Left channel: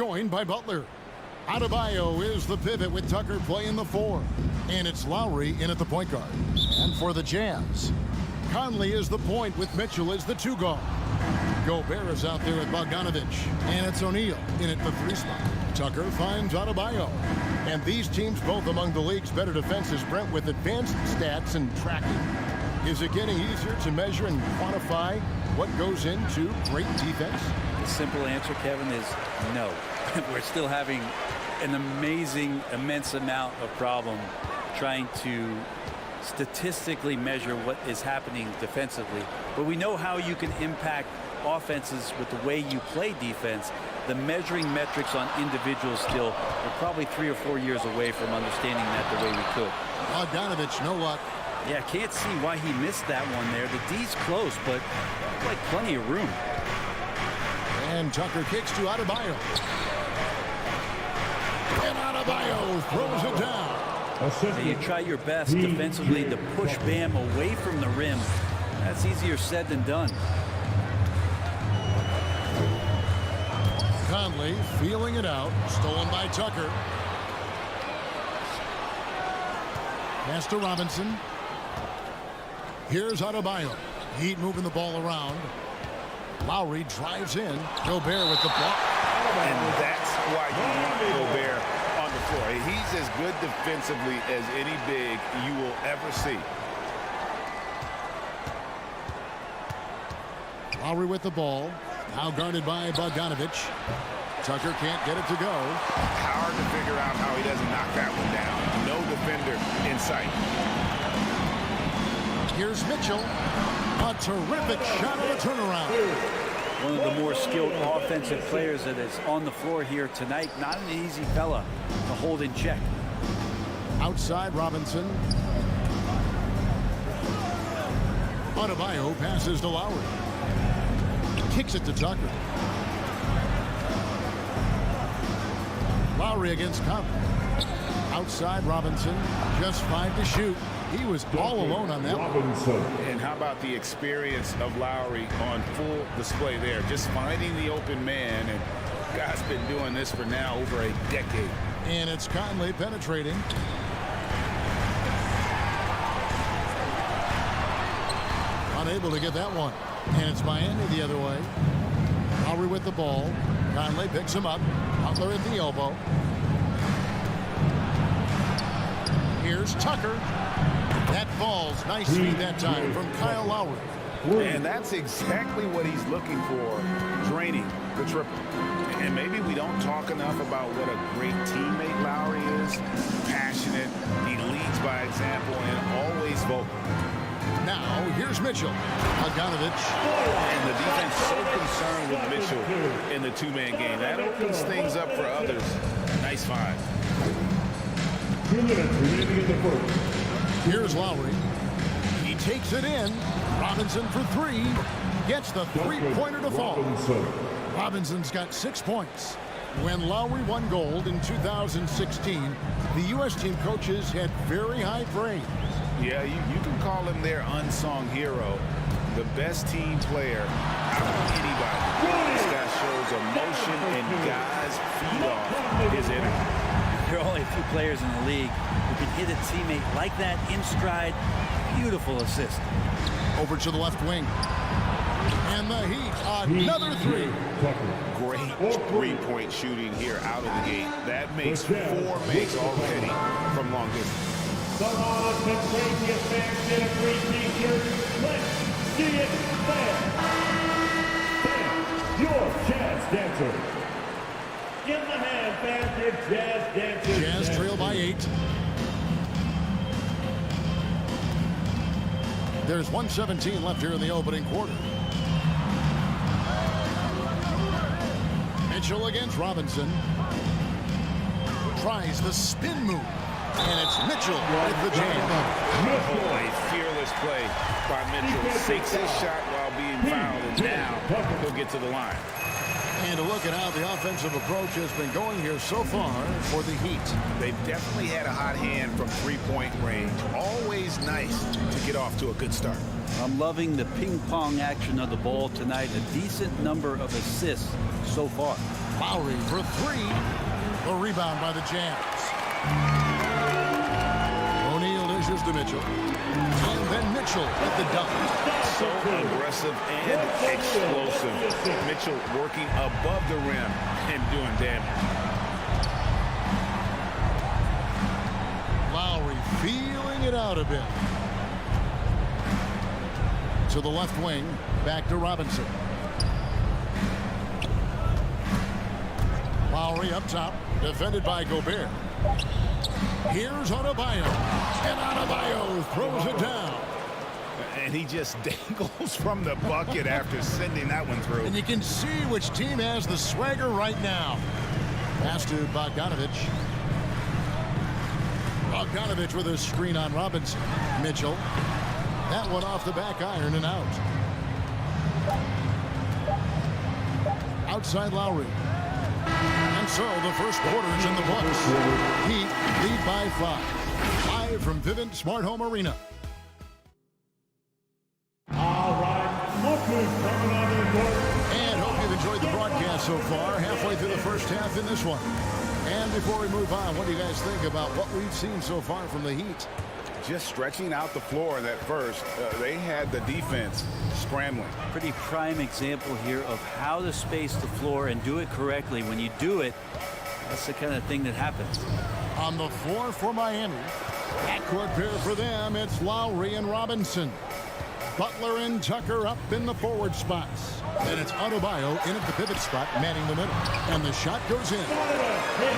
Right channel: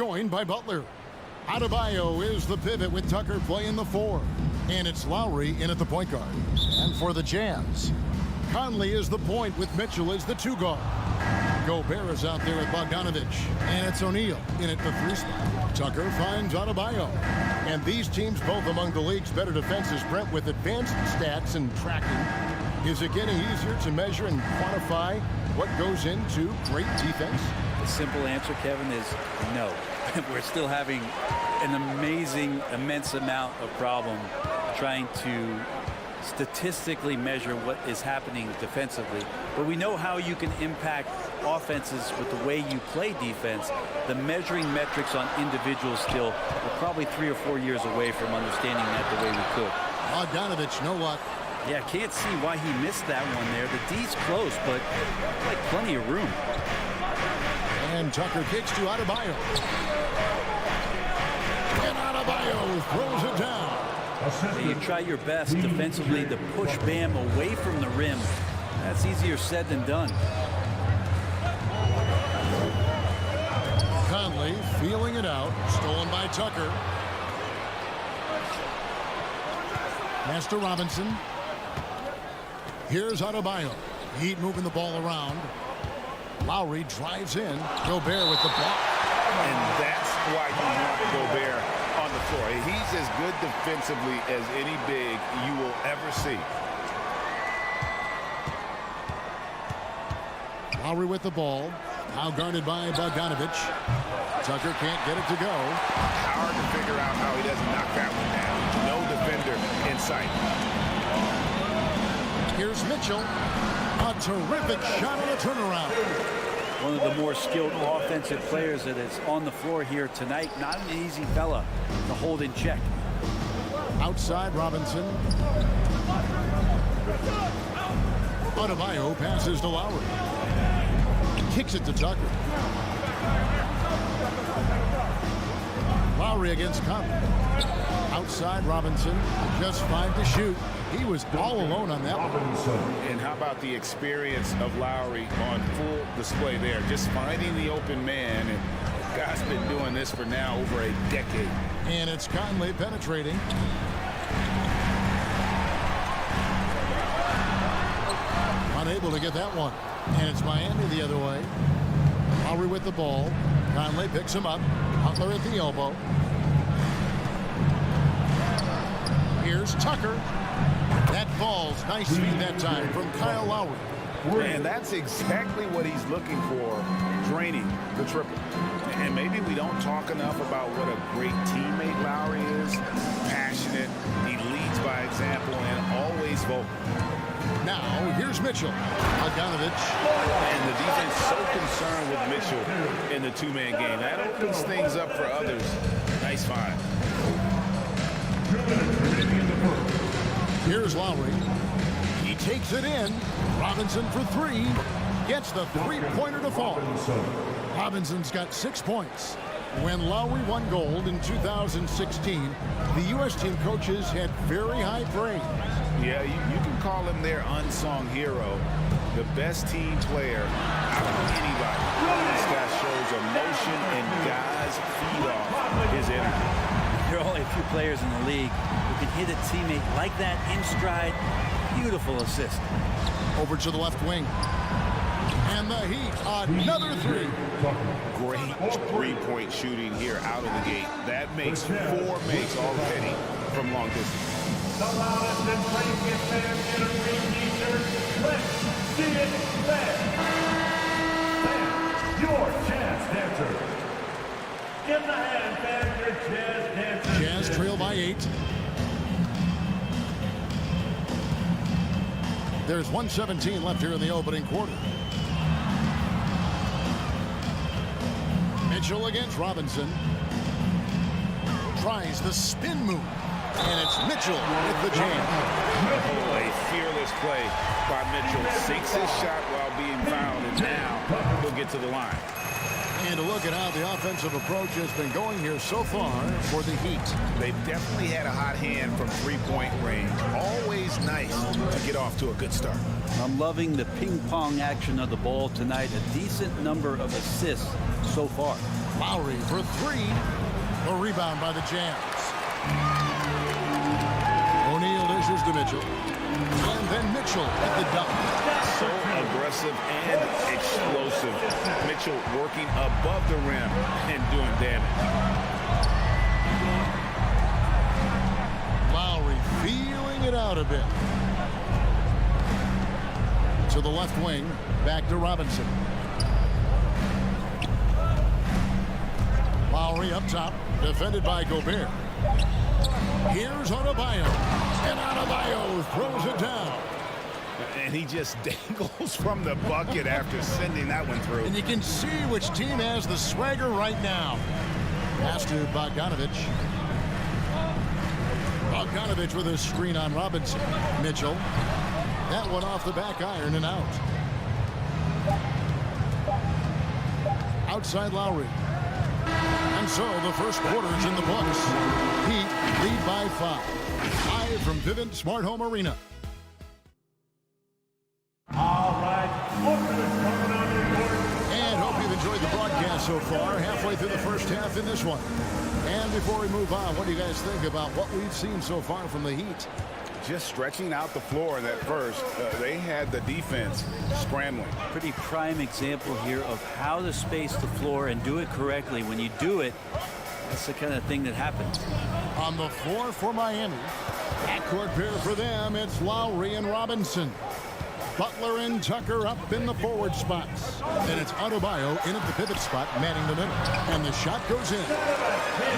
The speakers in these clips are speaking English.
joined by Butler. Adebayo is the pivot with Tucker playing the 4. And it's Lowry in at the point guard. And for the Jazz, Conley is the point with Mitchell as the 2 guard. Gobert is out there with Bogdanovich. And it's O'Neal in at the 3 spot. Tucker finds Adebayo. And these teams both among the league's better defenses, Brent, with advanced stats and tracking. Is it getting easier to measure and quantify what goes into great defense? The simple answer, Kevin, is no. We're still having an immense amount of problem trying to statistically measure what is happening defensively. But we know how you can impact offenses with the way you play defense. The measuring metrics on individuals still, we're probably 3 or 4 years away from understanding that the way we could. Bogdanovich, no luck. Yeah, can't see why he missed that one there. The D's close, but like plenty of room. And Tucker kicks to Adebayo. And Adebayo throws it down. So you try your best defensively to push Bam away from the rim. That's easier said than done. Conley feeling it out. Stolen by Tucker. Pass to Robinson. Here's Adebayo. Heat moving the ball around. Lowry drives in. Gobert with the block. And that's why you want Gobert on the floor. He's as good defensively as any big you will ever see. Lowry with the ball. Now guarded by Bogdanovich. Tucker can't get it to go. Hard to figure out how he doesn't knock that one down. No defender in sight. Here's Mitchell. A terrific shot on the turnaround. One of the more skilled offensive players that is on the floor here tonight. Not an easy fella to hold in check. Outside Robinson. Adebayo passes to Lowry. Kicks it to Tucker. Lowry against Conley. Outside Robinson. Just 5 to shoot. He was all alone on that one. And how about the experience of Lowry on full display there? Just finding the open man. And guy's been doing this for now over a decade. And it's Conley penetrating. Unable to get that one. And it's Miami the other way. Lowry with the ball. Conley picks him up. Butler at the elbow. Here's Tucker. That falls. Nice feed that time from Kyle Lowry. And that's exactly what he's looking for, draining the triple. And maybe we don't talk enough about what a great teammate Lowry is. Passionate. He leads by example and always vocal. Now, here's Mitchell. Bogdanovich. And the defense so concerned with Mitchell in the 2-man game. That opens things up for others. Nice find. 2 minutes remaining in the first. Here's Lowry. He takes it in. Robinson for 3. Gets the 3-pointer to fall. Robinson's got 6 points. When Lowry won gold in 2016, the U.S. team coaches had very high praise. Yeah, you can call him their unsung hero. The best team player out of anybody. This guy shows emotion and guys feed off his energy. There are only a few players in the league who can hit a teammate like that in stride. Beautiful assist. Over to the left wing. And the Heat, another 3. Great three-point shooting here out of the gate. That makes 4 makes already from long distance. The loudest and craziest fans get a free t-shirt. Let's see it fair. Fans, your jazz dancers. Give them a hand, fans, your jazz dancers. Jazz trail by 8. There's 1:17 left here in the opening quarter. Mitchell against Robinson. Tries the spin move. And it's Mitchell with the jam. Oh, a fearless play by Mitchell. Sinks his shot while being fouled, and now he'll get to the line. And to look at how the offensive approach has been going here so far for the Heat. They've definitely had a hot hand from 3-point range. Always nice to get off to a good start. I'm loving the ping-pong action of the ball tonight. A decent number of assists so far. Lowry for three. The rebound by the Jazz. O'Neal dishes to Mitchell. And then Mitchell at the dunk. So aggressive and explosive. Mitchell working above the rim and doing damage. Lowry feeling it out a bit. To the left wing. Back to Robinson. Lowry up top. Defended by Gobert. Here's Adebayo. And Adebayo throws it down. And he just dangles from the bucket after sending that one through. And you can see which team has the swagger right now. Pass to Bogdanovich. Bogdanovich with a screen on Robinson. Mitchell. That one off the back iron and out. Outside Lowry. And so the first quarter's in the books. Heat lead by 5. Live from Vivint Smart Home Arena. All right, look who's coming onto the court. And hope you've enjoyed the broadcast so far. Halfway through the first half in this one. And before we move on, what do you guys think about what we've seen so far from the Heat? Just stretching out the floor in that first. They had the defense scrambling. Pretty prime example here of how to space the floor and do it correctly. When you do it, that's the kind of thing that happens. On the floor for Miami. Backcourt pair for them, it's Lowry and Robinson. Butler and Tucker up in the forward spots. Then it's Adebayo in at the pivot spot, manning the middle. And the shot goes in.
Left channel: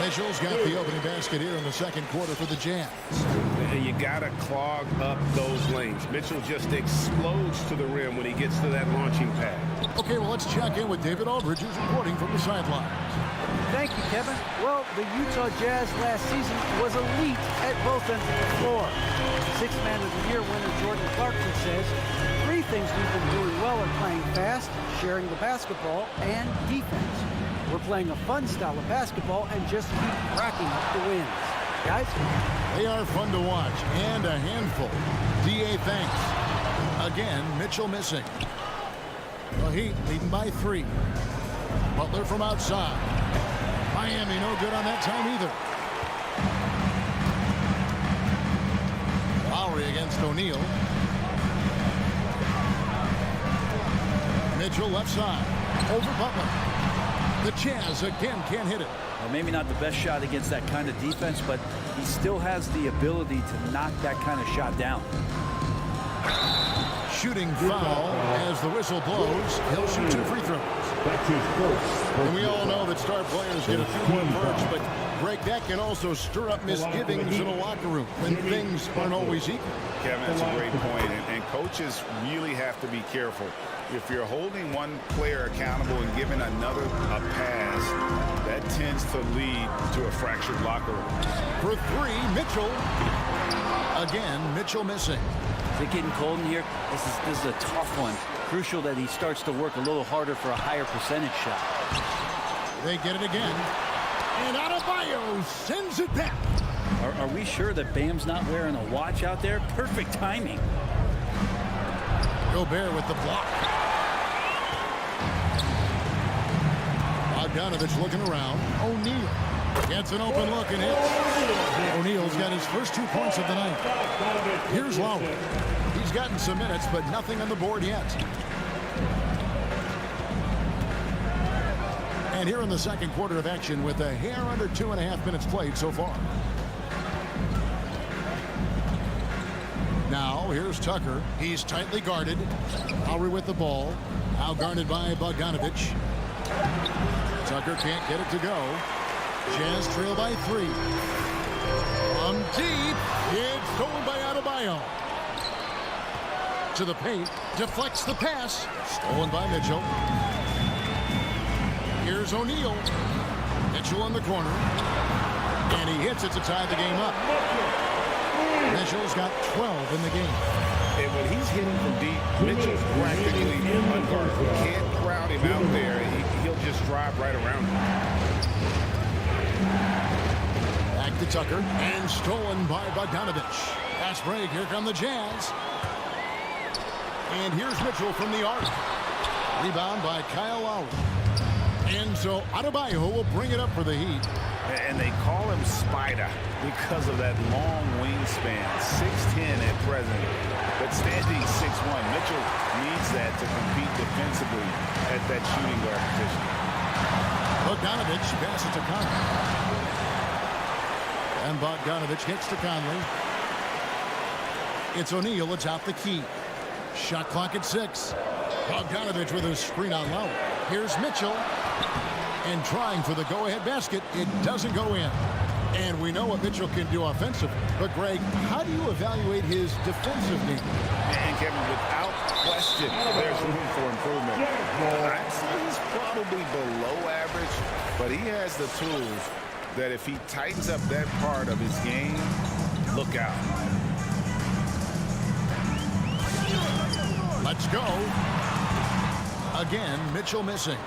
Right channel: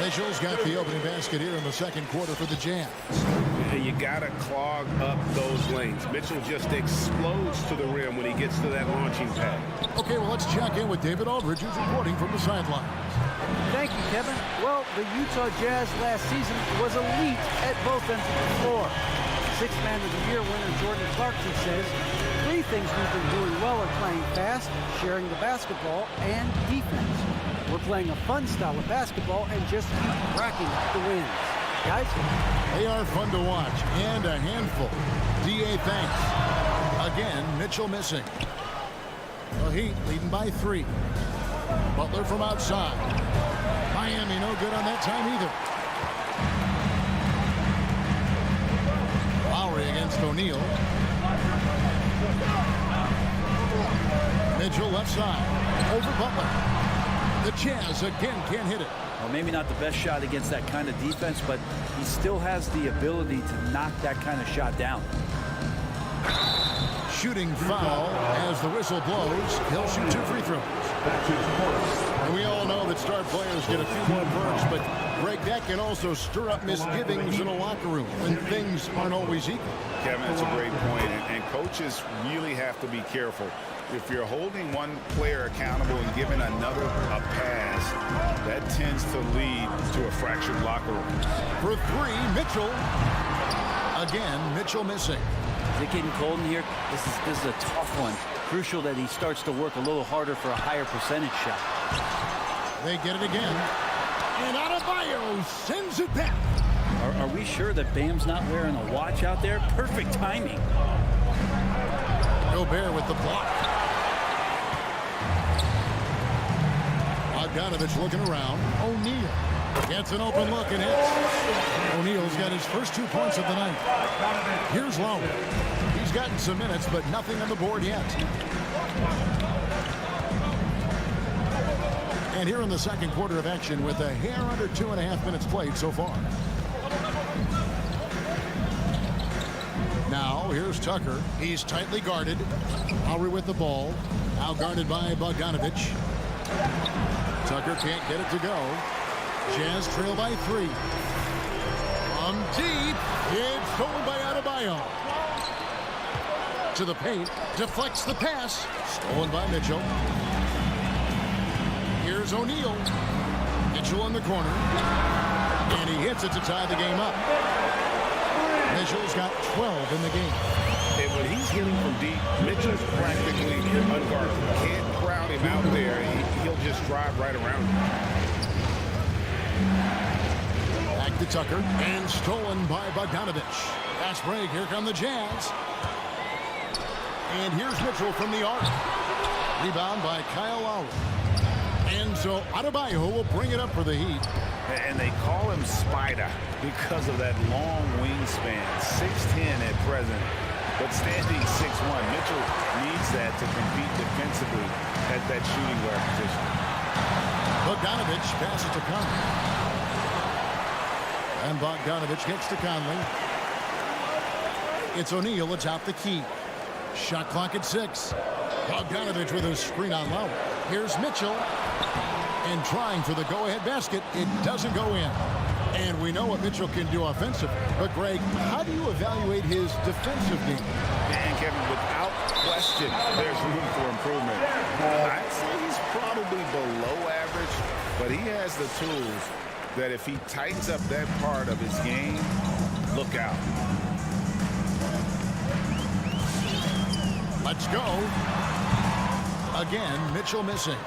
Mitchell's got the opening basket here in the second quarter for the Jazz. You got to clog up those lanes. Mitchell just explodes to the rim when he gets to that launching pad. Okay, well, let's check in with David Aldridge, who's reporting from the sidelines. Thank you, Kevin. Well, the Utah Jazz last season was elite at both ends of the floor. Sixth Man of the Year winner Jordan Clarkson says, 3 things we've been doing well are playing fast, sharing the basketball, and defense. We're playing a fun style of basketball and just keep racking up the wins. Guys? They are fun to watch and a handful. D.A. thanks. Again, Mitchell missing. The Heat leading by 3. Butler from outside. Miami no good on that time either. Lowry against O'Neal. Mitchell left side. Over Butler. The Jazz again can't hit it. Well, maybe not the best shot against that kind of defense, but he still has the ability to knock that kind of shot down. Shooting foul as the whistle blows. He'll shoot 2 free throws. And we all know that star players get a few more perks, but Greg, that can also stir up misgivings in a locker room when things aren't always equal. Kevin, that's a great point, and coaches really have to be careful. If you're holding one player accountable and giving another a pass, that tends to lead to a fractured locker room. For 3, Mitchell. Again, Mitchell missing. Is it getting cold in here? This is a tough one. Crucial that he starts to work a little harder for a higher percentage shot. They get it again. And Adebayo sends it back. Are we sure that Bam's not wearing a watch out there? Perfect timing. Gobert with the block. Bogdanovich looking around. O'Neal gets an open look and hits. O'Neal's got his first 2 points of the night. Here's Lowry. He's gotten some minutes, but nothing on the board yet. And here in the second quarter of action with a hair under 2.5 minutes played so far. Now, here's Tucker. He's tightly guarded. Lowry with the ball. Now guarded by Bogdanovich. Tucker can't get it to go. Jazz trail by 3. From deep, it's stolen by Adebayo. To the paint, deflects the pass. Stolen by Mitchell. Here's O'Neal. Mitchell in the corner. And he hits it to tie the game up. Mitchell's got 12 in the game. And when he's hitting from deep, Mitchell's practically unguarded. Can't crowd him out there. He'll just drive right around him. Back to Tucker. And stolen by Bogdanovich. Fast break. Here come the Jazz. And here's Mitchell from the arc. Rebound by Kyle Lowry. And so Adebayo will bring it up for the Heat. And they call him Spider because of that long wingspan, 6'10" at present, but standing 6'1". Mitchell needs that to compete defensively at that shooting guard position. Bogdanovich passes to Conley. And Bogdanovich hits to Conley. It's O'Neal atop the key. Shot clock at 6. Bogdanovich with a screen on Lowry. Here's Mitchell. And trying for the go-ahead basket. It doesn't go in. And we know what Mitchell can do offensively. But, Greg, how do you evaluate his defensive game? And, Kevin, without question, there's room for improvement. I'd say he's probably below average, but he has the tools that if he tightens up that part of his game, look out. Let's go. Again, Mitchell missing.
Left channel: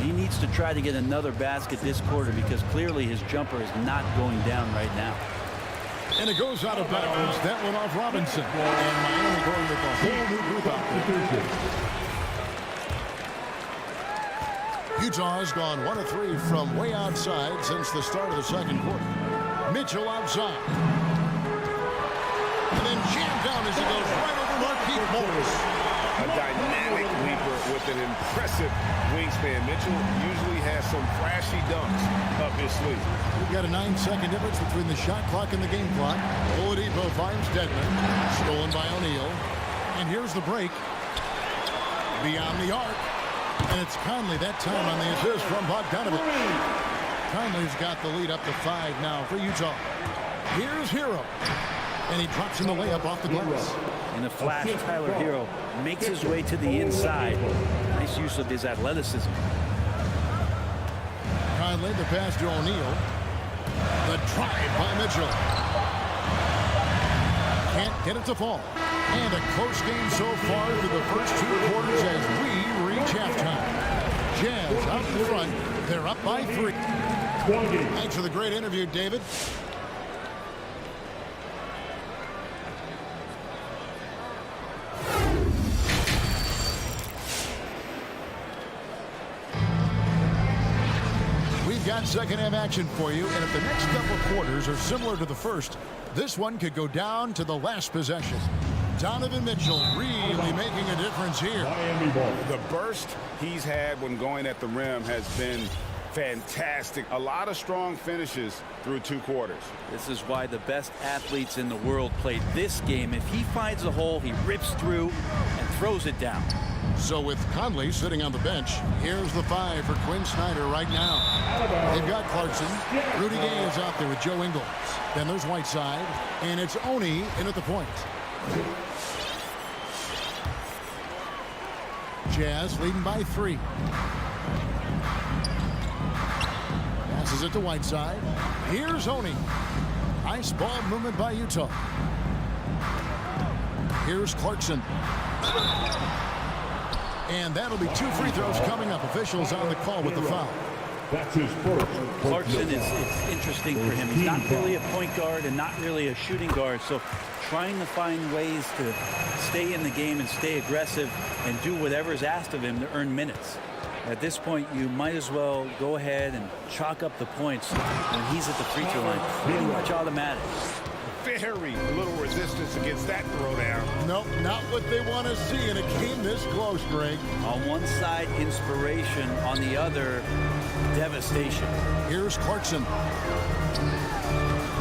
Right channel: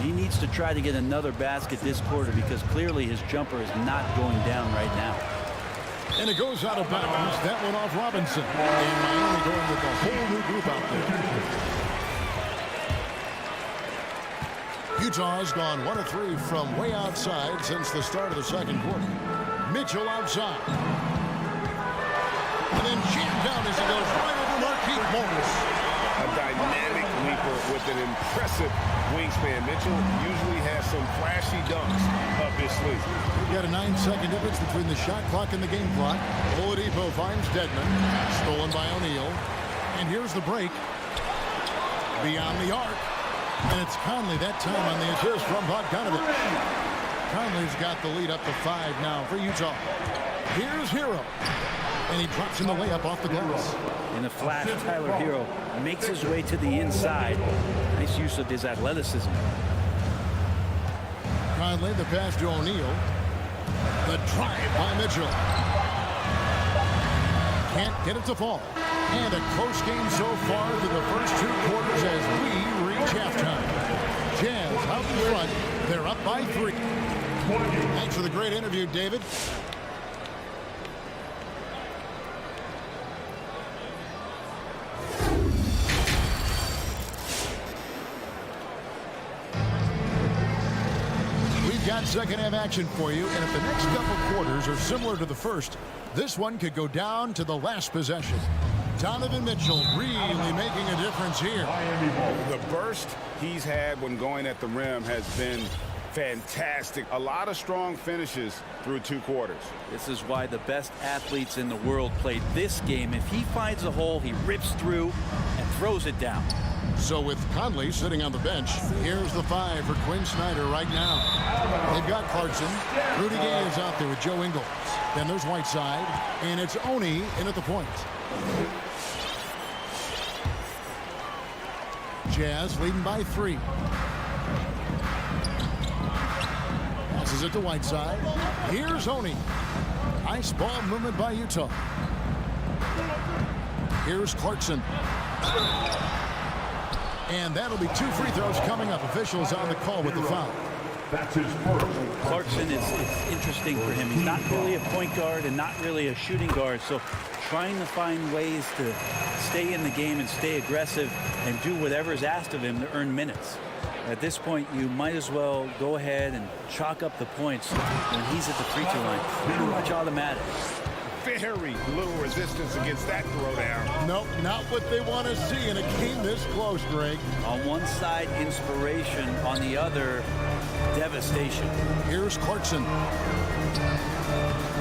He needs to try to get another basket this quarter because clearly his jumper is not going down right now. And it goes out of bounds. That one off Robinson. And Miami going with a whole new group out there. Utah has gone 1 of 3 from way outside since the start of the second quarter. Mitchell outside. And then jammed down as he goes right over Markieff Morris. A dynamic leaper with an impressive wingspan. Mitchell usually has some flashy dunks up his sleeve. We've got a 9-second difference between the shot clock and the game clock. Oladipo finds Dedmon. Stolen by O'Neal. And here's the break. Beyond the arc. And it's Conley that time on the assist from Bogdanovich. Conley's got the lead up to 5 now for Utah. Here's Hero. And he drops in the layup off the glass. In a flash, Tyler Hero makes his way to the inside. Nice use of his athleticism. Conley, the pass to O'Neal. The drive by Mitchell. Can't get it to fall. And a close game so far through the first 2 quarters as we reach halftime. Jazz out in front. They're up by 3. Thanks for the great interview, David. Got second half action for you, and if the next couple quarters are similar to the first, this one could go down to the last possession. Donovan Mitchell really making a difference here. The burst he's had when going at the rim has been fantastic. A lot of strong finishes through 2 quarters. This is why the best athletes in the world play this game. If he finds a hole, he rips through and throws it down. So with Conley sitting on the bench, here's the 5 for Quinn Snyder right now. They've got Clarkson. Rudy Gay is out there with Joe Ingles. Then there's Whiteside. And it's Oni in at the point. Jazz leading by 3. Passes it to Whiteside. Here's Oni. Nice ball movement by Utah. Here's Clarkson. And that'll be 2 free throws coming up. Officials on the call with the foul. That's his first. Clarkson it's interesting for him. He's not really a point guard and not really a shooting guard. So trying to find ways to stay in the game and stay aggressive and do whatever is asked of him to earn minutes. At this point, you might as well go ahead and chalk up the points when he's at the free throw line. Pretty much automatic. Very little resistance against that throwdown. Nope, not what they want to see in a game this close, Greg. On one side, inspiration. On the other, devastation. Here's Clarkson.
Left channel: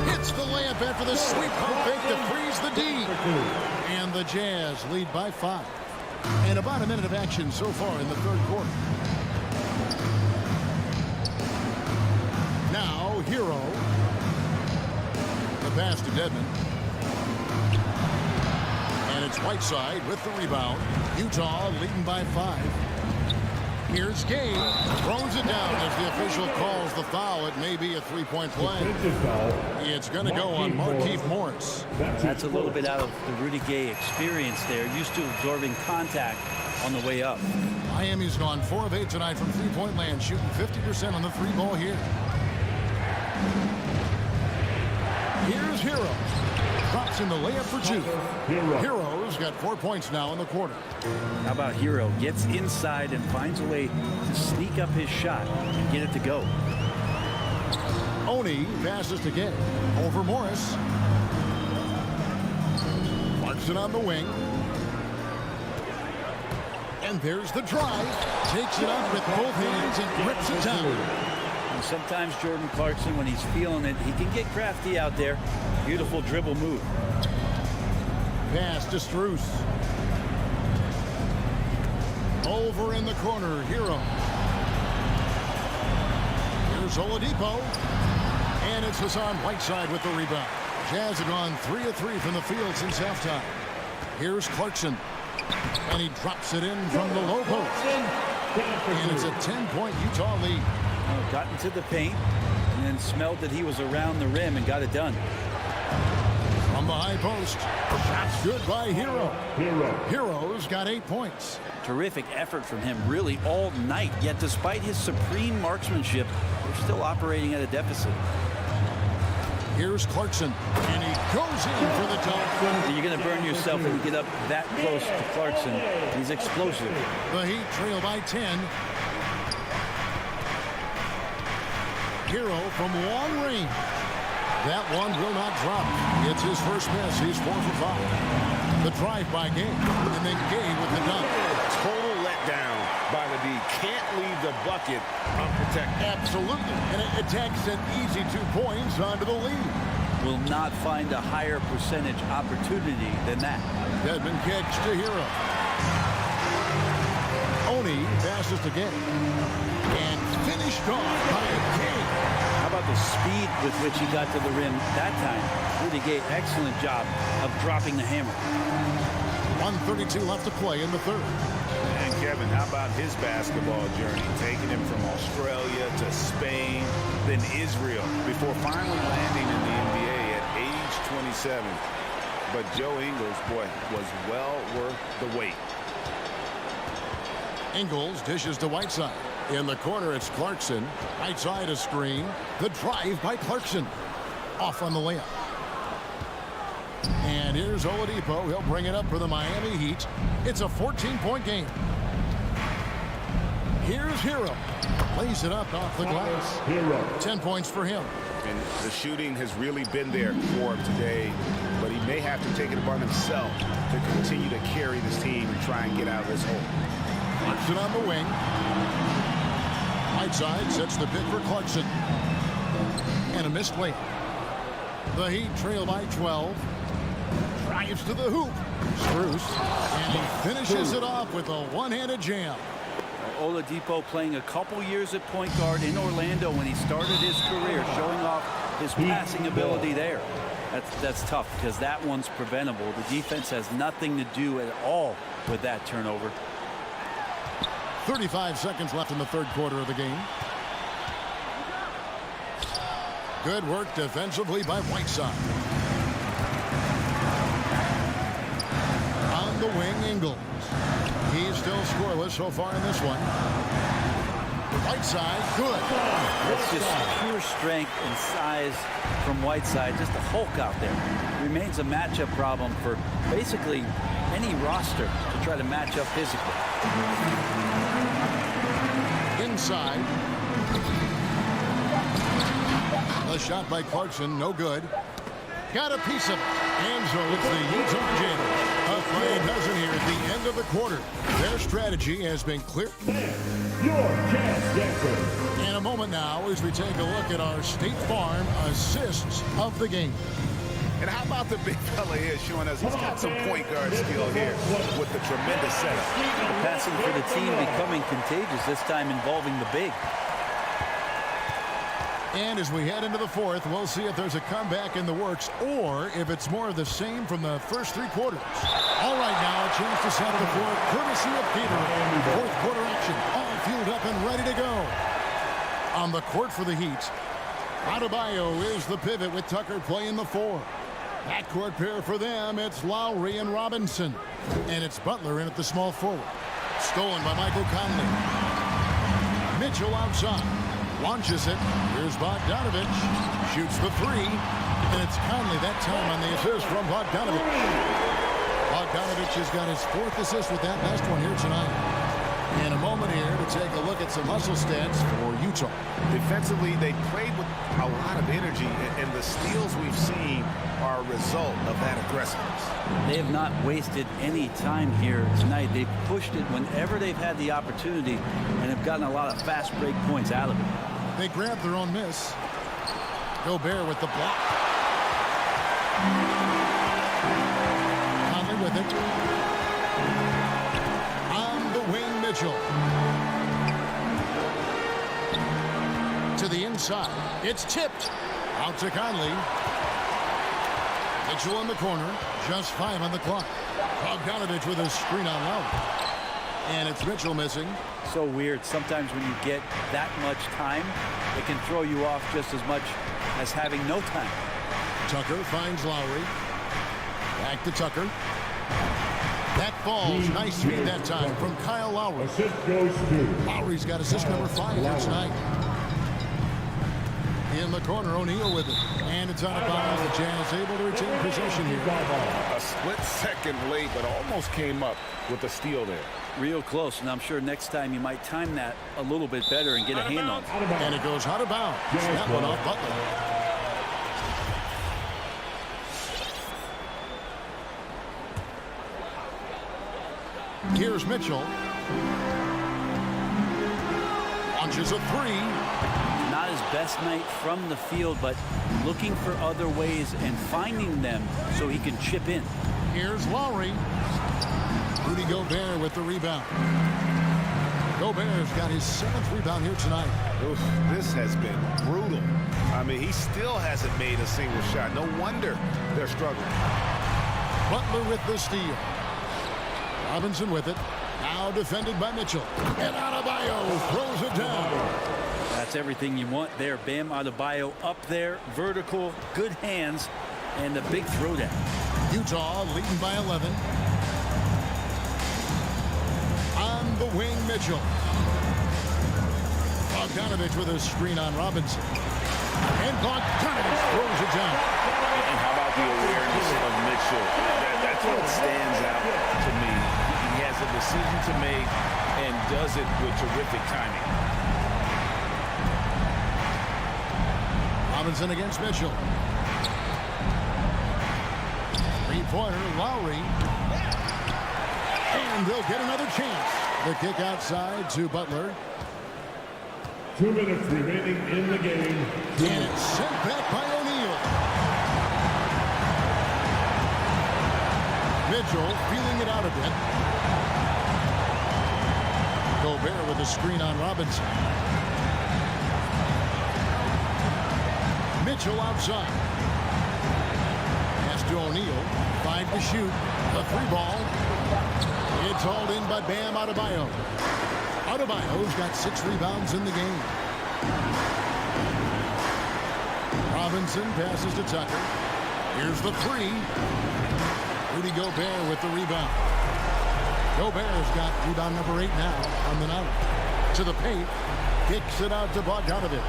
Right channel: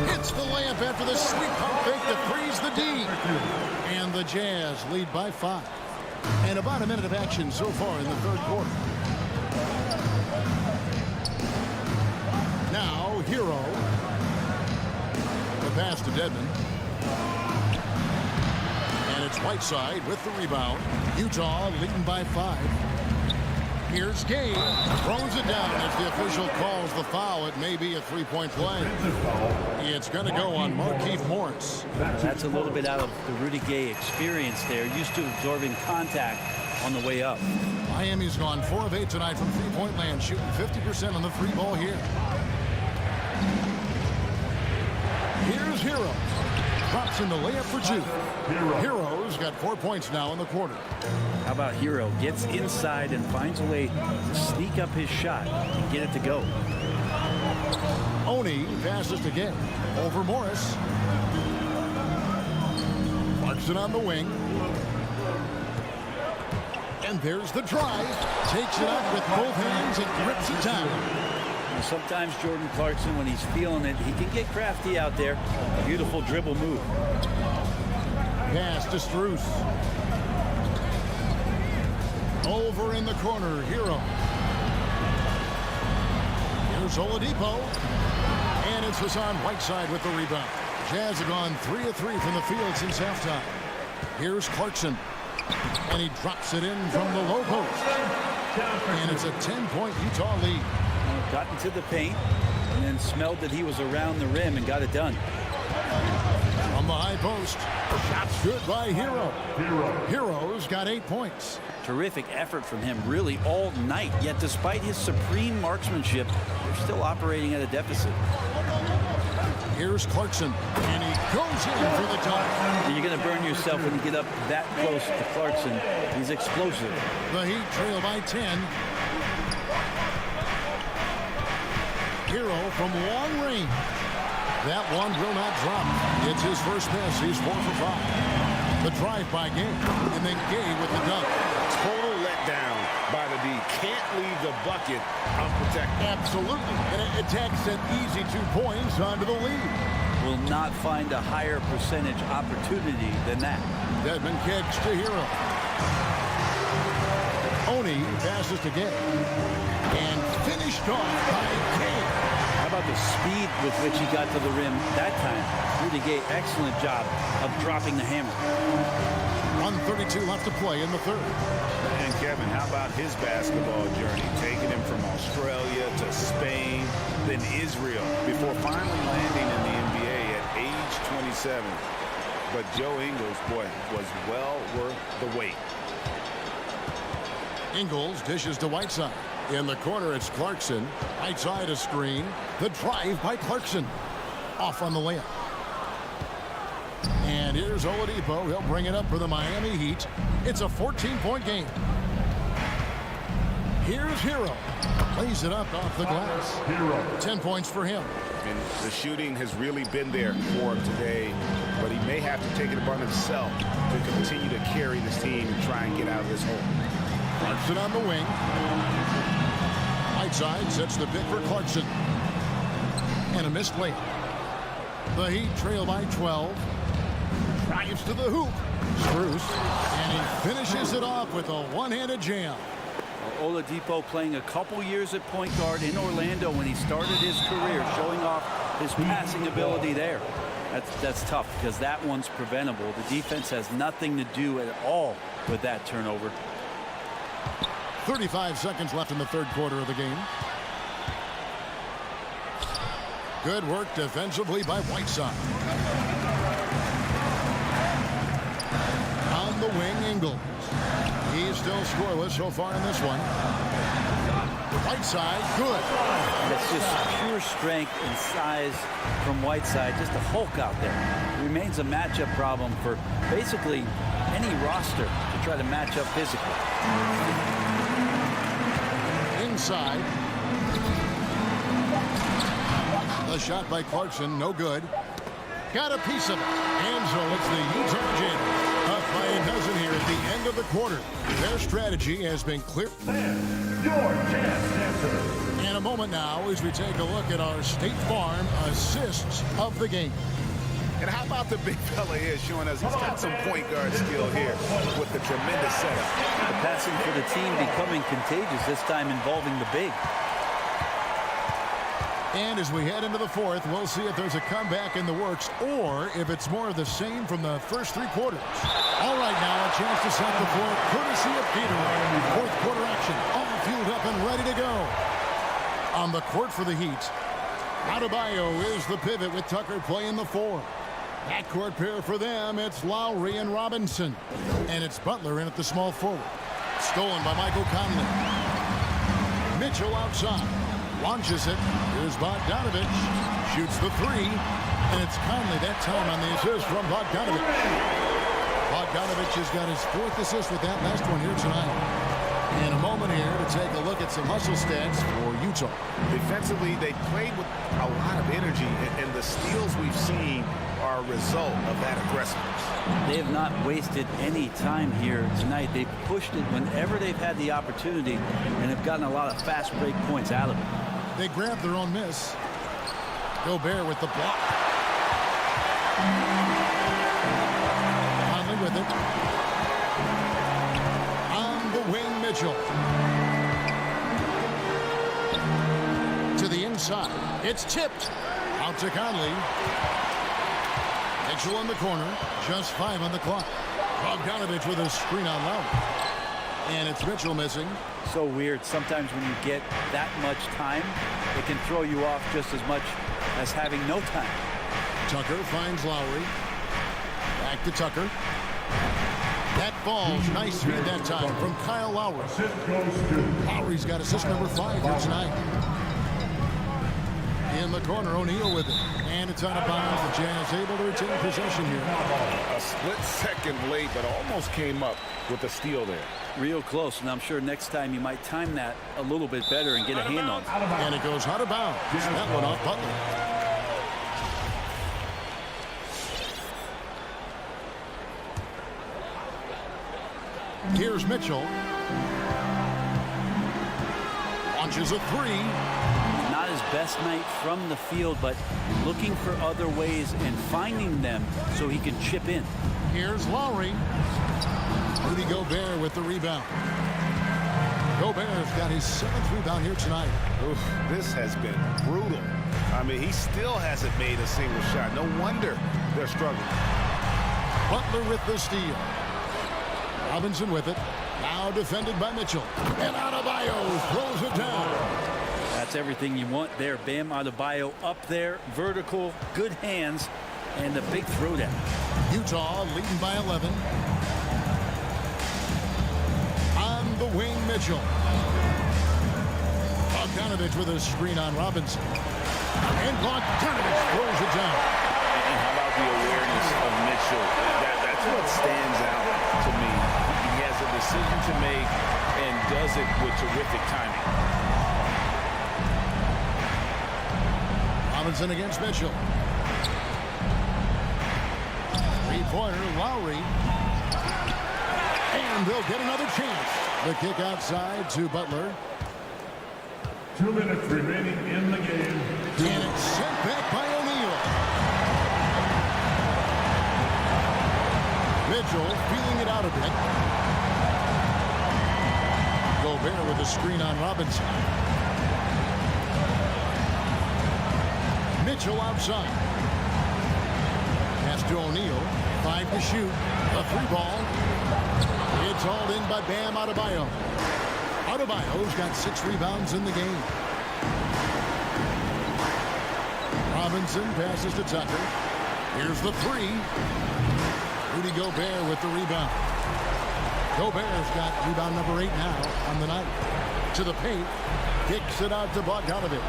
Hits the layup after the sweep pump fake to freeze the D. And the Jazz lead by 5. And about a minute of action so far in the third quarter. Now, Hero. The pass to Dedmon. And it's Whiteside with the rebound. Utah leading by 5. Here's Gay. Throws it down as the official calls the foul. It may be a 3-point play. It's going to go on Markieff Morris. That's a little bit out of the Rudy Gay experience there. Used to absorbing contact on the way up. Miami's gone 4 of 8 tonight from 3-point land, shooting 50% on the 3 ball here. Here's Hero. drops in the layup for two. Hero's got 4 points now in the quarter. How about Hero? Gets inside and finds a way to sneak up his shot and get it to go. Oni passes to Gay. Over Morris. Clarkson on the wing. And there's the drive. Takes it up with both hands and rips it down. And sometimes Jordan Clarkson, when he's feeling it, he can get crafty out there. Beautiful dribble move. Pass to Strus. Over in the corner, Hero. Here's Oladipo. And it's Hassan Whiteside with the rebound. Jazz have gone 3 of 3 from the field since halftime. Here's Clarkson. And he drops it in from the low post. And it's a 10-point Utah lead. Got into the paint and then smelled that he was around the rim and got it done. From the high post. Shots good by Hero. Hero's got 8 points. Terrific effort from him really all night. Yet despite his supreme marksmanship, they're still operating at a deficit. Here's Clarkson, and he goes in for the dunk. You're going to burn yourself when you get up that close to Clarkson. He's explosive. The Heat trail by 10. Hero from long range. That one will not drop. It's his first miss. He's 4 for 5. The drive by Gay, and then Gay with the dunk. Total letdown by the D. Can't leave the bucket unprotected. Absolutely. And it takes an easy 2 points onto the lead. Will not find a higher percentage opportunity than that. Dedmon kicks to Hero. Oni passes to Gay. And finished off by Gay. How about the speed with which he got to the rim that time? Rudy Gay, excellent job of dropping the hammer. 1:32 left to play in the third. And Kevin, how about his basketball journey? Taking him from Australia to Spain, then Israel, before finally landing in the NBA at age 27. But Joe Ingles, boy, was well worth the wait. Ingles dishes to Whiteside. In the corner, it's Clarkson. Whiteside a screen. The drive by Clarkson. Off on the layup. And here's Oladipo. He'll bring it up for the Miami Heat. It's a 14-point game. Here's Hero. Lays it up off the glass. 10 points for him. And the shooting has really been there for him today, but he may have to take it upon himself to continue to carry this team and try and get out of this hole. Clarkson on the wing. Whiteside sets the pick for Clarkson. And a missed layup. The Heat trail by 12. Drives to the hoop. Strus. And he finishes it off with a one-handed jam. Oladipo playing a couple years at point guard in Orlando when he started his career, showing off his passing ability there. That's tough because that one's preventable. The defense has nothing to do at all with that turnover. 35 seconds left in the third quarter of the game. Good work defensively by Whiteside. On the wing, Ingles. He's still scoreless so far in this one. Whiteside, good. That's just pure strength and size from Whiteside. Just a Hulk out there. Remains a matchup problem for basically any roster to try to match up physically. Inside. The shot by Clarkson, no good. Got a piece of it. And so it's the Utah Jazz. Up by a dozen here at the end of the quarter. Their strategy has been clear. Your Jazz Dancer. In a moment now as we take a look at our State Farm assists of the game. And how about the big fella here showing us he's got some point guard skill here with the tremendous setup. The passing for the team becoming contagious, this time involving the big. And as we head into the fourth, we'll see if there's a comeback in the works or if it's more of the same from the first 3 quarters. All right, now a chance to set the floor courtesy of Gatorade. Fourth quarter action, all fueled up and ready to go. On the court for the Heat, Adebayo is the pivot with Tucker playing the 4. Backcourt pair for them, it's Lowry and Robinson. And it's Butler in at the small forward. Stolen by Michael Conley. Mitchell outside. Launches it. Here's Bogdanovich. Shoots the 3. And it's Conley that time on the assist from Bogdanovich. Bogdanovich has got his 4th assist with that last one here tonight. In a moment here to take a look at some hustle stats for Utah. Defensively, they played with a lot of energy, and the steals we've seen are a result of that aggressiveness. They have not wasted any time here tonight. They've pushed it whenever they've had the opportunity and have gotten a lot of fast break points out of it. They grabbed their own miss. Gobert with the block. Conley with it. On the wing, Mitchell. To the inside. It's tipped. Out to Conley. Mitchell in the corner. Just 5 on the clock. Bogdanovich with a screen on Lowry. And it's Mitchell missing. So weird. Sometimes when you get that much time, it can throw you off just as much as having no time. Tucker finds Lowry. Back to Tucker. That falls. Nice feed that time from Kyle Lowry. Assist goes to Lowry's got assist number 5 here tonight. In the corner, O'Neal with it. And it's out of bounds. The Jazz able to retain possession here. A split second late, but almost came up with a steal there. Real close, and I'm sure next time you might time that a little bit better and get a hand on it. And it goes out of bounds. That one off Butler. Here's Mitchell. Launches a 3. Not his best night from the field, but looking for other ways and finding them so he can chip in. Here's Lowry. Rudy Gobert with the rebound. Gobert's got his 7th rebound here tonight. Oof, this has been brutal. I mean, he still hasn't made a single shot. No wonder they're struggling. Butler with the steal. Robinson with it. Now defended by Mitchell. And Adebayo throws it down. That's everything you want there. Bam Adebayo up there, vertical, good hands, and a big throwdown. Utah leading by 11. On the wing, Mitchell. Bogdanovich with a screen on Robinson. And Bogdanovich throws it down. And how about the awareness of Mitchell? That's what stands out to me. He has a decision to make and does it with terrific timing. Robinson against Mitchell. 3-pointer, Lowry. And they'll get another chance. The kick outside to Butler. 2 minutes remaining in the game. And it's sent back by O'Neal. Mitchell feeling it out a bit. Gobert with a screen on Robinson. Mitchell outside. Pass to O'Neal. 5 to shoot. The 3 ball. It's hauled in by Bam Adebayo. Adebayo's got 6 rebounds in the game. Robinson passes to Tucker. Here's the 3. Rudy Gobert with the rebound. Gobert's got rebound number 8 now on the night. To the paint. Kicks it out to Bogdanovich.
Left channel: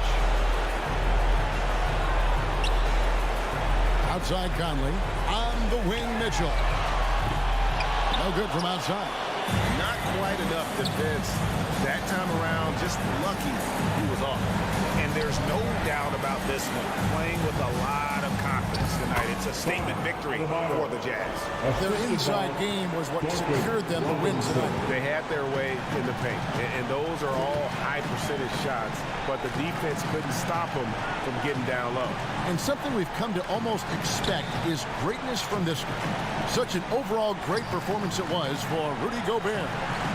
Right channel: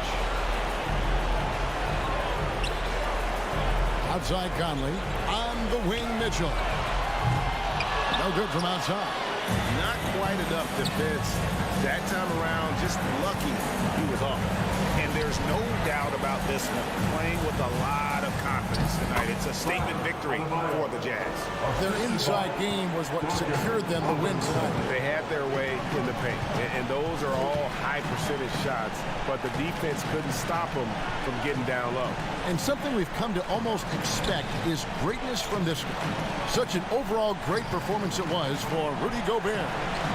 Outside Conley. On the wing, Mitchell. No good from outside. Not quite enough defense that time around. Just lucky he was off. And there's no doubt about this one. Playing with a lot of confidence tonight. It's a statement victory for the Jazz. Their inside game was what secured them the win tonight. They had their way in the paint. And those are all high percentage shots. But the defense couldn't stop them from getting down low. And something we've come to almost expect is greatness from this guy. Such an overall great performance it was for Rudy Gobert.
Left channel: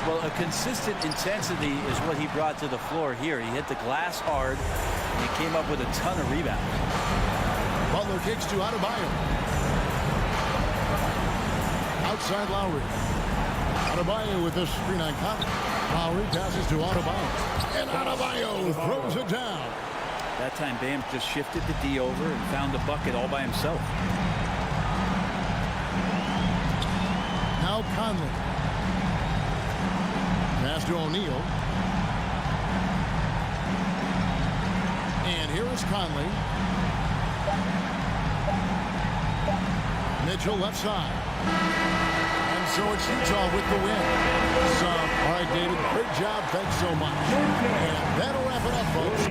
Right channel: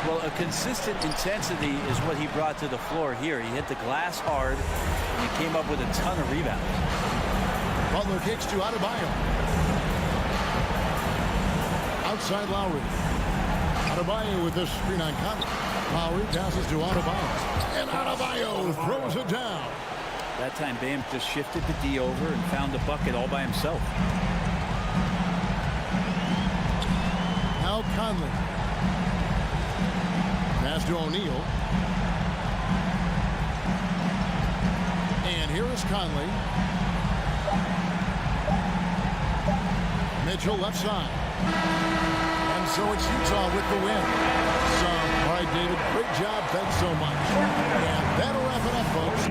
Well, a consistent intensity is what he brought to the floor here. He hit the glass hard, and he came up with a ton of rebounds. Butler kicks to Adebayo. Outside Lowry. Adebayo with the screen on Conley. Lowry passes to Adebayo. And Adebayo throws it down. That time, Bam just shifted the D over and found the bucket all by himself. Now Conley. Pass to O'Neal. And here is Conley. Mitchell left side. And so it's Utah with the win. So, all right, David, great job. Thanks so much. And that'll wrap it up, folks.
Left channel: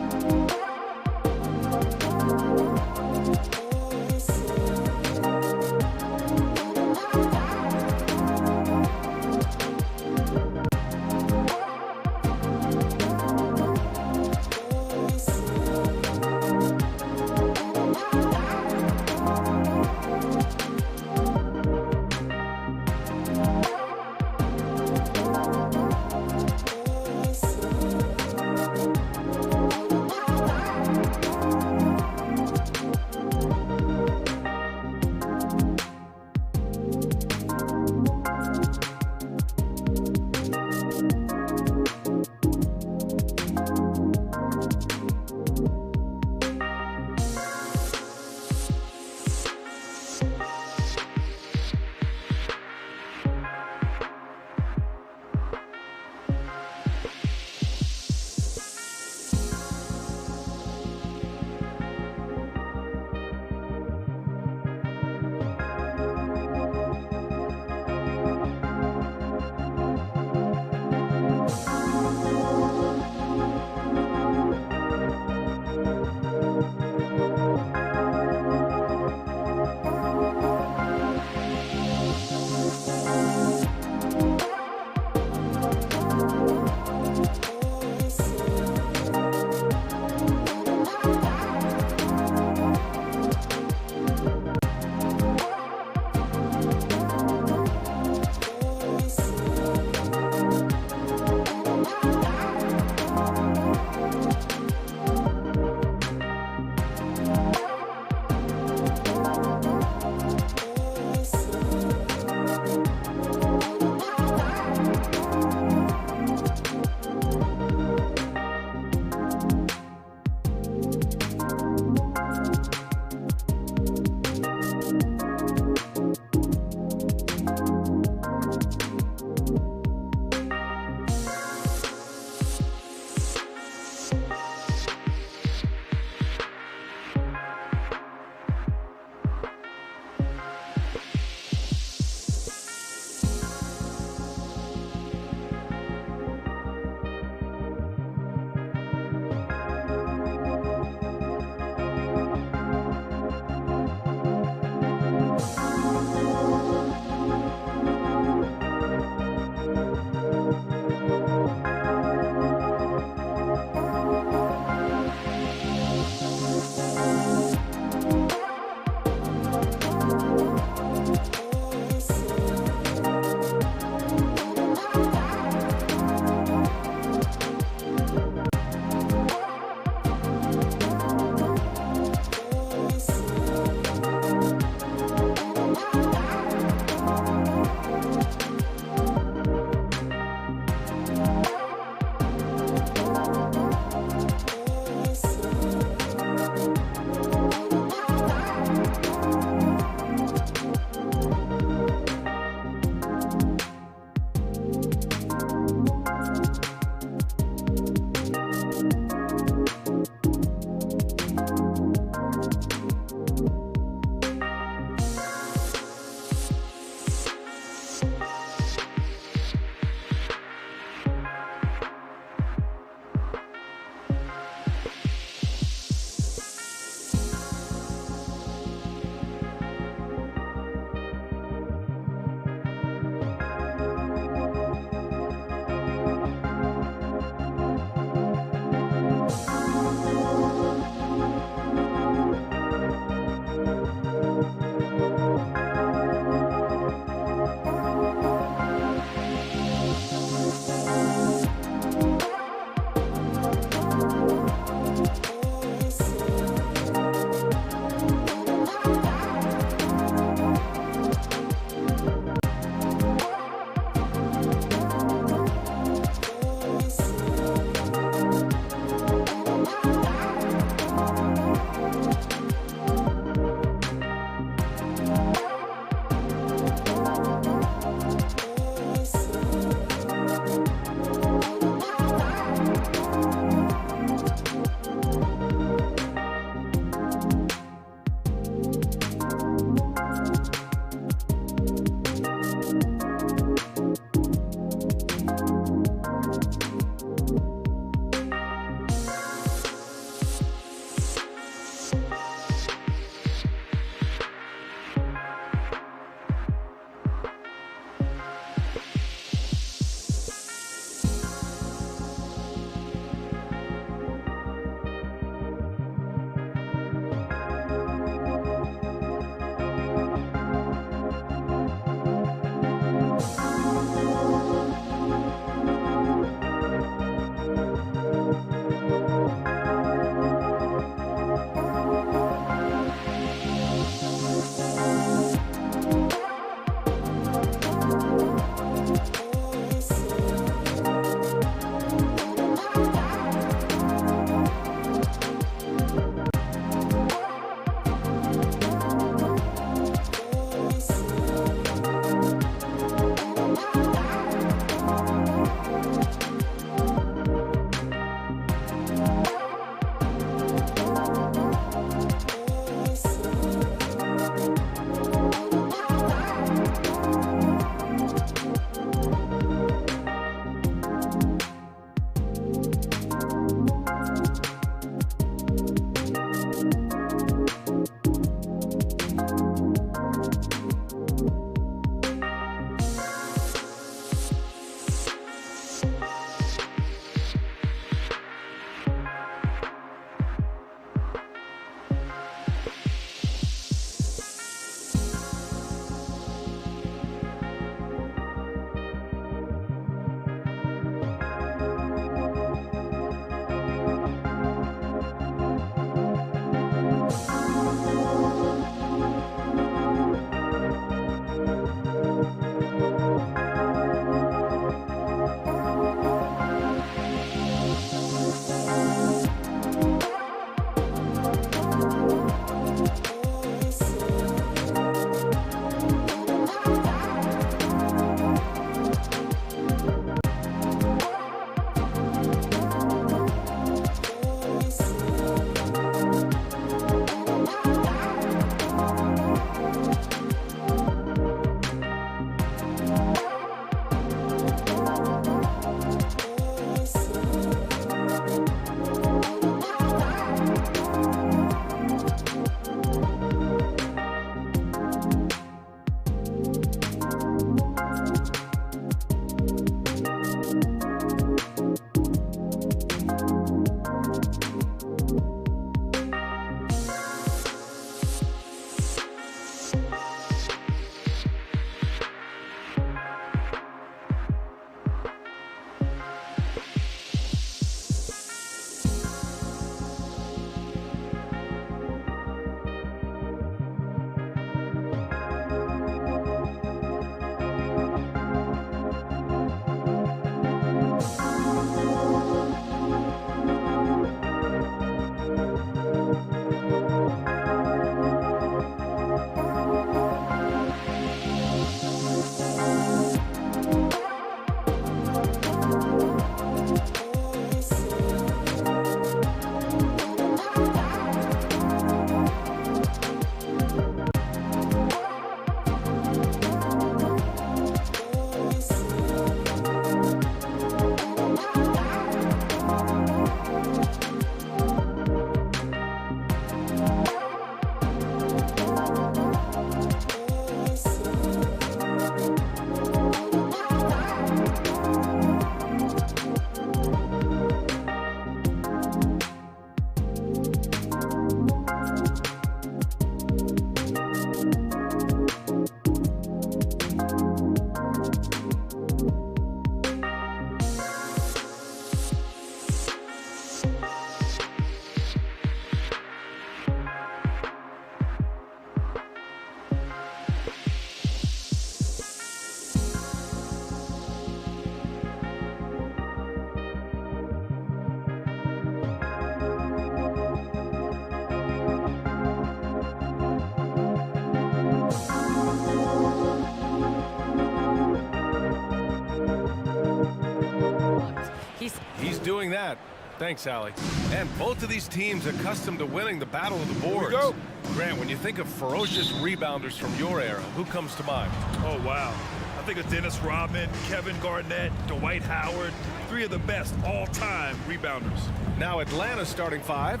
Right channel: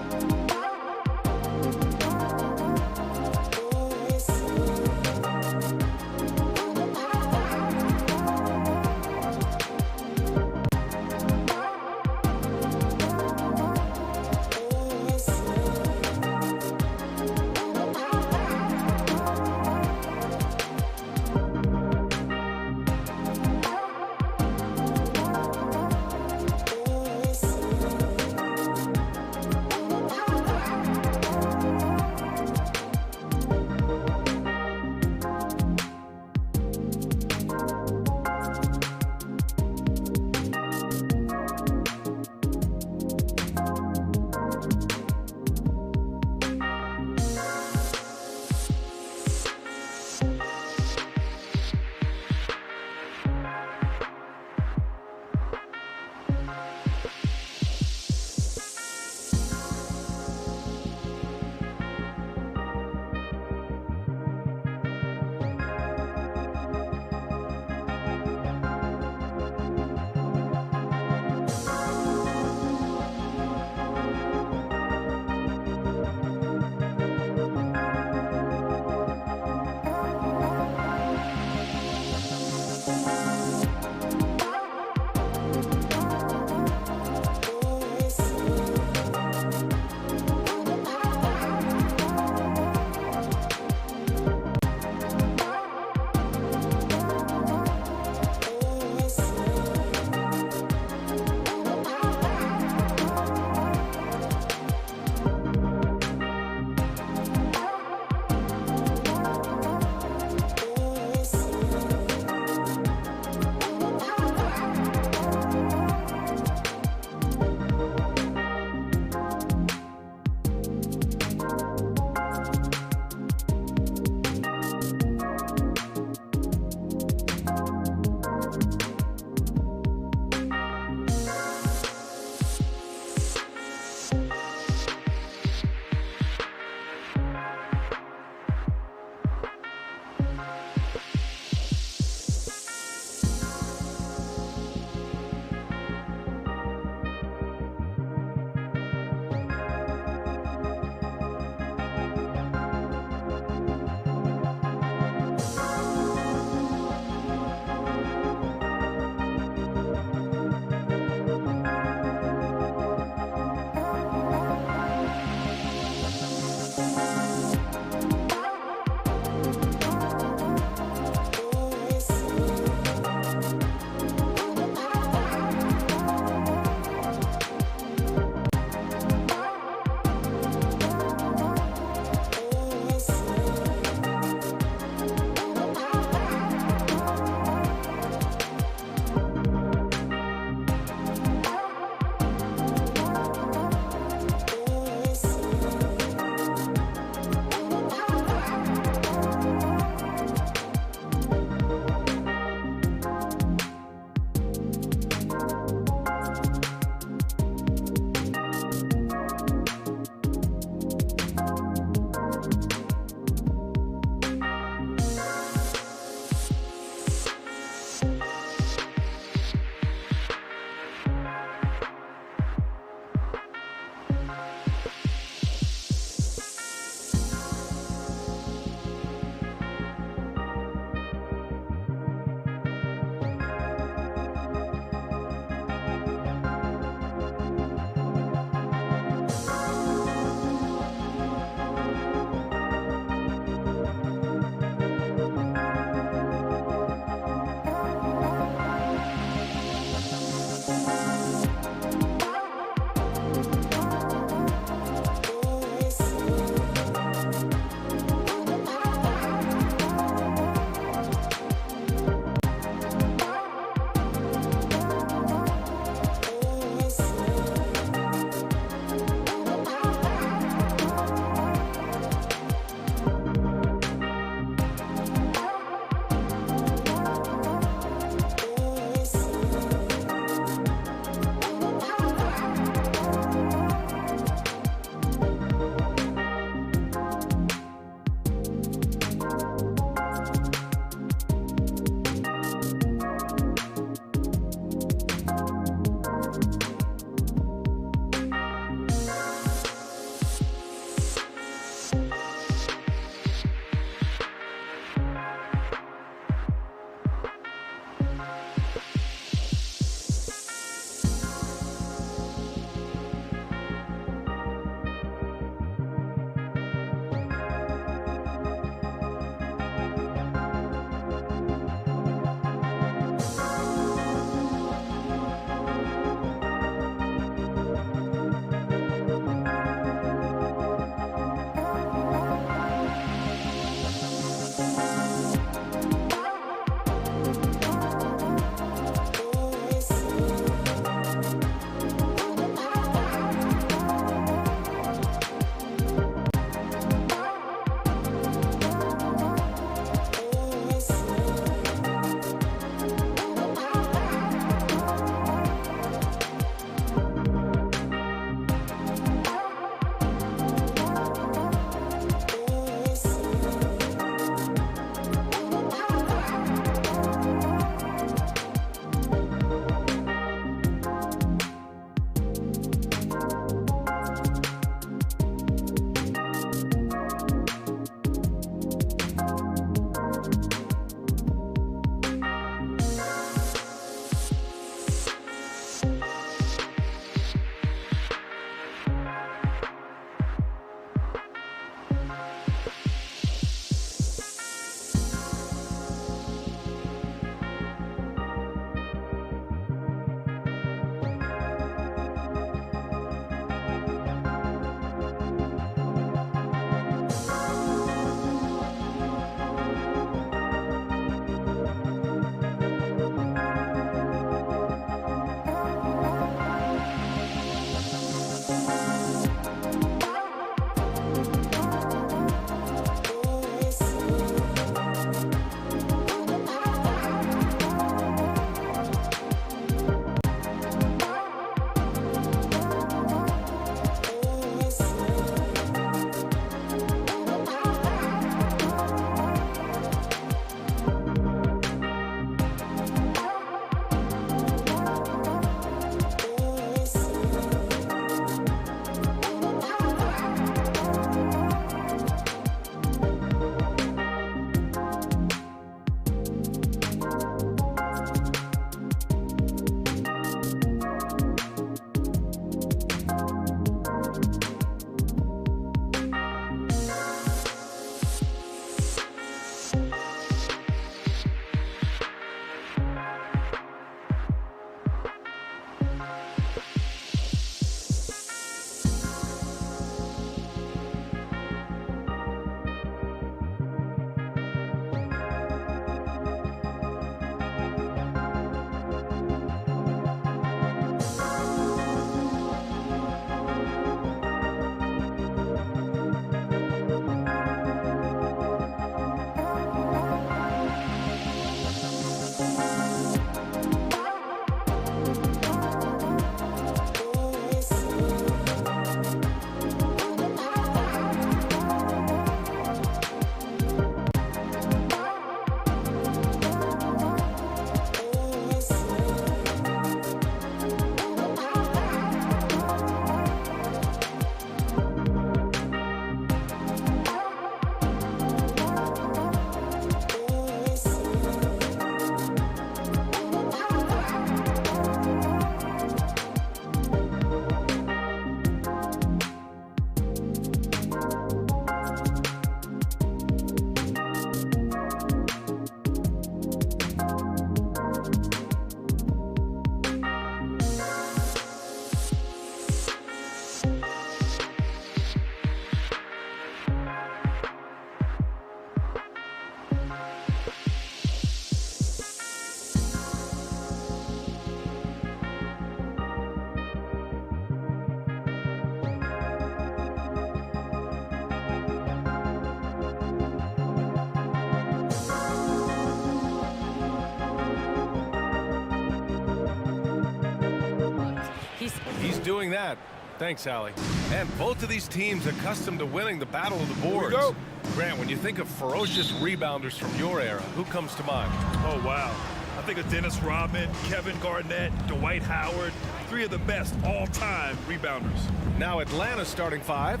He's doing that. Thanks, Allie. And both of these teams accustomed to winning the battle of the boards. go. Grant, when you think of ferocious rebounders from your era, who comes to mind? Oh, wow. I think of Dennis Rodman, Kevin Garnett, Dwight Howard, 3 of the best all-time rebounders. Now Atlanta's starting 5.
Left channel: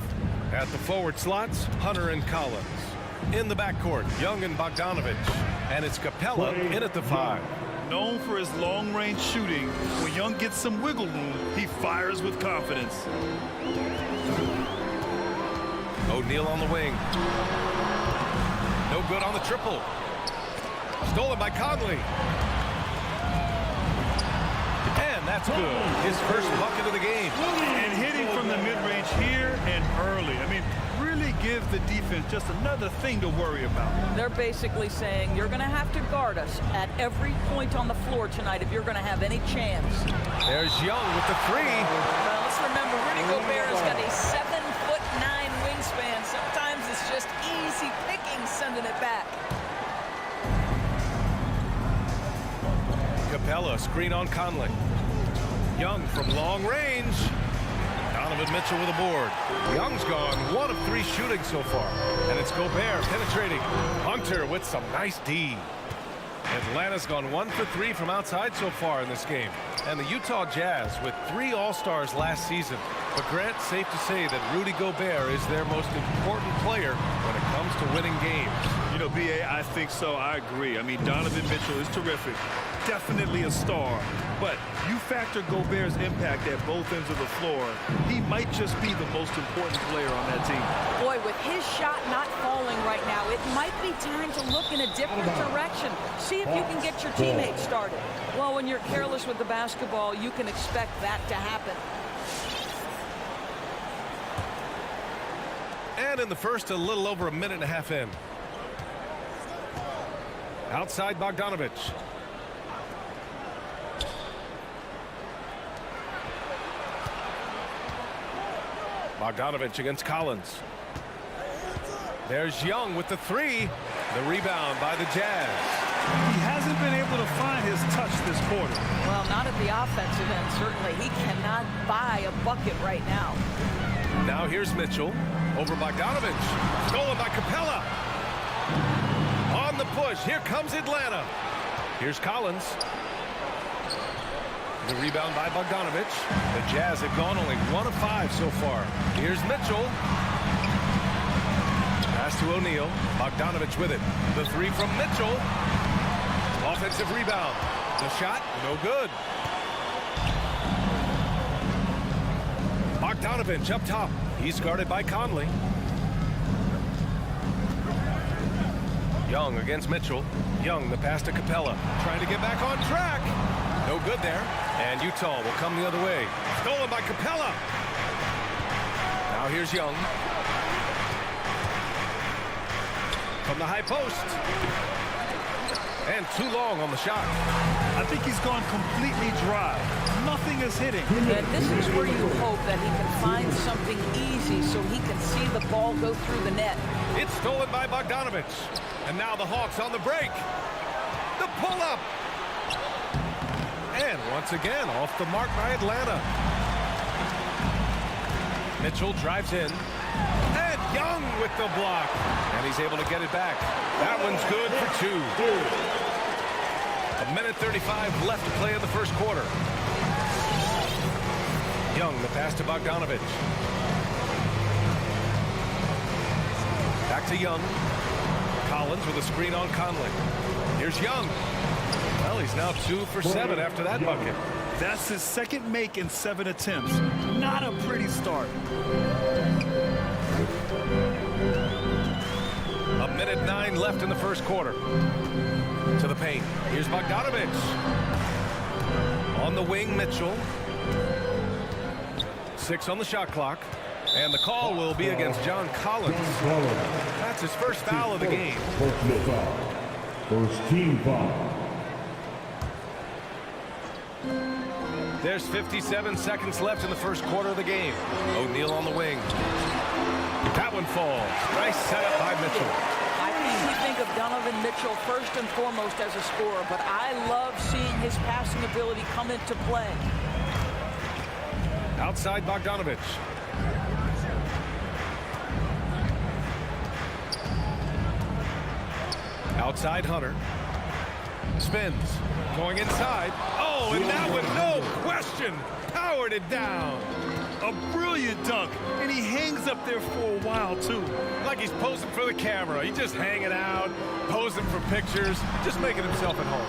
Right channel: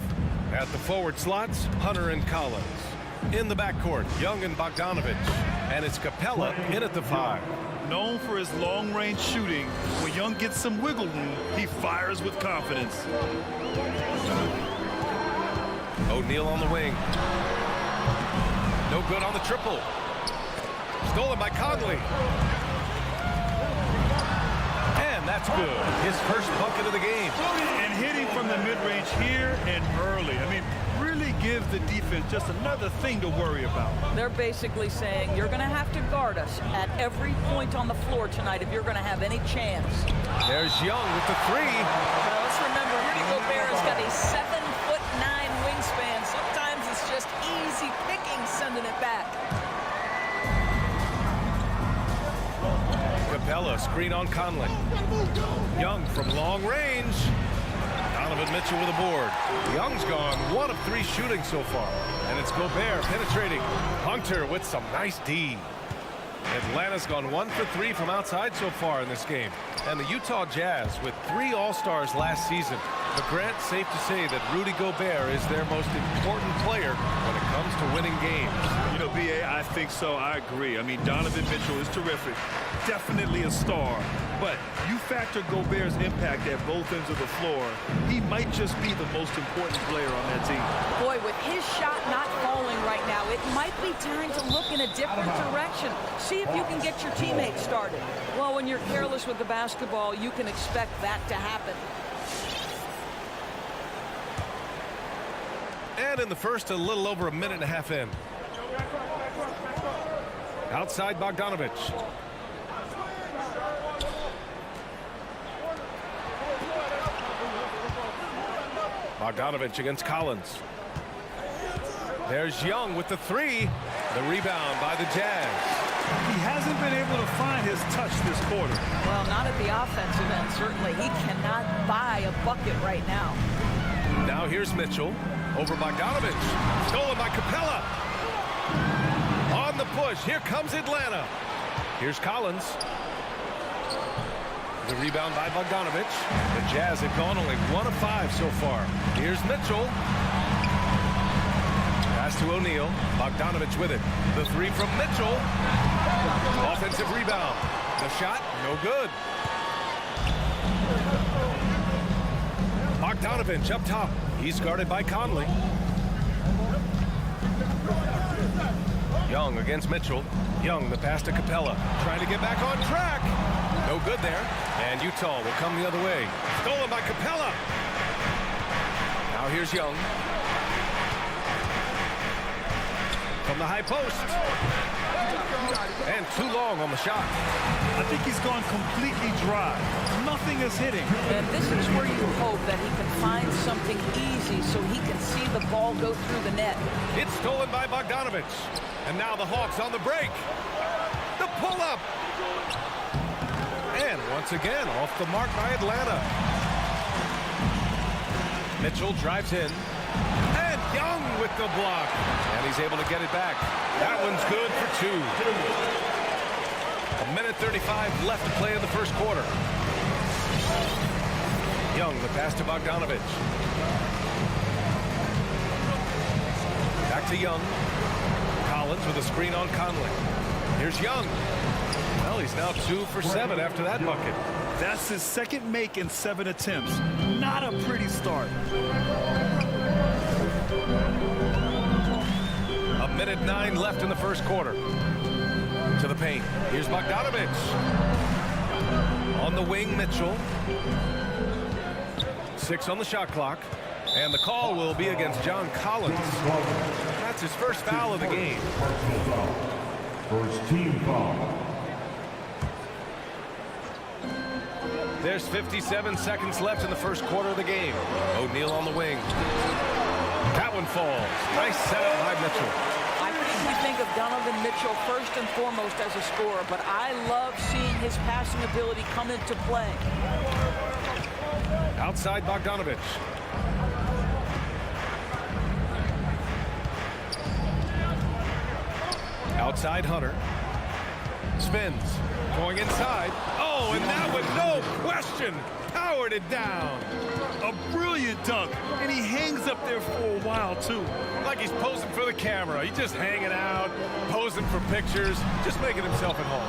At the forward slots, Hunter and Collins. In the backcourt, Young and Bogdanovich. And it's Capella in at the 5. Known for his long-range shooting, when Young gets some wiggle room, he fires with confidence. O'Neal on the wing. No good on the triple. Stolen by Conley. And that's good. His first bucket of the game. And hitting from the mid-range here and early. I mean, really gives the defense just another thing to worry about. They're basically saying you're going to have to guard us at every point on the floor tonight if you're going to have any chance. There's Young with the 3. Well, let's remember, Rudy Gobert has got a 7'9" wingspan. Sometimes it's just easy picking sending it back. Capella, screen on Conley. Young from long range. Donovan Mitchell with a board. Young's gone 1 of 3 shooting so far. And it's Gobert penetrating. Hunter with some nice D. Atlanta's gone 1 for 3 from outside so far in this game. And the Utah Jazz with 3 All-Stars last season. But Grant, safe to say that Rudy Gobert is their most important player when it comes to winning games. You know, B.A., I think so. I agree. I mean, Donovan Mitchell is terrific. Definitely a star. But you factor Gobert's impact at both ends of the floor, he might just be the most important player on that team. Boy, with his shot not falling right now, it might be time to look in a different direction. See if you can get your teammates started. Well, when you're careless with the basketball, you can expect that to happen. And in the first, a little over a minute and a half in. Outside Bogdanovich. Bogdanovich against Collins. There's Young with the 3. The rebound by the Jazz. He hasn't been able to find his touch this quarter. Well, not at the offensive end, certainly. He cannot buy a bucket right now. Now here's Mitchell. Over Bogdanovich. Stolen by Capella. On the push. Here comes Atlanta. Here's Collins. The rebound by Bogdanovich. The Jazz have gone only 1 of 5 so far. Here's Mitchell. Pass to O'Neal. Bogdanovich with it. The 3 from Mitchell. Offensive rebound. The shot, no good. Bogdanovich up top. He's guarded by Conley. Young against Mitchell. Young, the pass to Capella. Trying to get back on track. No good there. And Utah will come the other way. Stolen by Capella. Now here's Young. From the high post. And too long on the shot. I think he's gone completely dry. Nothing is hitting. And this is where you hope that he can find something easy so he can see the ball go through the net. It's stolen by Bogdanovich. And now the Hawks on the break. The pull-up. And once again, off the mark by Atlanta. Mitchell drives in. And Young with the block. And he's able to get it back. That one's good for 2. 1:35 left to play in the first quarter. Young, the pass to Bogdanovich. Back to Young. Collins with a screen on Conley. Here's Young. Well, he's now 2 for 7 after that bucket. That's his second make in 7 attempts. Not a pretty start. 1:09 left in the first quarter. To the paint. Here's Bogdanovich. On the wing, Mitchell. 6 on the shot clock. And the call will be against John Collins. That's his first foul of the game. Personal foul. First team foul. There's 57 seconds left in the first quarter of the game. O'Neal on the wing. That one falls. Nice setup by Mitchell. I think we think of Donovan Mitchell first and foremost as a scorer, but I love seeing his passing ability come into play. Outside Bogdanovich. Outside Hunter. Spins. Going inside. Oh, and that one, no question, powered it down. A brilliant dunk, and he hangs up there for a while, too. Like he's posing for the camera. He's just hanging out, posing for pictures, just making himself at home.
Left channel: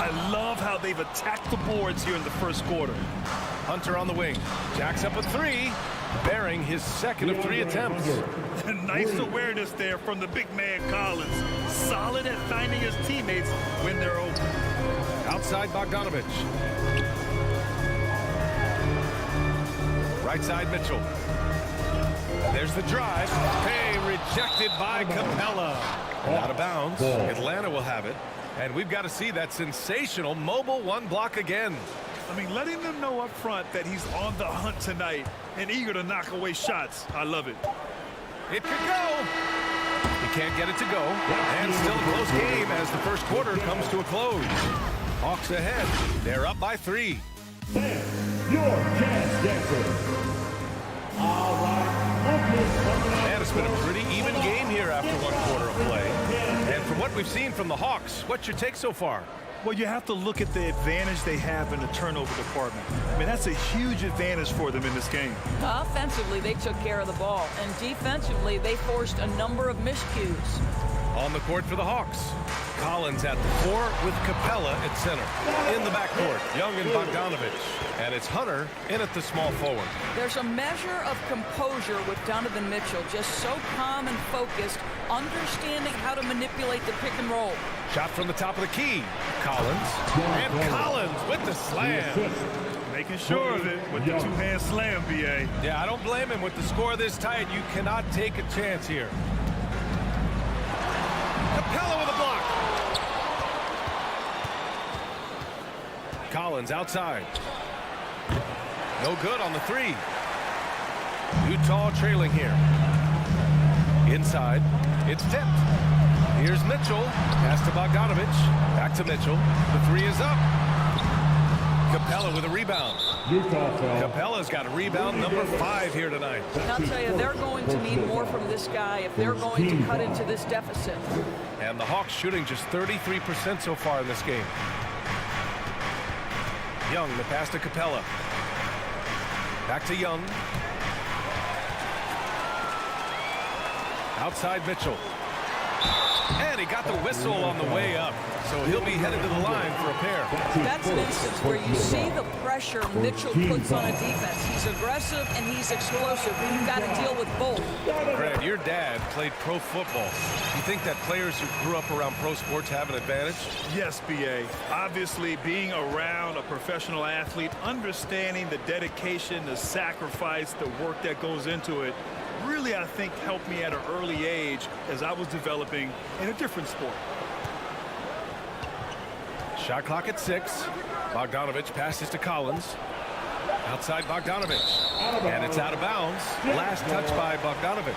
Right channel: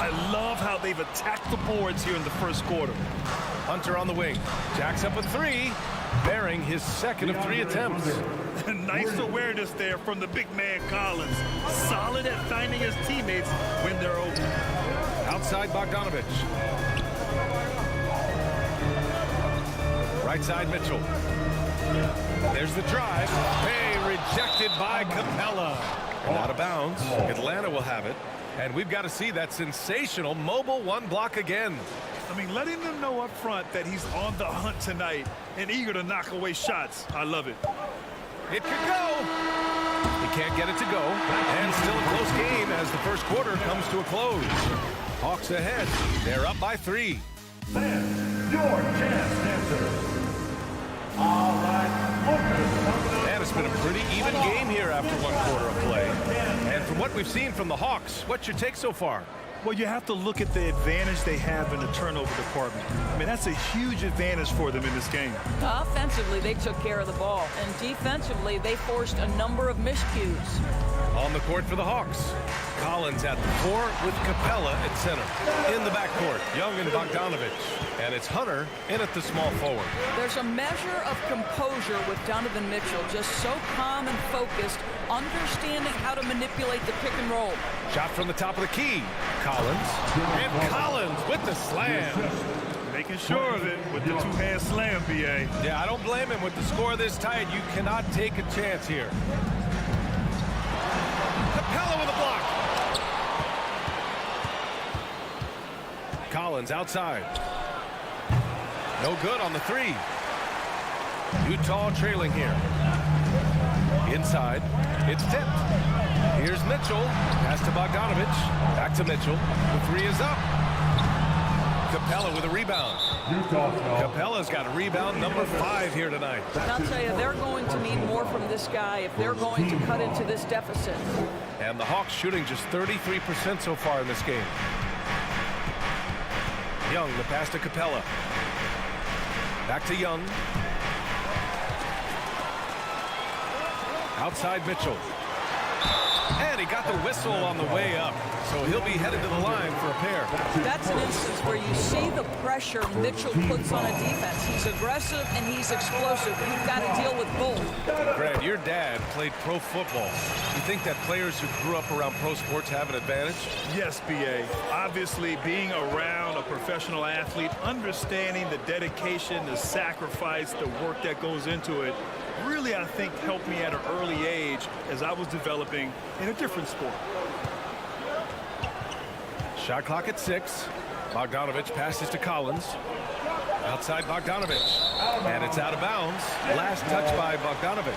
I love how they've attacked the boards here in the first quarter. Hunter on the wing. Jacks up a three, bearing his second of 3 attempts. Nice awareness there from the big man Collins. Solid at finding his teammates when they're open. Outside Bogdanovich. Right side Mitchell. There's the drive. Hey, rejected by Capella. And out of bounds. Atlanta will have it. And we've got to see that sensational mobile one block again. I mean, letting them know up front that he's on the hunt tonight and eager to knock away shots. I love it. It could go. He can't get it to go. And still a close game as the first quarter comes to a close. Hawks ahead. They're up by 3. Fans, your Jazz dancers. All right, Lucas coming out. And it's been a pretty even game here after 1 quarter of play. And from what we've seen from the Hawks, what's your take so far? Well, you have to look at the advantage they have in the turnover department. I mean, that's a huge advantage for them in this game. Offensively, they took care of the ball, and defensively, they forced a number of miscues. On the court for the Hawks. Collins at the 4 with Capella at center. In the backcourt, Young and Bogdanovich. And it's Hunter in at the small forward. There's a measure of composure with Donovan Mitchell, just so calm and focused, understanding how to manipulate the pick and roll. Shot from the top of the key. Collins. And Collins with the slam. Making sure of it with the two-hand slam, B.A. Yeah, I don't blame him. With the score this tight, you cannot take a chance here. Capella with a block. Collins outside. No good on the 3. Utah trailing here. Inside. It's tipped. Here's Mitchell. Pass to Bogdanovich. Back to Mitchell. The 3 is up. Capella with a rebound. Capella's got a rebound number 5 here tonight. And I'll tell you, they're going to need more from this guy if they're going to cut into this deficit. And the Hawks shooting just 33% so far in this game. Young, the pass to Capella. Back to Young. Outside Mitchell. And he got the whistle on the way up. So he'll be headed to the line for a pair. That's an instance where you see the pressure Mitchell puts on a defense. He's aggressive and he's explosive. You've got to deal with both. Grant, your dad played pro football. You think that players who grew up around pro sports have an advantage? Yes, B.A. Obviously, being around a professional athlete, understanding the dedication, the sacrifice, the work that goes into it, really, I think, helped me at an early age as I was developing in a different sport. Shot clock at 6. Bogdanovich passes to Collins. Outside Bogdanovich. And it's out of bounds. Last touch by Bogdanovich.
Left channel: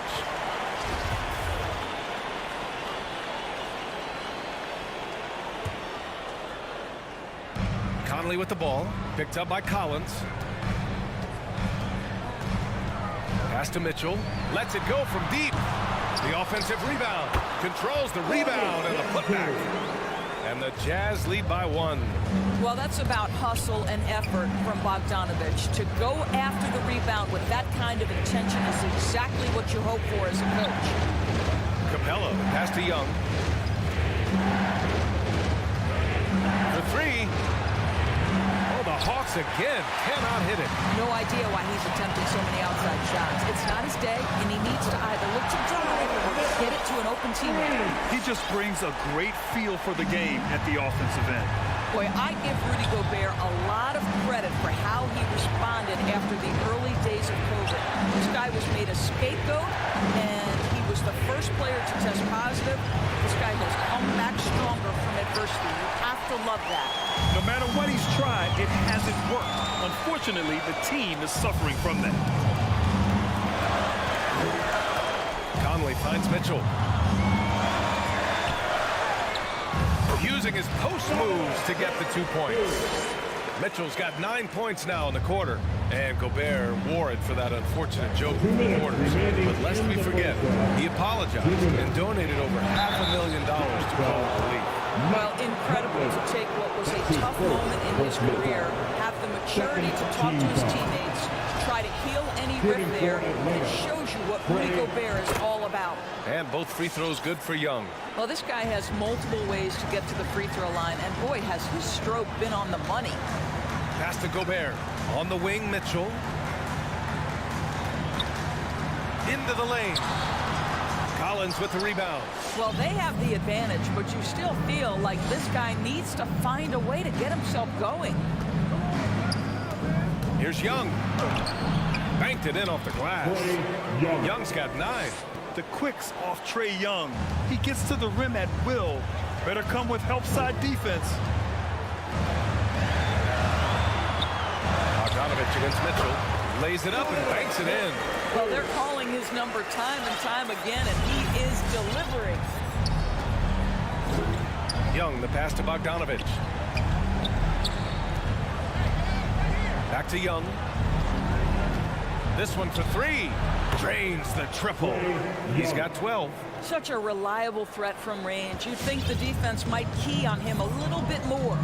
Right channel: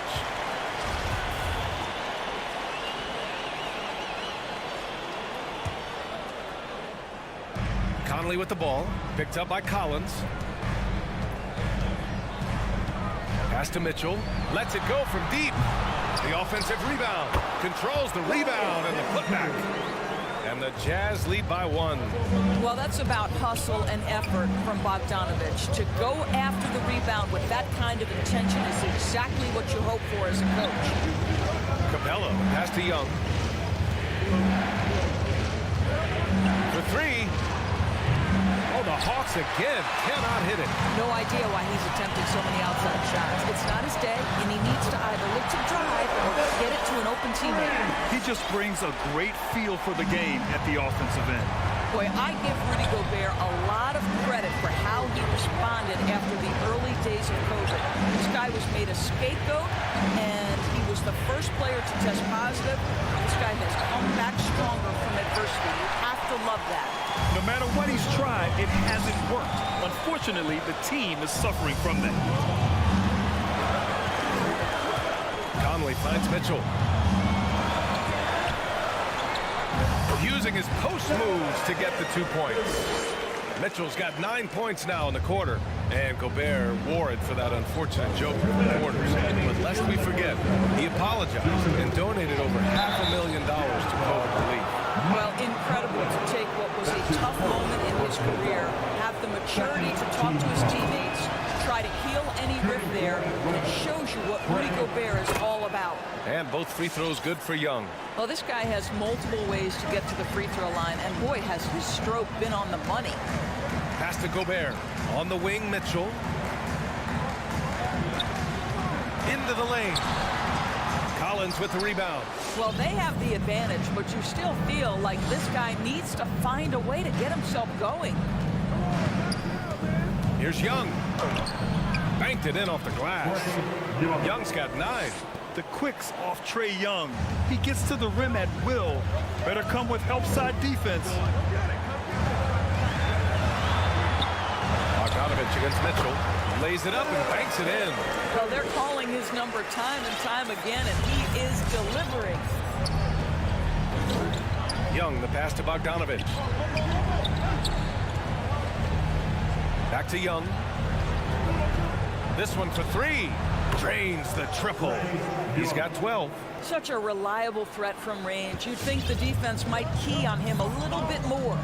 Conley with the ball. Picked up by Collins. Pass to Mitchell. Lets it go from deep. The offensive rebound. Controls the rebound and the putback. And the Jazz lead by 1. Well, that's about hustle and effort from Bogdanovich. To go after the rebound with that kind of intention is exactly what you hope for as a coach. Capella, pass to Young. For 3. Oh, the Hawks again cannot hit it. No idea why he's attempting so many outside shots. It's not his day, and he needs to either look to drive or get it to an open teammate. He just brings a great feel for the game at the offensive end. Boy, I give Rudy Gobert a lot of credit for how he responded after the early days of COVID. This guy was made a scapegoat, and he was the first player to test positive. This guy has come back stronger from adversity. You have to love that. No matter what he's tried, it hasn't worked. Unfortunately, the team is suffering from that. Conley finds Mitchell. Using his post moves to get the 2 points. Mitchell's got 9 points now in the quarter. And Gobert wore it for that unfortunate joke with the reporters. But lest we forget, he apologized and donated over $500,000 to COVID relief. Well, incredible to take what was a tough moment in his career, have the maturity to talk to his teammates, try to heal any rift there, and it shows you what Rudy Gobert is all about. And both free throws good for Young. Well, this guy has multiple ways to get to the free throw line, and boy, has his stroke been on the money. Pass to Gobert. On the wing, Mitchell. Into the lane. Collins with the rebound. Well, they have the advantage, but you still feel like this guy needs to find a way to get himself going. Here's Young. Banked it in off the glass. Young's got 9. The quicks off Trae Young. He gets to the rim at will. Better come with help side defense. Bogdanovich against Mitchell. Lays it up and banks it in. Well, they're calling his number time and time again, and he is delivering. Young, the pass to Bogdanovich. Back to Young. This one for 3. Drains the triple. He's got 12. Such a reliable threat from range. You'd think the defense might key on him a little bit more.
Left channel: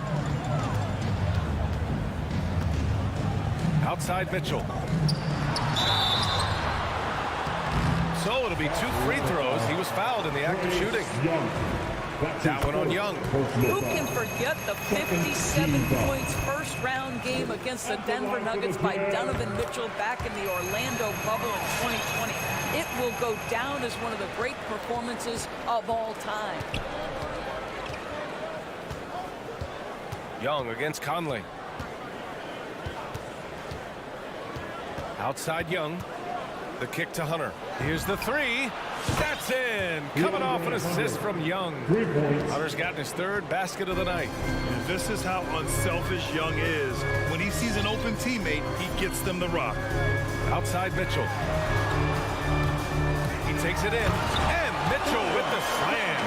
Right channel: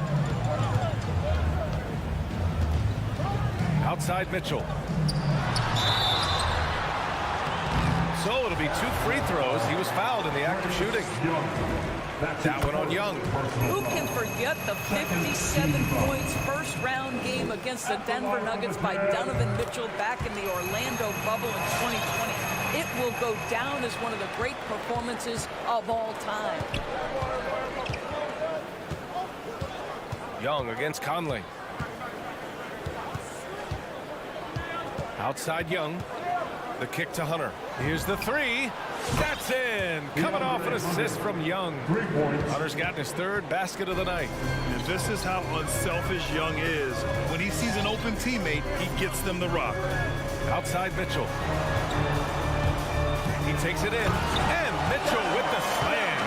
Outside Mitchell. So it'll be 2 free throws. He was fouled in the act of shooting. That one on Young. Who can forget the 57 points first round game against the Denver Nuggets by Donovan Mitchell back in the Orlando bubble in 2020? It will go down as one of the great performances of all time. Young against Conley. Outside Young. The kick to Hunter. Here's the 3. That's in. Coming off an assist from Young. Hunter's gotten his 3rd basket of the night. And this is how unselfish Young is. When he sees an open teammate, he gets them the rock. Outside Mitchell. He takes it in. And Mitchell with the slam.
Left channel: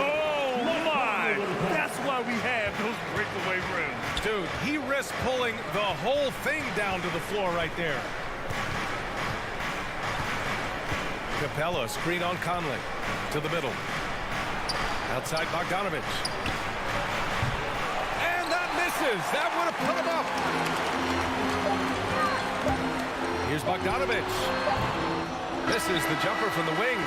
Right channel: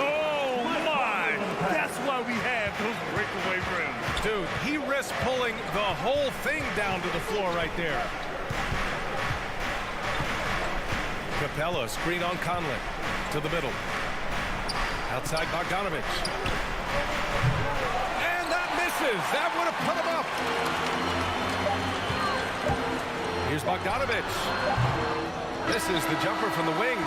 Oh, my. That's why we have those breakaway rims. Dude, he risked pulling the whole thing down to the floor right there. Capella, screen on Conley. To the middle. Outside Bogdanovich. And that misses. That would have put him up. Here's Bogdanovich. Misses the jumper from the wing.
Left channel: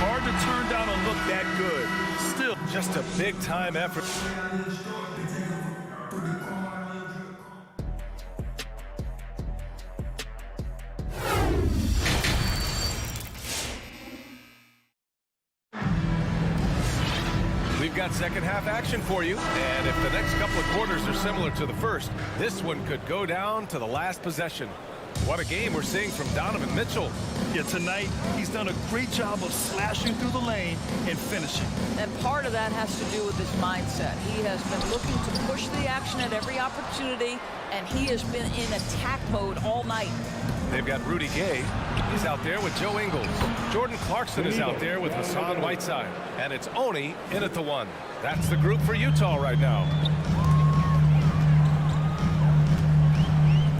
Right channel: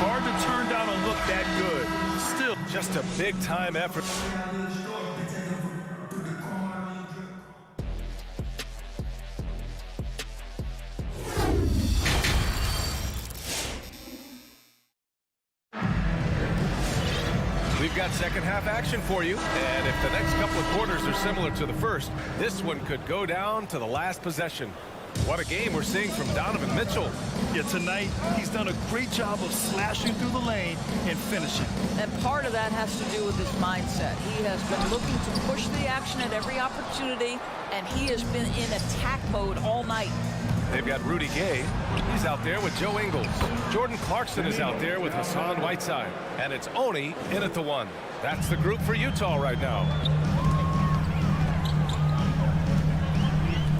Hard to turn down a look that good. Still, just a big-time effort. We've got second half action for you, and if the next couple of quarters are similar to the first, this one could go down to the last possession. What a game we're seeing from Donovan Mitchell. Yeah, tonight he's done a great job of slashing through the lane and finishing. And part of that has to do with his mindset. He has been looking to push the action at every opportunity, and he has been in attack mode all night. They've got Rudy Gay. He's out there with Joe Ingles. Jordan Clarkson is out there with Hassan Whiteside. And it's Oni in at the 1. That's the group for Utah right now.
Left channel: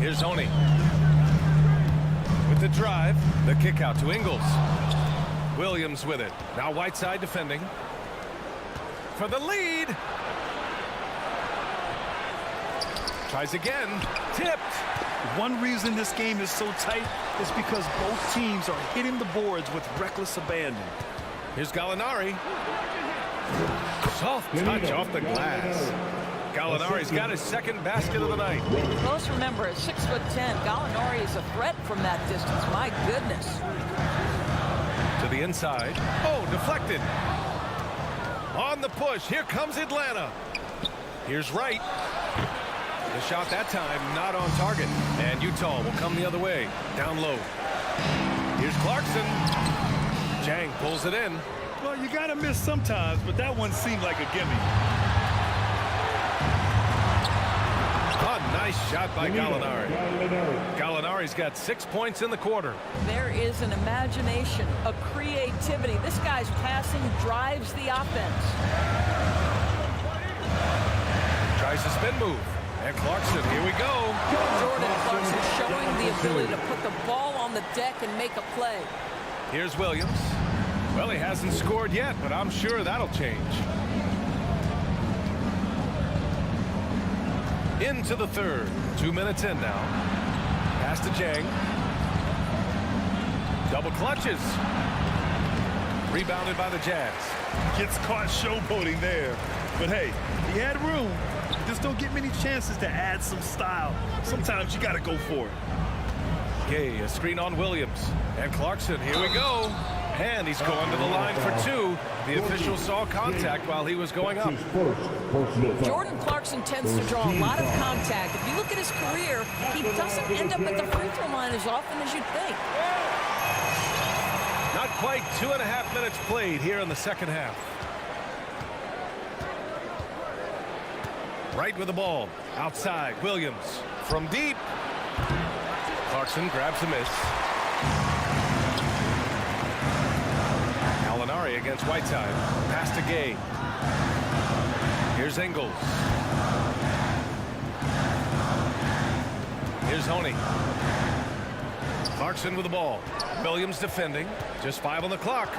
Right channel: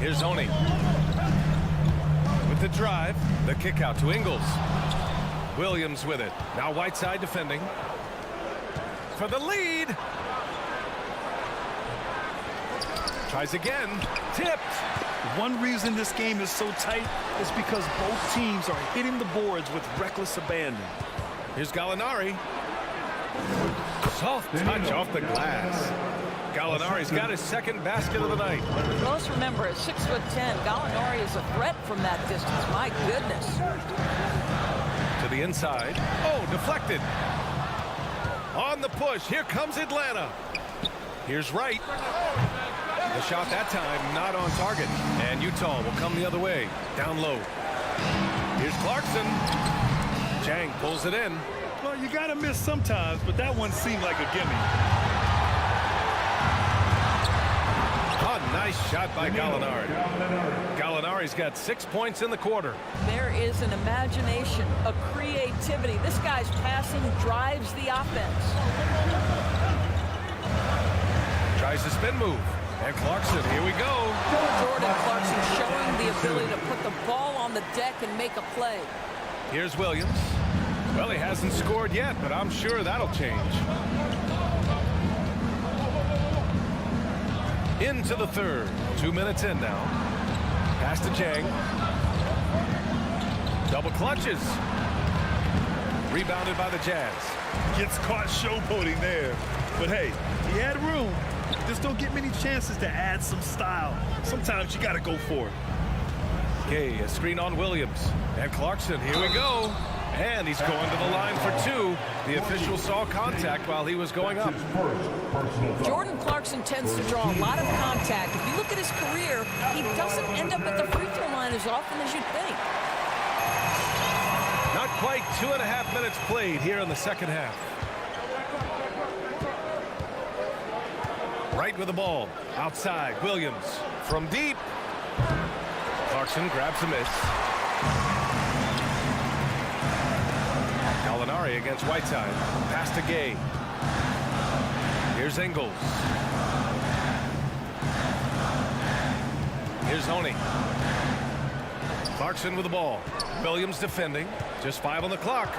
Here's Oni. With the drive, the kick out to Ingles. Williams with it. Now Whiteside defending. For the lead. Tries again. Tipped. One reason this game is so tight is because both teams are hitting the boards with reckless abandon. Here's Gallinari. Soft touch off the glass. Gallinari's got his 2nd basket of the night. Well, let's remember, at 6'10", Gallinari is a threat from that distance. My goodness. To the inside. Oh, deflected. On the push. Here comes Atlanta. Here's Wright. The shot that time not on target. And Utah will come the other way. Down low. Here's Clarkson. Chang pulls it in. Well, you got to miss sometimes, but that one seemed like a gimme. A nice shot by Gallinari. Gallinari's got 6 points in the quarter. There is an imagination, a creativity. This guy's passing drives the offense. Tries the spin move. And Clarkson, here we go. Jordan Clarkson showing the ability to put the ball on the deck and make a play. Here's Williams. Well, he hasn't scored yet, but I'm sure that'll change. Into the third. 2 minutes in now. Pass to Jang. Double clutches. Rebounded by the Jazz. Gets caught showboating there. But hey, he had room. You just don't get many chances to add some style. Sometimes you got to go for it. Okay, a screen on Williams. And Clarkson, here we go. And he's going to the line for two. The official saw contact while he was going up. Jordan Clarkson tends to draw a lot of contact. If you look at his career, he doesn't end up at the free throw line as often as you'd think. Not quite 2.5 minutes played here in the second half. Right with the ball. Outside, Williams. From deep. Clarkson grabs a miss. Gallinari against Whiteside. Pass to Gay. Here's Ingles. Here's Honey. Clarkson with the ball. Williams defending. Just 5 on the clock.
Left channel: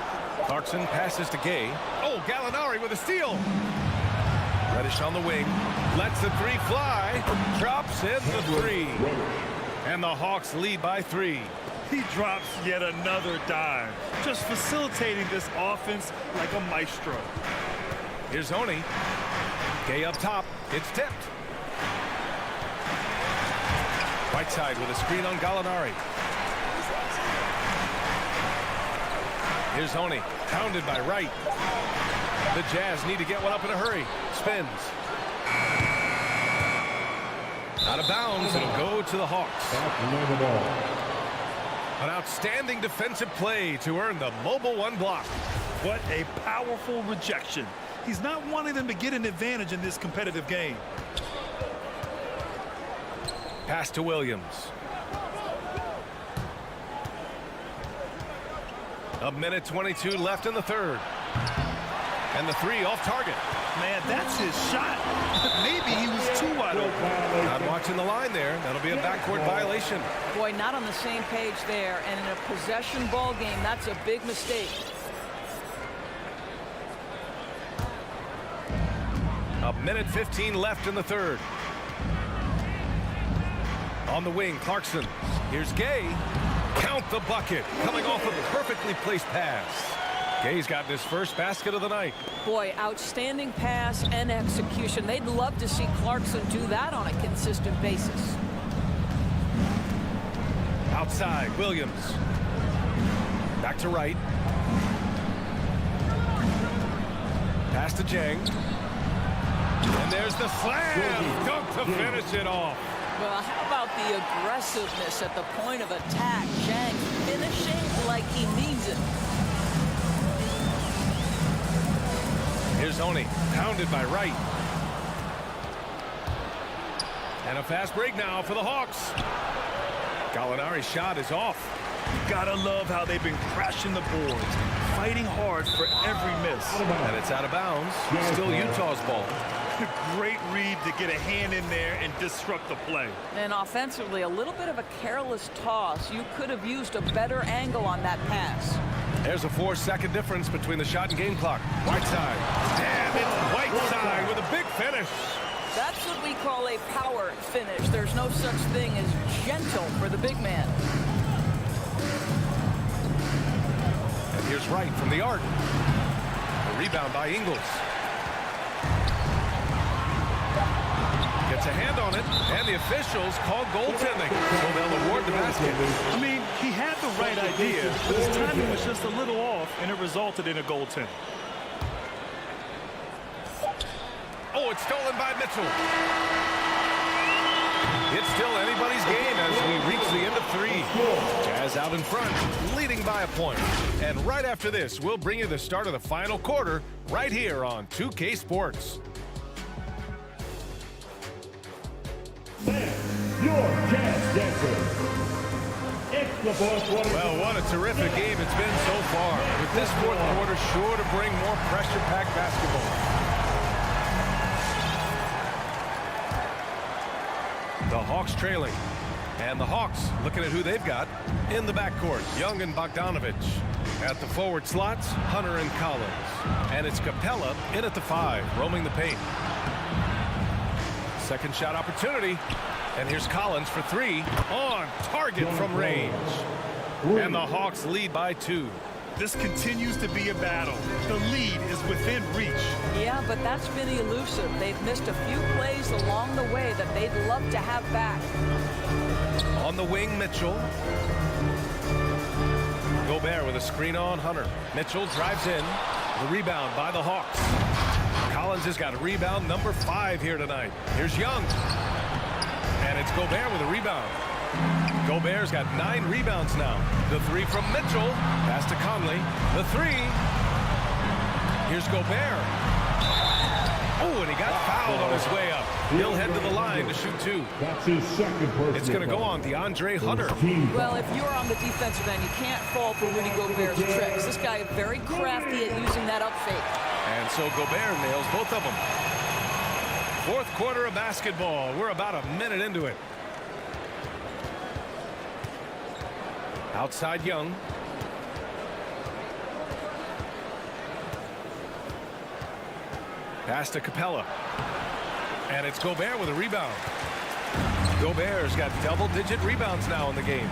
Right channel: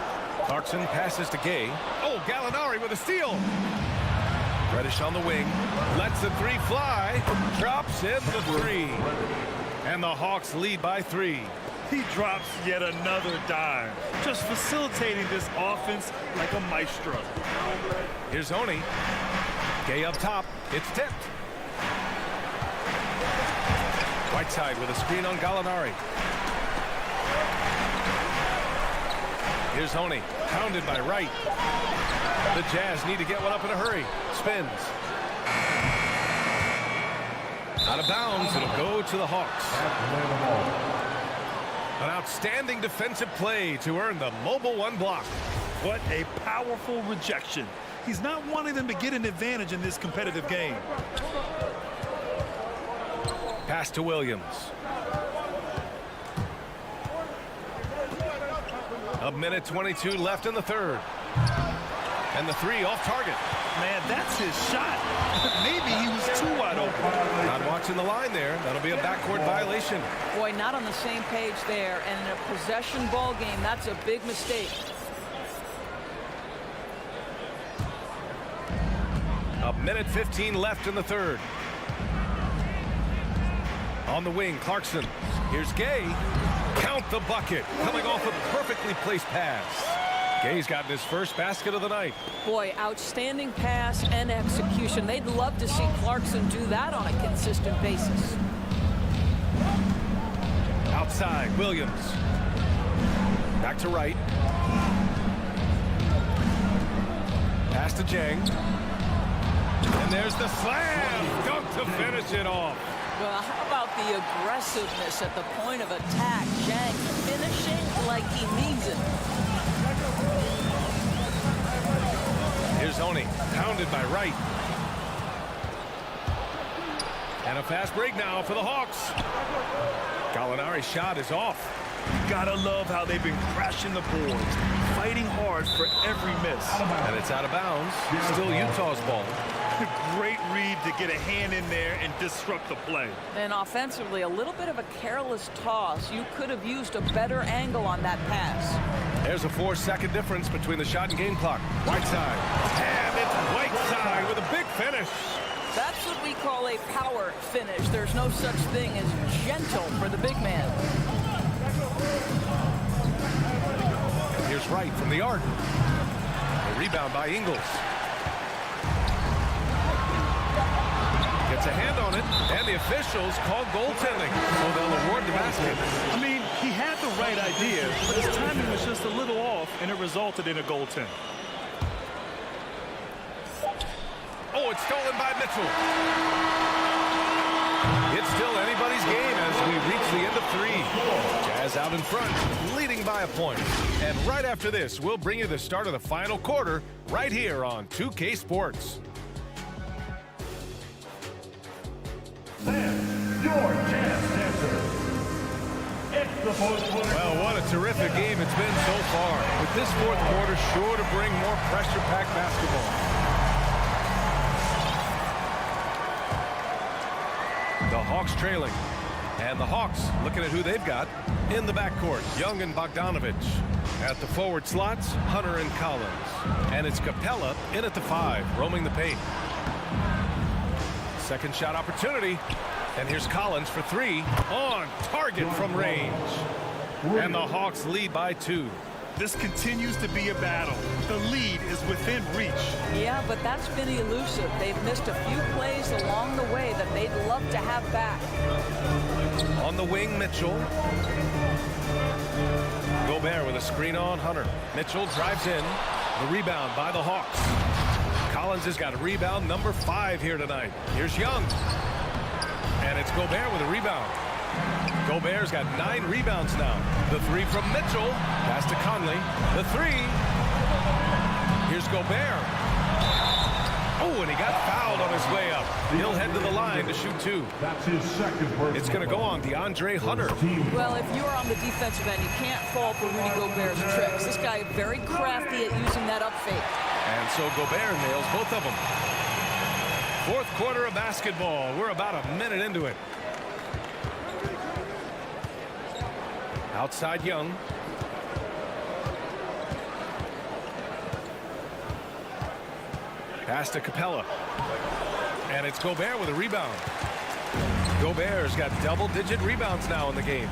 Clarkson passes to Gay. Oh, Gallinari with a steal. Reddish on the wing. Lets the three fly. Drops in the three. And the Hawks lead by 3. He drops yet another dime. Just facilitating this offense like a maestro. Here's Honey. Gay up top. It's tipped. Whiteside with a screen on Gallinari. Here's Honey. Pounded by Wright. The Jazz need to get one up in a hurry. Spins. Out of bounds. It'll go to the Hawks. An outstanding defensive play to earn the mobile 1 block. What a powerful rejection. He's not wanting them to get an advantage in this competitive game. Pass to Williams. A minute 22 left in the third. And the three off target. Man, that's his shot. Maybe he was too wide open. Not watching the line there. That'll be a backcourt violation. Boy, not on the same page there. And in a possession ball game, that's a big mistake. A minute 15 left in the third. On the wing, Clarkson. Here's Gay. Count the bucket. Coming off a perfectly placed pass. Gay's gotten his first basket of the night. Boy, outstanding pass and execution. They'd love to see Clarkson do that on a consistent basis. Outside, Williams. Back to Wright. Pass to Jang. And there's the slam. Dunk to finish it off. Well, how about the aggressiveness at the point of attack? Jang finishing like he means it. Here's Honey, pounded by Wright. And a fast break now for the Hawks. Gallinari's shot is off. Gotta love how they've been crashing the boards, fighting hard for every miss. And it's out of bounds. Still Utah's ball. Great read to get a hand in there and disrupt the play. And offensively, a little bit of a careless toss. You could have used a better angle on that pass. There's a 4-second difference between the shot and game clock. Whiteside. And it's Whiteside with a big finish. That's what we call a power finish. There's no such thing as gentle for the big man. And here's Wright from the arc. The rebound by Ingles. Gets a hand on it, and the officials call goaltending, so they'll award the basket. I mean, he had the right idea, but his timing was just a little off, and it resulted in a goaltend. Oh, it's stolen by Mitchell. It's still anybody's game as we reach the end of 3. Jazz out in front, leading by a point. And right after this, we'll bring you the start of the final quarter right here on 2K Sports. Your Jazz Dancers. It's the fourth quarter. Well, what a terrific game it's been so far. With this fourth quarter sure to bring more pressure-packed basketball. Hawks trailing. And the Hawks looking at who they've got in the backcourt. Young and Bogdanovich. At the forward slots, Hunter and Collins. And it's Capella in at the 5, roaming the paint. Second shot opportunity. And here's Collins for 3. On target from range. And the Hawks lead by 2. This continues to be a battle. The lead is within reach. Yeah, but that's been elusive. They've missed a few plays along the way that they'd love to have back. On the wing, Mitchell. Gobert with a screen on Hunter. Mitchell drives in. The rebound by the Hawks. Collins has got a rebound number 5 here tonight. Here's Young. And it's Gobert with a rebound. Gobert's got 9 rebounds now. The 3 from Mitchell. Pass to Conley. The 3. Here's Gobert. Oh, and he got fouled on his way up. He'll head to the line to shoot 2. That's his second personal It's going to go on DeAndre Hunter. Well, if you're on the defensive end, you can't fall for Rudy Gobert's tricks. This guy is very crafty at using that up fake. And so Gobert nails both of them. Fourth quarter of basketball. We're about a minute into it. Outside Young. Pass to Capella. And it's Gobert with a rebound. Gobert's got double-digit rebounds now in the game.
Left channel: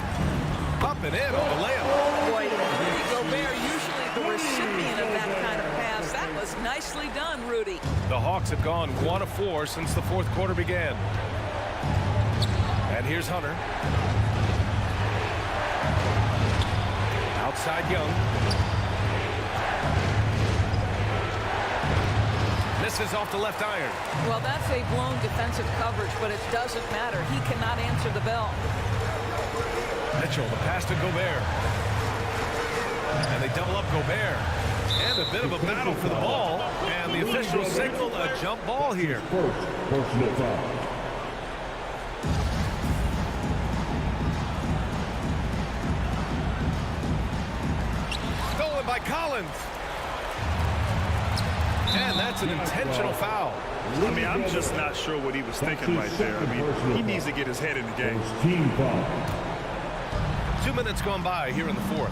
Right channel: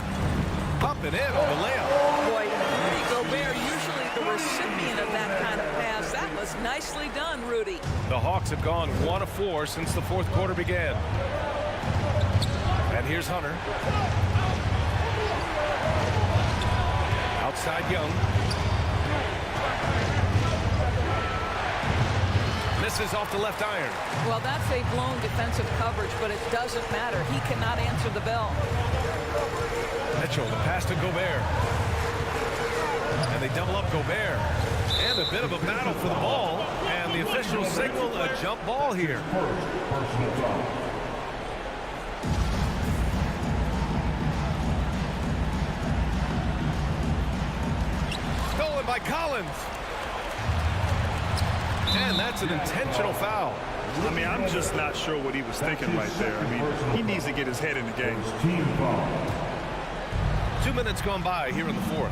Up and in on the layup. Boy, Rudy Gobert, usually the recipient of that kind of pass. That was nicely done, Rudy. The Hawks have gone 1 of 4 since the fourth quarter began. And here's Hunter. Outside Young. Misses off the left iron. Well, that's a blown defensive coverage, but it doesn't matter. He cannot answer the bell. Mitchell, the pass to Gobert. And they double up Gobert. And a bit of a battle for the ball. And the officials signal a jump ball here. First personal foul. Stolen by Collins. And that's an intentional foul. I mean, I'm just not sure what he was thinking right there. I mean, he needs to get his head in the game. Team foul. 2 minutes gone by here in the fourth.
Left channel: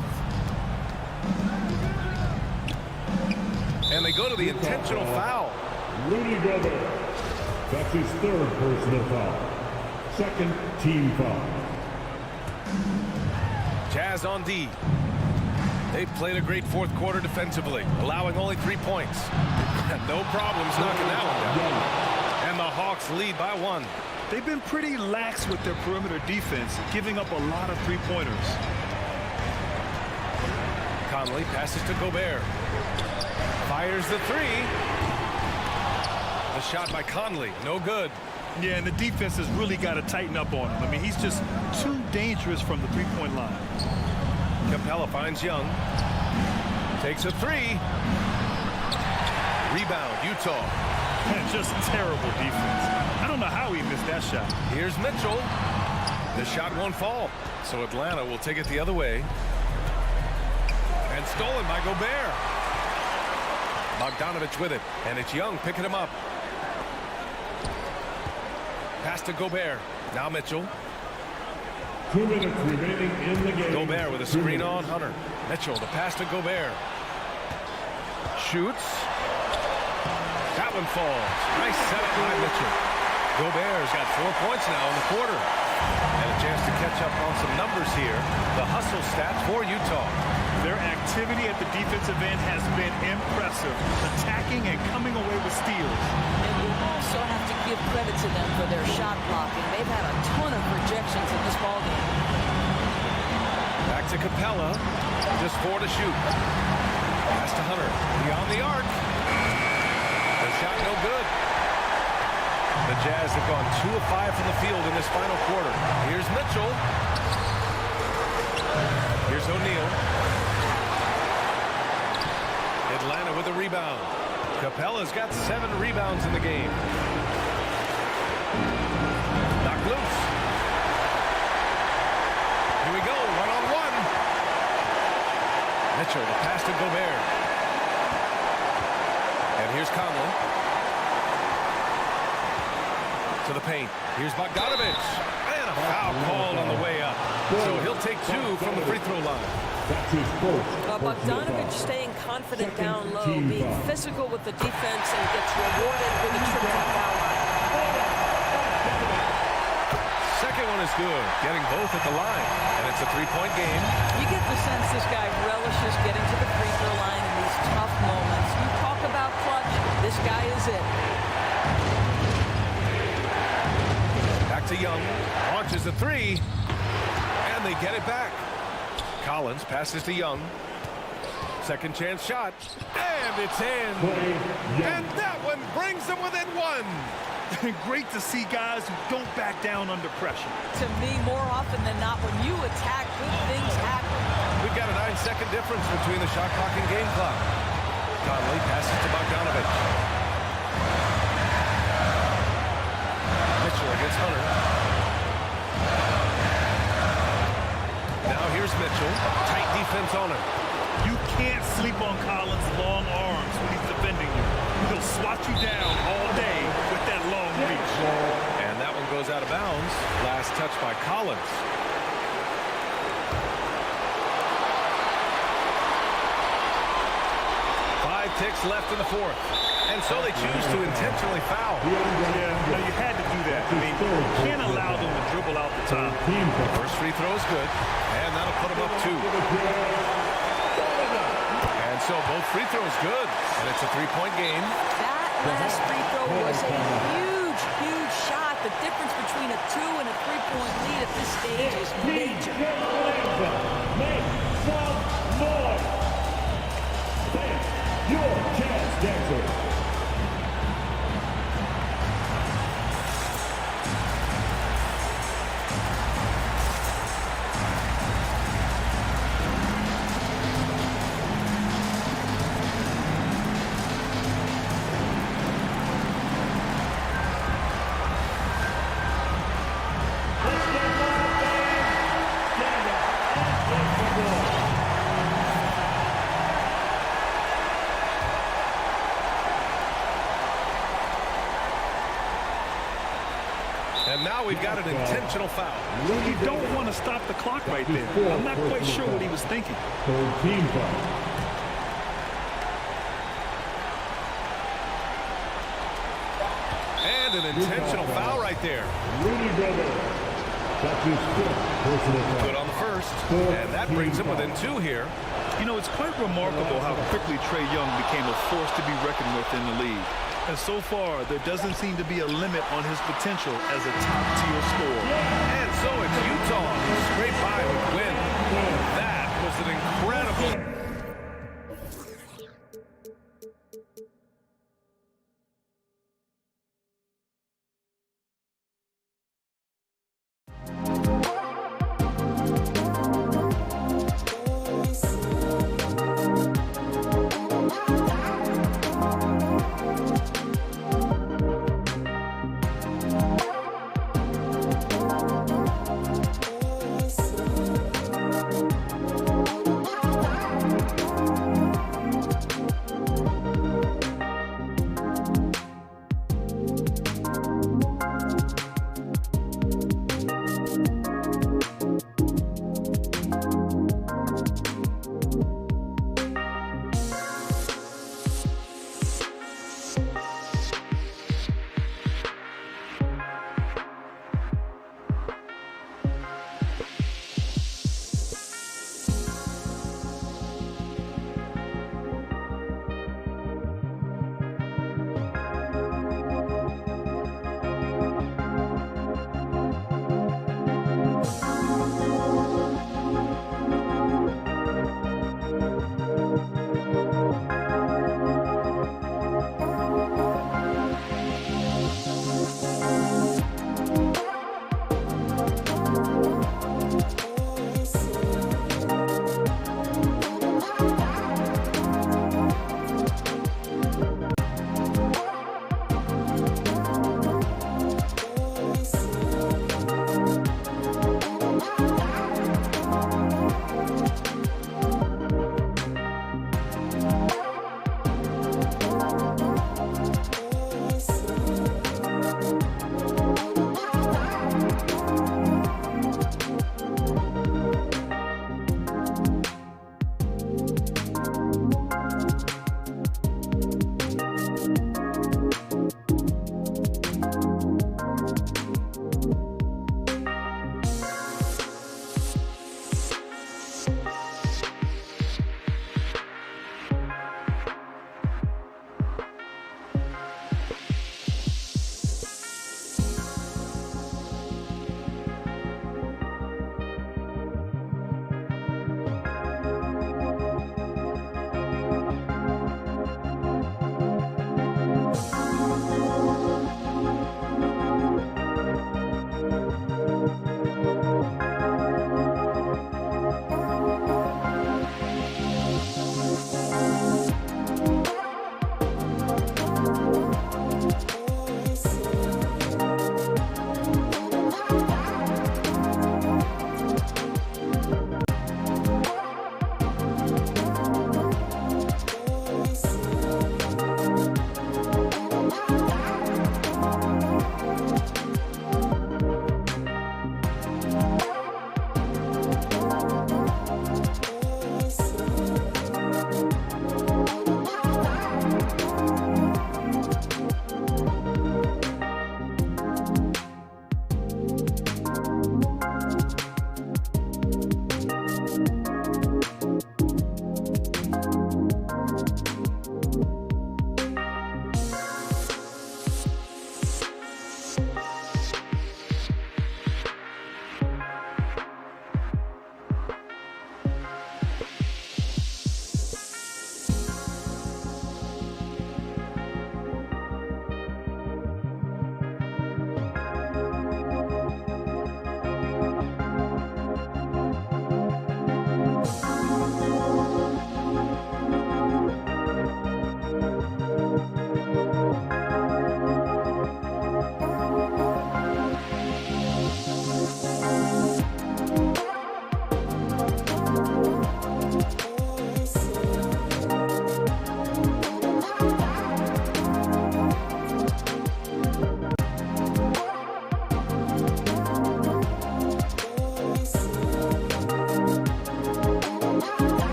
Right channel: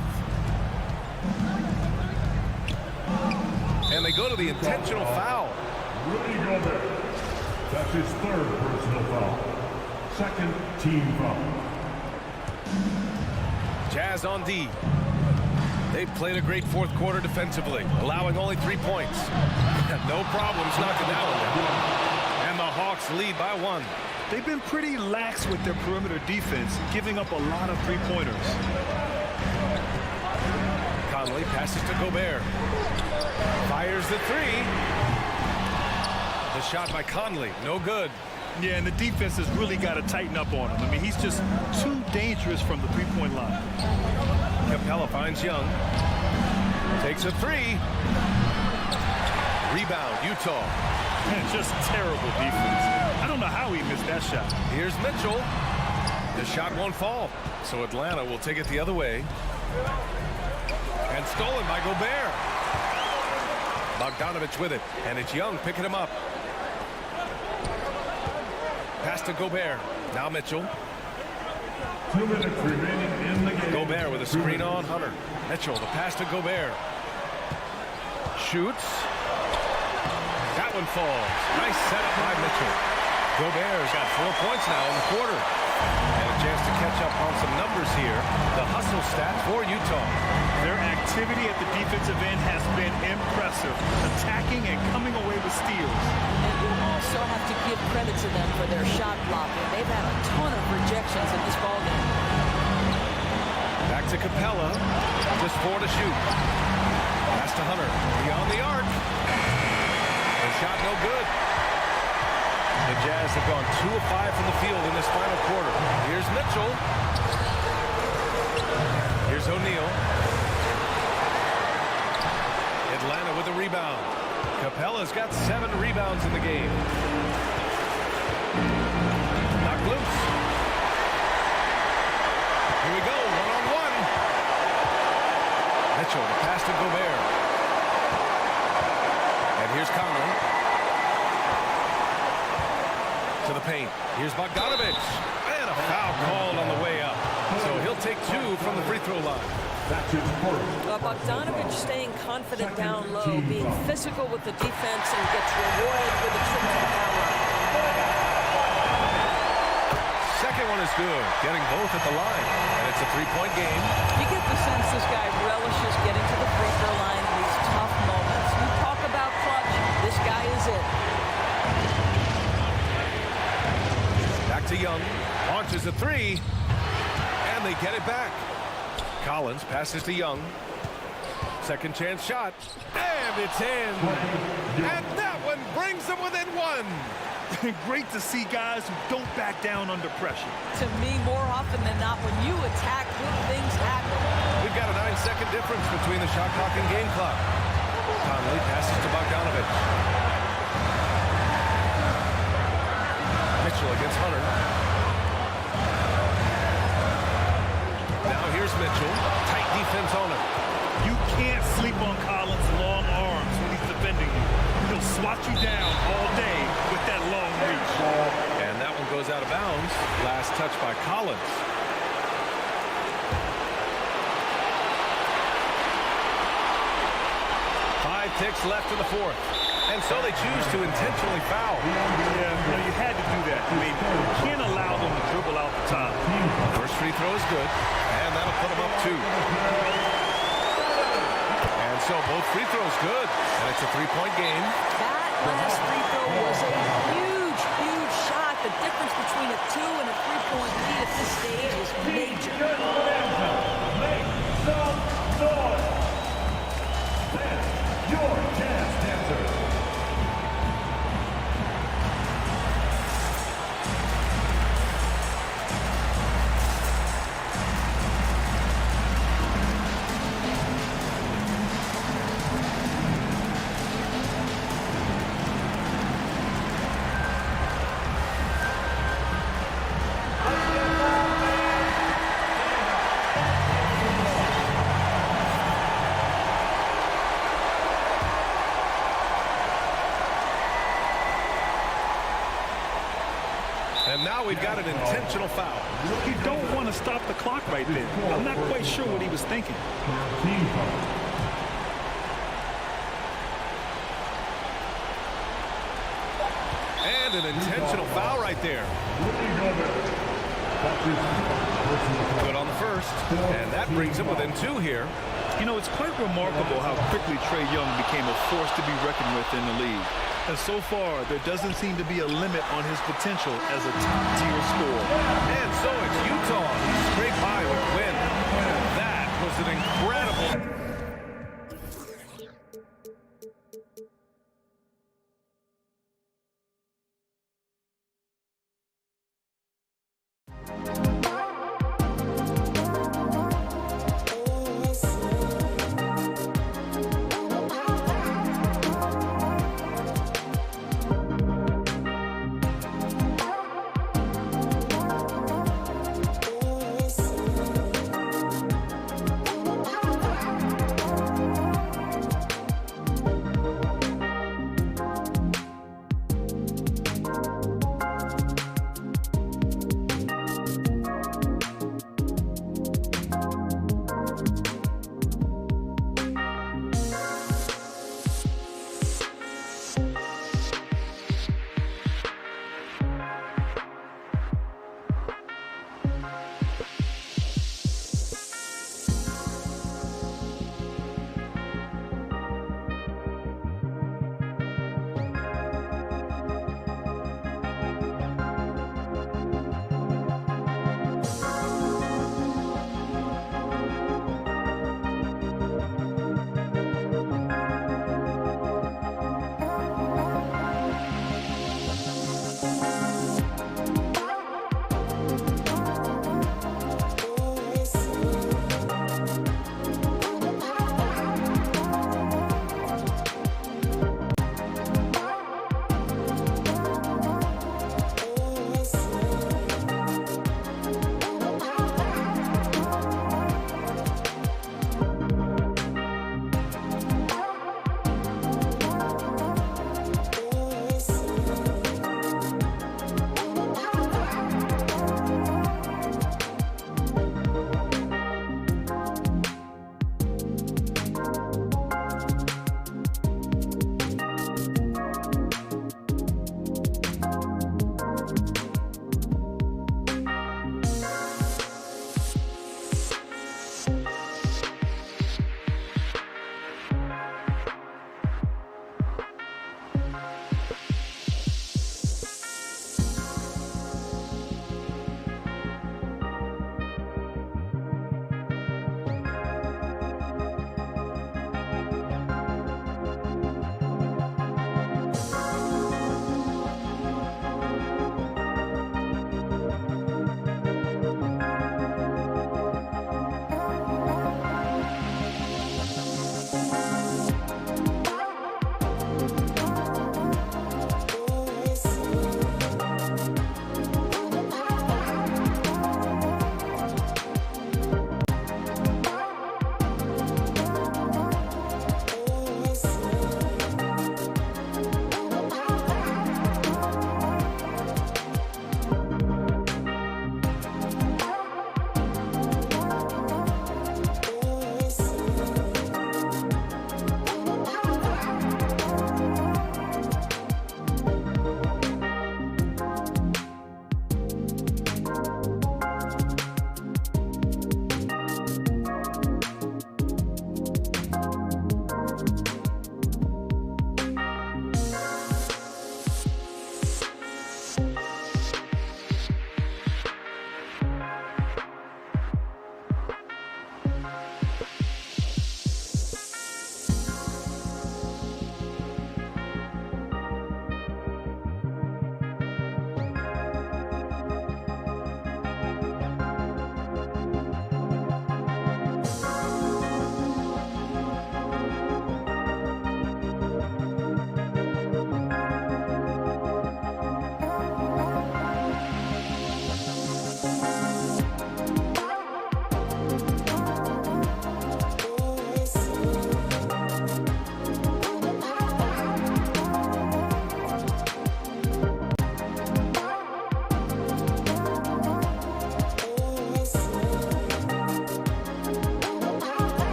And they go to the intentional foul. Rudy Gobert. That's his third personal foul. Second team foul. Jazz on D. They've played a great fourth quarter defensively, allowing only 3 points. No problems knocking that one down. And the Hawks lead by 1. They've been pretty lax with their perimeter defense, giving up a lot of three-pointers. Conley passes to Gobert. Fires the 3. The shot by Conley, no good. Yeah, and the defense has really got to tighten up on him. I mean, he's just too dangerous from the three-point line. Capella finds Young. Takes a 3. Rebound, Utah. Man, just terrible defense. I don't know how he missed that shot. Here's Mitchell. The shot won't fall, so Atlanta will take it the other way. And stolen by Gobert. Bogdanovich with it, and it's Young picking him up. Pass to Gobert. Now Mitchell. 2 minutes remaining in the game. Gobert with a screen on Hunter. Mitchell, the pass to Gobert. Shoots. That one falls. Nice setup by Mitchell. Gobert's got 4 points now in the quarter. And a chance to catch up on some numbers here. The hustle stats for Utah. Their activity at the defensive end has been impressive, attacking and coming away with steals. And you also have to give credit to them for their shot blocking. They've had a ton of rejections in this ballgame. Back to Capella. Just 4 to shoot. Pass to Hunter. Beyond the arc. The shot no good. The Jazz have gone 2 of 5 from the field in this final quarter. Here's Mitchell. Here's O'Neal. Atlanta with a rebound. Capella's got 7 rebounds in the game. Knocked loose. Here we go, 1-on-1. Mitchell, the pass to Gobert. And here's Conley. To the paint. Here's Bogdanovich. And a foul called on the way up. So he'll take 2 from the free throw line. That's his first. Bogdanovich staying confident down low, being physical with the defense, and gets rewarded with a trip to the foul line. Second one is good. Getting both at the line. And it's a 3-point game. You get the sense this guy relishes getting to the free throw line in these tough moments. You talk about clutch, this guy is it. Back to Young. Launches a 3. And they get it back. Collins passes to Young. Second chance shot. And it's in. And that one brings them within 1. Great to see guys who don't back down under pressure. To me, more often than not, when you attack, good things happen. We've got a 9-second difference between the shot clock and game clock. Conley passes to Bogdanovich. Mitchell against Hunter. Now here's Mitchell. Tight defense on him. You can't sleep on Collins' long arms when he's defending you. He'll swat you down all day with that long reach. And that one goes out of bounds. Last touch by Collins. Five ticks left in the fourth. And so they choose to intentionally foul. Yeah, you had to do that. I mean, you can't allow them to dribble out the top. The first free throw is good. And that'll put them up 2. And so both free throws good. And it's a 3-point game. That last free throw was a huge, huge shot. The difference between a 2 and a 3-point lead at this stage is major. Make some noise. That's your jazz dancer. And now we've got an intentional foul. You don't want to stop the clock right there. I'm not quite sure what he was thinking. Team foul. And an intentional foul right there. Rudy Gobert. That's his 5th personal foul. Good on the first. And that brings him within 2 here. You know, it's quite remarkable how quickly Trae Young became a force to be reckoned with in the league. And so far, there doesn't seem to be a limit on his potential as a top-tier scorer. And so it's Utah who scrape by with win. That was an incredible...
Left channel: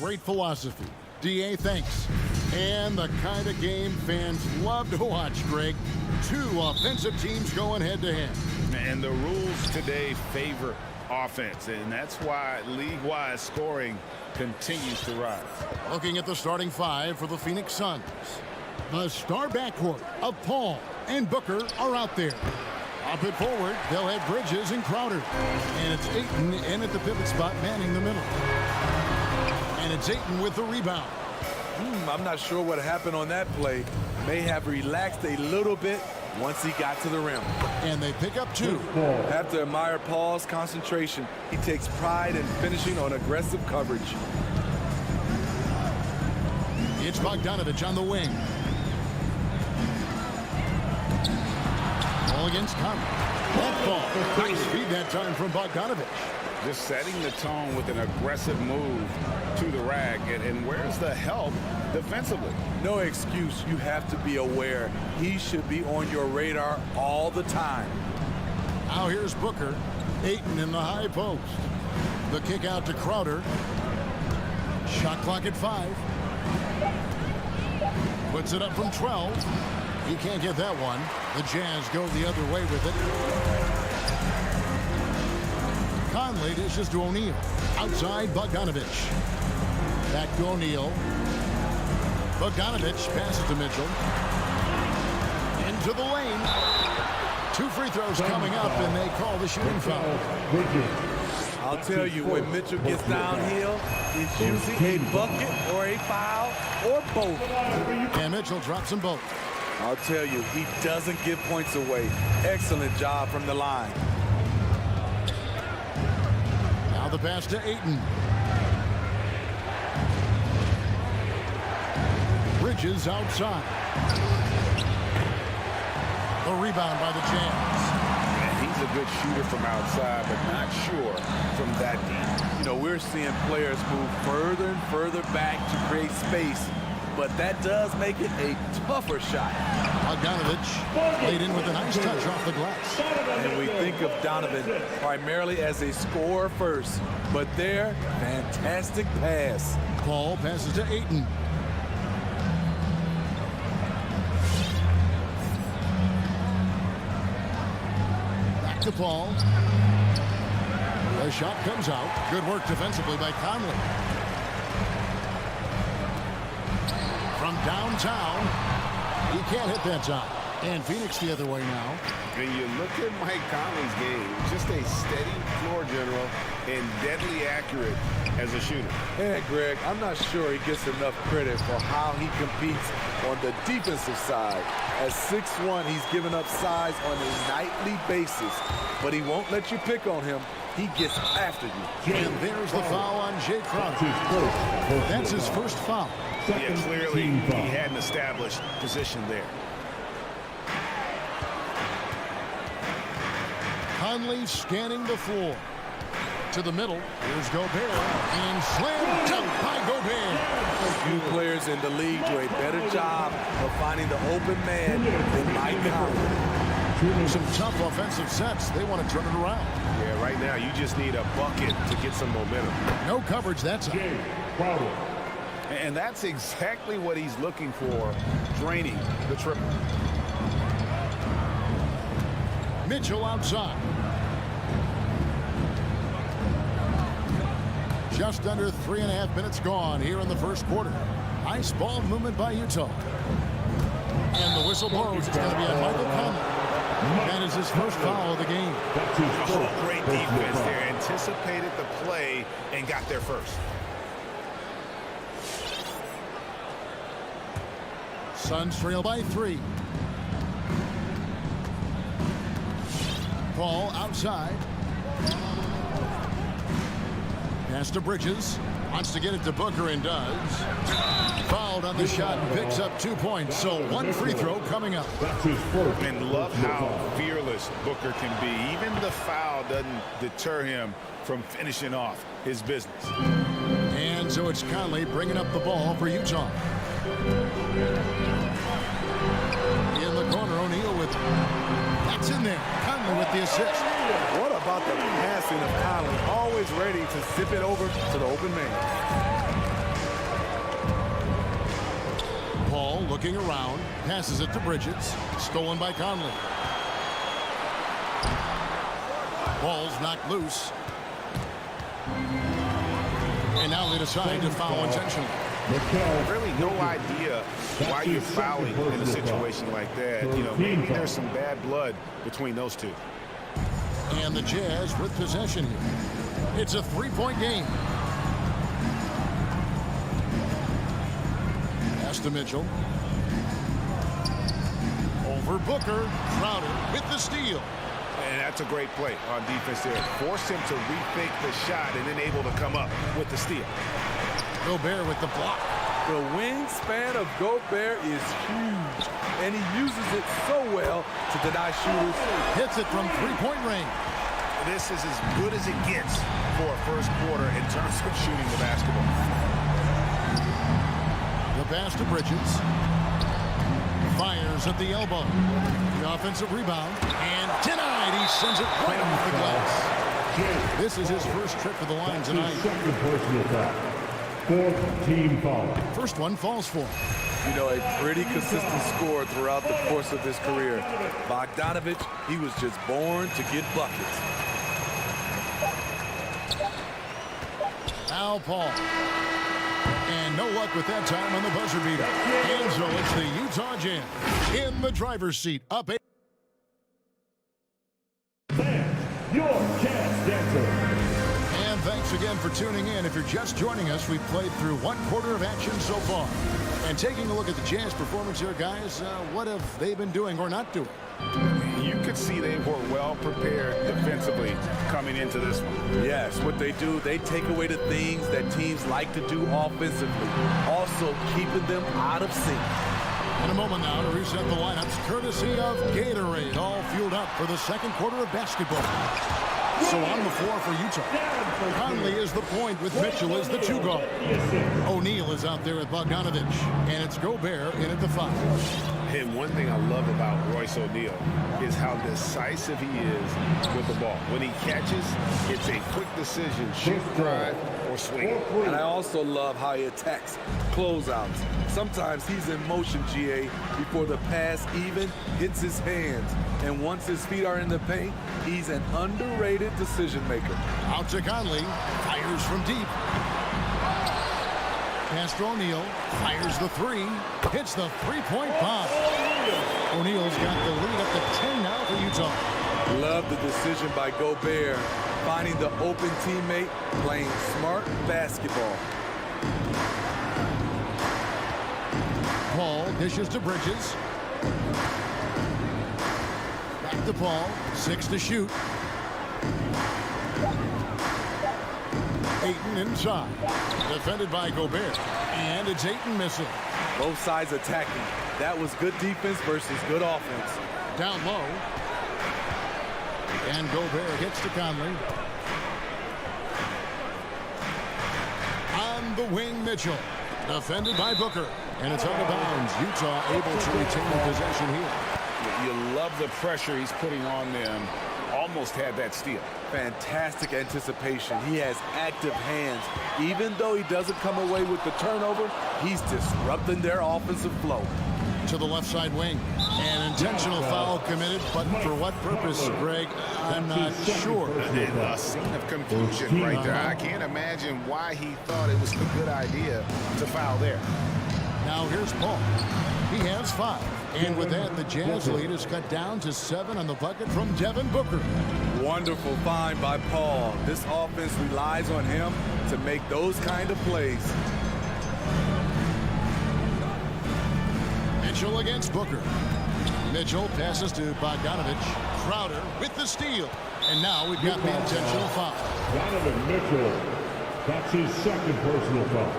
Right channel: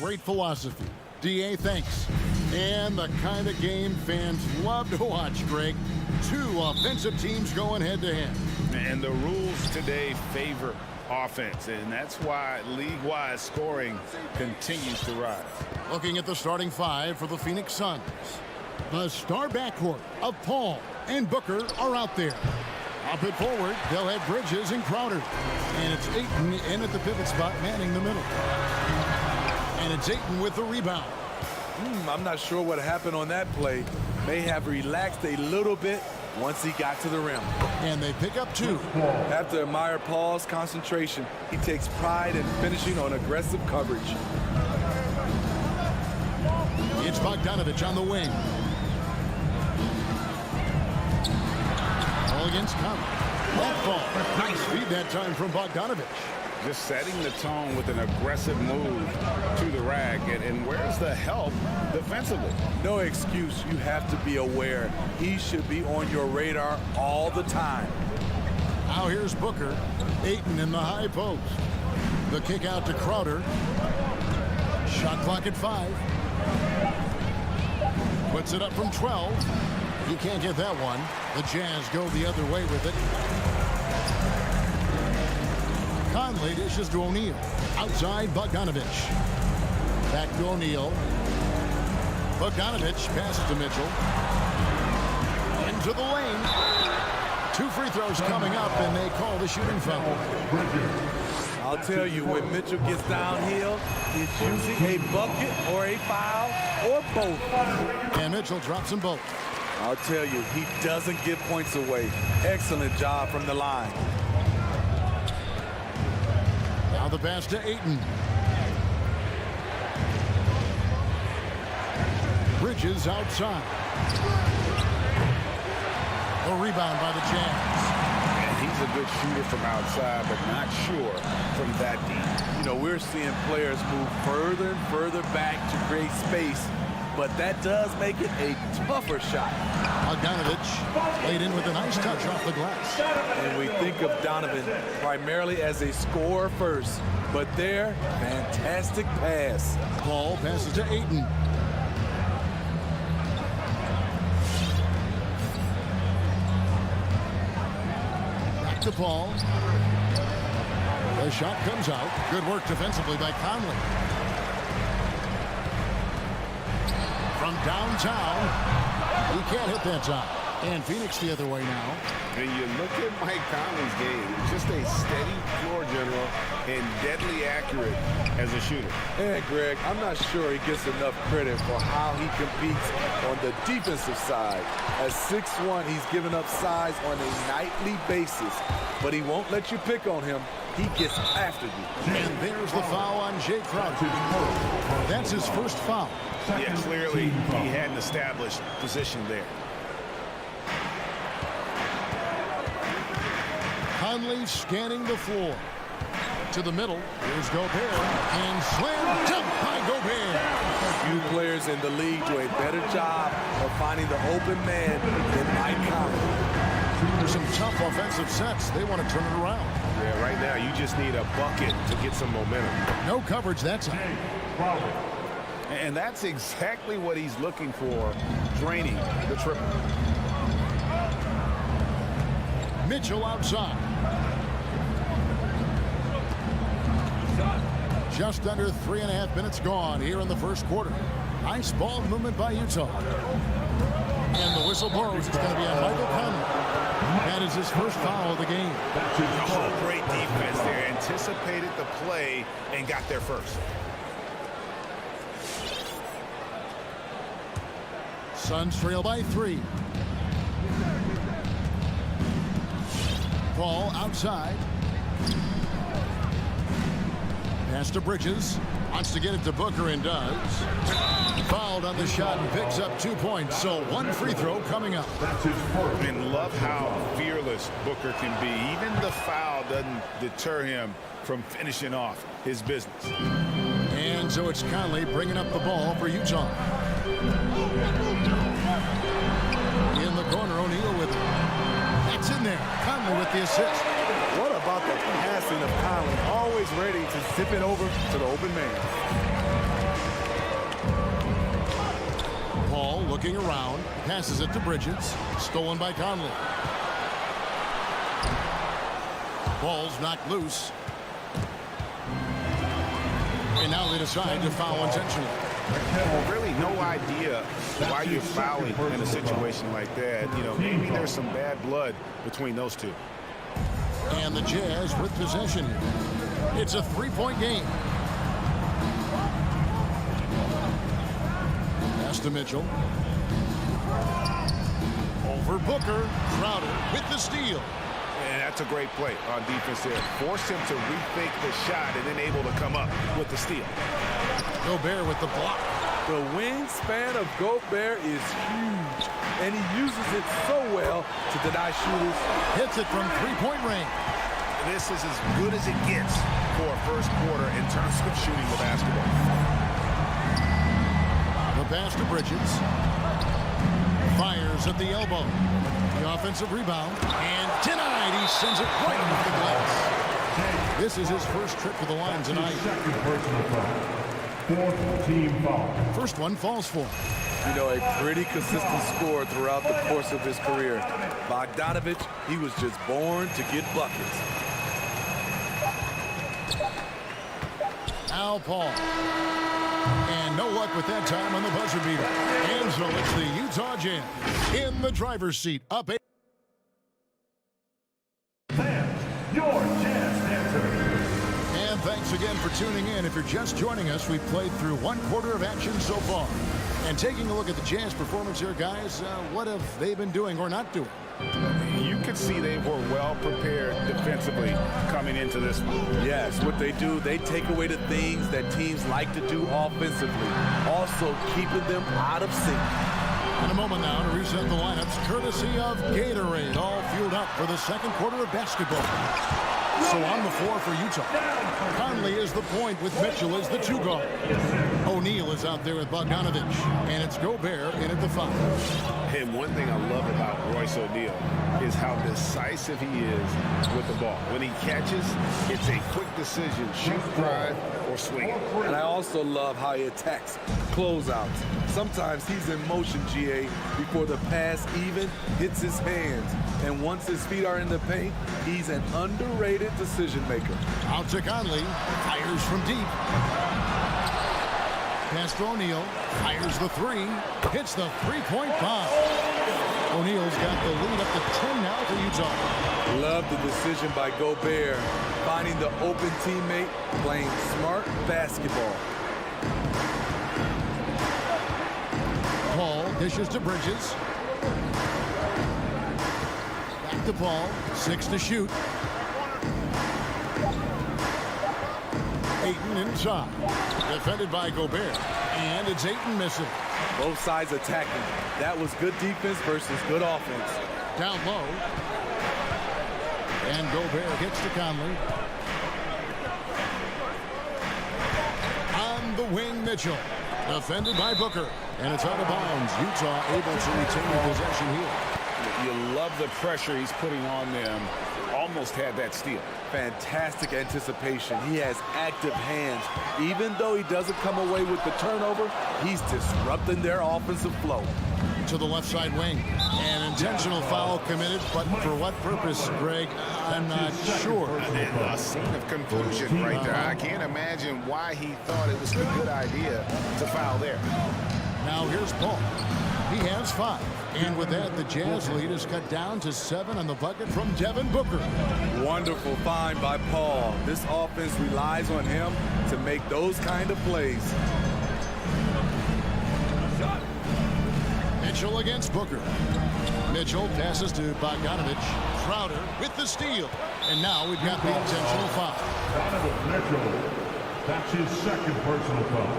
Great philosophy. DA, thanks. And the kind of game fans love to watch, Greg. Two offensive teams going head-to-head. And the rules today favor offense, and that's why league-wide scoring continues to rise. Looking at the starting five for the Phoenix Suns. The star backcourt of Paul and Booker are out there. Up and forward, they'll have Bridges and Crowder. And it's Ayton in at the pivot spot, manning the middle. And it's Ayton with the rebound. I'm not sure what happened on that play. May have relaxed a little bit once he got to the rim. And they pick up two. Have to admire Paul's concentration. He takes pride in finishing on aggressive coverage. It's Bogdanovich on the wing. Ball against Conley. That ball. Nice feed that time from Bogdanovich. Just setting the tone with an aggressive move to the rack. And where's the help defensively? No excuse. You have to be aware. He should be on your radar all the time. Now here's Booker. Ayton in the high post. The kick out to Crowder. Shot clock at 5. Puts it up from 12. He can't get that one. The Jazz go the other way with it. Conley dishes to O'Neal. Outside, Bogdanovich. Back to O'Neal. Bogdanovich passes to Mitchell. Into the lane. 2 free throws coming up, and they call the shooting foul. I'll tell you, when Mitchell gets downhill, it's usually a bucket or a foul or both. And Mitchell drops them both. I'll tell you, he doesn't give points away. Excellent job from the line. Now the pass to Ayton. Bridges outside. The rebound by the Jazz. And he's a good shooter from outside, but not sure from that deep. You know, we're seeing players move further and further back to create space, but that does make it a tougher shot. Bogdanovich laid in with a nice touch off the glass. And we think of Donovan primarily as a scorer first, but there, fantastic pass. Paul passes to Ayton. Back to Paul. The shot comes out. Good work defensively by Conley. From downtown, he can't hit that time. And Phoenix the other way now. And you look at Mike Conley's game, just a steady floor general and deadly accurate as a shooter. And Greg, I'm not sure he gets enough credit for how he competes on the defensive side. At 6'1", he's given up size on a nightly basis, but he won't let you pick on him. He gets after you. And there's the foul on Jay Crowder. That's his first foul. Yeah, clearly he had an established position there. Conley scanning the floor. To the middle. Here's Gobert. And slam dunk by Gobert. Few players in the league do a better job of finding the open man than Mike Conley. Some tough offensive sets. They want to turn it around. Yeah, right now you just need a bucket to get some momentum. No coverage that time. And that's exactly what he's looking for, draining the triple. Mitchell outside. Just under 3.5 minutes gone here in the first quarter. Nice ball movement by Utah. And the whistle blows. It's going to be on Michael Conley. That is his first foul of the game. Oh, great defense there. Anticipated the play and got there first. Suns trail by 3. Paul outside. Pass to Bridges. Wants to get it to Booker and does. Fouled on the shot and picks up 2 points. So 1 free throw coming up. And love how fearless Booker can be. Even the foul doesn't deter him from finishing off his business. And so it's Conley bringing up the ball for Utah. In the corner, O'Neal with it. That's in there. Conley with the assist. What about the passing of Conley? Always ready to zip it over to the open man. Paul looking around, passes it to Bridges, stolen by Conley. Ball's knocked loose. And now they decide to foul intentionally. Really no idea why you're fouling in a situation like that. You know, maybe there's some bad blood between those two. And the Jazz with possession here. It's a three-point game. Pass to Mitchell. Over Booker. Crowder with the steal. And that's a great play on defense there. Force him to rethink the shot and then able to come up with the steal. Gobert with the block. The wingspan of Gobert is huge, and he uses it so well to deny shooters. Hits it from three-point range. This is as good as it gets for a first quarter in terms of shooting the basketball. The pass to Bridges. Fires at the elbow. The offensive rebound. And denied. He sends it right off the glass. This is his first trip to the line tonight. Second personal foul. Fourth team foul. First one falls for him. You know, a pretty consistent scorer throughout the course of his career. Bogdanovich, he was just born to get buckets. Now Paul. And no luck with that time on the buzzer beater. And so it's the Utah Jazz in the driver's seat. Up 8. Fans, your Jazz dancer. And thanks again for tuning in. If you're just joining us, we've played through one quarter of action so far. And taking a look at the Jazz performance here, guys, what have they been doing or not doing? You could see they were well prepared defensively coming into this one. Yes, what they do, they take away the things that teams like to do offensively, also keeping them out of sync. In a moment now to reset the lineups, courtesy of Gatorade, all fueled up for the second quarter of basketball. So on the floor for Utah, Conley is the point with Mitchell as the two guard. O'Neal is out there with Bogdanovich, and it's Gobert in at the 5. And one thing I love about Royce O'Neal is how decisive he is with the ball. When he catches, it's a quick decision, shoot, drive, or swing it. And I also love how he attacks closeouts. Sometimes he's in motion, GA, before the pass even hits his hands. And once his feet are in the paint, he's an underrated decision maker. Out to Conley, fires from deep. Pass to O'Neal, fires the 3, hits the three-point bomb. O'Neal's got the lead up to 10 now for Utah. Love the decision by Gobert, finding the open teammate, playing smart basketball. Paul dishes to Bridges. Back to Paul, 6 to shoot. Ayton inside. Defended by Gobert. And it's Ayton missing. Both sides attacking. That was good defense versus good offense. Down low. And Gobert gets to Conley. On the wing, Mitchell. Defended by Booker. And it's out of bounds. Utah able to retain possession here. You love the pressure he's putting on them. Almost had that steal. Fantastic anticipation. He has active hands. Even though he doesn't come away with the turnover, he's disrupting their offensive flow. To the left side wing. An intentional foul committed, but for what purpose, Greg? I'm not sure. A scene of confusion right there. I can't imagine why he thought it was a good idea to foul there. Now here's Paul. He has 5. And with that, the Jazz lead is cut down to 7 on the bucket from Devin Booker. Wonderful find by Paul. This offense relies on him to make those kind of plays. Mitchell against Booker. Mitchell passes to Bogdanovich. Crowder with the steal. And now we've got the intentional foul. Donovan Mitchell. That's his second personal foul.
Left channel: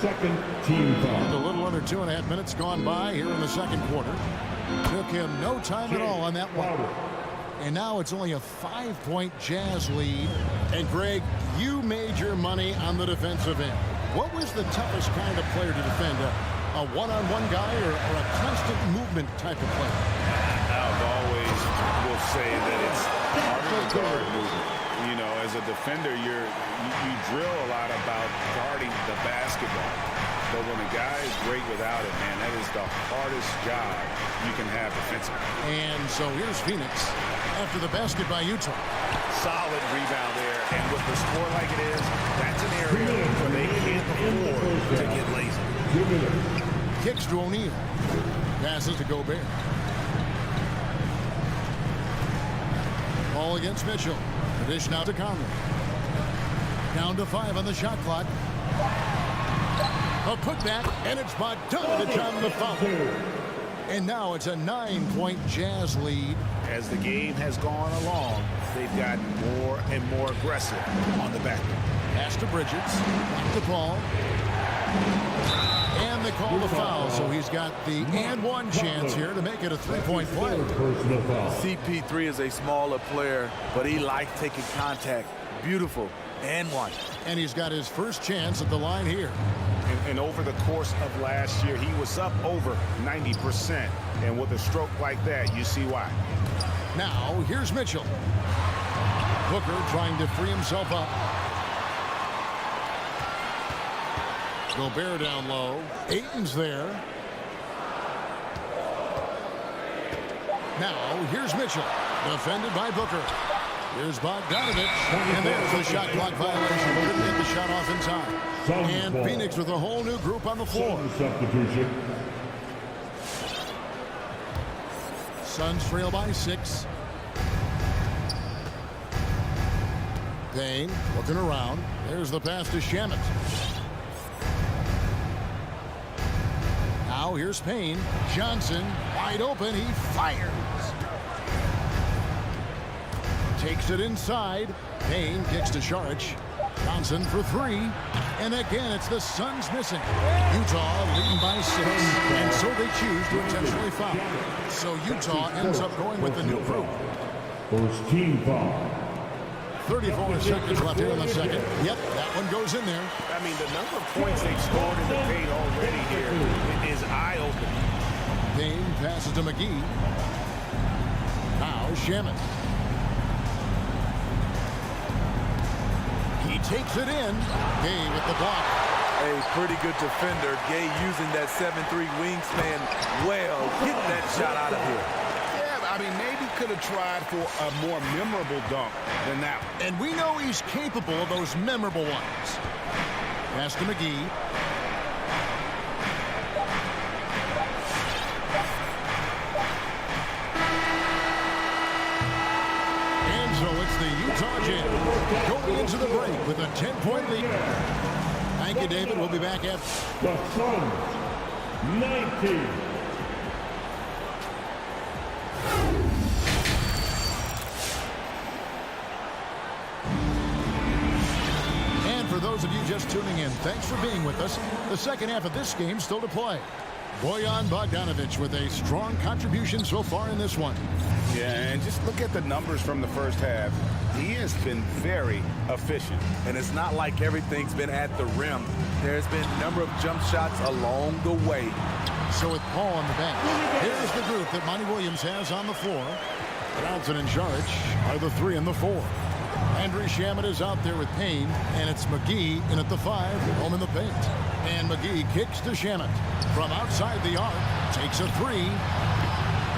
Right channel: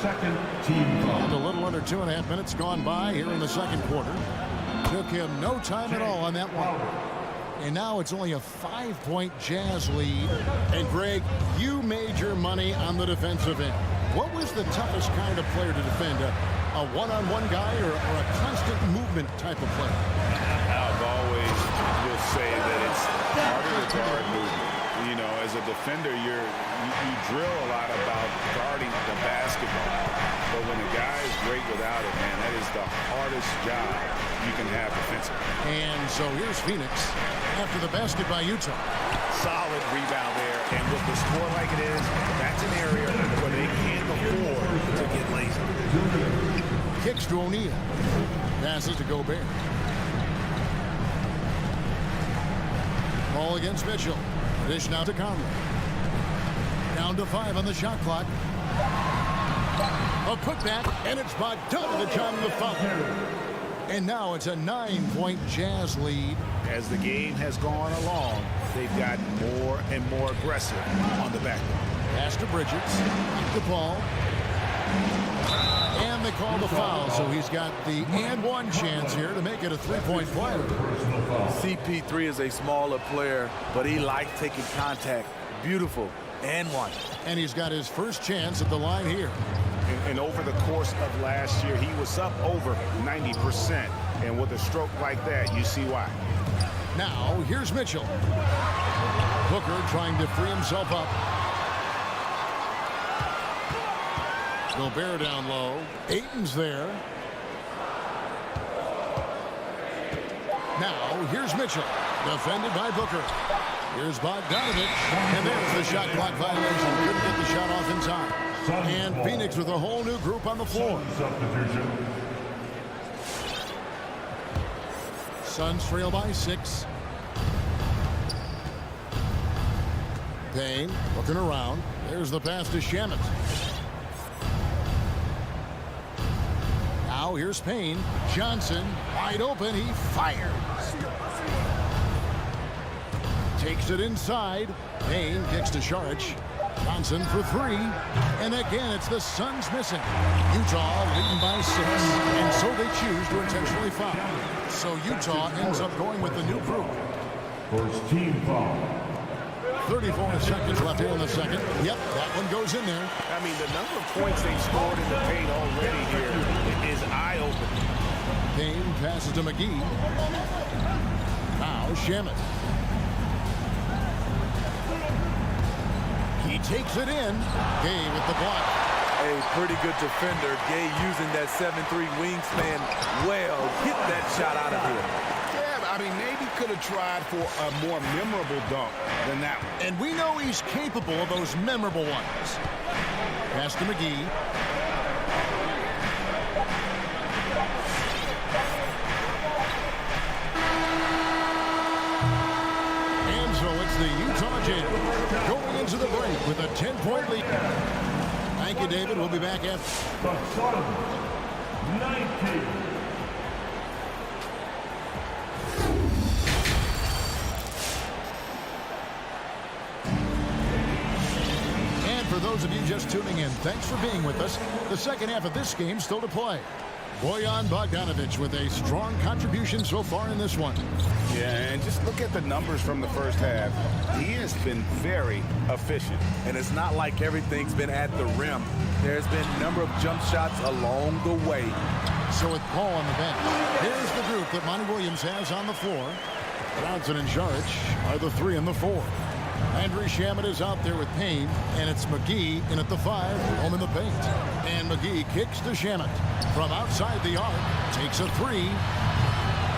Second team foul. And a little under 2.5 minutes gone by here in the second quarter. Took him no time at all on that one. And now it's only a 5-point Jazz lead. And Greg, you made your money on the defensive end. What was the toughest kind of player to defend? A one-on-one guy or a constant movement type of player? I've always will say that it's harder to guard movement. You know, as a defender, you drill a lot about guarding the basketball. But when a guy is great without it, man, that is the hardest job you can have defensively. And so here's Phoenix after the basket by Utah. Solid rebound there, and with the score like it is, that's an area where they can't afford to get lazy. Kicks to O'Neal. Passes to Gobert. Ball against Mitchell. The dish now to Conley. Down to 5 on the shot clock. A putback, and it's Bogdanovich on the foul. And now it's a 9-point Jazz lead. As the game has gone along, they've gotten more and more aggressive on the back line. Pass to Bridges. Back to Paul. And they call the foul, so he's got the and one chance here to make it a 3-point play. CP3 is a smaller player, but he likes taking contact. Beautiful. And one. And he's got his first chance at the line here. And over the course of last year, he was up over 90%. And with a stroke like that, you see why. Now, here's Mitchell. Booker trying to free himself up. Gobert down low. Ayton's there. Now, here's Mitchell. Defended by Booker. Here's Bogdanovich. And there's the shot clock violation. Couldn't get the shot off in time. And Phoenix with a whole new group on the floor. Substitution. Suns trail by 6. Payne looking around. There's the pass to Shamet. Now here's Payne. Johnson wide open. He fires. Takes it inside. Payne kicks to Saric. Johnson for 3. And again, it's the Suns missing. Utah leading by 6. And so they choose to intentionally foul. So Utah ends up going with the new group. First team foul. 34 seconds left here in the second. Yep, that one goes in there. I mean, the number of points they've scored in the paint already here is eye-opening. Payne passes to McGee. Now Shamet. He takes it in. Gay with the block. A pretty good defender. Gay using that 7'3" wingspan well. Get that shot out of here. Yeah, I mean, maybe could have tried for a more memorable dunk than that one. And we know he's capable of those memorable ones. Pass to McGee. And so it's the Utah Jazz going into the break with a 10-point lead. Thank you, David. We'll be back after. The Suns, 19. And for those of you just tuning in, thanks for being with us. The second half of this game still to play. Bojan Bogdanovich with a strong contribution so far in this one. Yeah, and just look at the numbers from the first half. He has been very efficient. And it's not like everything's been at the rim. There's been a number of jump shots along the way. So with Paul on the bench, here's the group that Monty Williams has on the floor. Johnson and Saric are the 3 and the 4. Landry Shamet is out there with Payne, and it's McGee in at the 5, home in the paint. And McGee kicks to Shamet from outside the arc, takes a 3,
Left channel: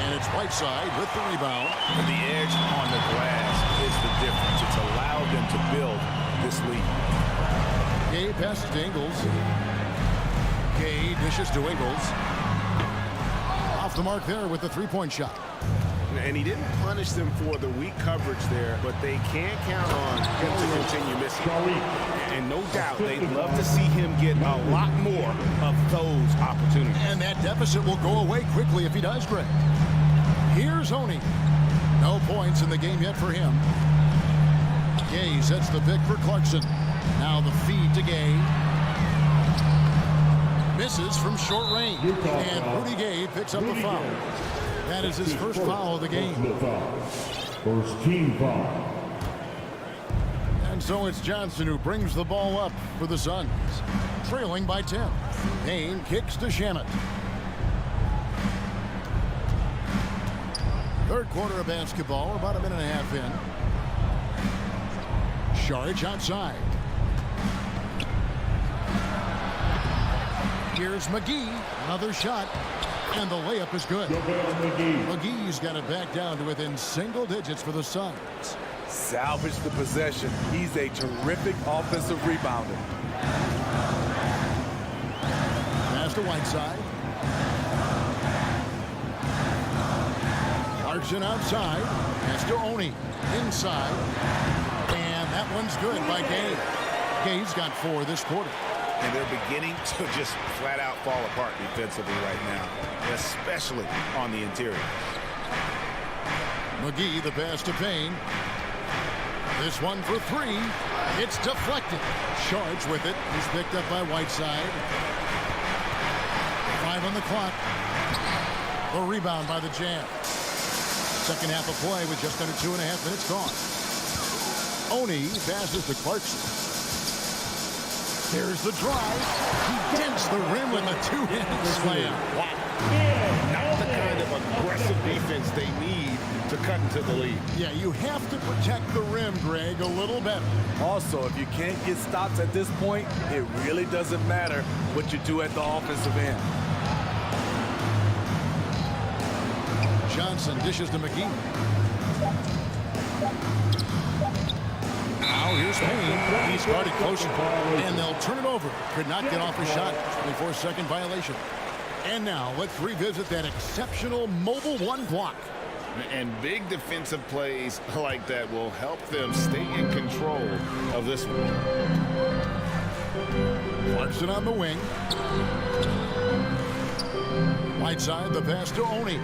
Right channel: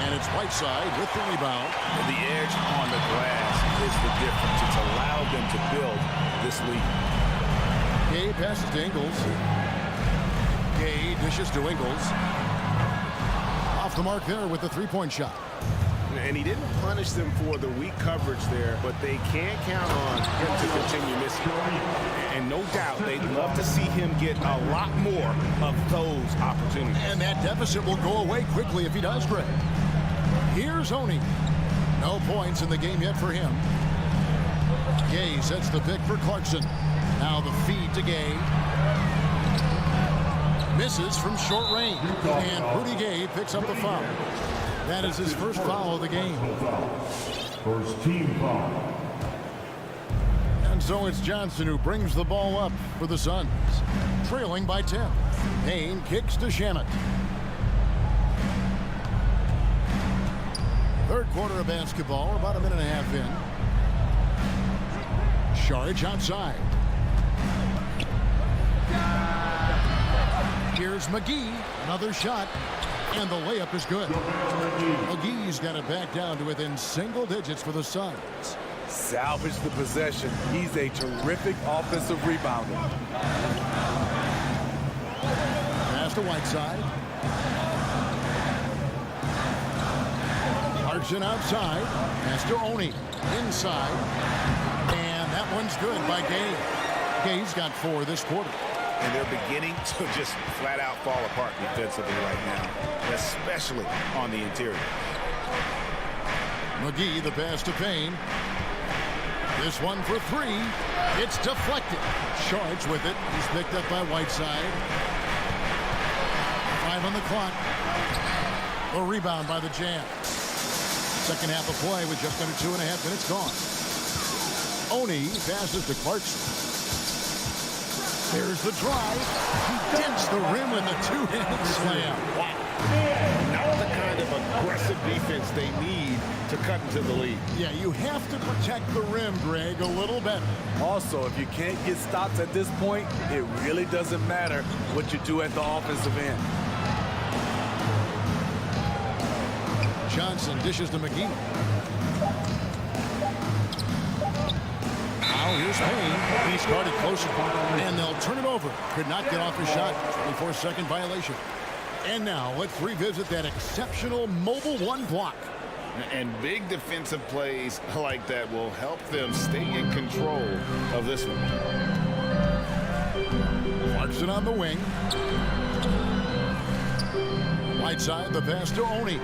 and it's Whiteside with the rebound. The edge on the glass is the difference. It's allowed them to build this lead. Gay passes to Ingles. Gay dishes to Ingles. Off the mark there with the 3-point shot. And he didn't punish them for the weak coverage there, but they can't count on him to continue missing. And no doubt, they'd love to see him get a lot more of those opportunities. And that deficit will go away quickly if he does, Greg. Here's Oni. No points in the game yet for him. Gay sets the pick for Clarkson. Now the feed to Gay. Misses from short range. And Rudy Gay picks up the foul. That is his first foul of the game. First team foul. And so it's Johnson who brings the ball up for the Suns. Trailing by 10. Payne kicks to Shamet. Third quarter of basketball. We're about a minute and a half in. Saric outside. Here's McGee, another shot, and the layup is good. McGee's got it back down to within single digits for the Suns. Salvage the possession. He's a terrific offensive rebounder. Pass to Whiteside. Clarkson outside. Pass to Oni. Inside. And that one's good by Gay. Gay's got 4 this quarter. And they're beginning to just flat out fall apart defensively right now, especially on the interior. McGee, the pass to Payne. This one for 3. It's deflected. Shards with it. He's picked up by Whiteside. 5 on the clock. The rebound by the Jazz. Second half of play with just under 2.5 minutes gone. Oni passes to Clarkson. There's the drive. He dents the rim with a 2-handed slam. Wow. Not the kind of aggressive defense they need to cut into the lead. Yeah, you have to protect the rim, Greg, a little better. Also, if you can't get stops at this point, it really doesn't matter what you do at the offensive end. Johnson dishes to McGee. Now here's Payne. He started closer, and they'll turn it over. Could not get off his shot. 24-second violation. And now let's revisit that exceptional mobile 1 block. And big defensive plays like that will help them stay in control of this one. Clarkson on the wing. Whiteside, the pass to Oni.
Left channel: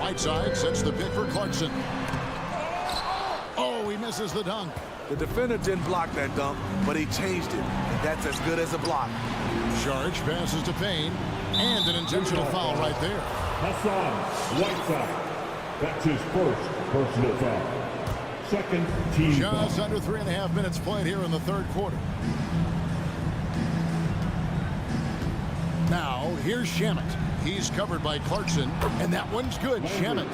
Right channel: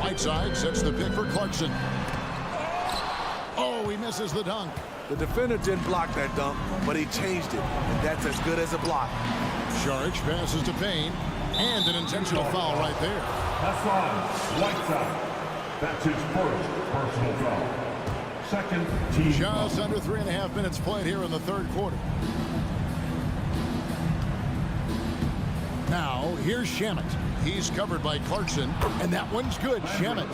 Whiteside sets the pick for Clarkson. Oh, he misses the dunk. The defender didn't block that dunk, but he changed it, and that's as good as a block. Sharge passes to Payne, and an intentional foul right there. Hassan Whiteside. That's his first personal foul. Second team Just foul. under 3.5 minutes played here in the third quarter. Now, here's Shamet. He's covered by Clarkson, and that one's good. Shamet.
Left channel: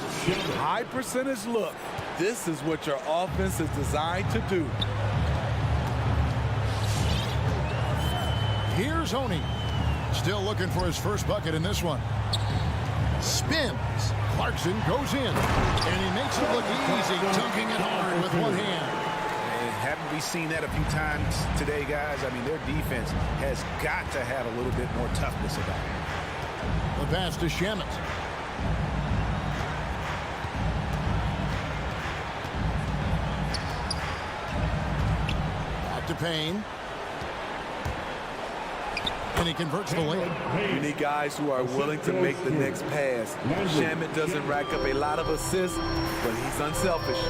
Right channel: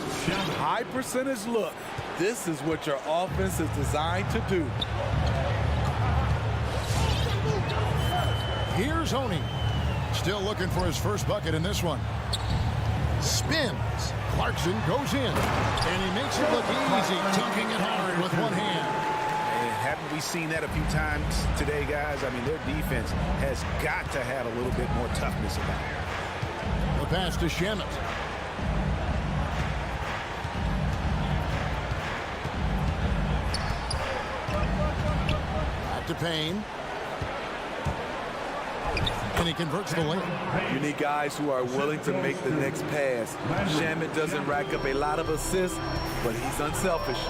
High percentage look. This is what your offense is designed to do. Here's Oni. Still looking for his first bucket in this one. Spins. Clarkson goes in, and he makes it look easy, dunking it hard with one hand. And haven't we seen that a few times today, guys? I mean, their defense has got to have a little bit more toughness about it. The pass to Shamet. Back to Payne. And he converts the lane. You need guys who are willing to make the next pass. Shamet doesn't rack up a lot of assists, but he's unselfish.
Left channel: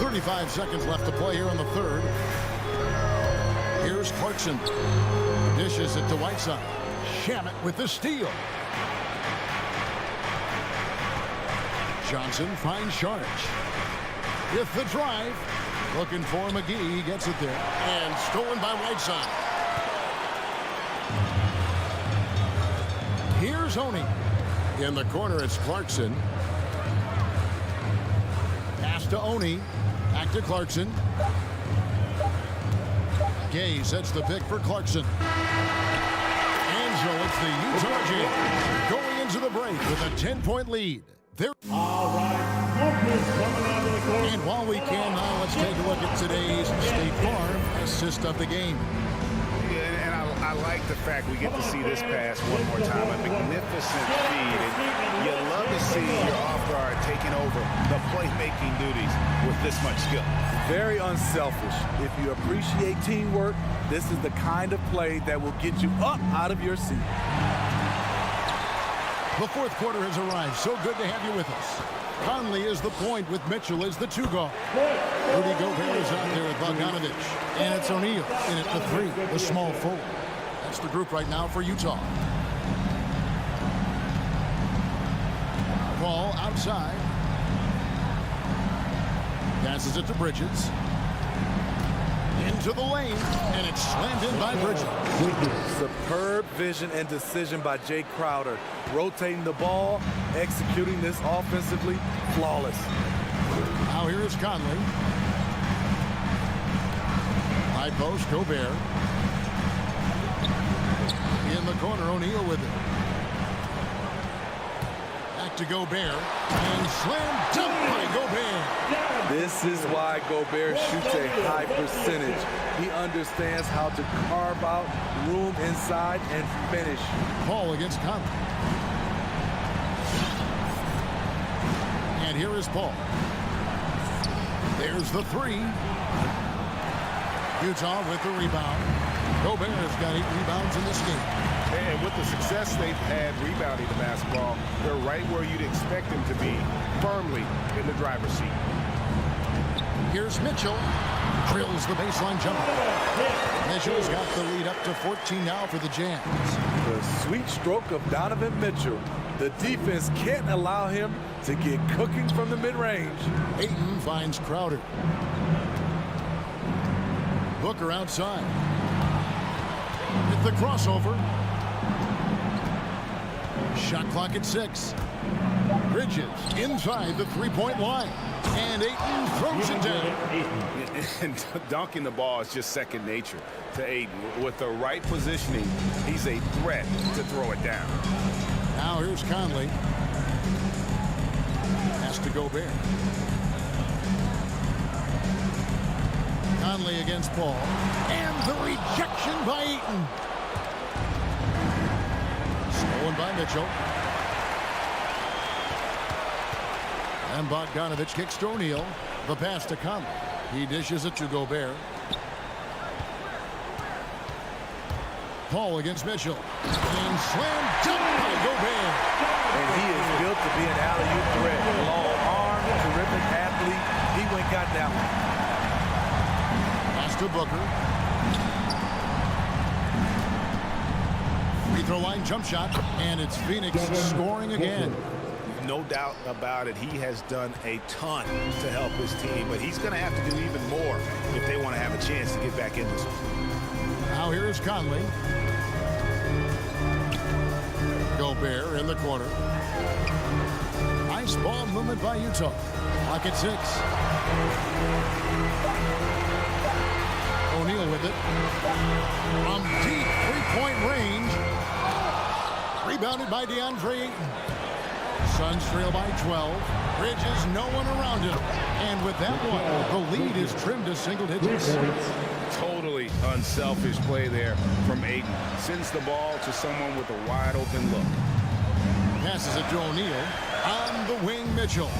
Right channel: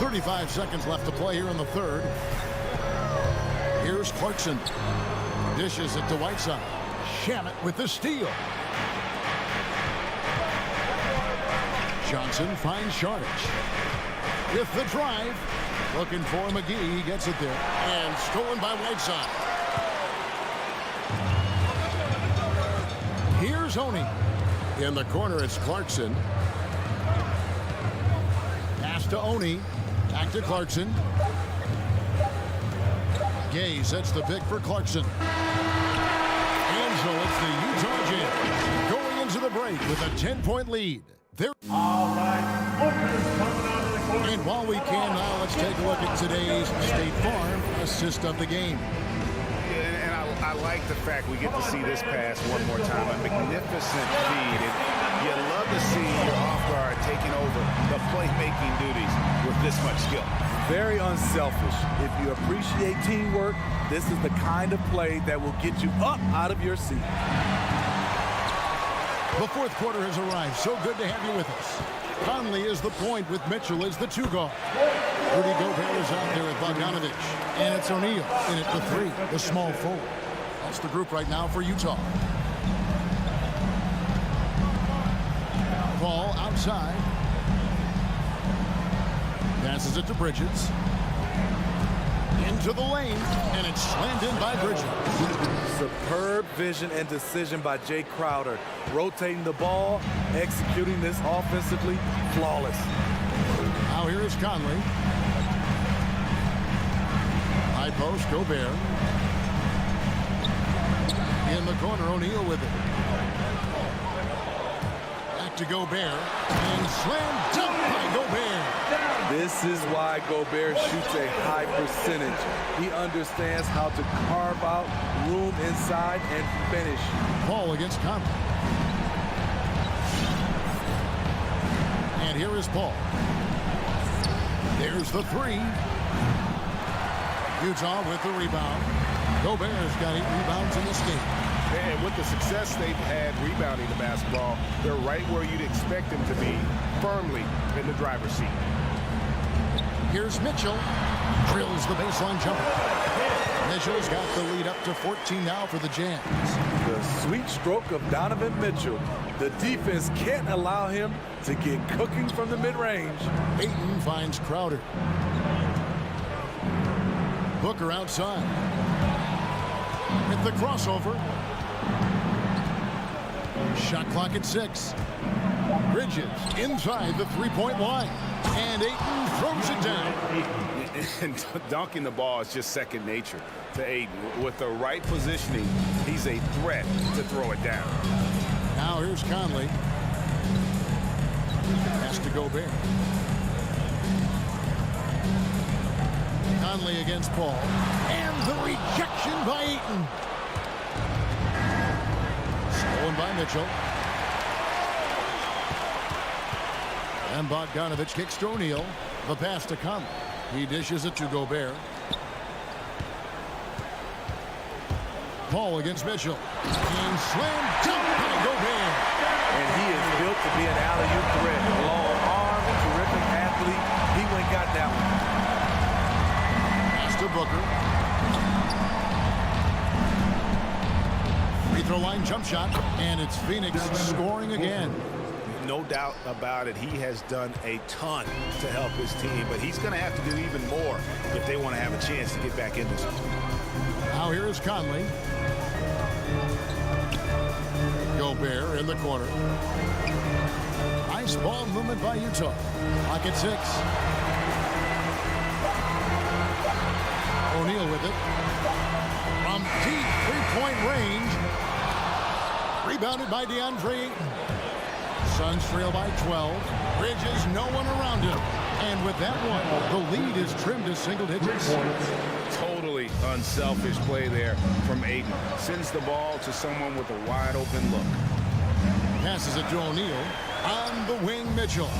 35 seconds left to play here in the third. Here's Clarkson. Dishes it to Whiteside. Shamet with the steal. Johnson finds Sharge. With the drive. Looking for McGee. He gets it there. And stolen by Whiteside. Here's Oni. In the corner, it's Clarkson. Pass to Oni. Back to Clarkson. Gay sets the pick for Clarkson. And so it's the Utah Jazz going into the break with a 10-point lead. All right, Lucas coming onto the court. And while we can now, let's take a look at today's State Farm assist of the game. Yeah, and I like the fact we get to see this pass one more time. A magnificent feed. And you love to see your off guard taking over the playmaking duties with this much skill. Very unselfish. If you appreciate teamwork, this is the kind of play that will get you up out of your seat. The fourth quarter has arrived. So good to have you with us. Conley is the point with Mitchell as the 2 guard. Rudy Gobert is out there with Bogdanovich. And it's O'Neal in at the 3, the small forward. That's the group right now for Utah. Ball outside. Passes it to Bridges. Into the lane, and it's slammed in by Bridges. Superb vision and decision by Jay Crowder. Rotating the ball, executing this offensively, flawless. Now here is Conley. High post, Gobert. In the corner, O'Neal with it. Back to Gobert. And slam dunk by Gobert. This is why Gobert shoots a high percentage. He understands how to carve out room inside and finish. Paul against Conley. And here is Paul. There's the three. Utah with the rebound. Gobert's got 8 rebounds in this game. And with the success they've had rebounding the basketball, they're right where you'd expect them to be, firmly in the driver's seat. Here's Mitchell. Drills the baseline jumper. Mitchell's got the lead up to 14 now for the Jazz. The sweet stroke of Donovan Mitchell. The defense can't allow him to get cooking from the mid-range. Ayton finds Crowder. Booker outside. With the crossover. Shot clock at 6. Bridges inside the three-point line. And Ayton throws it down. And dunking the ball is just second nature to Ayton. With the right positioning, he's a threat to throw it down. Now here's Conley. Pass to Gobert. Conley against Paul. And the rejection by Ayton. Stolen by Mitchell. And Bogdanovich kicks to O'Neal. The pass to Conley. He dishes it to Gobert. Paul against Mitchell. And slam dunk by Gobert. And he is built to be an alley-oop threat. Long arm, terrific athlete. He went and got that one. Pass to Booker. Free throw line jump shot. And it's Phoenix scoring again. No doubt about it. He has done a ton to help his team, but he's going to have to do even more if they want to have a chance to get back in this. Now here is Conley. Gobert in the corner. Nice ball movement by Utah. Clock at 6. O'Neal with it. From deep three-point range. Rebounded by DeAndre Ayton. Suns trail by 12. Bridges, no one around him. And with that one, the lead is trimmed to single digits. Totally unselfish play there from Ayton. Sends the ball to someone with a wide open look. Passes it to O'Neal. On the wing, Mitchell.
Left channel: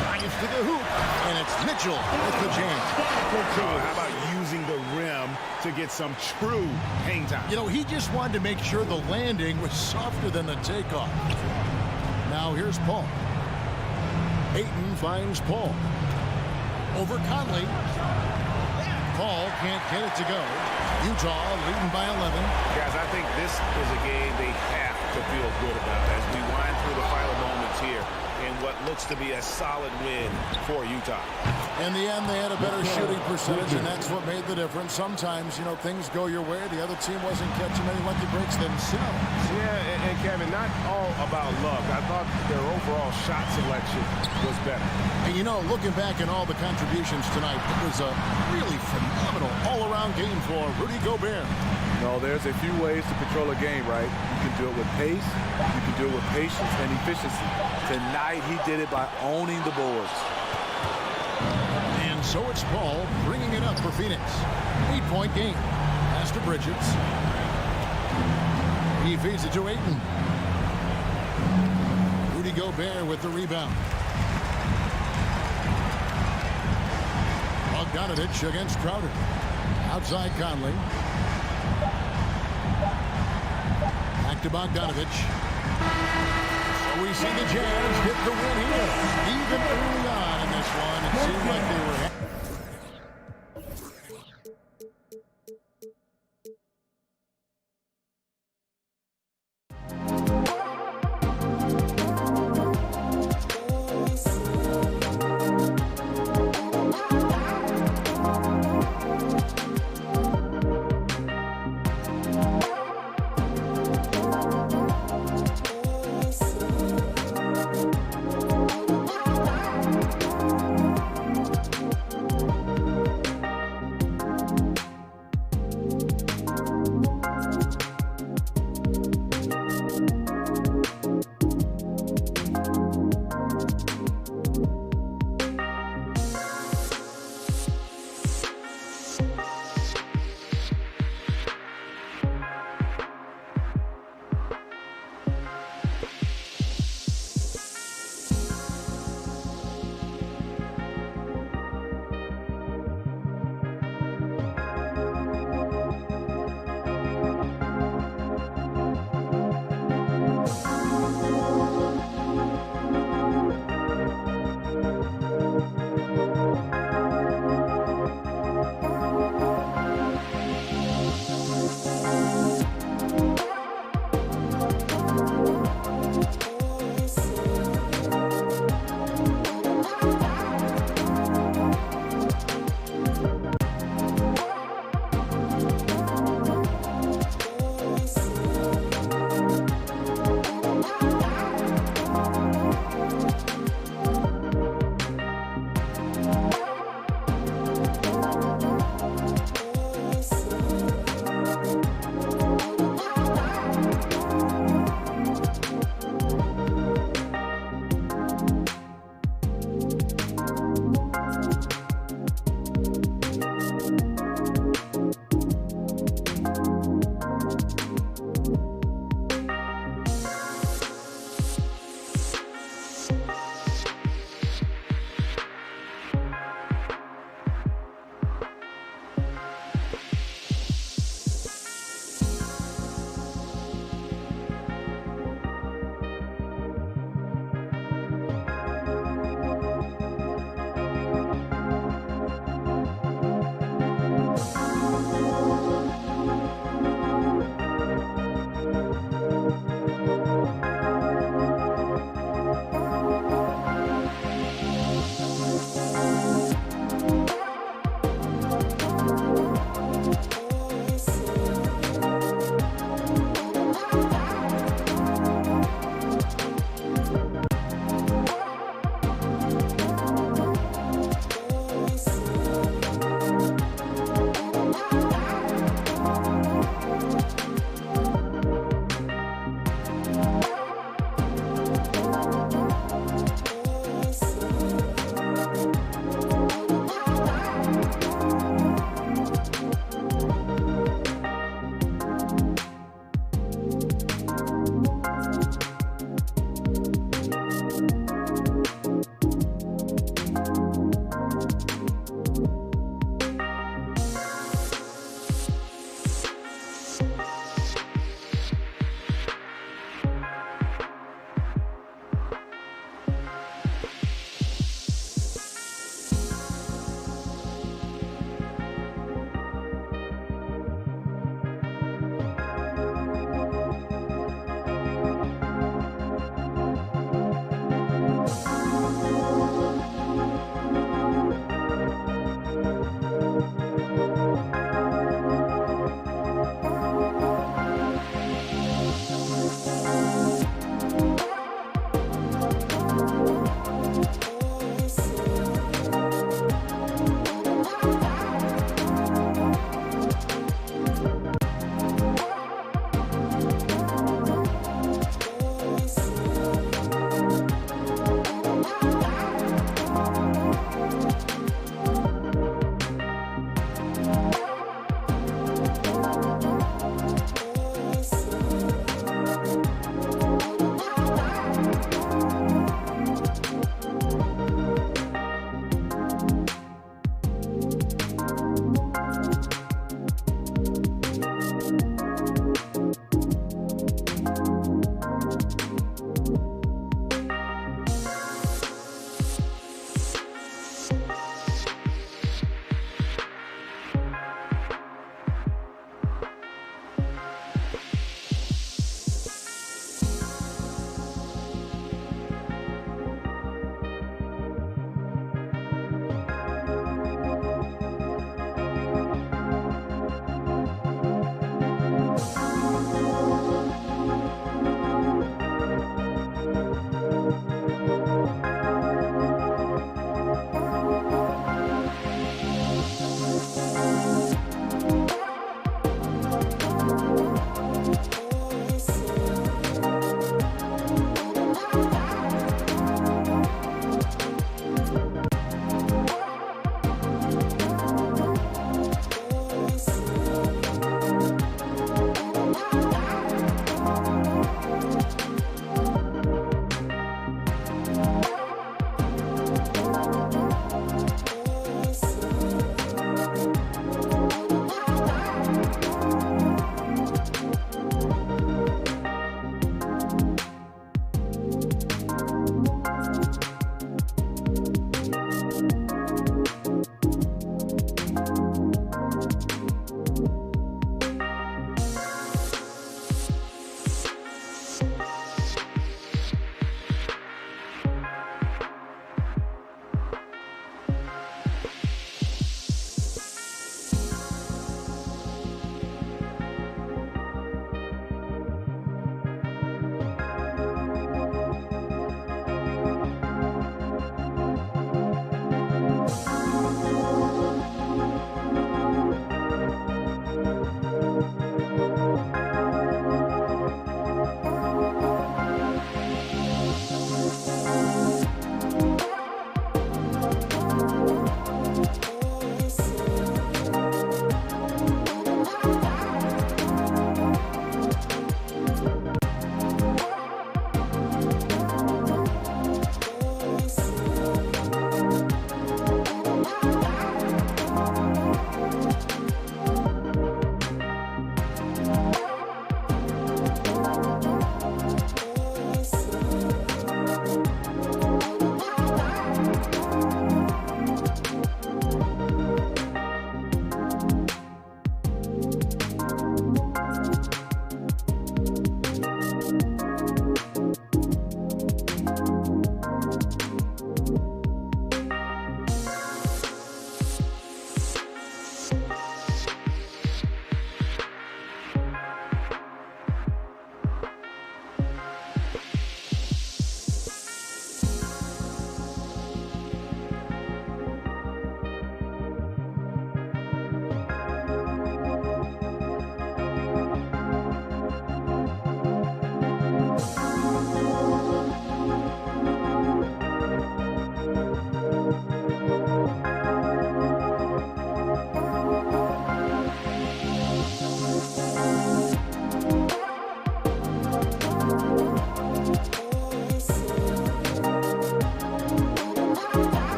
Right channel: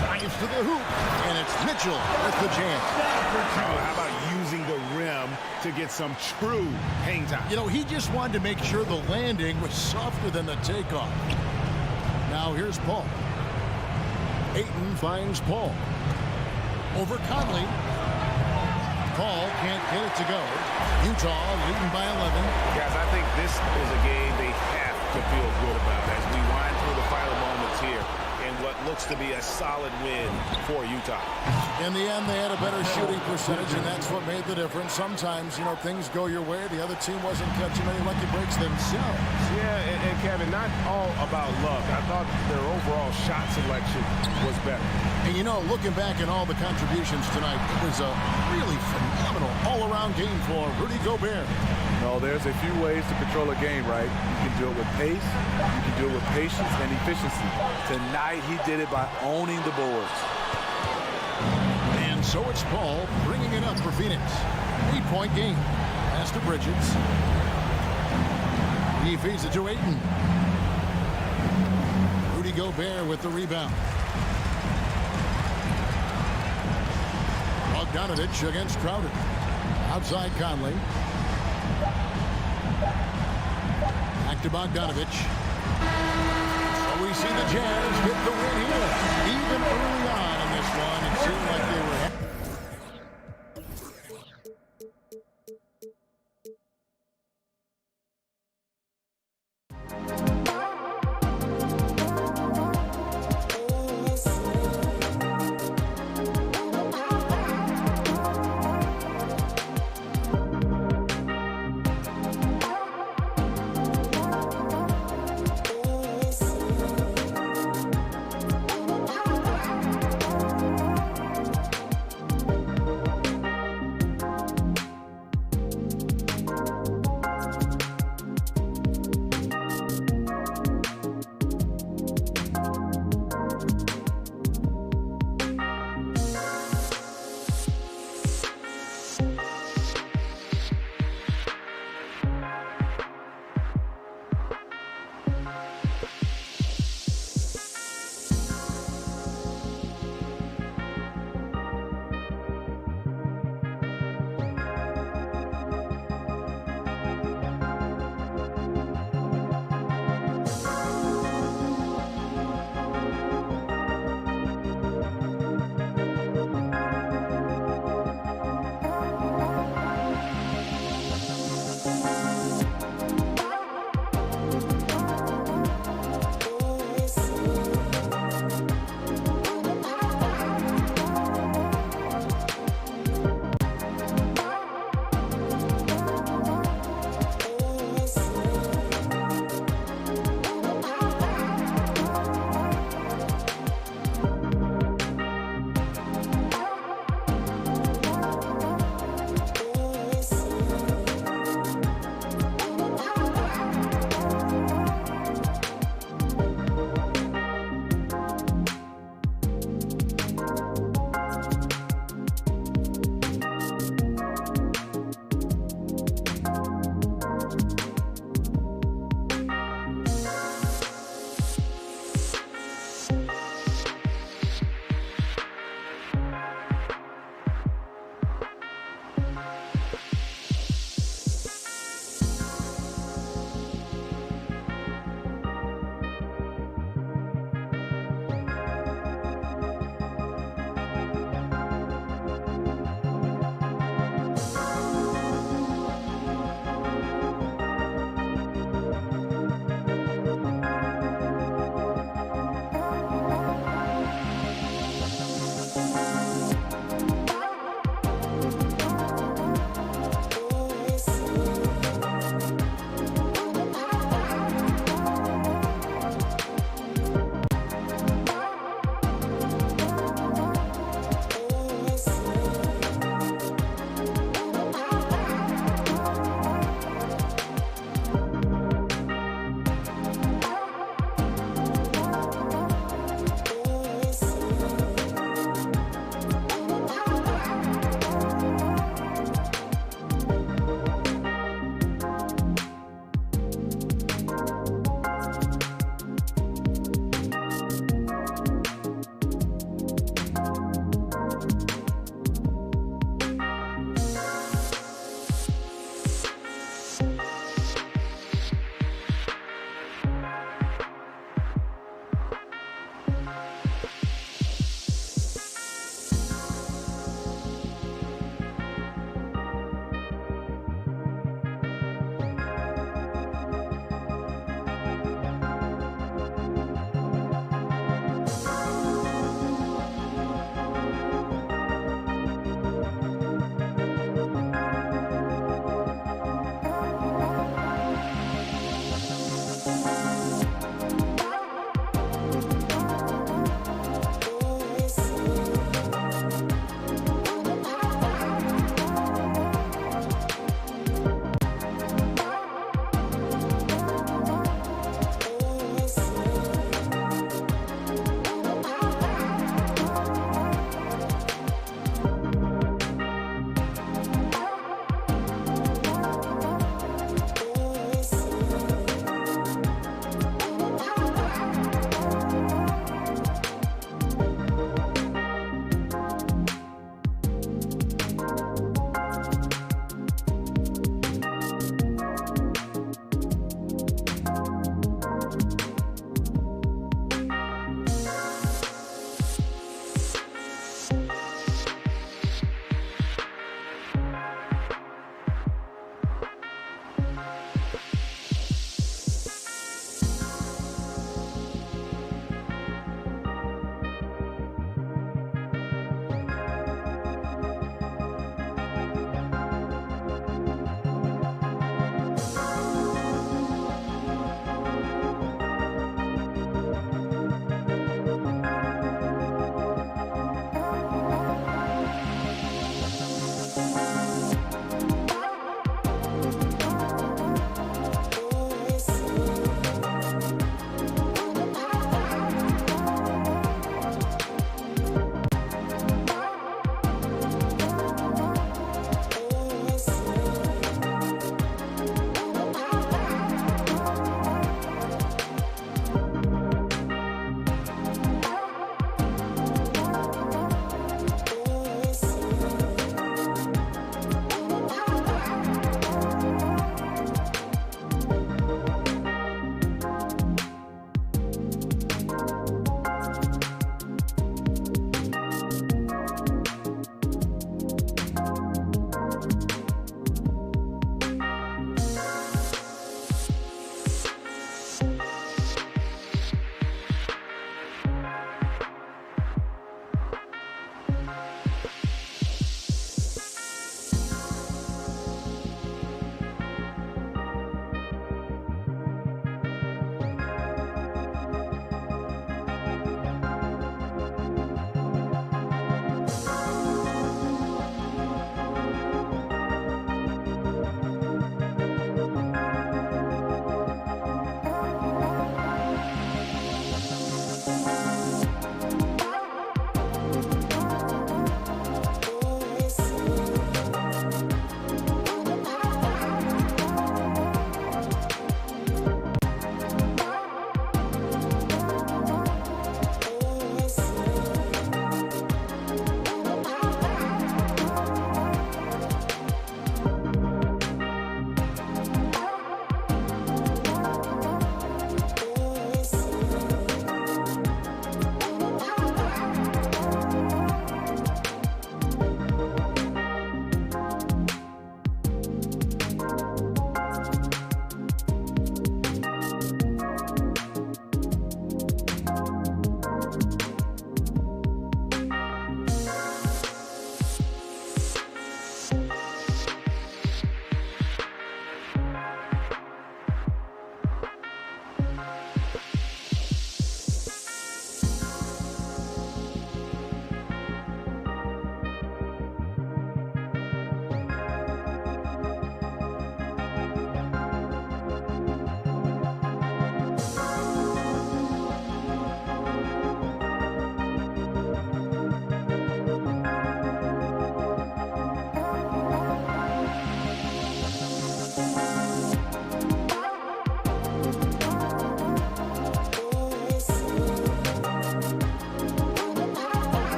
Drives to the hoop. And it's Mitchell with the jam. How about using the rim to get some true hang time? You know, he just wanted to make sure the landing was softer than the takeoff. Now here's Paul. Ayton finds Paul. Over Conley. Paul can't get it to go. Utah leading by 11. Guys, I think this is a game they have to feel good about as we wind through the final moments here in what looks to be a solid win for Utah. In the end, they had a better shooting percentage, and that's what made the difference. Sometimes, you know, things go your way. The other team wasn't catching many lucky breaks themselves. Yeah, and Kevin, not all about luck. I thought their overall shot selection was better. And, you know, looking back at all the contributions tonight, it was a really phenomenal all-around game for Rudy Gobert. No, there's a few ways to control a game, right? You can do it with pace, you can do it with patience and efficiency. Tonight, he did it by owning the boards. And so it's Paul bringing it up for Phoenix. 8-point game. Pass to Bridges. He feeds it to Ayton. Rudy Gobert with the rebound. Bogdanovich against Crowder. Outside Conley. Back to Bogdanovich. So we see the Jazz get the win here. Even early on in this one, it seemed like they were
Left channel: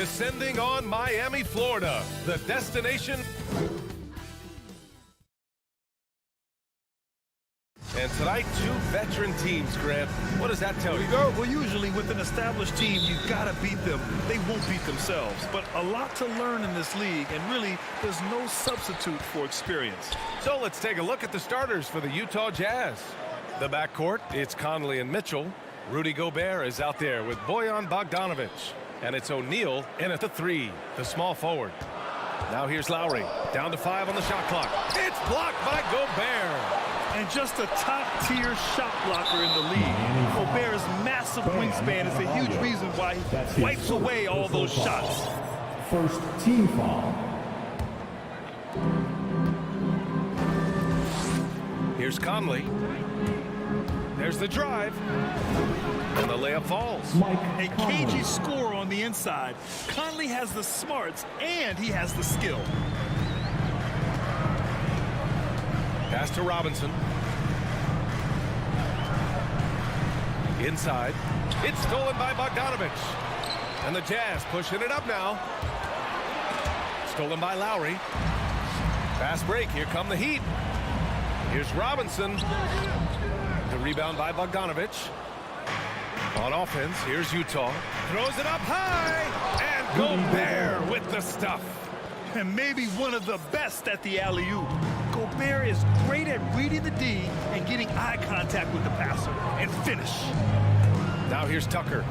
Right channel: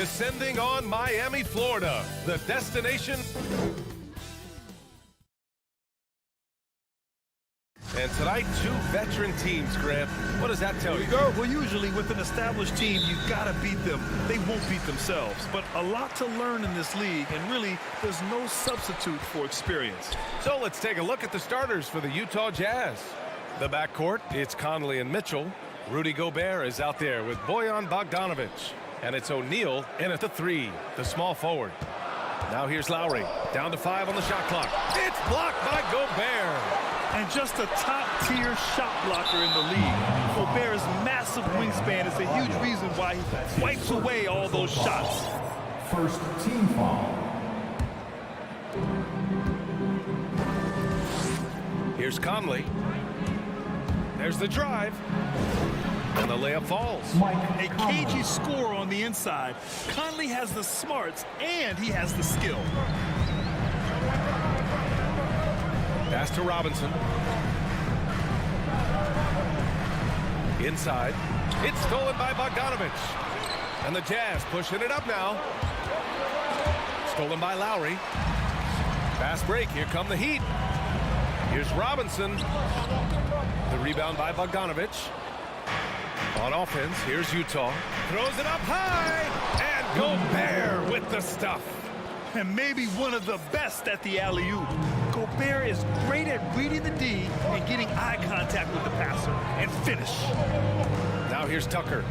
Descending on Miami, Florida, the destination. And tonight, 2 veteran teams, Grant. What does that tell you? Well, usually with an established team, you've got to beat them. They won't beat themselves. But a lot to learn in this league, and really, there's no substitute for experience. So let's take a look at the starters for the Utah Jazz. The backcourt, it's Conley and Mitchell. Rudy Gobert is out there with Bojan Bogdanovic. And it's O'Neal in at the 3, the small forward. Now here's Lowry, down to 5 on the shot clock. It's blocked by Gobert. And just a top-tier shot blocker in the league. Gobert's massive wingspan is a huge reason why he wipes away all those shots. First team foul. Here's Conley. There's the drive. And the layup falls. A cagey score on the inside. Conley has the smarts, and he has the skill. Pass to Robinson. Inside. It's stolen by Bogdanovic. And the Jazz pushing it up now. Stolen by Lowry. Fast break. Here come the Heat. Here's Robinson. The rebound by Bogdanovic. On offense, here's Utah. Throws it up high. And Gobert with the stuff. And maybe one of the best at the alley-oop. Gobert is great at reading the D and getting eye contact with the passer and finish. Now here's Tucker.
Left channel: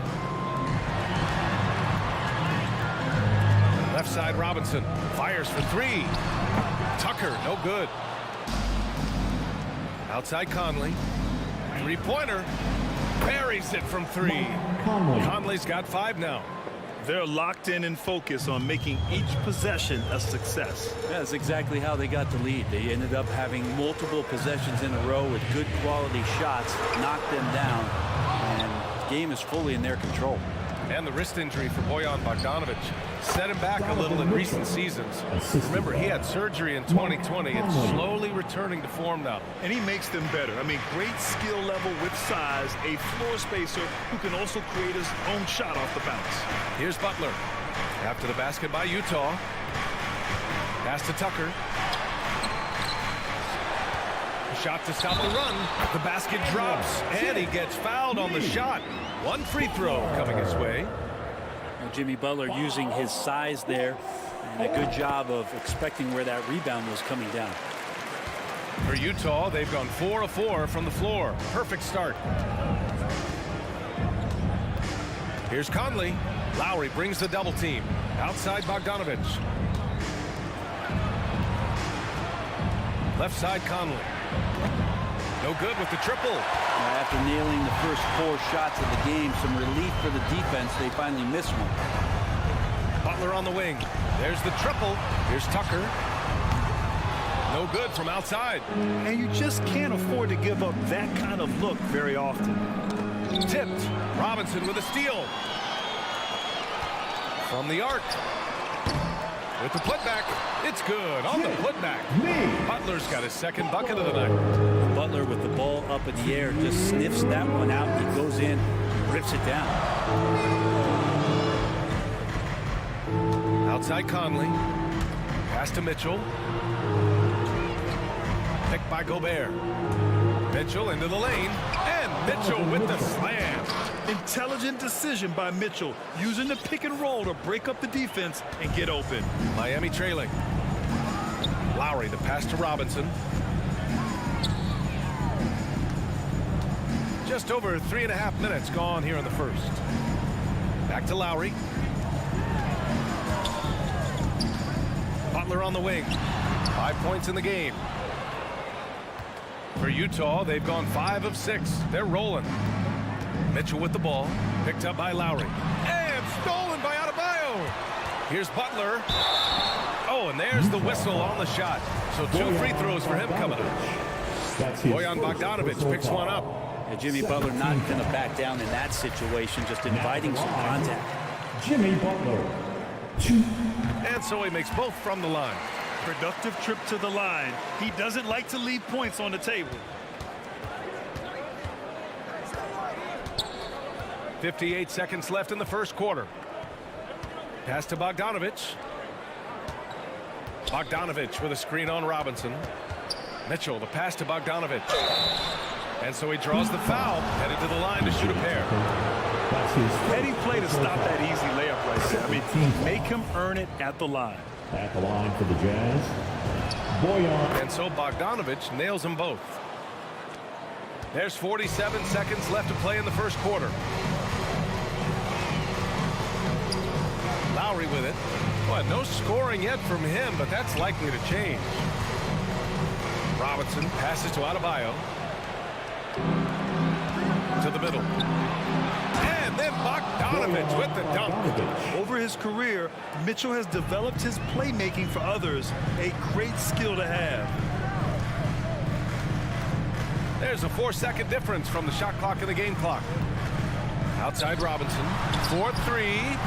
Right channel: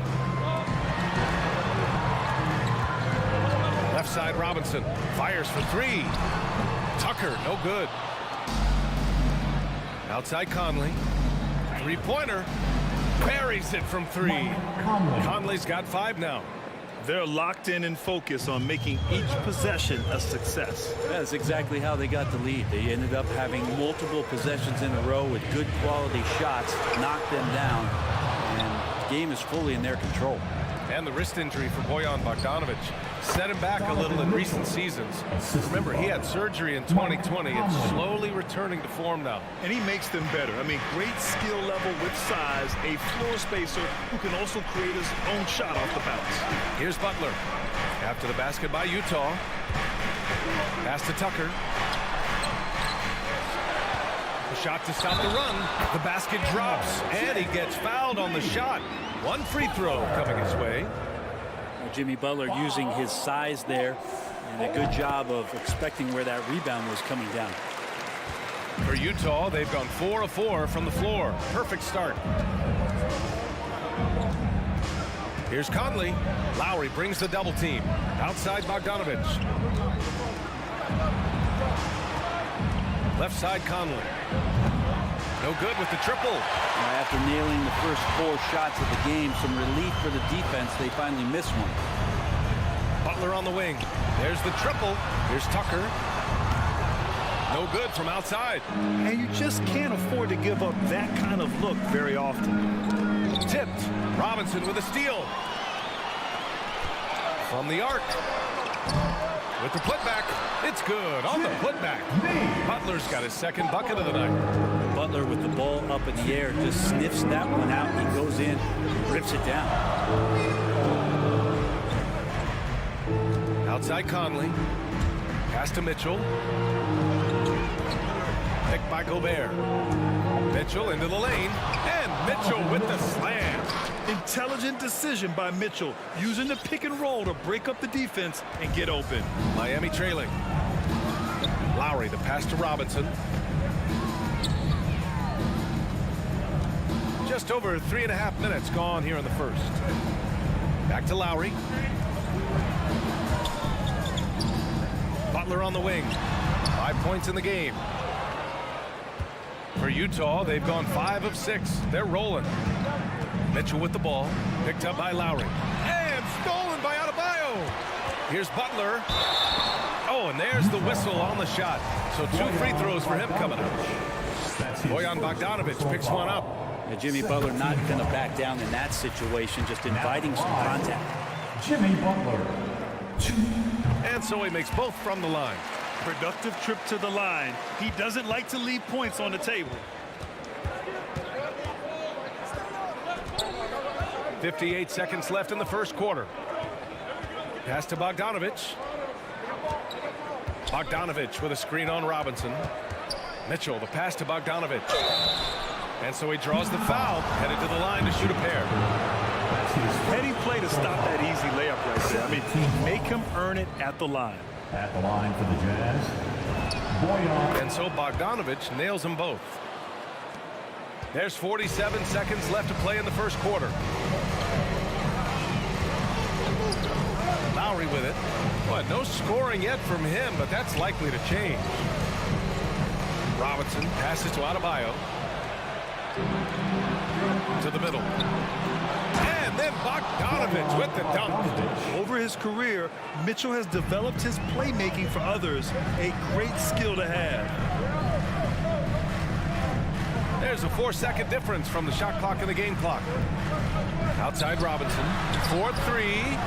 Left side Robinson fires for 3. Tucker, no good. Outside Conley. 3-pointer. Buries it from 3. Conley's got 5 now. They're locked in and focused on making each possession a success. That's exactly how they got the lead. They ended up having multiple possessions in a row with good quality shots, knocked them down, and the game is fully in their control. And the wrist injury for Bojan Bogdanovic set him back a little in recent seasons. Remember, he had surgery in 2020 and slowly returning to form now. And he makes them better. I mean, great skill level with size, a floor spacer who can also create his own shot off the bounce. Here's Butler. After the basket by Utah. Pass to Tucker. A shot to stop the run. The basket drops, and he gets fouled on the shot. 1 free throw coming his way. Jimmy Butler using his size there and a good job of expecting where that rebound was coming down. For Utah, they've gone 4 of 4 from the floor. Perfect start. Here's Conley. Lowry brings the double team. Outside Bogdanovic. Left side Conley. No good with the triple. After nailing the first 4 shots of the game, some relief for the defense. They finally missed one. Butler on the wing. There's the triple. Here's Tucker. No good from outside. And you just can't afford to give up that kind of look very often. Tipped. Robinson with a steal. From the arc. With the putback. It's good on the putback. Butler's got his second bucket of the night. Butler with the ball up in the air just sniffs that one out. He goes in and rips it down. Outside Conley. Pass to Mitchell. Picked by Gobert. Mitchell into the lane. And Mitchell with the slam. Intelligent decision by Mitchell, using the pick and roll to break up the defense and get open. Miami trailing. Lowry, the pass to Robinson. Just over 3.5 minutes gone here in the first. Back to Lowry. Butler on the wing. 5 points in the game. For Utah, they've gone 5 of 6. They're rolling. Mitchell with the ball. Picked up by Lowry. And stolen by Adebayo. Here's Butler. Oh, and there's the whistle on the shot. So 2 free throws for him coming up. Bojan Bogdanovic picks one up. Jimmy Butler not going to back down in that situation, just inviting some contact. Jimmy Butler, 2. And so he makes both from the line. Productive trip to the line. He doesn't like to leave points on the table. 58 seconds left in the first quarter. Pass to Bogdanovich. Bogdanovich with a screen on Robinson. Mitchell, the pass to Bogdanovich. And so he draws the foul, headed to the line to shoot a pair. Heady play to stop that easy layup right there. I mean, make him earn it at the line. At the line for the Jazz, Boyan. And so Bogdanovich nails them both. There's 47 seconds left to play in the first quarter. Lowry with it. Well, no scoring yet from him, but that's likely to change. Robinson passes to Adebayo. To the middle. And then Bogdanovich with the dunk. Over his career, Mitchell has developed his playmaking for others, a great skill to have. There's a 4-second difference from the shot clock and the game clock. Outside Robinson. 4-3.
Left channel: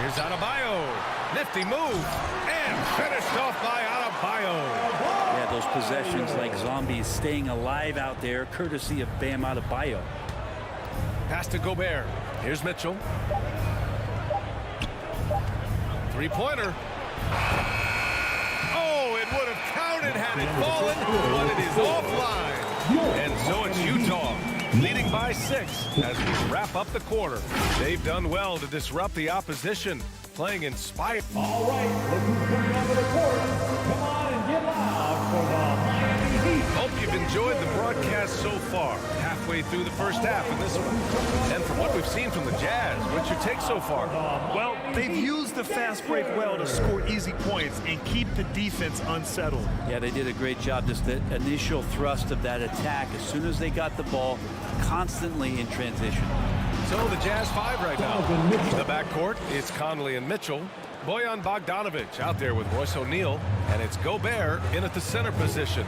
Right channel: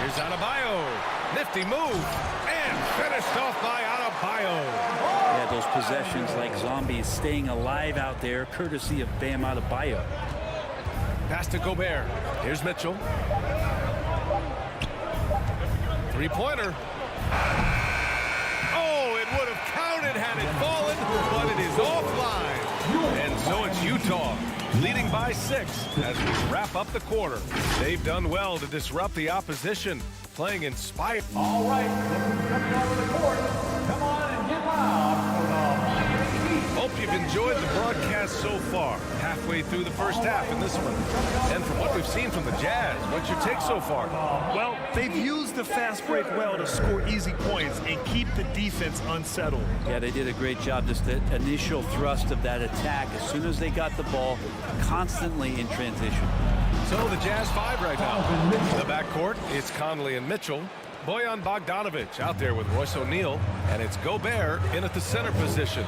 Here's Adebayo. Nifty move. And finished off by Adebayo. Yeah, those possessions like zombies staying alive out there, courtesy of Bam Adebayo. Pass to Gobert. Here's Mitchell. Three-pointer. Oh, it would have counted had it fallen, but it is offline. And so it's Utah leading by 6 as we wrap up the quarter. They've done well to disrupt the opposition, playing inspired. All right, look who's coming onto the court. Come on and get loud for the Miami Heat. Hope you've enjoyed the broadcast so far. Halfway through the first half in this one. And from what we've seen from the Jazz, what's your take so far? Well, they've used the fast break well to score easy points and keep the defense unsettled. Yeah, they did a great job. Just the initial thrust of that attack, as soon as they got the ball, constantly in transition. So the Jazz 5 right now. The backcourt, it's Conley and Mitchell. Boyan Bogdanovich out there with Royce O'Neal. And it's Gobert in at the center position.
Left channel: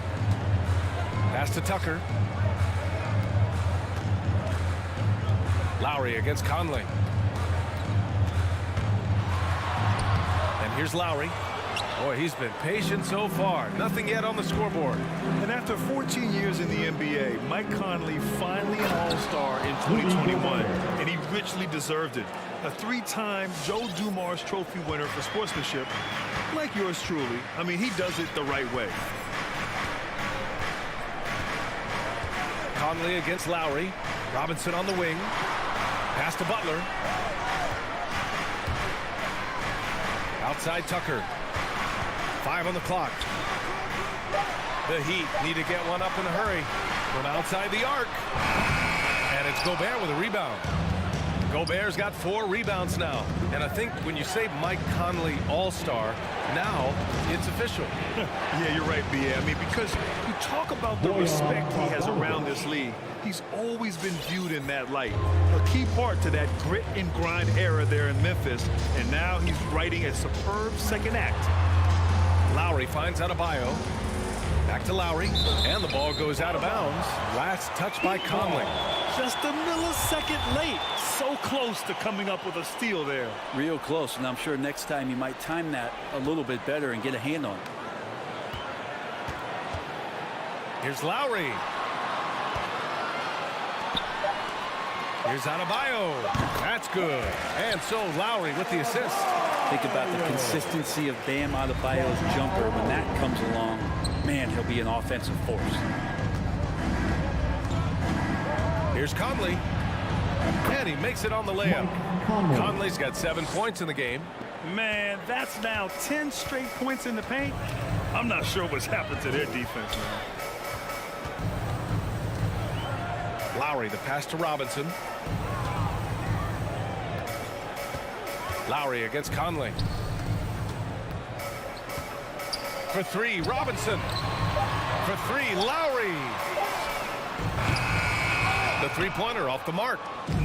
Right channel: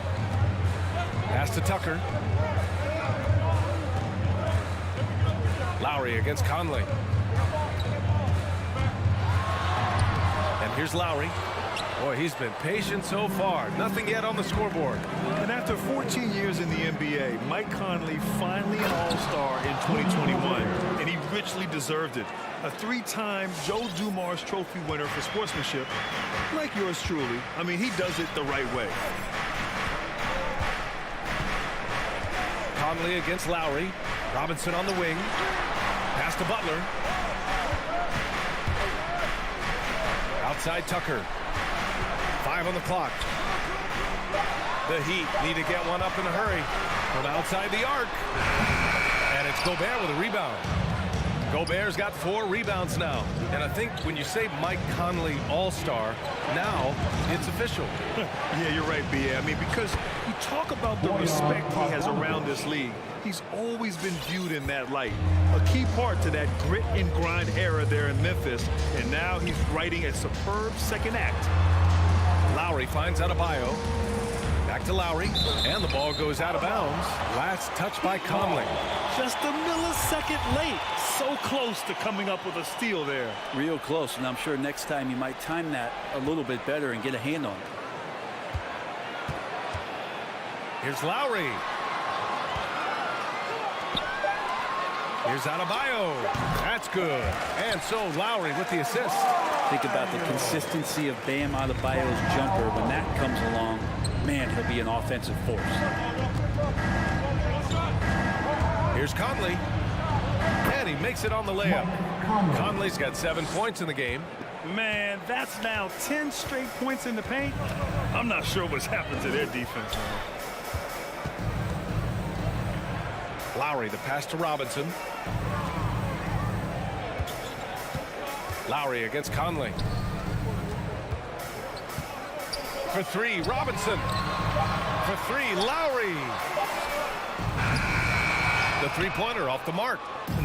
Pass to Tucker. Lowry against Conley. And here's Lowry. Boy, he's been patient so far. Nothing yet on the scoreboard. And after 14 years in the NBA, Mike Conley finally an All-Star in 2021, and he richly deserved it. A 3-time Joe Dumars Trophy winner for sportsmanship, like yours truly. I mean, he does it the right way. Conley against Lowry. Robinson on the wing. Pass to Butler. Outside Tucker. 5 on the clock. The Heat need to get one up in a hurry from outside the arc. And it's Gobert with a rebound. Gobert's got 4 rebounds now. And I think when you say Mike Conley All-Star, now it's official. Yeah, you're right, B.A. I mean, because you talk about the respect he has around this league. He's always been viewed in that light. A key part to that grit and grind era there in Memphis. And now he's writing a superb second act. Lowry finds Adebayo. Back to Lowry. And the ball goes out of bounds. Last touch by Conley. Just a millisecond late. So close to coming up with a steal there. Real close, and I'm sure next time you might time that a little bit better and get a hand on it. Here's Lowry. Here's Adebayo. That's good. And so Lowry with the assist. Think about the consistency of Bam Adebayo's jumper. When that comes along, man, he'll be an offensive force. Here's Conley. And he makes it on the layup. Conley's got 7 points in the game. Man, that's now 10 straight points in the paint. I'm not sure what's happened to their defense now. Lowry, the pass to Robinson. Lowry against Conley. For 3, Robinson. For 3, Lowry. The three-pointer off the mark.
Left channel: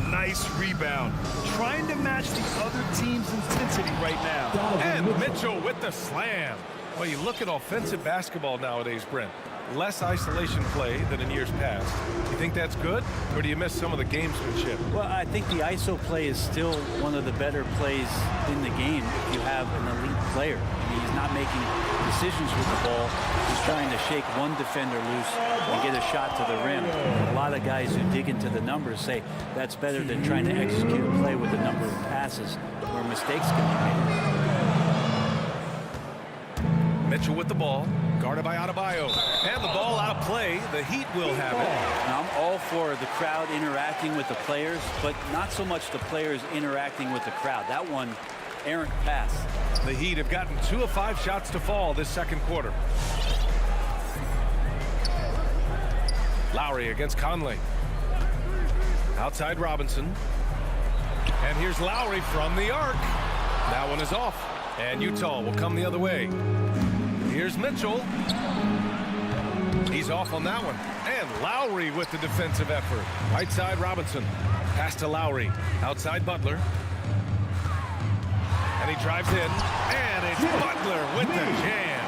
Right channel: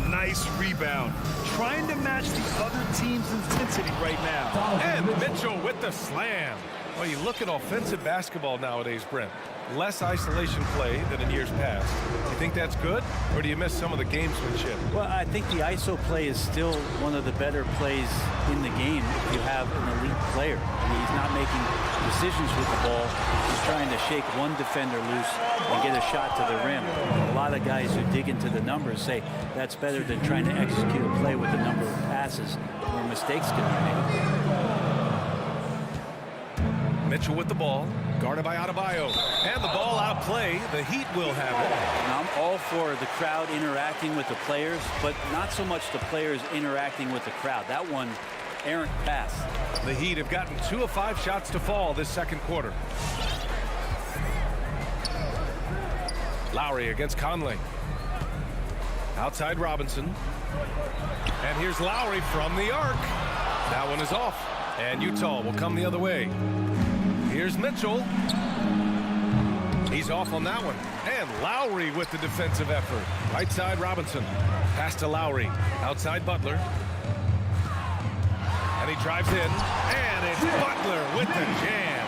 Nice rebound. Trying to match the other team's intensity right now. And Mitchell with the slam. Well, you look at offensive basketball nowadays, Brent. Less isolation play than in years past. You think that's good, or do you miss some of the gamesmanship? Well, I think the ISO play is still one of the better plays in the game if you have an elite player. I mean, he's not making decisions with the ball. He's trying to shake one defender loose and get a shot to the rim. A lot of guys who dig into the numbers say that's better than trying to execute a play with a number of passes where mistakes can be made. Mitchell with the ball, guarded by Adebayo. And the ball out of play. The Heat will have it. Now, I'm all for the crowd interacting with the players, but not so much the players interacting with the crowd. That one, errant pass. The Heat have gotten 2 of 5 shots to fall this second quarter. Lowry against Conley. Outside Robinson. And here's Lowry from the arc. That one is off. And Utah will come the other way. Here's Mitchell. He's off on that one. And Lowry with the defensive effort. Right side Robinson. Pass to Lowry. Outside Butler. And he drives in. And it's Butler with the jam.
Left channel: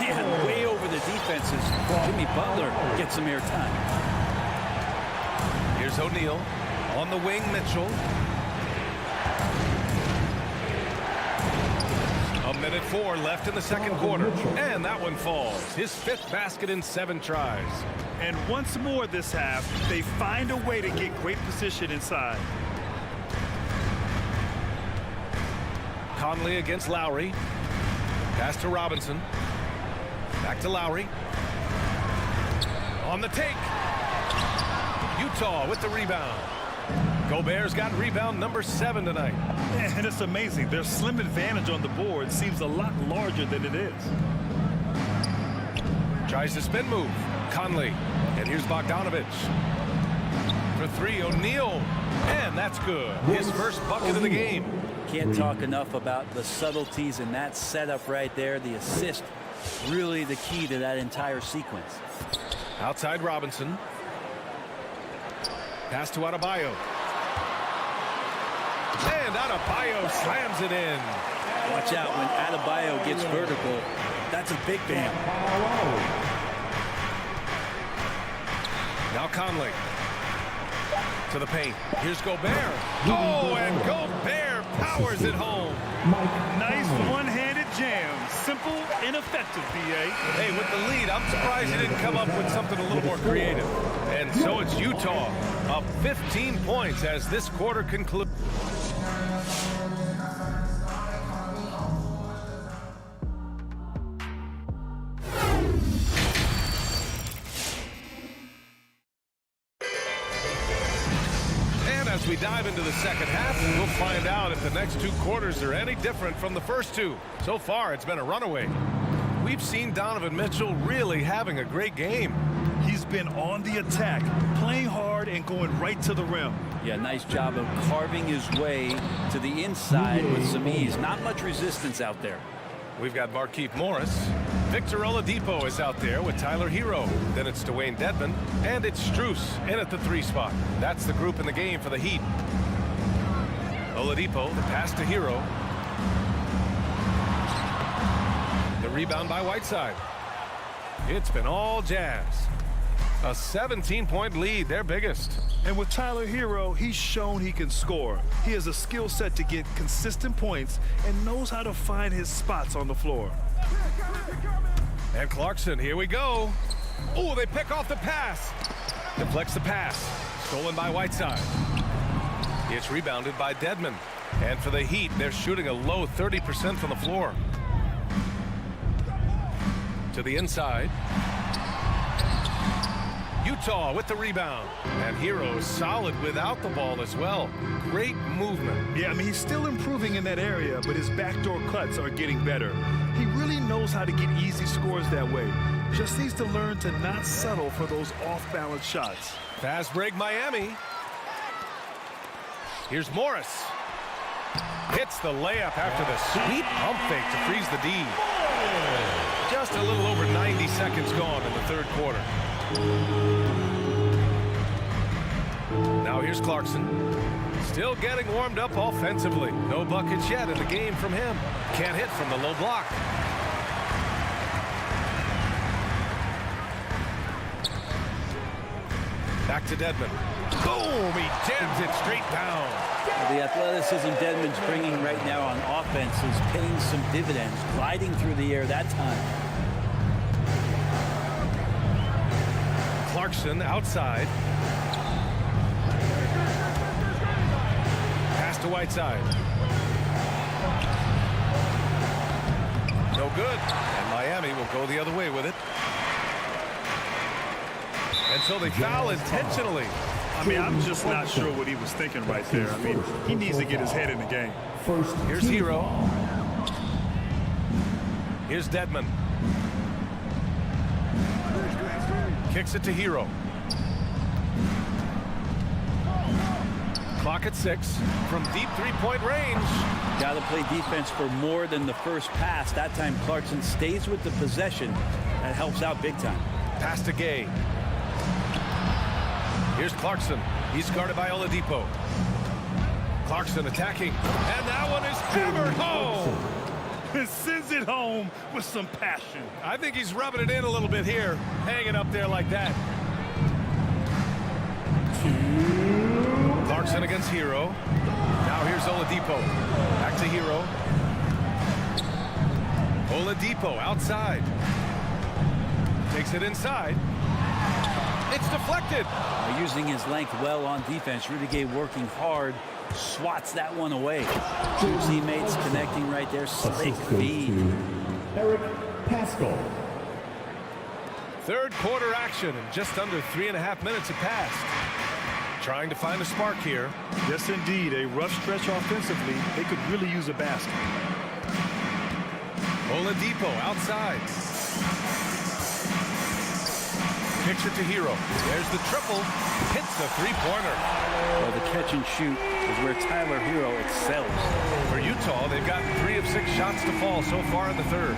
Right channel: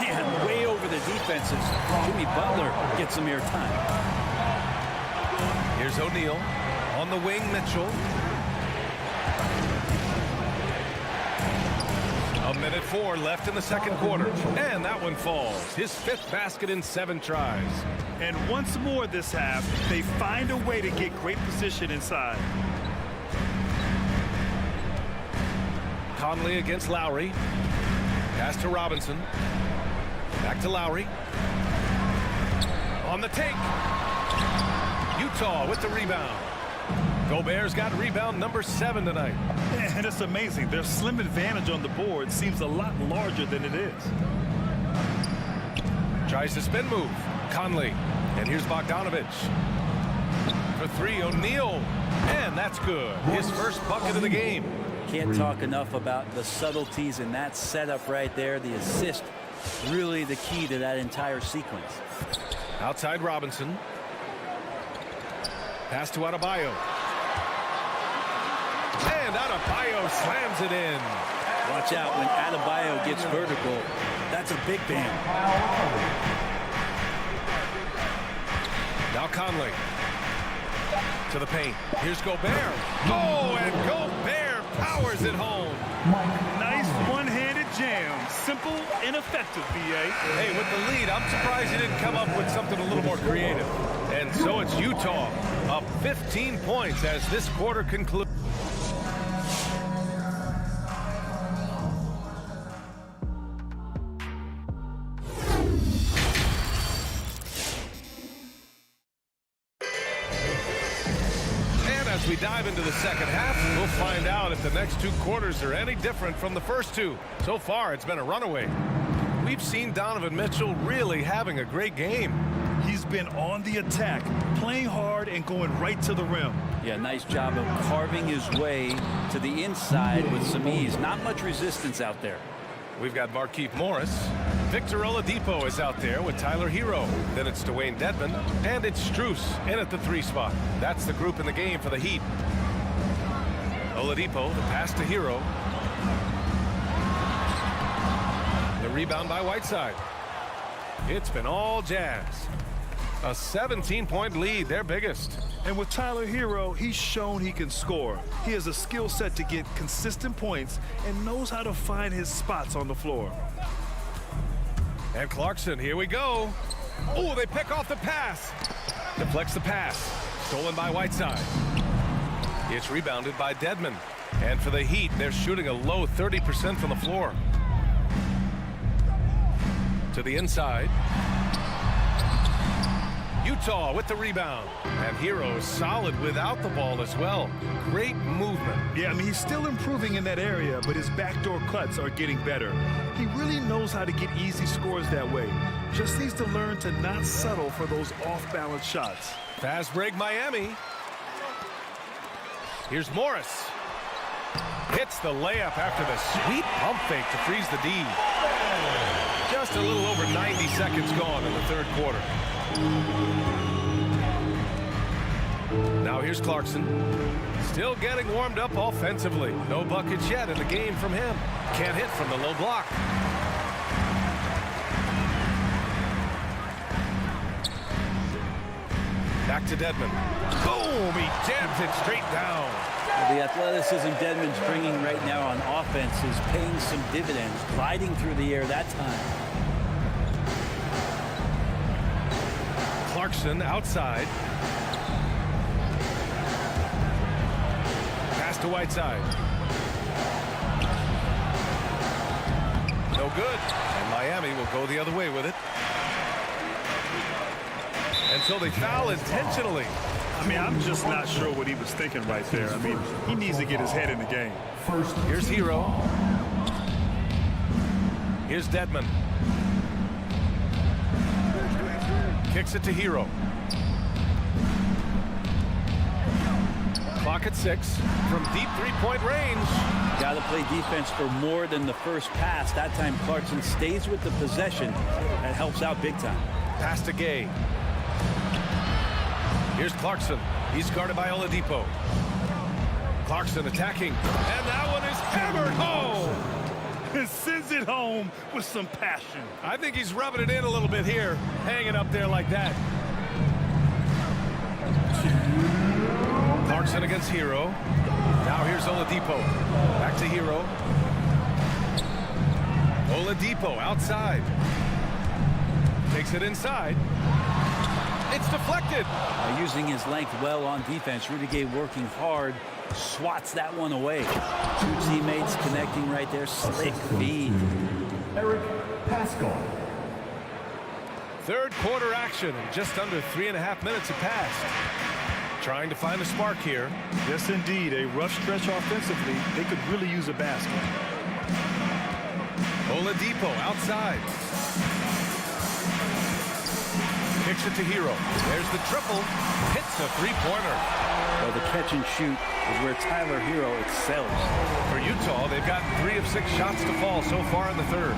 Man, way over the defenses. Jimmy Butler gets some airtime. Here's O'Neal. On the wing, Mitchell. A minute 4 left in the second quarter. And that one falls. His 5th basket in 7 tries. And once more this half, they find a way to get great position inside. Conley against Lowry. Pass to Robinson. Back to Lowry. On the take. Utah with the rebound. Gobert's got rebound number 7 tonight. And it's amazing. Their slim advantage on the board seems a lot larger than it is. Tries to spin move. Conley. And here's Bogdanovich. For 3, O'Neal. And that's good. His first bucket of the game. Can't talk enough about the subtleties in that setup right there. The assist, really the key to that entire sequence. Outside Robinson. Pass to Adebayo. And Adebayo slams it in. Watch out when Adebayo gets vertical. That's a big bam. Now Conley. To the paint. Here's Gobert. Oh, and Gobert powers it home. Nice one-handed jam. Simple and effective, B.A. Hey, with the lead, I'm surprised he didn't come up with something a little more creative. And so it's Utah up 15 points as this quarter concludes. As we dive into the second half, we'll find out if the next 2 quarters are any different from the first 2. So far, it's been a runaway. We've seen Donovan Mitchell really having a great game. He's been on the attack, playing hard and going right to the rim. Yeah, nice job of carving his way to the inside with some ease. Not much resistance out there. We've got Markieff Morris. Victor Oladipo is out there with Tyler Hero. Then it's Dwayne Dedmon. And it's Strus in at the 3 spot. That's the group in the game for the Heat. Oladipo, the pass to Hero. The rebound by Whiteside. It's been all Jazz. A 17-point lead, their biggest. And with Tyler Hero, he's shown he can score. He has a skill set to get consistent points and knows how to find his spots on the floor. And Clarkson, here we go. Oh, they pick off the pass. Deflects the pass. Stolen by Whiteside. It's rebounded by Dedmon. And for the Heat, they're shooting a low 30% from the floor. To the inside. Utah with the rebound. And Hero is solid without the ball as well. Great movement. Yeah, I mean, he's still improving in that area, but his backdoor cuts are getting better. He really knows how to get easy scores that way. Just needs to learn to not settle for those off-balance shots. Fast break Miami. Here's Morris. Hits the layup after the sweet pump fake to freeze the D. Just a little over 90 seconds gone in the third quarter. Now here's Clarkson. Still getting warmed up offensively. No buckets yet in the game from him. Can't hit from the low block. Back to Dedmon. Boom! He jams it straight down. Well, the athleticism Dedmon's bringing right now on offense is paying some dividends, gliding through the air that time. Clarkson outside. Pass to Whiteside. No good. And Miami will go the other way with it. Until they foul intentionally. I mean, I'm just not sure what he was thinking right there. I mean, he needs to get his head in the game. Here's Hero. Here's Dedmon. Kicks it to Hero. Clock at 6 from deep three-point range. Got to play defense for more than the first pass. That time Clarkson stays with the possession. That helps out big time. Pass to Gay. Here's Clarkson. He's guarded by Oladipo. Clarkson attacking. And that one is hammered home. Sends it home with some passion. I think he's rubbing it in a little bit here. Hanging up there like that. Clarkson against Hero. Now here's Oladipo. Back to Hero. Oladipo outside. Takes it inside. It's deflected. Using his length well on defense. Rudy Gay working hard. Swats that one away. Two teammates connecting right there. Slick feed. Eric Pascal. Third quarter action, and just under 3.5 minutes have passed. Trying to find a spark here. Yes, indeed. A rough stretch offensively. They could really use a basket. Oladipo outside. Kicks it to Hero. There's the triple. Hits the three-pointer. Well, the catch and shoot is where Tyler Hero excels. For Utah, they've gotten 3 of 6 shots to fall so far in the third.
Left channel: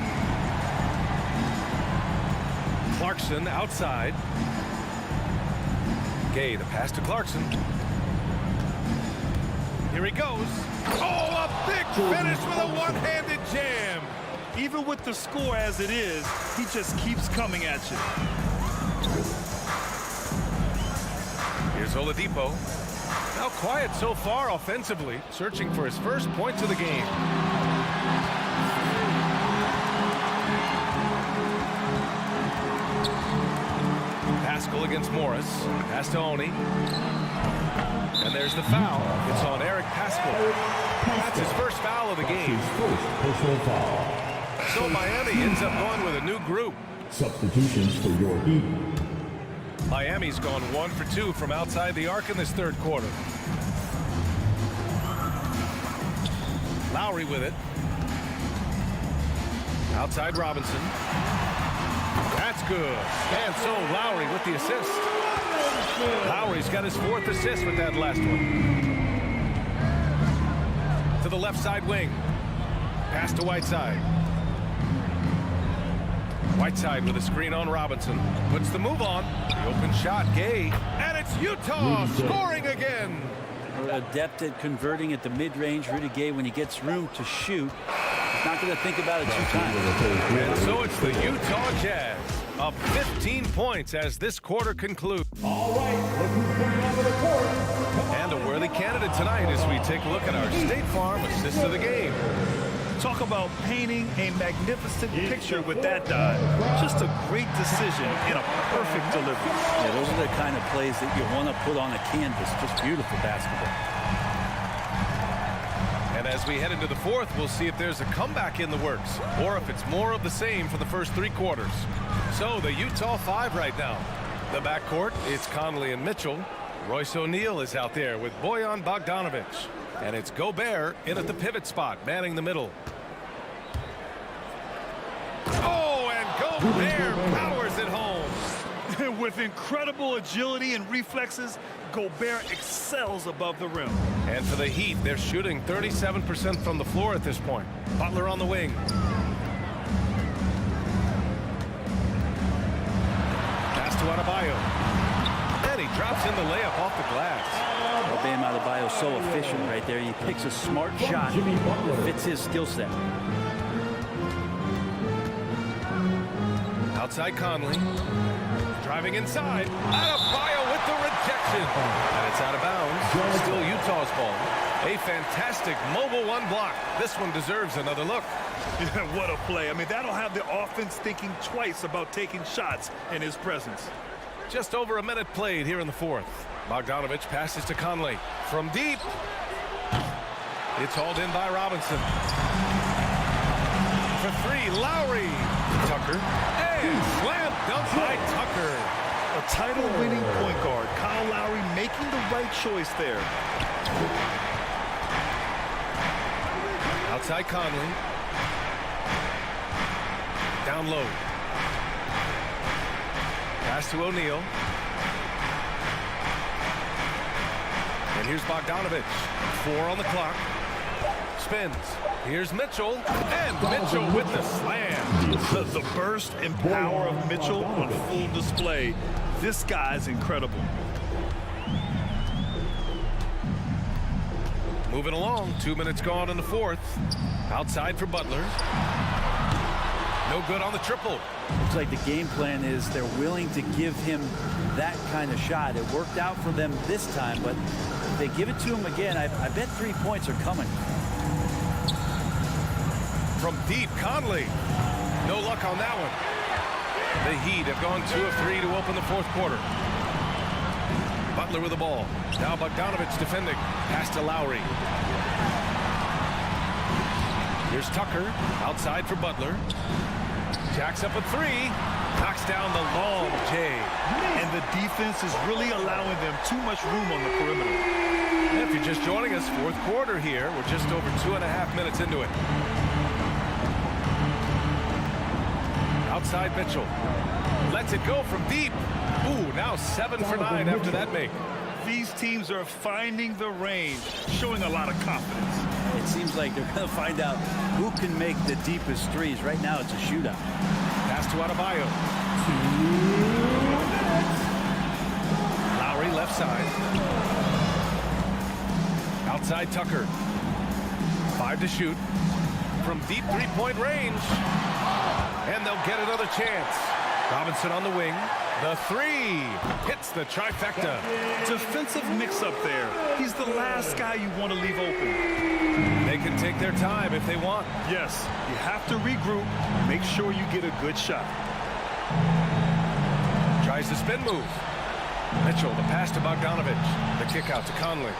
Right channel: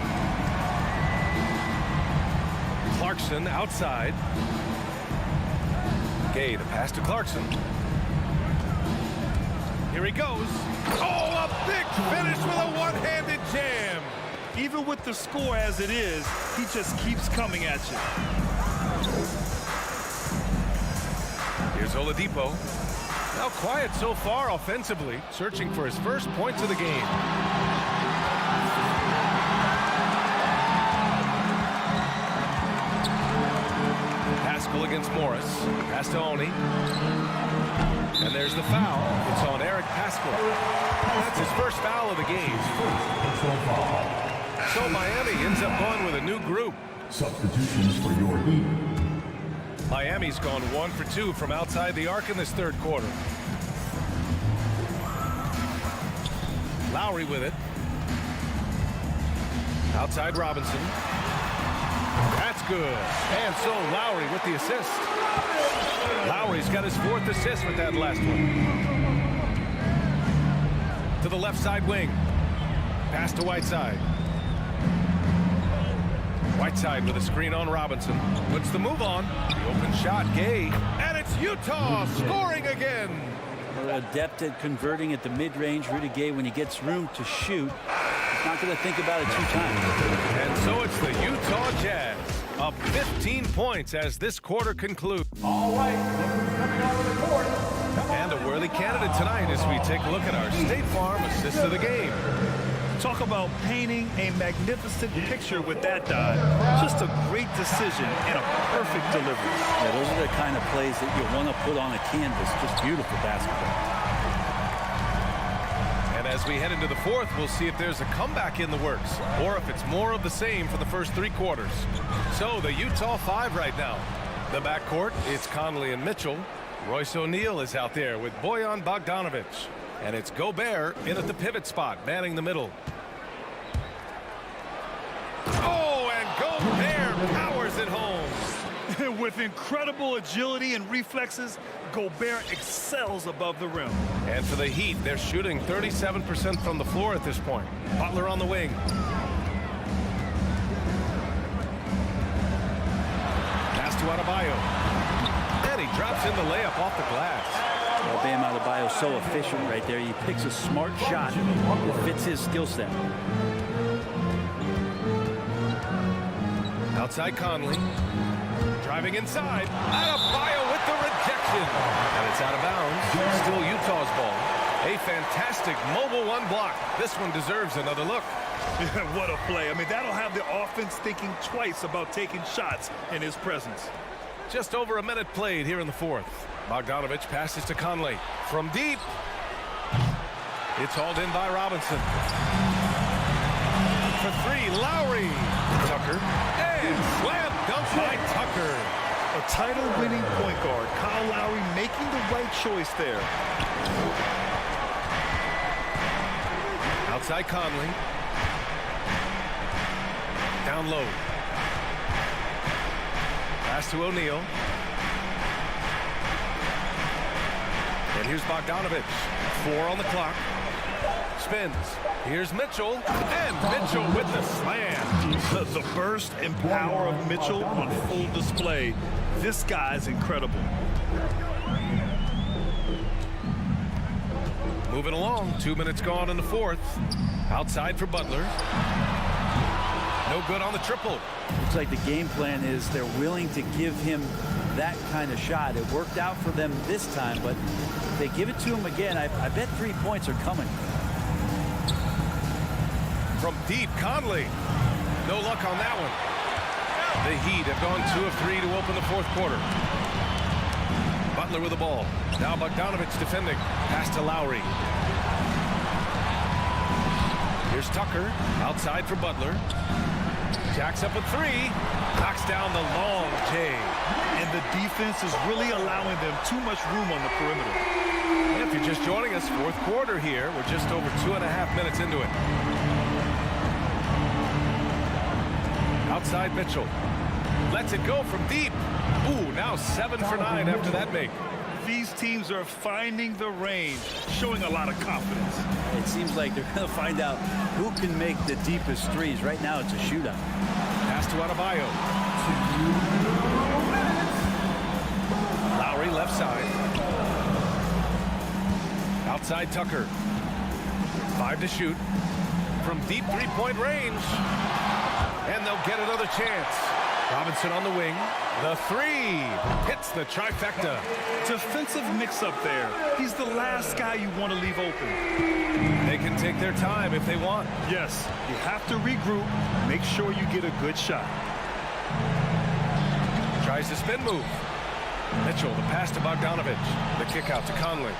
Clarkson outside. Gay, the pass to Clarkson. Here he goes. Oh, a big finish with a one-handed jam. Even with the score as it is, he just keeps coming at you. Here's Oladipo. Now quiet so far offensively, searching for his first points of the game. Pascal against Morris. Pass to Oni. And there's the foul. It's on Eric Pascal. That's his first foul of the game. His first personal foul. So Miami ends up going with a new group. Substitutions for your Heat. Miami's gone 1 for 2 from outside the arc in this third quarter. Lowry with it. Outside Robinson. That's good. And so Lowry with the assist. Lowry's got his 4th assist with that last one. To the left side wing. Pass to Whiteside. Whiteside with a screen on Robinson. Puts the move on. The open shot, Gay. And it's Utah scoring again. We're adept at converting at the mid-range. Rudy Gay, when he gets room to shoot, he's not going to think about it 2 times. And so it's the Utah Jazz up 15 points as this quarter concludes. All right, look who's coming onto the court. And a worthy candidate tonight as we take a look at our State Farm assist of the game. Talk about painting a magnificent picture with that dive. Just a great decision and a perfect delivery. Yeah, those are the kind of plays that you want to put on a canvas. Just beautiful basketball. And as we head into the fourth, we'll see if there's a comeback in the works or if it's more of the same for the first 3 quarters. So the Utah 5 right now. The backcourt, it's Conley and Mitchell. Royce O'Neal is out there with Bojan Bogdanovic. And it's Gobert in at the pivot spot, manning the middle. Oh, and Gobert powers it home. With incredible agility and reflexes, Gobert excels above the rim. And for the Heat, they're shooting 37% from the floor at this point. Butler on the wing. Pass to Adebayo. And he drops in the layup off the glass. Well, Bam Adebayo so efficient right there. He picks a smart shot that fits his skill set. Outside Conley. Driving inside. Adebayo with the rejection. And it's out of bounds. Still Utah's ball. A fantastic mobile one block. This one deserves another look. Yeah, what a play. I mean, that'll have the offense thinking twice about taking shots in his presence. Just over a minute played here in the fourth. Bogdanovich passes to Conley. From deep. It's hauled in by Robinson. For three, Lowry. Tucker. And slam dunk by Tucker. A title-winning point guard. Kyle Lowry making the right choice there. Outside Conley. Down low. Pass to O'Neal. And here's Bogdanovich. 4 on the clock. Spins. Here's Mitchell. And Mitchell with the slam. The burst and power of Mitchell on full display. This guy's incredible. Moving along. 2 minutes gone in the fourth. Outside for Butler. No good on the triple. Looks like the game plan is they're willing to give him that kind of shot. It worked out for them this time, but if they give it to him again, I bet 3 points are coming. From deep, Conley. No luck on that one. The Heat have gone 2 of 3 to open the fourth quarter. Butler with the ball. Now Bogdanovich defending. Pass to Lowry. Here's Tucker. Outside for Butler. Jacks up a 3. Knocks down the long J. And the defense is really allowing them too much room on the perimeter. If you're just joining us, fourth quarter here. We're just over 2.5 minutes into it. Outside Mitchell. Lets it go from deep. Ooh, now 7 for 9 after that make. These teams are finding the range, showing a lot of confidence. It seems like they're going to find out who can make the deepest threes. Right now, it's a shootout. Pass to Adebayo. Lowry left side. Outside Tucker. 5 to shoot. From deep three-point range. And they'll get another chance. Robinson on the wing. The 3 hits the trifecta. Defensive mix-up there. He's the last guy you want to leave open. They can take their time if they want. Yes, you have to regroup. Make sure you get a good shot. Tries the spin move. Mitchell, the pass to Bogdanovich. The kick out to Conley.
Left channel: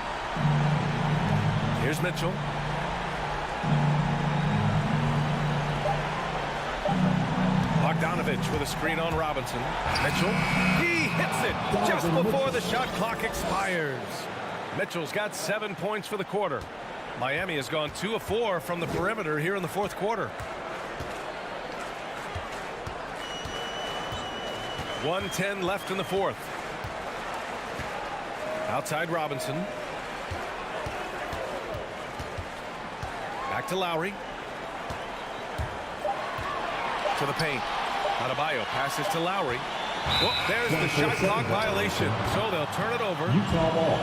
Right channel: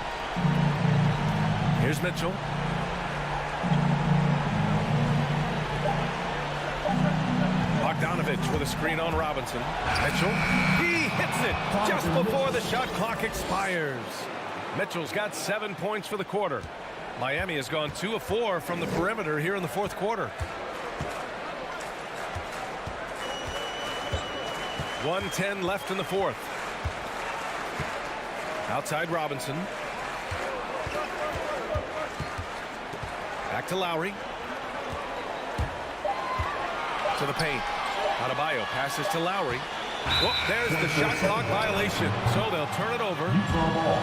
Here's Mitchell. Bogdanovich with a screen on Robinson. Mitchell, he hits it just before the shot clock expires. Mitchell's got 7 points for the quarter. Miami has gone 2 of 4 from the perimeter here in the fourth quarter. 1:10 left in the fourth. Outside Robinson. Back to Lowry. To the paint. Adebayo passes to Lowry. Whoop, there's the shot clock violation. So they'll turn it over. Utah ball.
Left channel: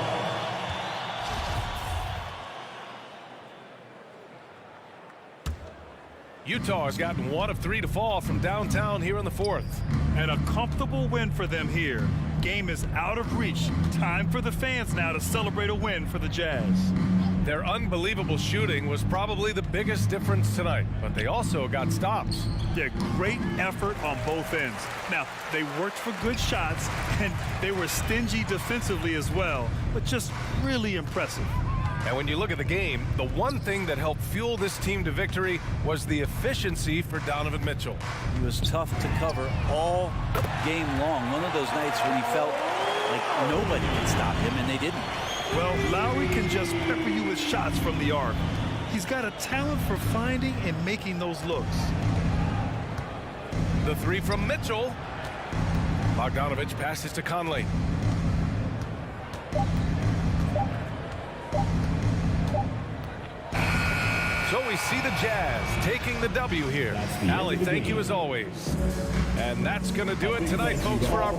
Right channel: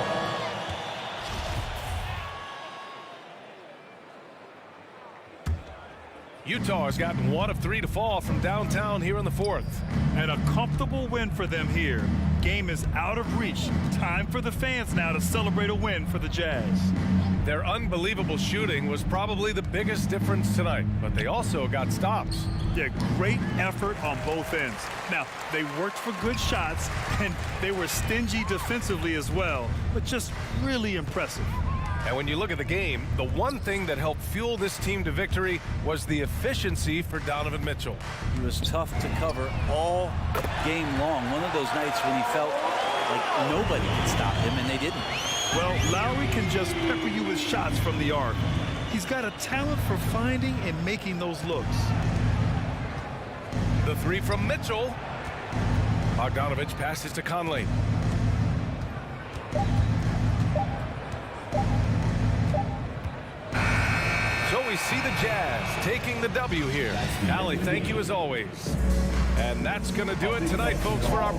Utah has gotten 1 of 3 to fall from downtown here in the fourth. And a comfortable win for them here. Game is out of reach. Time for the fans now to celebrate a win for the Jazz. Their unbelievable shooting was probably the biggest difference tonight, but they also got stops. Yeah, great effort on both ends. Now, they worked for good shots, and they were stingy defensively as well, but just really impressive. And when you look at the game, the one thing that helped fuel this team to victory was the efficiency for Donovan Mitchell. He was tough to cover all game long. One of those nights when he felt like nobody could stop him, and they didn't. Well, Lowry can just pepper you with shots from the arc. He's got a talent for finding and making those looks. The 3 from Mitchell. Bogdanovich passes to Conley. So we see the Jazz taking the W here. Allie, thank you as always. And that's going to do it tonight, folks, for our...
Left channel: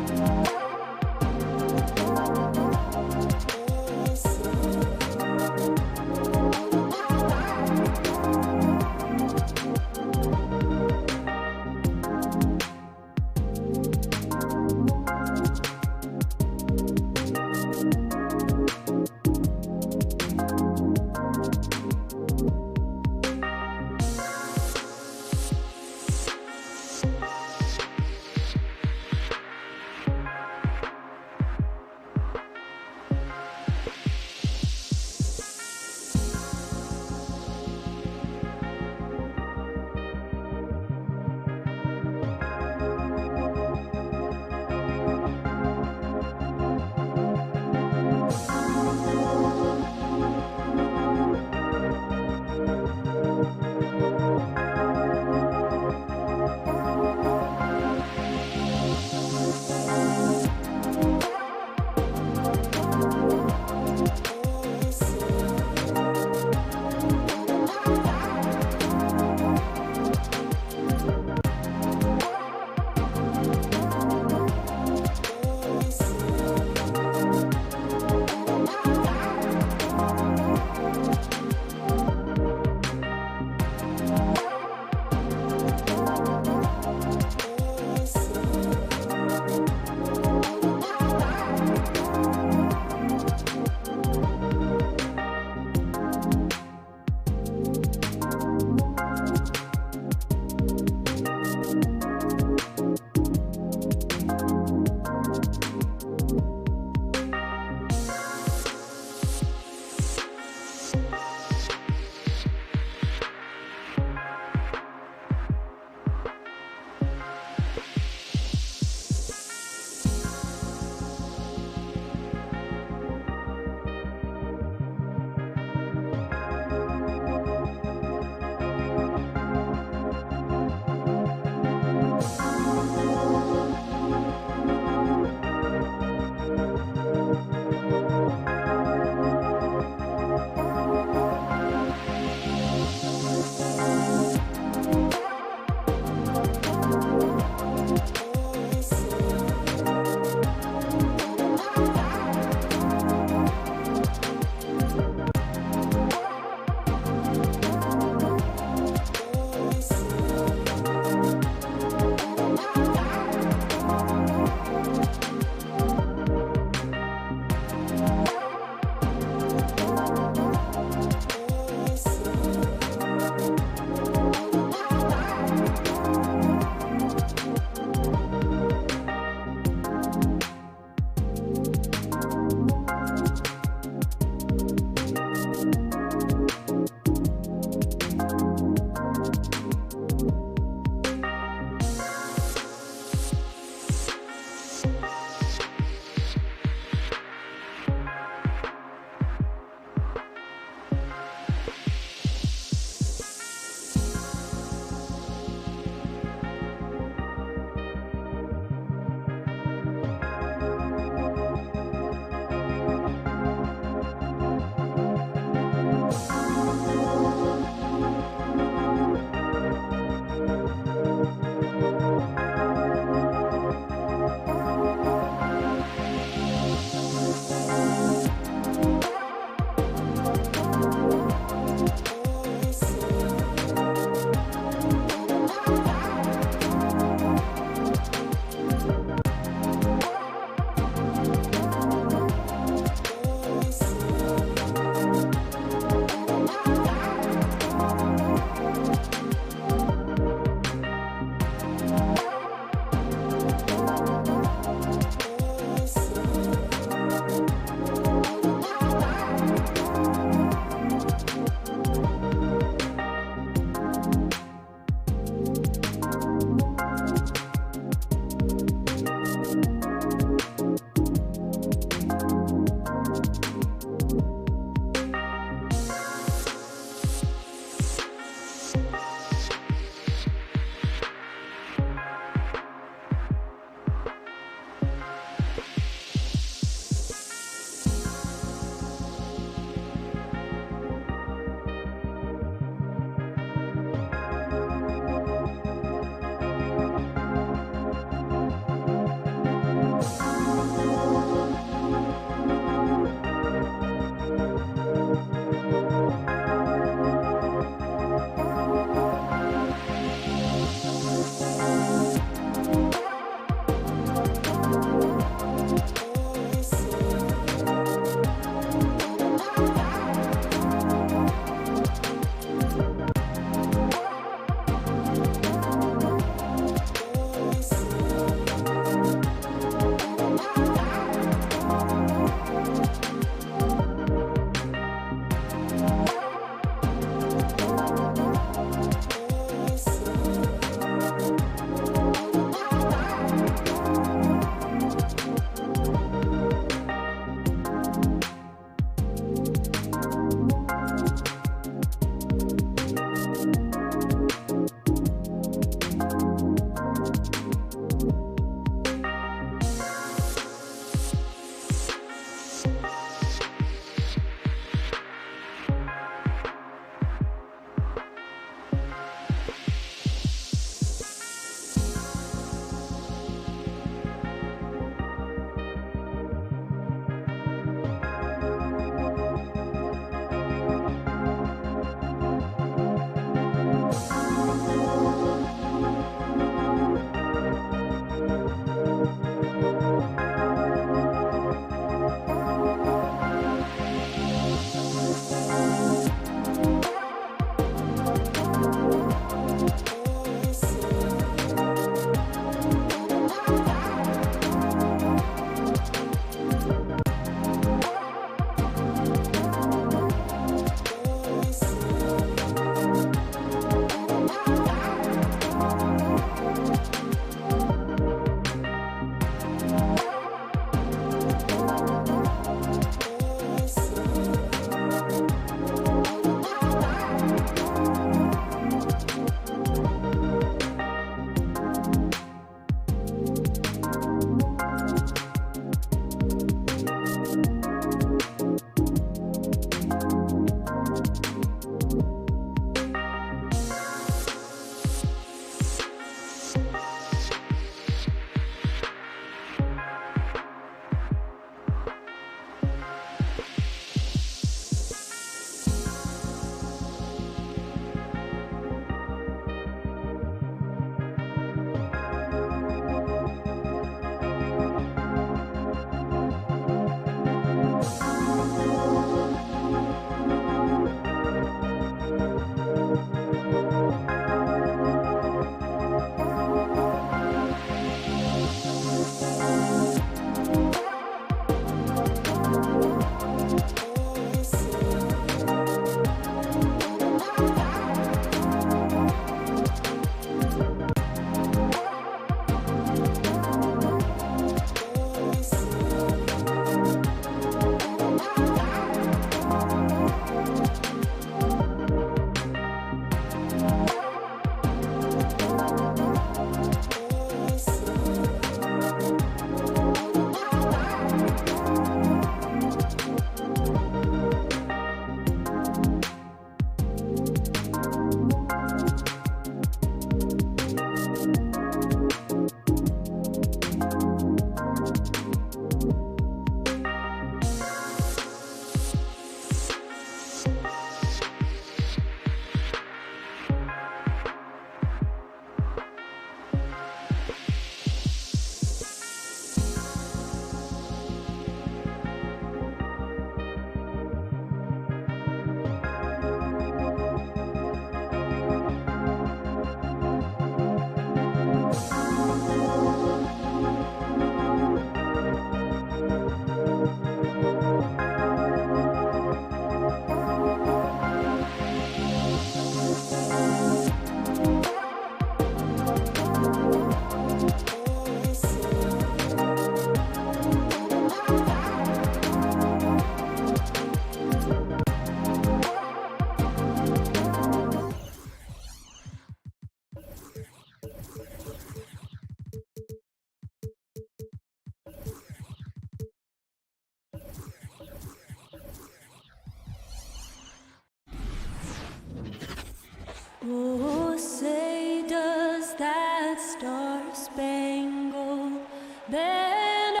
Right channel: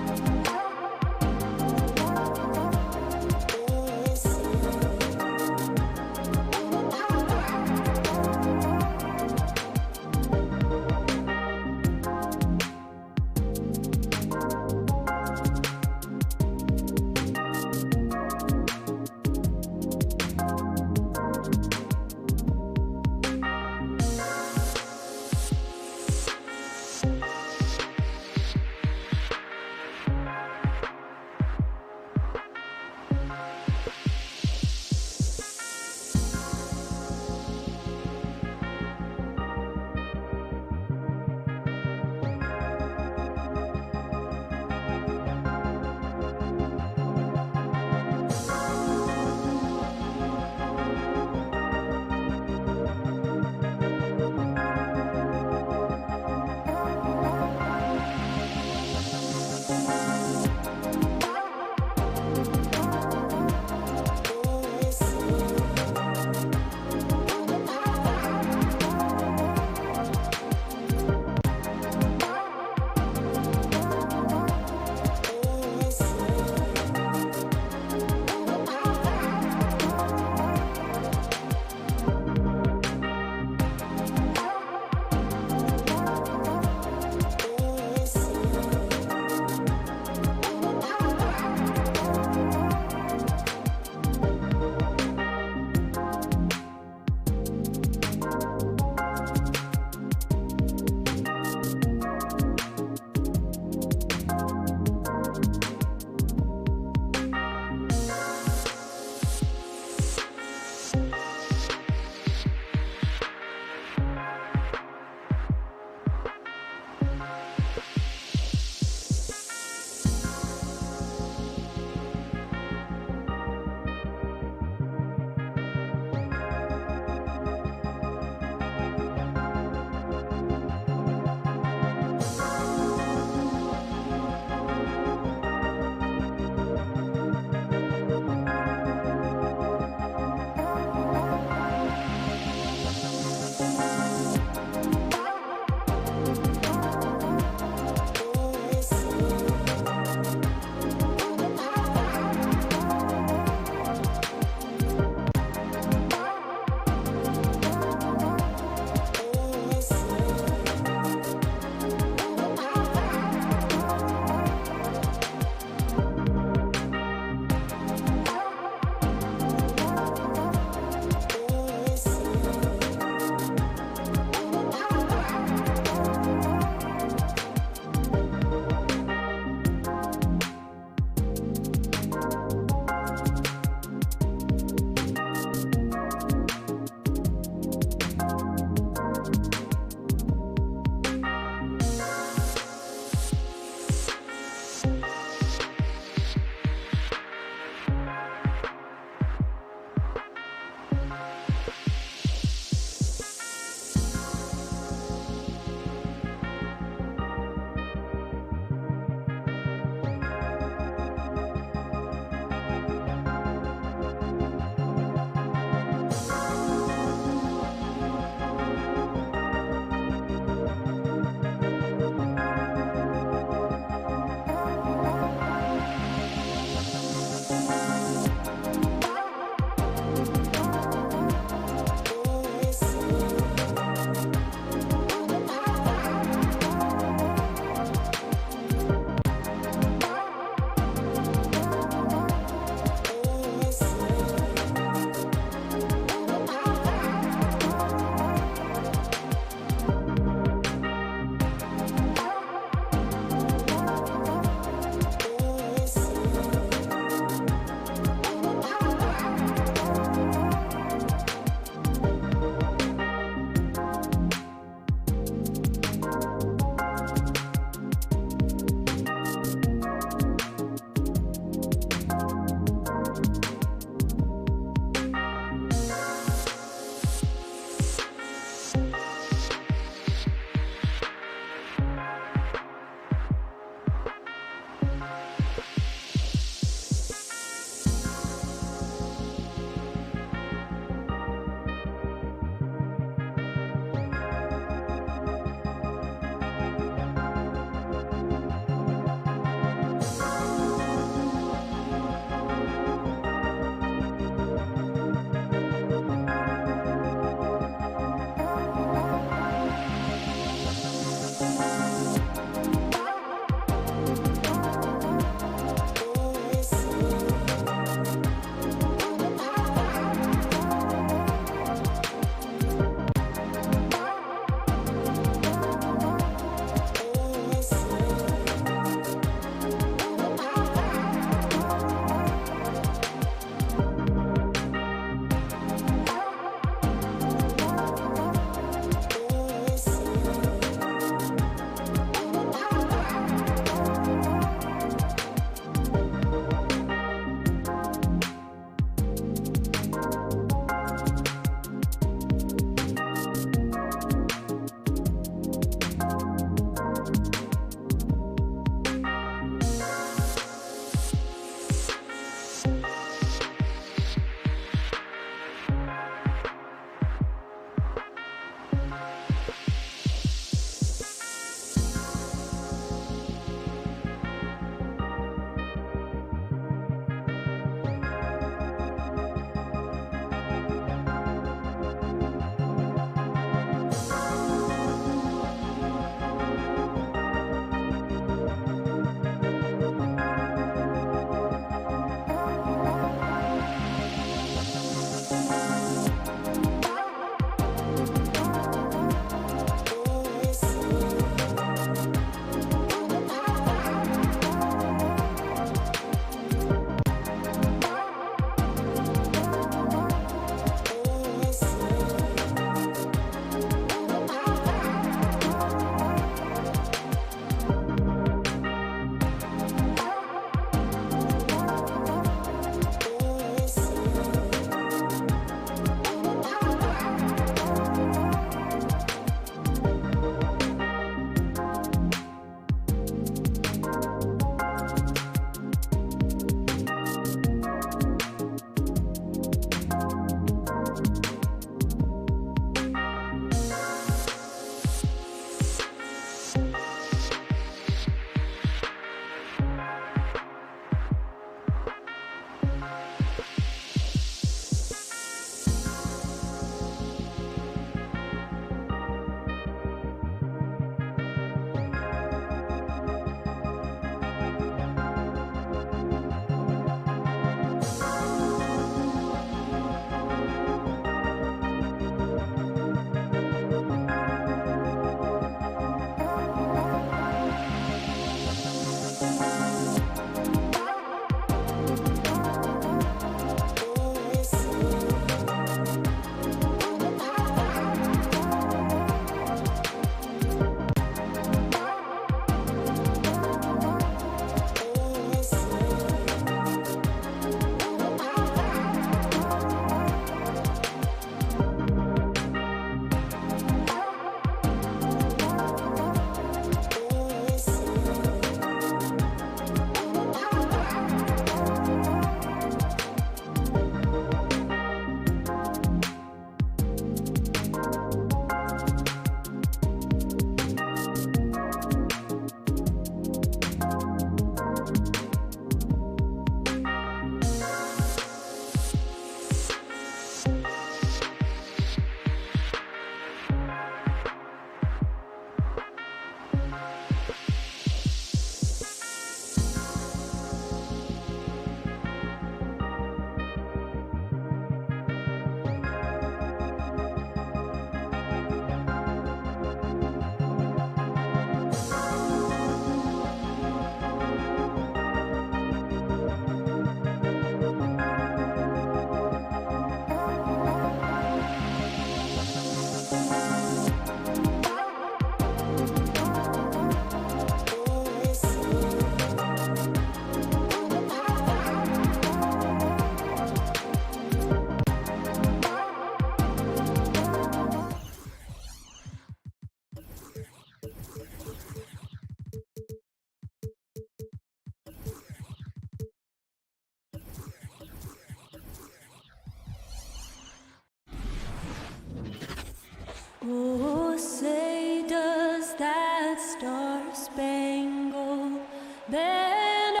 Oh, say does that star-spangled banner.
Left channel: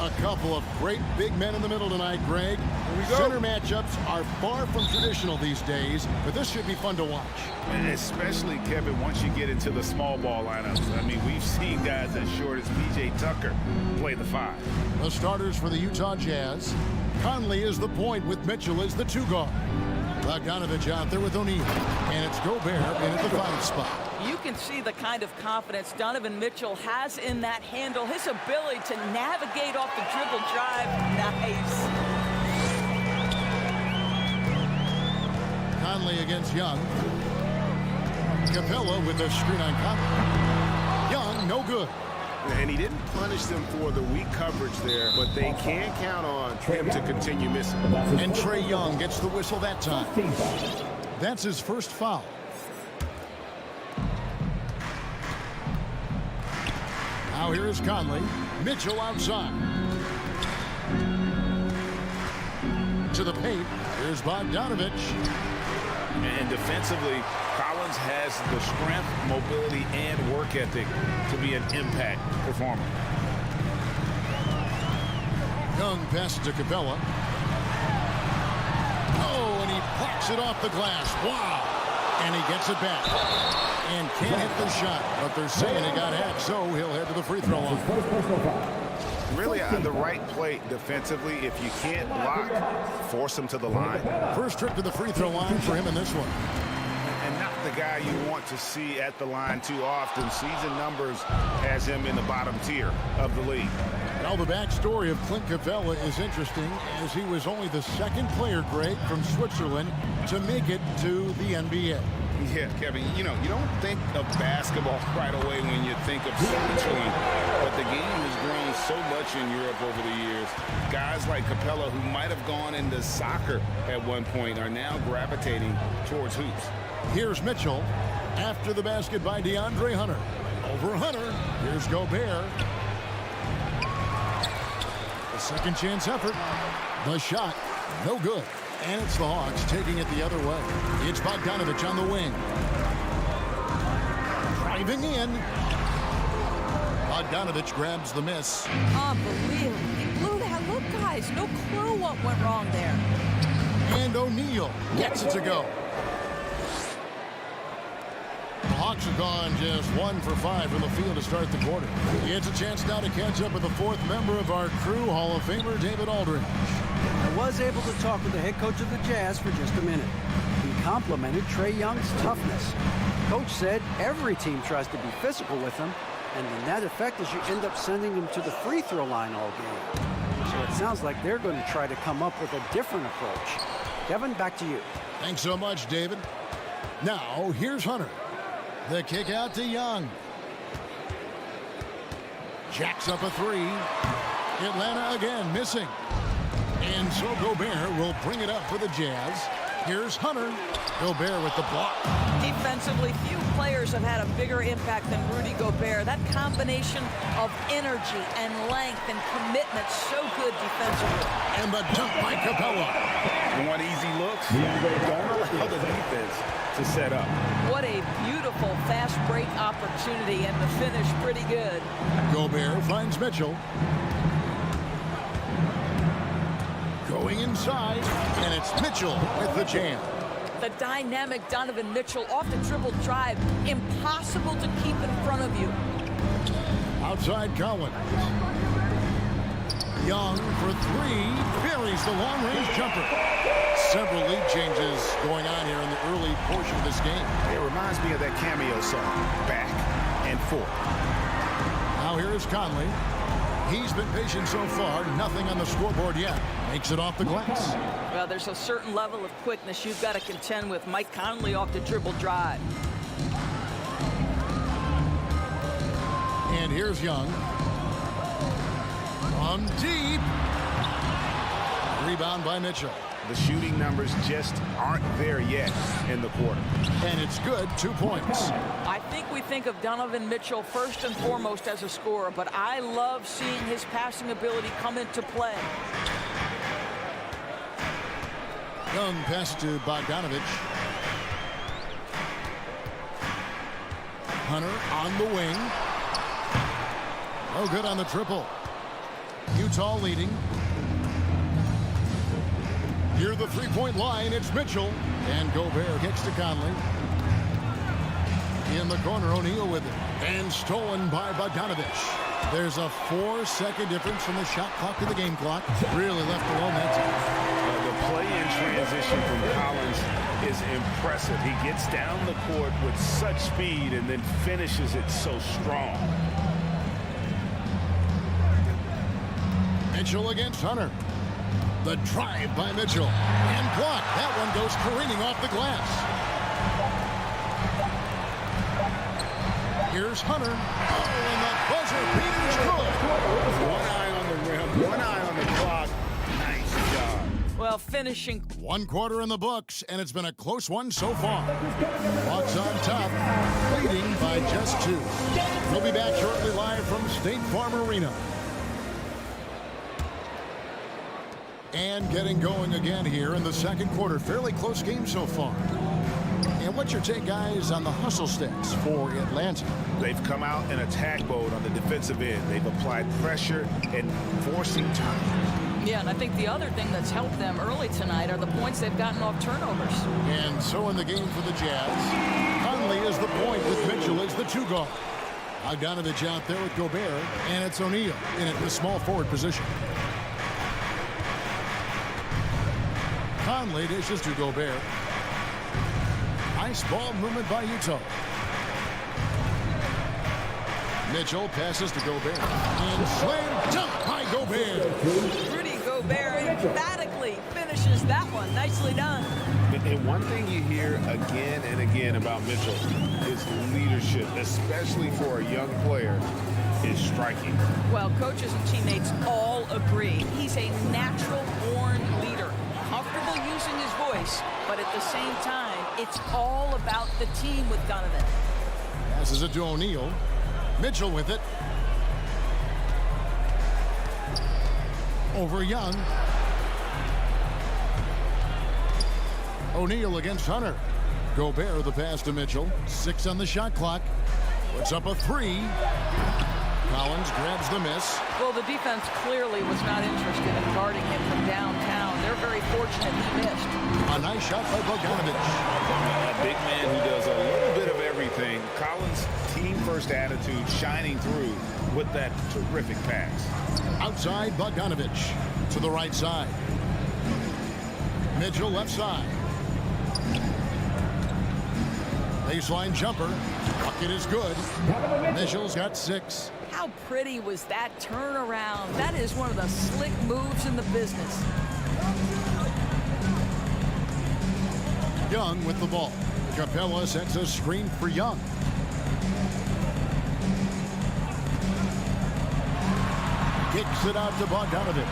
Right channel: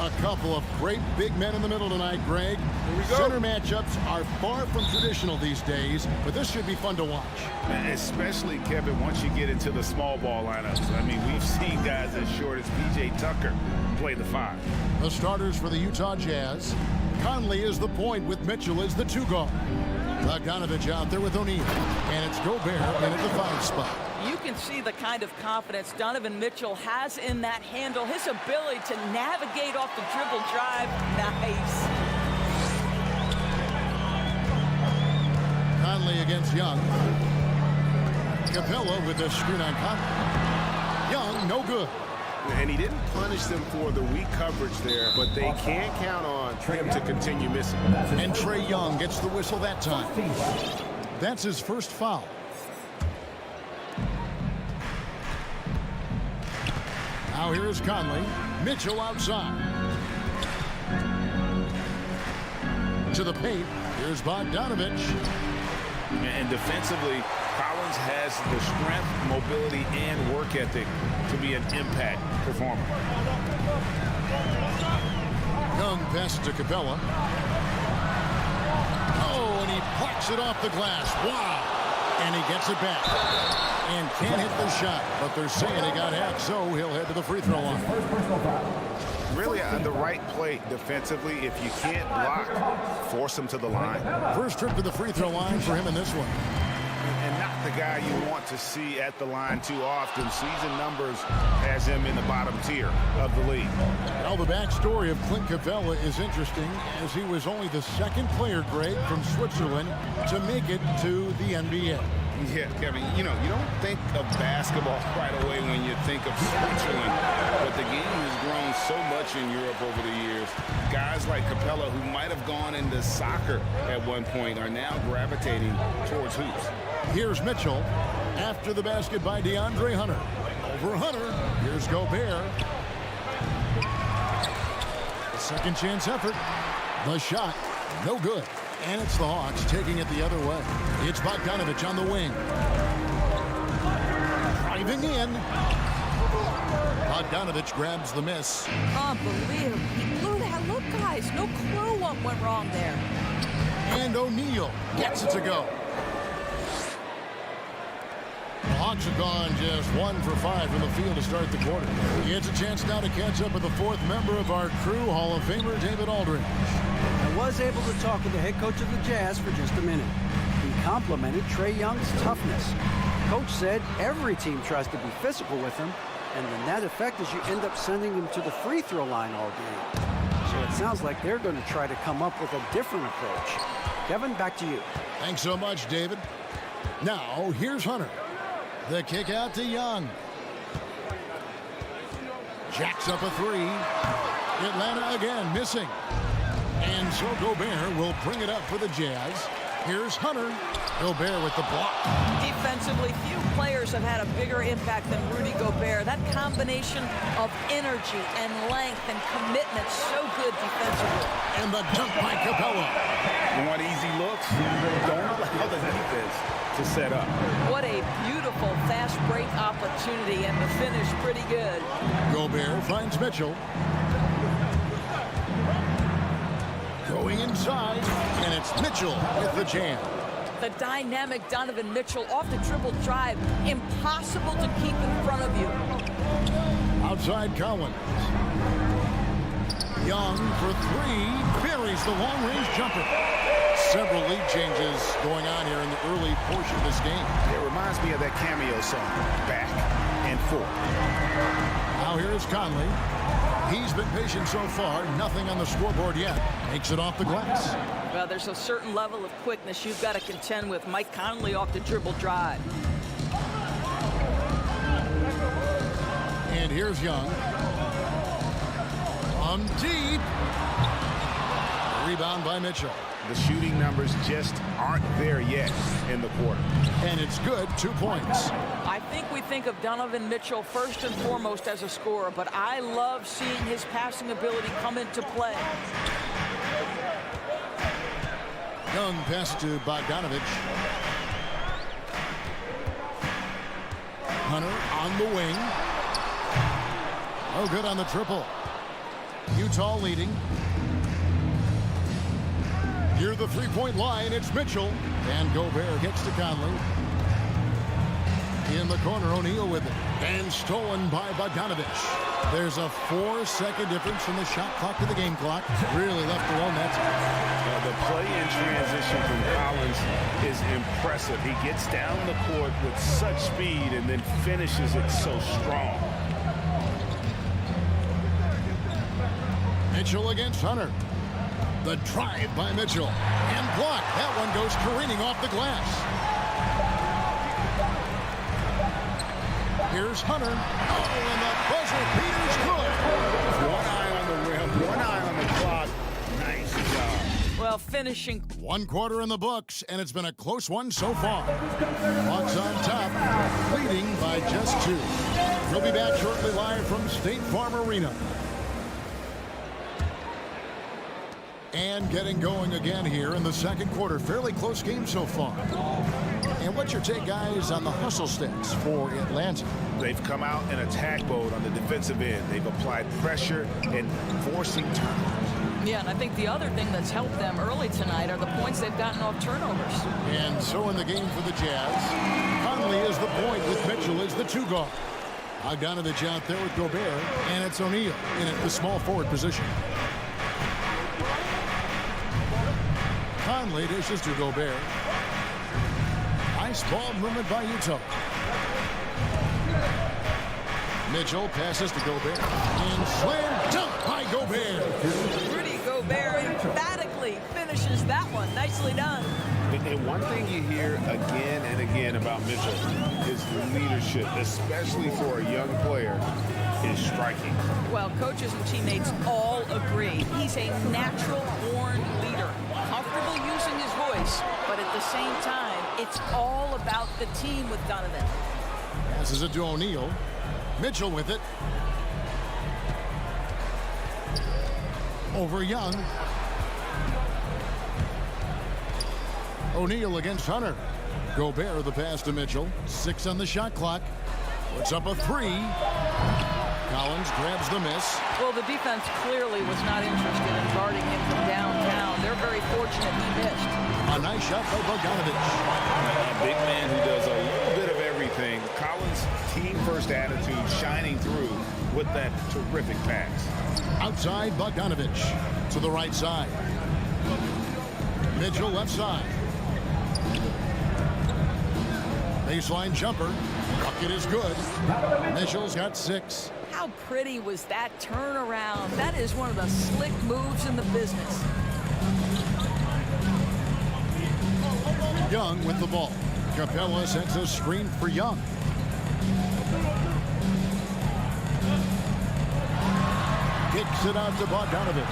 A couple of great big men in the middle tonight, Greg. Here we go. Center matchups are far from traditional these days, but this should be fun to watch. And especially, Kevin, once you get into the small ball lineups. I mean, we've seen guys as short as P.J. Tucker play the 5. The starters for the Utah Jazz. Conley is the point with Mitchell as the 2 guard. Bogdanovich out there with O'Neal. And it's Gobert in at the 5 spot. You can see the kind of confidence Donovan Mitchell has in that handle. His ability to navigate off the dribble drive. Nice. Conley against Young. Capella with the screen on Conley. Young, no good. And he didn't punish them for the weak coverage there, but they can count on him to continue missing. And Trae Young gets the whistle that time. That's his first foul. Now here is Conley. Mitchell outside. To the paint. Here's Bogdanovich. And defensively, Collins has the strength, mobility, and work ethic to be an impact performer. Young passes to Capella. Oh, and he plucks it off the glass. Wow. And he gets it back. And can't hit the shot, but they're saying he got hacked, so he'll head to the free throw line. Really on the right play defensively. If you can't block, force him to the line. First trip to the free throw line for him in this one. And not the guy you want to see at the line too often. Season numbers has him in the bottom tier of the league. Well, the backstory of Clint Capella is interesting, as he was only the 2nd player, Greg, from Switzerland to make it to the NBA. Yeah, Kevin, you know, you don't think of basketball right away when you think of Switzerland, but the game has grown so much in Europe over the years. Guys like Capella, who might have gone into soccer at one point, are now gravitating towards hoops. Here's Mitchell after the basket by DeAndre Hunter. Over Hunter. Here's Gobert. The second chance effort. The shot. No good. And it's the Hawks taking it the other way. It's Bogdanovich on the wing. Driving in. Bogdanovich grabs the miss. Unbelievable. He blew that. Look, guys, no clue what went wrong there. And O'Neal gets it to go. The Hawks have gone just 1 for 5 from the field to start the quarter. He gets a chance now to catch up with the 4th member of our crew, Hall of Famer David Aldridge. I was able to talk with the head coach of the Jazz for just a minute. He complimented Trae Young's toughness. Coach said every team tries to be physical with him, and the net effect is you end up sending him to the free throw line all game. So it sounds like they're going to try to come up with a different approach. Kevin, back to you. Thanks so much, David. Now, here's Hunter. The kick out to Young. Jacks up a 3. Atlanta again missing. And so Gobert will bring it up for the Jazz. Here's Hunter. Gobert with the block. Defensively, few players have had a bigger impact than Rudy Gobert. That combination of energy and length and commitment, so good defensively. And the dunk by Capella. You want easy looks? Don't allow the defense to set up. What a beautiful fast break opportunity, and the finish pretty good. Gobert finds Mitchell. Going inside, and it's Mitchell with the jam. The dynamic Donovan Mitchell off the dribble drive. Impossible to keep in front of you. Outside Collins. Young for 3. Buries the long-range jumper. Several lead changes going on here in the early portion of this game. It reminds me of that cameo song, Back and Forth. Now here is Conley. He's been patient so far. Nothing on the scoreboard yet. Makes it off the glass. Well, there's a certain level of quickness you've got to contend with. Mike Conley off the dribble drive. And here's Young. From deep. Rebound by Mitchell. The shooting numbers just aren't there yet in the quarter. And it's good. 2 points. I think we think of Donovan Mitchell first and foremost as a scorer, but I love seeing his passing ability come into play. Young pass to Bogdanovich. Hunter on the wing. Oh, good on the triple. Utah leading. Near the three-point line, it's Mitchell. And Gobert kicks to Conley. In the corner, O'Neal with it. And stolen by Bogdanovich. There's a 4-second difference from the shot clock to the game clock. Really left alone that time. The play in transition from Collins is impressive. He gets down the court with such speed and then finishes it so strong. Mitchell against Hunter. The drive by Mitchell. And blocked. That one goes careening off the glass. Here's Hunter. Oh, and the buzzer beater's good. One eye on the rim, one eye on the clock. Nice job. Well, finishing. 1 quarter in the books, and it's been a close one so far. Hawks on top, leading by just 2. We'll be back shortly live from State Farm Arena. And getting going again here in the second quarter. Fairly close game so far. And what's your take, guys, on the hustle stats for Atlanta? They've come out in attack mode on the defensive end. They've applied pressure and forcing turnovers. Yeah, and I think the other thing that's helped them early tonight are the points they've gotten off turnovers. And so in the game for the Jazz, Conley is the point with Mitchell as the 2 guard. Bogdanovich out there with Gobert, and it's O'Neal in at the small forward position. Conley dishes to Gobert. Nice ball movement by Utah. Mitchell passes to Gobert. And slam dunk by Gobert. Rudy Gobert emphatically finishes that one. Nicely done. And one thing you hear again and again about Mitchell is leadership, especially for a young player, is striking. Well, coaches and teammates all agree. He's a natural-born leader. Comfortable using his voice, but at the same time, it's all about the team with Donovan. Passes it to O'Neal. Mitchell with it. Over Young. O'Neal against Hunter. Gobert the pass to Mitchell. 6 on the shot clock. Puts up a 3. Collins grabs the miss. Well, the defense clearly was not interested in guarding him from downtown. They're very fortunate he missed. A nice shot by Bogdanovich. A big man who does a little bit of everything. Collins' team-first attitude shining through with that terrific pass. Outside, Bogdanovich to the right side. Mitchell left side. Baseline jumper. Bucket is good. Mitchell's got 6. How pretty was that turnaround? That is one of the slick moves in the business. Young with the ball. Capella sets a screen for Young. Kicks it out to Bogdanovich.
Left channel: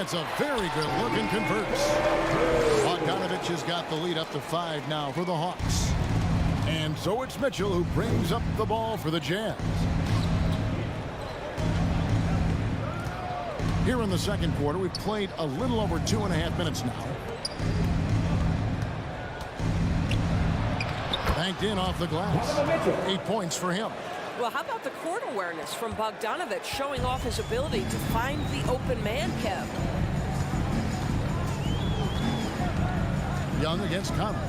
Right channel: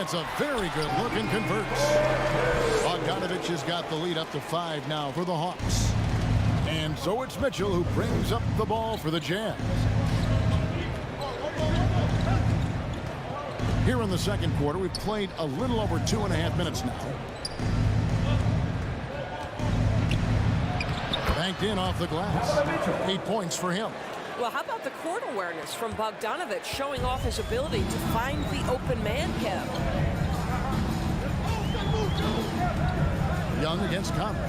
It's a very good look and converts. Bogdanovich has got the lead up to 5 now for the Hawks. And so it's Mitchell who brings up the ball for the Jazz. Here in the second quarter, we've played a little over 2.5 minutes now. Banked in off the glass. 8 points for him. Well, how about the court awareness from Bogdanovich showing off his ability to find the open man, Kev? Young against Conley.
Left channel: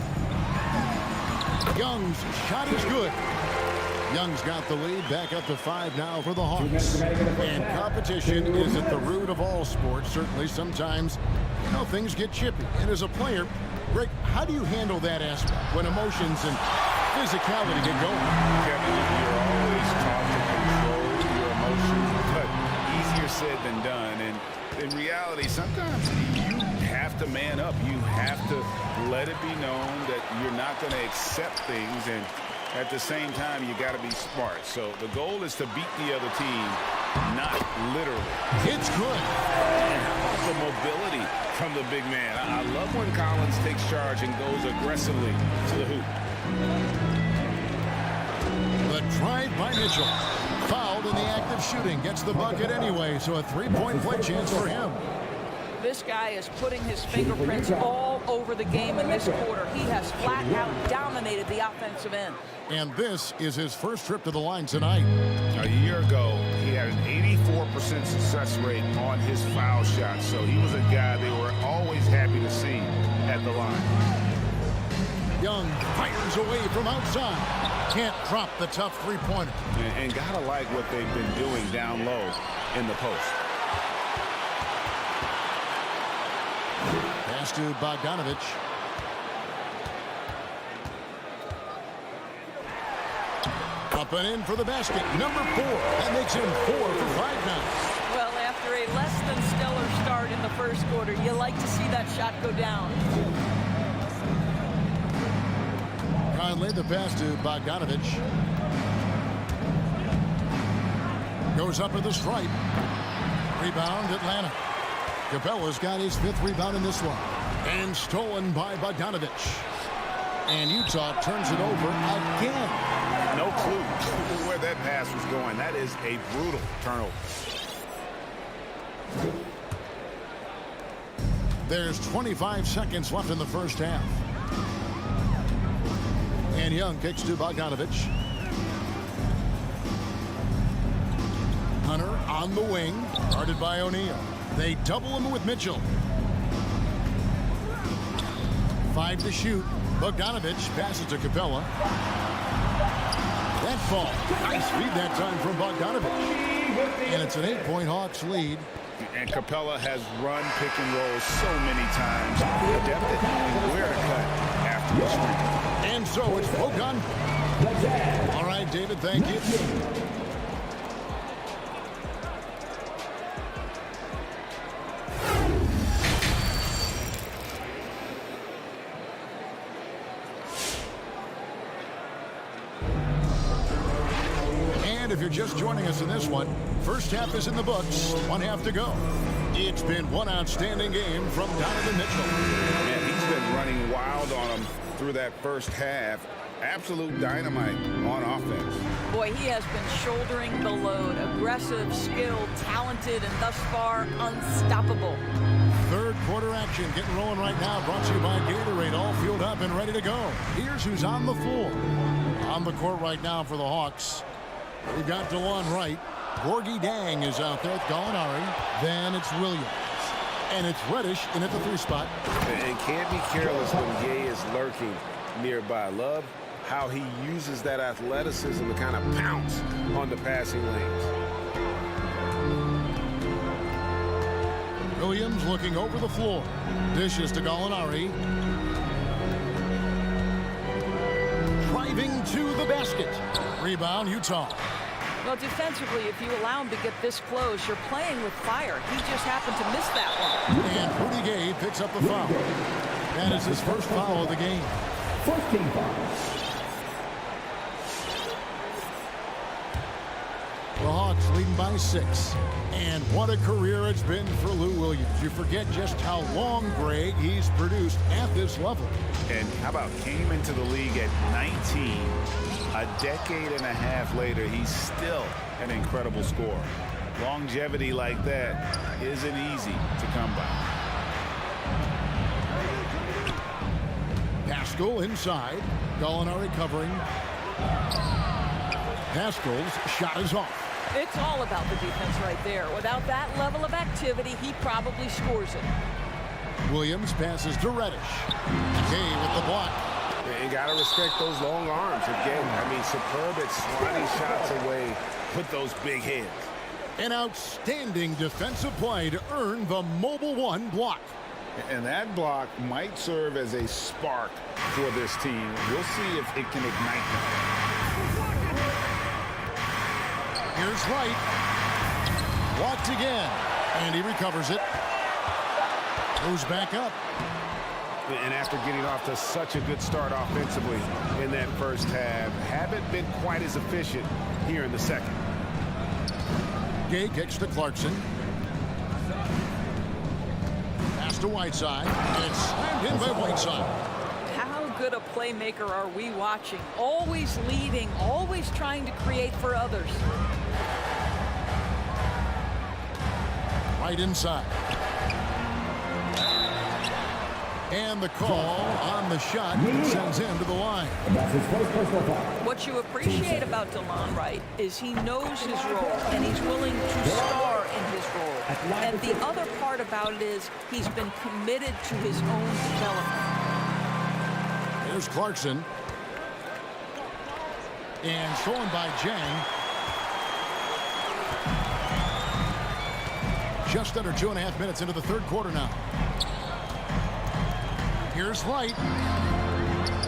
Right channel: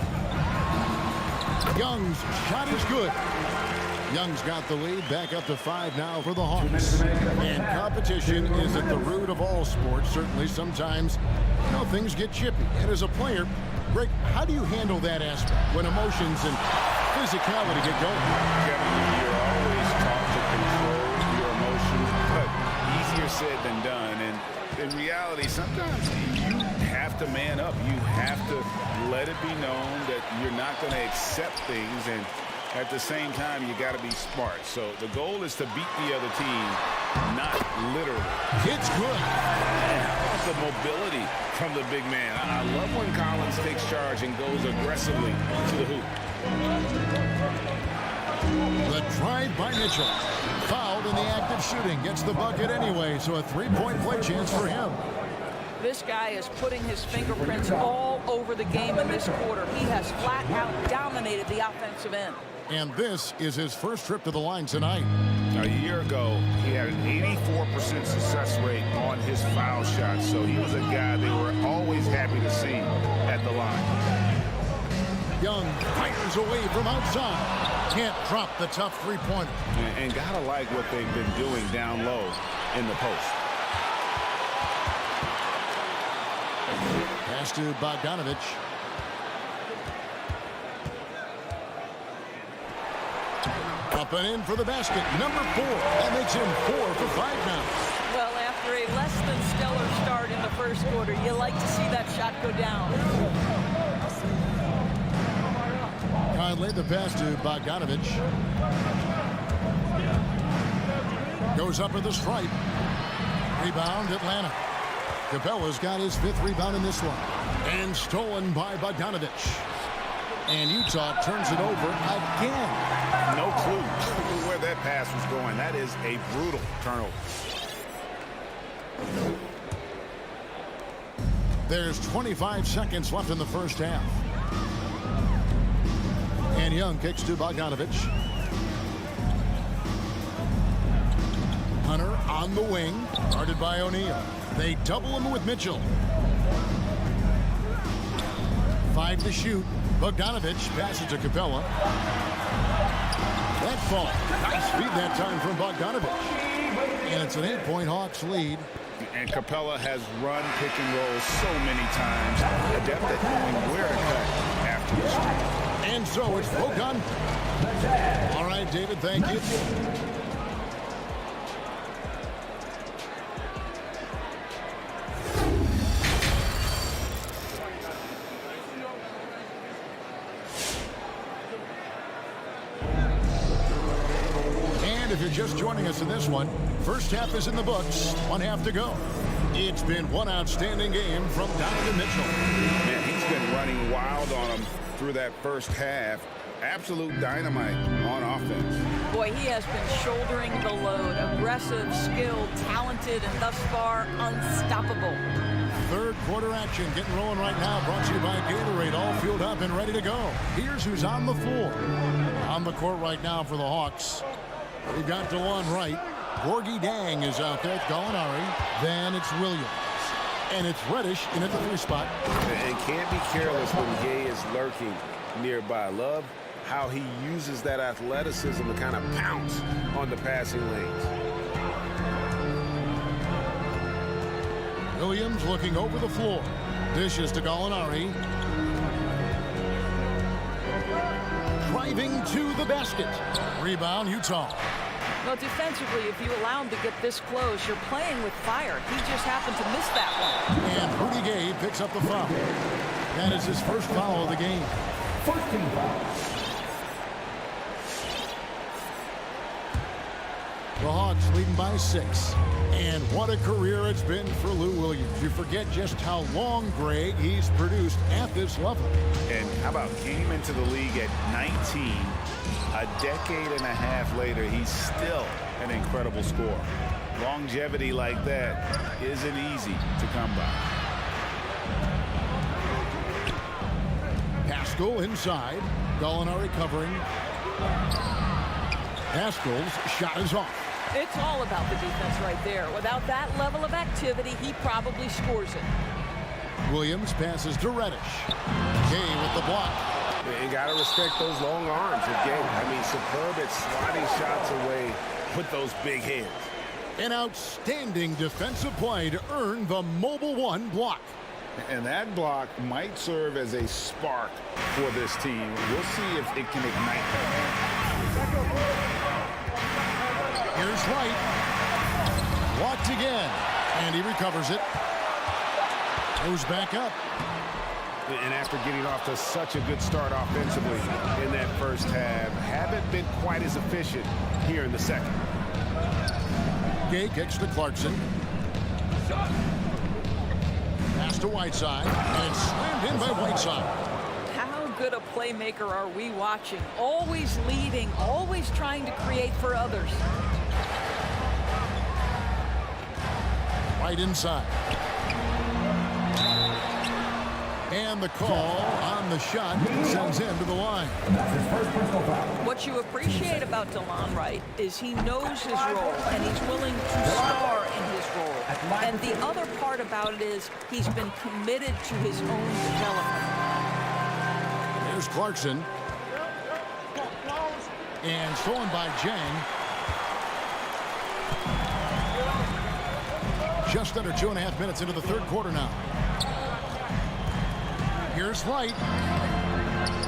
Young's shot is good. Young's got the lead, back up to 5 now for the Hawks. And competition is at the root of all sports. Certainly sometimes, things get chippy. And as a player, Greg, how do you handle that aspect when emotions and physicality get going? Kevin, you're always taught to control your emotions, but easier said than done. And in reality, sometimes you have to man up. You have to let it be known that you're not going to accept things, and at the same time, you got to be smart. So the goal is to beat the other team, not literally. It's good. And how about the mobility from the big man? I love when Collins takes charge and goes aggressively to the hoop. The drive by Mitchell. Fouled in the act of shooting. Gets the bucket anyway, so a three-point play chance for him. This guy is putting his fingerprints all over the game in this quarter. He has flat out dominated the offensive end. And this is his first trip to the line tonight. A year ago, he had an 84% success rate on his foul shots, so he was a guy they were always happy to see at the line. Young fires away from outside. Can't drop the tough three-pointer. And gotta like what they've been doing down low in the post. Pass to Bogdanovich. Up and in for the basket. Number 4. That makes him 4 for 5 now. Well, after a less than stellar start in the first quarter, you like to see that shot go down. Conley, the pass to Bogdanovich. Goes up at the stripe. Rebound, Atlanta. Capella's got his 5th rebound in this one. And stolen by Bogdanovich. And Utah turns it over again. No clue where that pass was going. That is a brutal turnover. There's 25 seconds left in the first half. And Young kicks to Bogdanovich. Hunter on the wing, guarded by O'Neal. They double him with Mitchell. 5 to shoot. Bogdanovich passes to Capella. That fall. Nice feed that time from Bogdanovich. And it's an 8-point Hawks lead. And Capella has run pick and roll so many times. Adept at knowing where to cut after the screen. And so it's Bogdan. All right, David, thank you. And if you're just joining us in this one, first half is in the books, 1 half to go. It's been one outstanding game from Donovan Mitchell. Man, he's been running wild on him through that first half. Absolute dynamite on offense. Boy, he has been shouldering the load. Aggressive, skilled, talented, and thus far unstoppable. Third quarter action getting rolling right now, brought to you by Gatorade, all fueled up and ready to go. Here's who's on the floor. On the court right now for the Hawks. We've got DeJuan Wright. Gorgie Dang is out there with Gallinari. Then it's Williams. And it's Reddish in at the 3 spot. And can't be careless when Gay is lurking nearby. Love how he uses that athleticism to kind of pounce on the passing lanes. Williams looking over the floor. Dishes to Gallinari. Driving to the basket. Rebound, Utah. Well, defensively, if you allow him to get this close, you're playing with fire. He just happened to miss that one. And Rudy Gay picks up the foul. That is his first foul of the game. 14 fouls. The Hawks leading by 6. And what a career it's been for Lou Williams. You forget just how long, Greg, he's produced at this level. And how about came into the league at 19. A decade and a half later, he's still an incredible scorer. Longevity like that isn't easy to come by. Pascal inside. Gallinari covering. Pascal's shot is off. It's all about the defense right there. Without that level of activity, he probably scores it. Williams passes to Reddish. Gay with the block. You got to respect those long arms again. I mean, superb at swatting shots away with those big hands. An outstanding defensive play to earn the Mobile One block. And that block might serve as a spark for this team. We'll see if it can ignite them. Here's Wright. Blocked again. And he recovers it. Goes back up. And after getting off to such a good start offensively in that first half, haven't been quite as efficient here in the second. Gay kicks to Clarkson. Pass to Whiteside. And it's slammed in by Whiteside. How good a playmaker are we watching? Always leading, always trying to create for others. Right inside. And the call on the shot sends him to the line. That's his first personal foul. What you appreciate about DeLon Wright is he knows his role, and he's willing to star in his role. And the other part about it is he's been committed to his own development. Here's Clarkson. And stolen by Jang. Just under 2.5 minutes into the third quarter now. Here's Wright.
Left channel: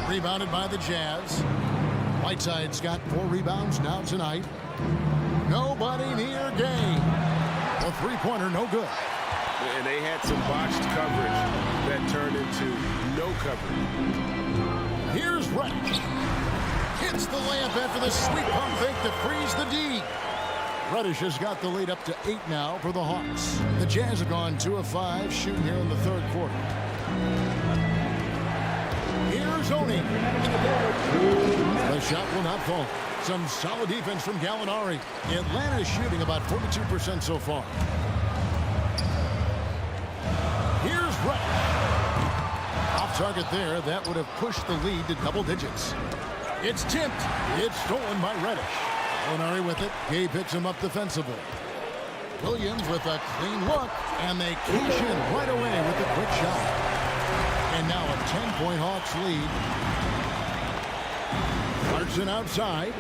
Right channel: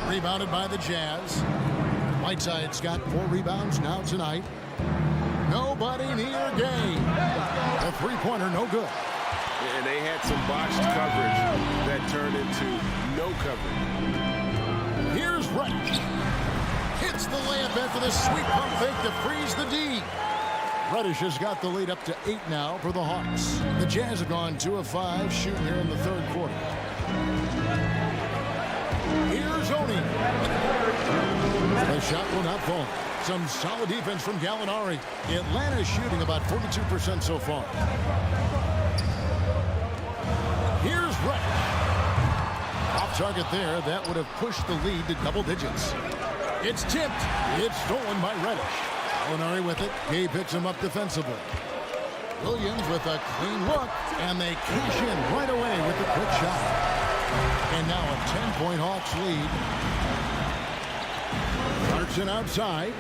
Rebounded by the Jazz. Whiteside's got 4 rebounds now tonight. Nobody near Gay. The three-pointer no good. And they had some botched coverage that turned into no coverage. Here's Reddish. Hits the layup after the sweet pump fake to freeze the D. Reddish has got the lead up to 8 now for the Hawks. The Jazz have gone 2 of 5 shooting here in the third quarter. Here's Oni. The shot will not fall. Some solid defense from Gallinari. Atlanta's shooting about 42% so far. Here's Reddish. Off target there. That would have pushed the lead to double digits. It's tipped. It's stolen by Reddish. Gallinari with it. Gay picks him up defensively. Williams with a clean look. And they cash in right away with the quick shot. And now a 10-point Hawks lead. Clarkson outside.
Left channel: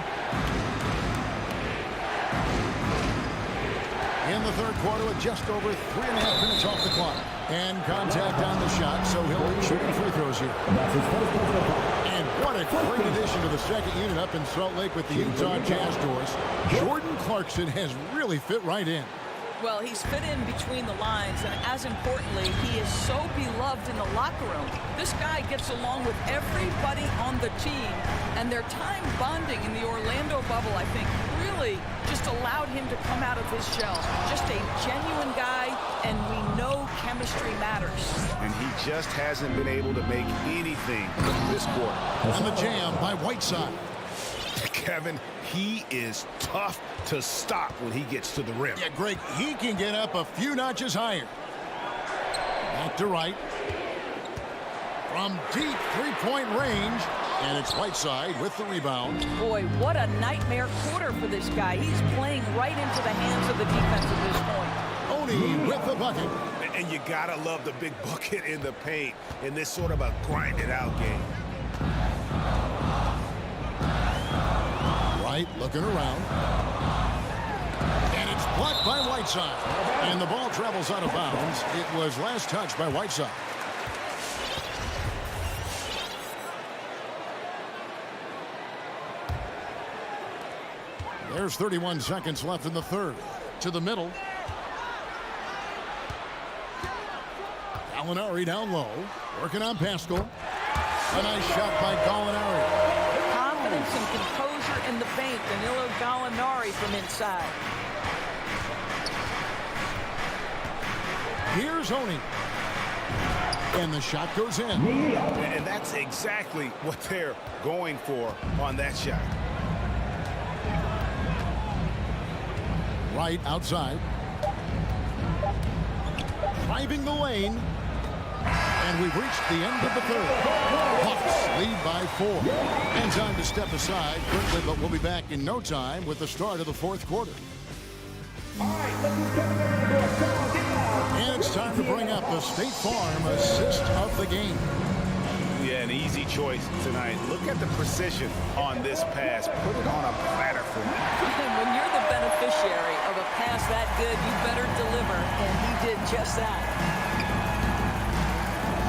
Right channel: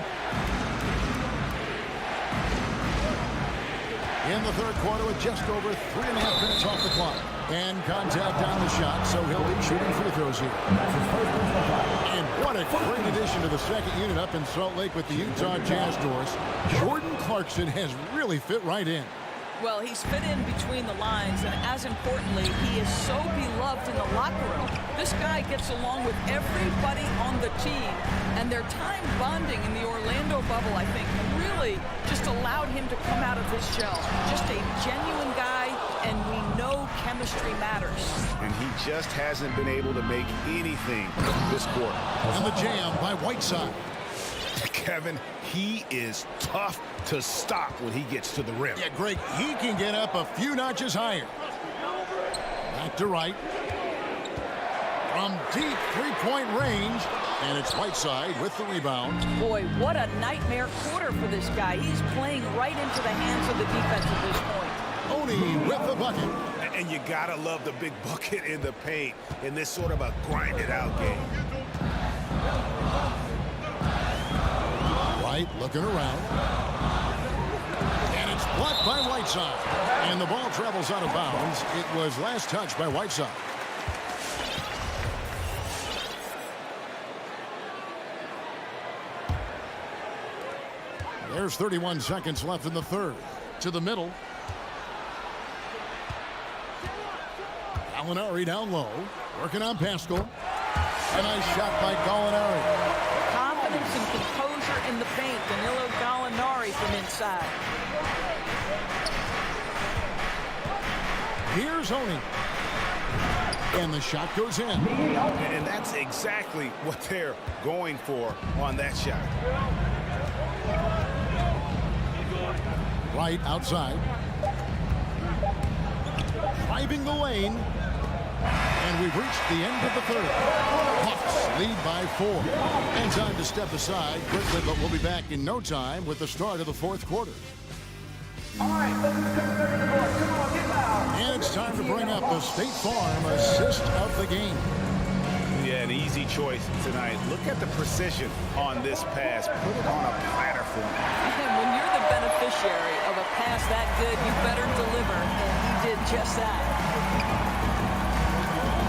In the third quarter with just over 3.5 minutes off the clock. And contact on the shot, so he'll be shooting free throws here. That's his first personal foul. And what a great addition to the second unit up in Salt Lake with the Utah Jazz doors. Jordan Clarkson has really fit right in. Well, he's fit in between the lines, and as importantly, he is so beloved in the locker room. This guy gets along with everybody on the team, and their time bonding in the Orlando bubble, I think, really just allowed him to come out of his shell. Just a genuine guy, and we know chemistry matters. And he just hasn't been able to make anything this quarter. And the jam by Whiteside. Kevin, he is tough to stop when he gets to the rim. Yeah, Greg, he can get up a few notches higher. Back to Wright. From deep three-point range. And it's Whiteside with the rebound. Boy, what a nightmare quarter for this guy. He's playing right into the hands of the defense at this point. Oni with the bucket. And you gotta love the big bucket in the paint in this sort of a grinded-out game. Wright looking around. And it's blocked by Whiteside. And the ball travels out of bounds. It was last touched by Whiteside. There's 31 seconds left in the third. To the middle. Gallinari down low. Working on Pascal. A nice shot by Gallinari. Confidence and composure in the paint. Danilo Gallinari from inside. Here's Oni. And the shot goes in. And that's exactly what they're going for on that shot. Wright outside. Driving the lane. And we've reached the end of the third. Hawks lead by 4. And time to step aside quickly, but we'll be back in no time with the start of the fourth quarter. All right, let's just get them in the door. Come on, get loud. And it's time to bring up the State Farm assist of the game. Yeah, an easy choice tonight. Look at the precision on this pass. Put it on a platter for him. And when you're the beneficiary of a pass that good, you better deliver, and he did just that.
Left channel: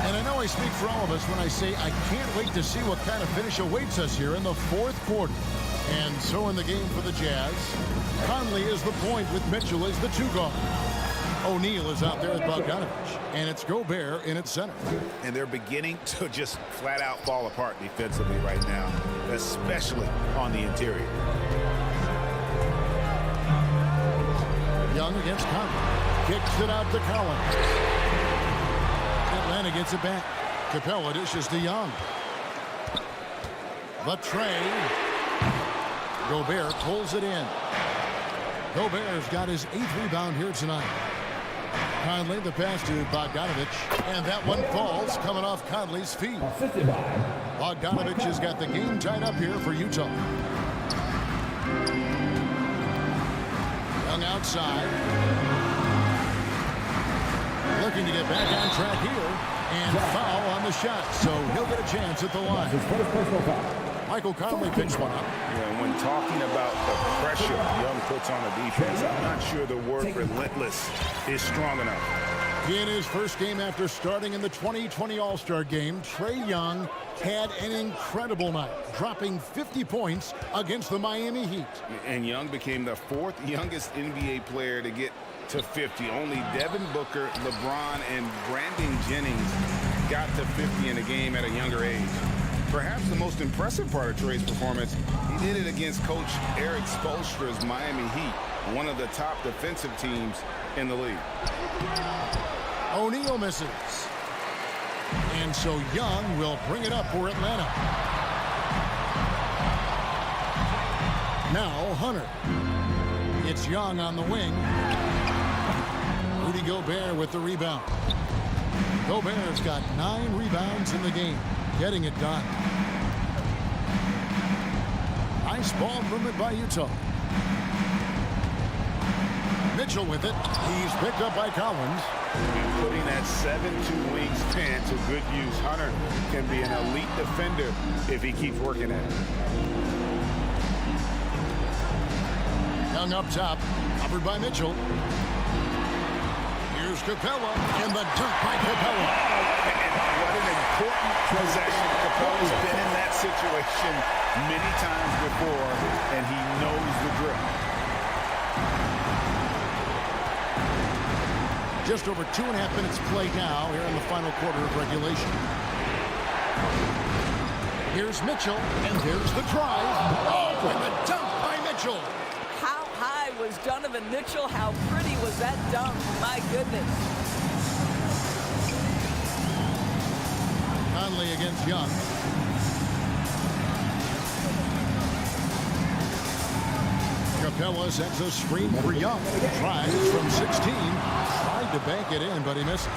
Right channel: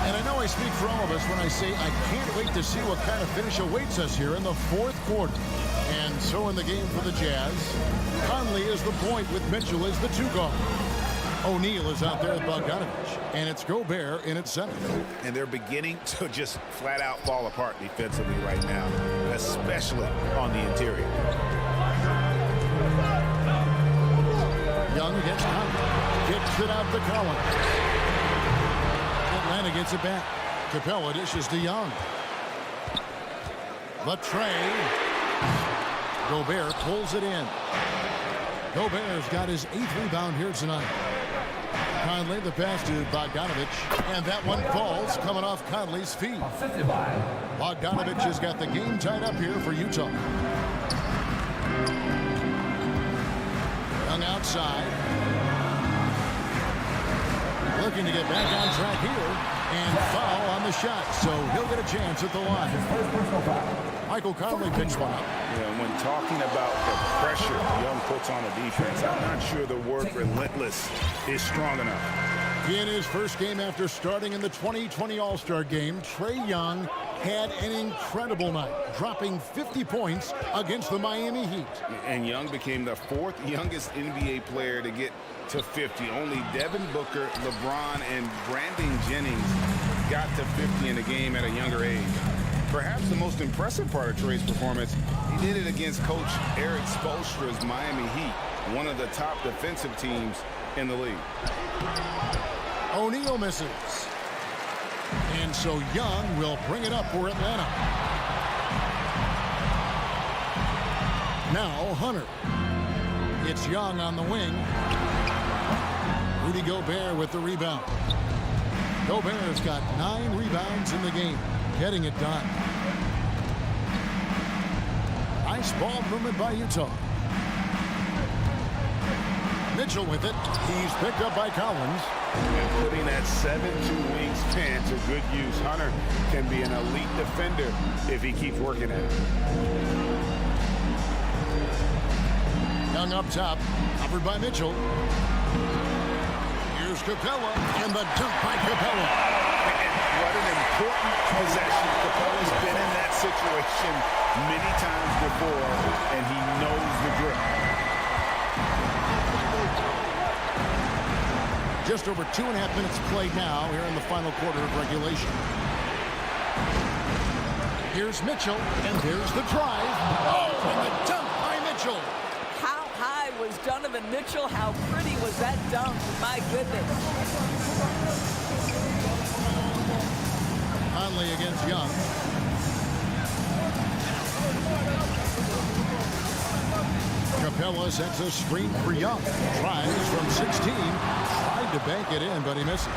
And I know I speak for all of us when I say I can't wait to see what kind of finish awaits us here in the fourth quarter. And so in the game for the Jazz, Conley is the point with Mitchell as the 2 guard. O'Neal is out there with Bogdanovich, and it's Gobert in its center. And they're beginning to just flat out fall apart defensively right now, especially on the interior. Young against Conley. Kicks it out to Collins. Atlanta gets it back. Capella dishes to Young. The tray. Gobert pulls it in. Gobert's got his 8th rebound here tonight. Conley, the pass to Bogdanovich, and that one falls coming off Conley's feet. Bogdanovich has got the game tied up here for Utah. Young outside. Looking to get back on track here, and foul on the shot, so he'll get a chance at the line. Michael Conley picks one up. Yeah, when talking about the pressure Young puts on the defense, I'm not sure the word relentless is strong enough. In his first game after starting in the 2020 All-Star game, Trae Young had an incredible night, dropping 50 points against the Miami Heat. And Young became the fourth youngest NBA player to get to 50. Only Devin Booker, LeBron, and Brandon Jennings got to 50 in a game at a younger age. Perhaps the most impressive part of Trae's performance, he did it against Coach Eric Spoelstra's Miami Heat, one of the top defensive teams in the league. O'Neal misses. And so Young will bring it up for Atlanta. Now Hunter. It's Young on the wing. Rudy Gobert with the rebound. Gobert's got 9 rebounds in the game, getting it done. Nice ball movement by Utah. Mitchell with it. He's picked up by Collins. And putting that 7-2 wingspan to good use. Hunter can be an elite defender if he keeps working at it. Young up top, covered by Mitchell. Here's Capella, and the dunk by Capella. And what an important possession. Capella's been in that situation many times before, and he knows the drill. Just over 2.5 minutes played now here in the final quarter of regulation. Here's Mitchell, and there's the drive. Oh, and the dunk by Mitchell. How high was Donovan Mitchell? How pretty was that dunk? My goodness. Conley against Young. Capella sets a screen for Young. Tries from 16. Tried to bank it in, but he misses.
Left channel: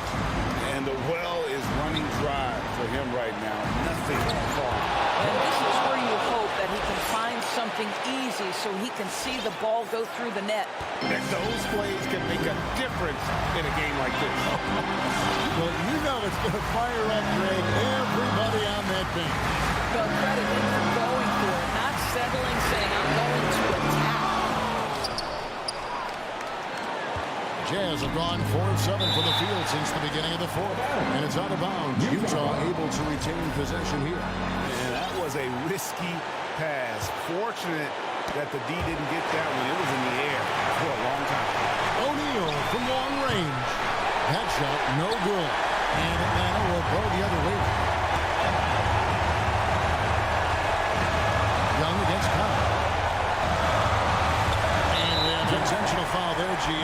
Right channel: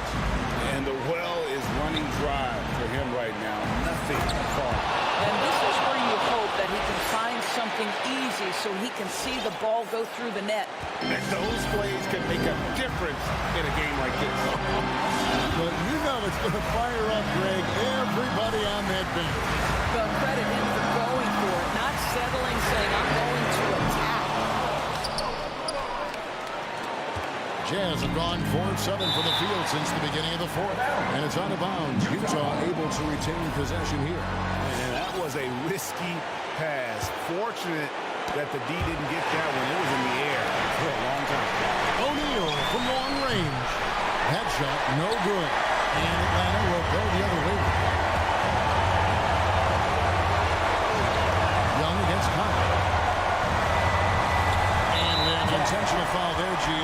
And the well is running dry for him right now. Nothing falling. And this is where you hope that he can find something easy so he can see the ball go through the net. That those plays can make a difference in a game like this. Well, you know it's going to fire up, Greg, everybody on that bench. Well, credit him for going for it, not settling, saying, I'm going to attack. Jazz have gone 4 of 7 from the field since the beginning of the fourth. And it's out of bounds. Utah able to retain possession here. And that was a risky pass. Fortunate that the D didn't get that one. It was in the air for a long time. O'Neal from long range. That shot no good. And Atlanta will go the other way. Young against Conley. And we have an intentional foul there, GA.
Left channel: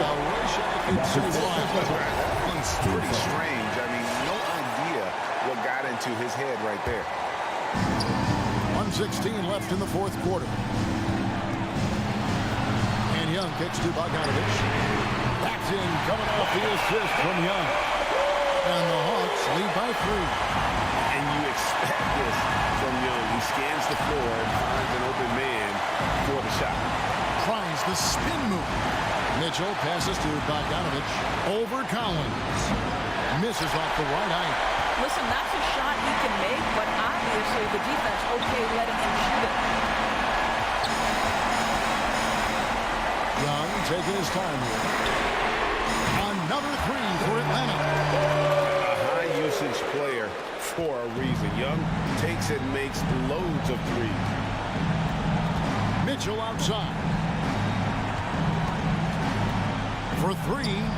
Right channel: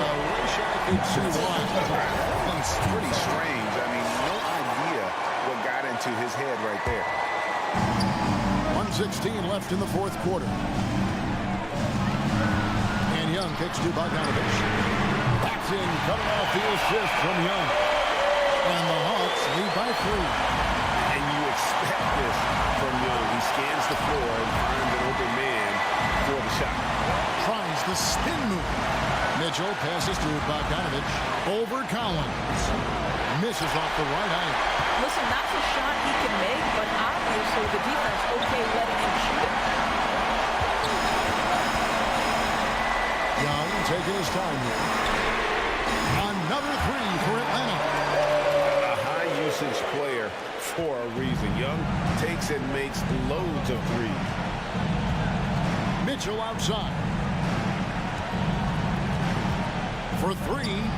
I wish I could see why. That one's pretty strange. I mean, no idea what got into his head right there. 1:16 left in the fourth quarter. And Young kicks to Bogdanovich. That's in, coming off the assist from Young. And the Hawks lead by 3. And you expect this from Young. He scans the floor and finds an open man for the shot. Tries the spin move. Mitchell passes to Bogdanovich. Over Collins. Misses off the right eye. Listen, that's a shot he can make, but obviously the defense okay letting him shoot it. Young taking his time here. Another 3 for Atlanta. A high usage player for a reason. Young takes and makes loads of threes. Mitchell outside. For 3.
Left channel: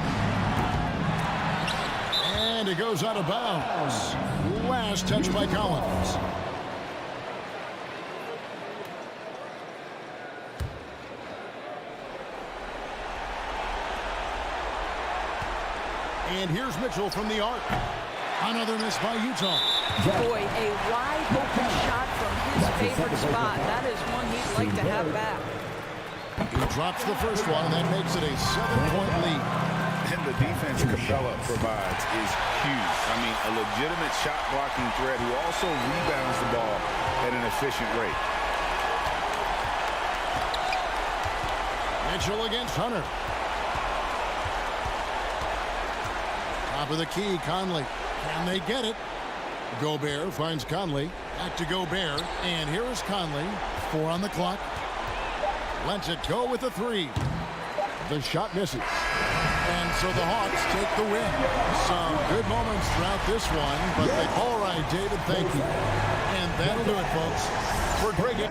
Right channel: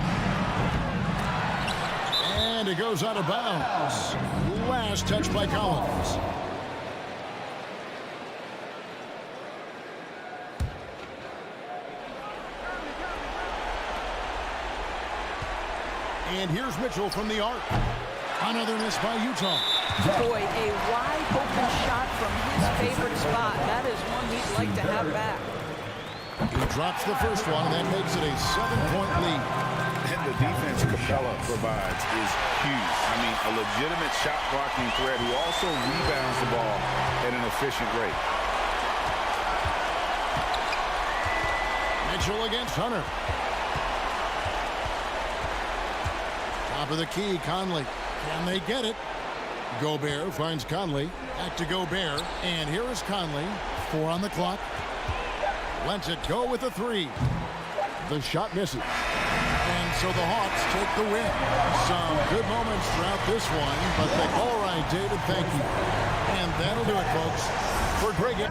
And it goes out of bounds. Last touch by Collins. And here's Mitchell from the arc. Another miss by Utah. Boy, a wide open shot from his favorite spot. That is one he'd like to have back. He drops the first one, and that makes it a 7-point lead. And the defense Capella provides is huge. I mean, a legitimate shot blocking threat who also rebounds the ball at an efficient rate. Mitchell against Hunter. Top of the key, Conley. Can they get it? Gobert finds Conley. Back to Gobert. And here is Conley. 4 on the clock. Lets it go with a 3. The shot misses. And so the Hawks take the win. Some good moments throughout this one, but all right, David, thank you. And that'll do it, folks, for Greg.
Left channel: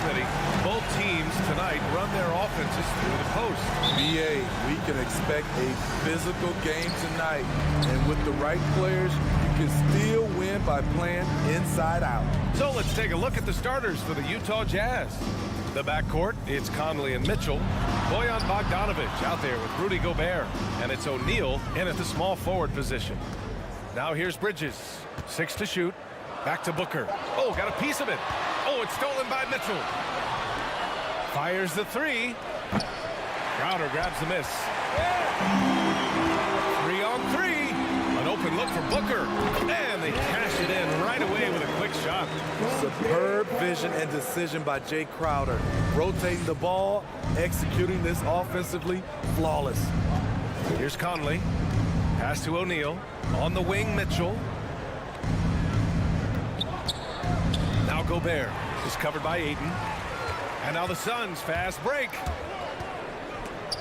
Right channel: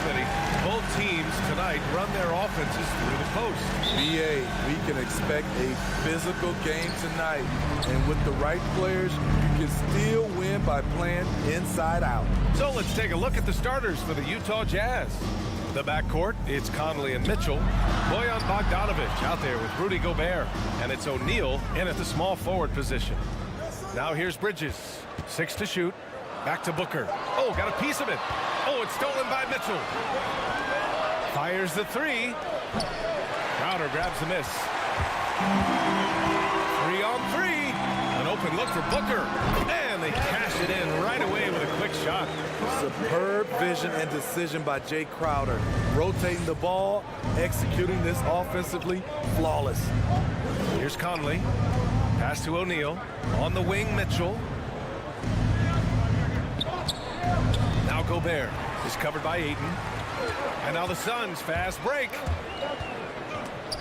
Smitty. Both teams tonight run their offenses through the post. BA, we can expect a physical game tonight. And with the right players, you can still win by playing inside out. So let's take a look at the starters for the Utah Jazz. The backcourt, it's Conley and Mitchell. Bojan Bogdanovic out there with Rudy Gobert. And it's O'Neal in at the small forward position. Now here's Bridges. 6 to shoot. Back to Booker. Oh, got a piece of it. Oh, it's stolen by Mitchell. Fires the 3. Crowder grabs the miss. 3 on 3. An open look for Booker. And they cash it in right away with a quick shot. Superb vision and decision by Jay Crowder. Rotating the ball, executing this offensively, flawless. Here's Conley. Pass to O'Neal. On the wing, Mitchell. Now Gobert is covered by Ayton. And now the Suns fast break.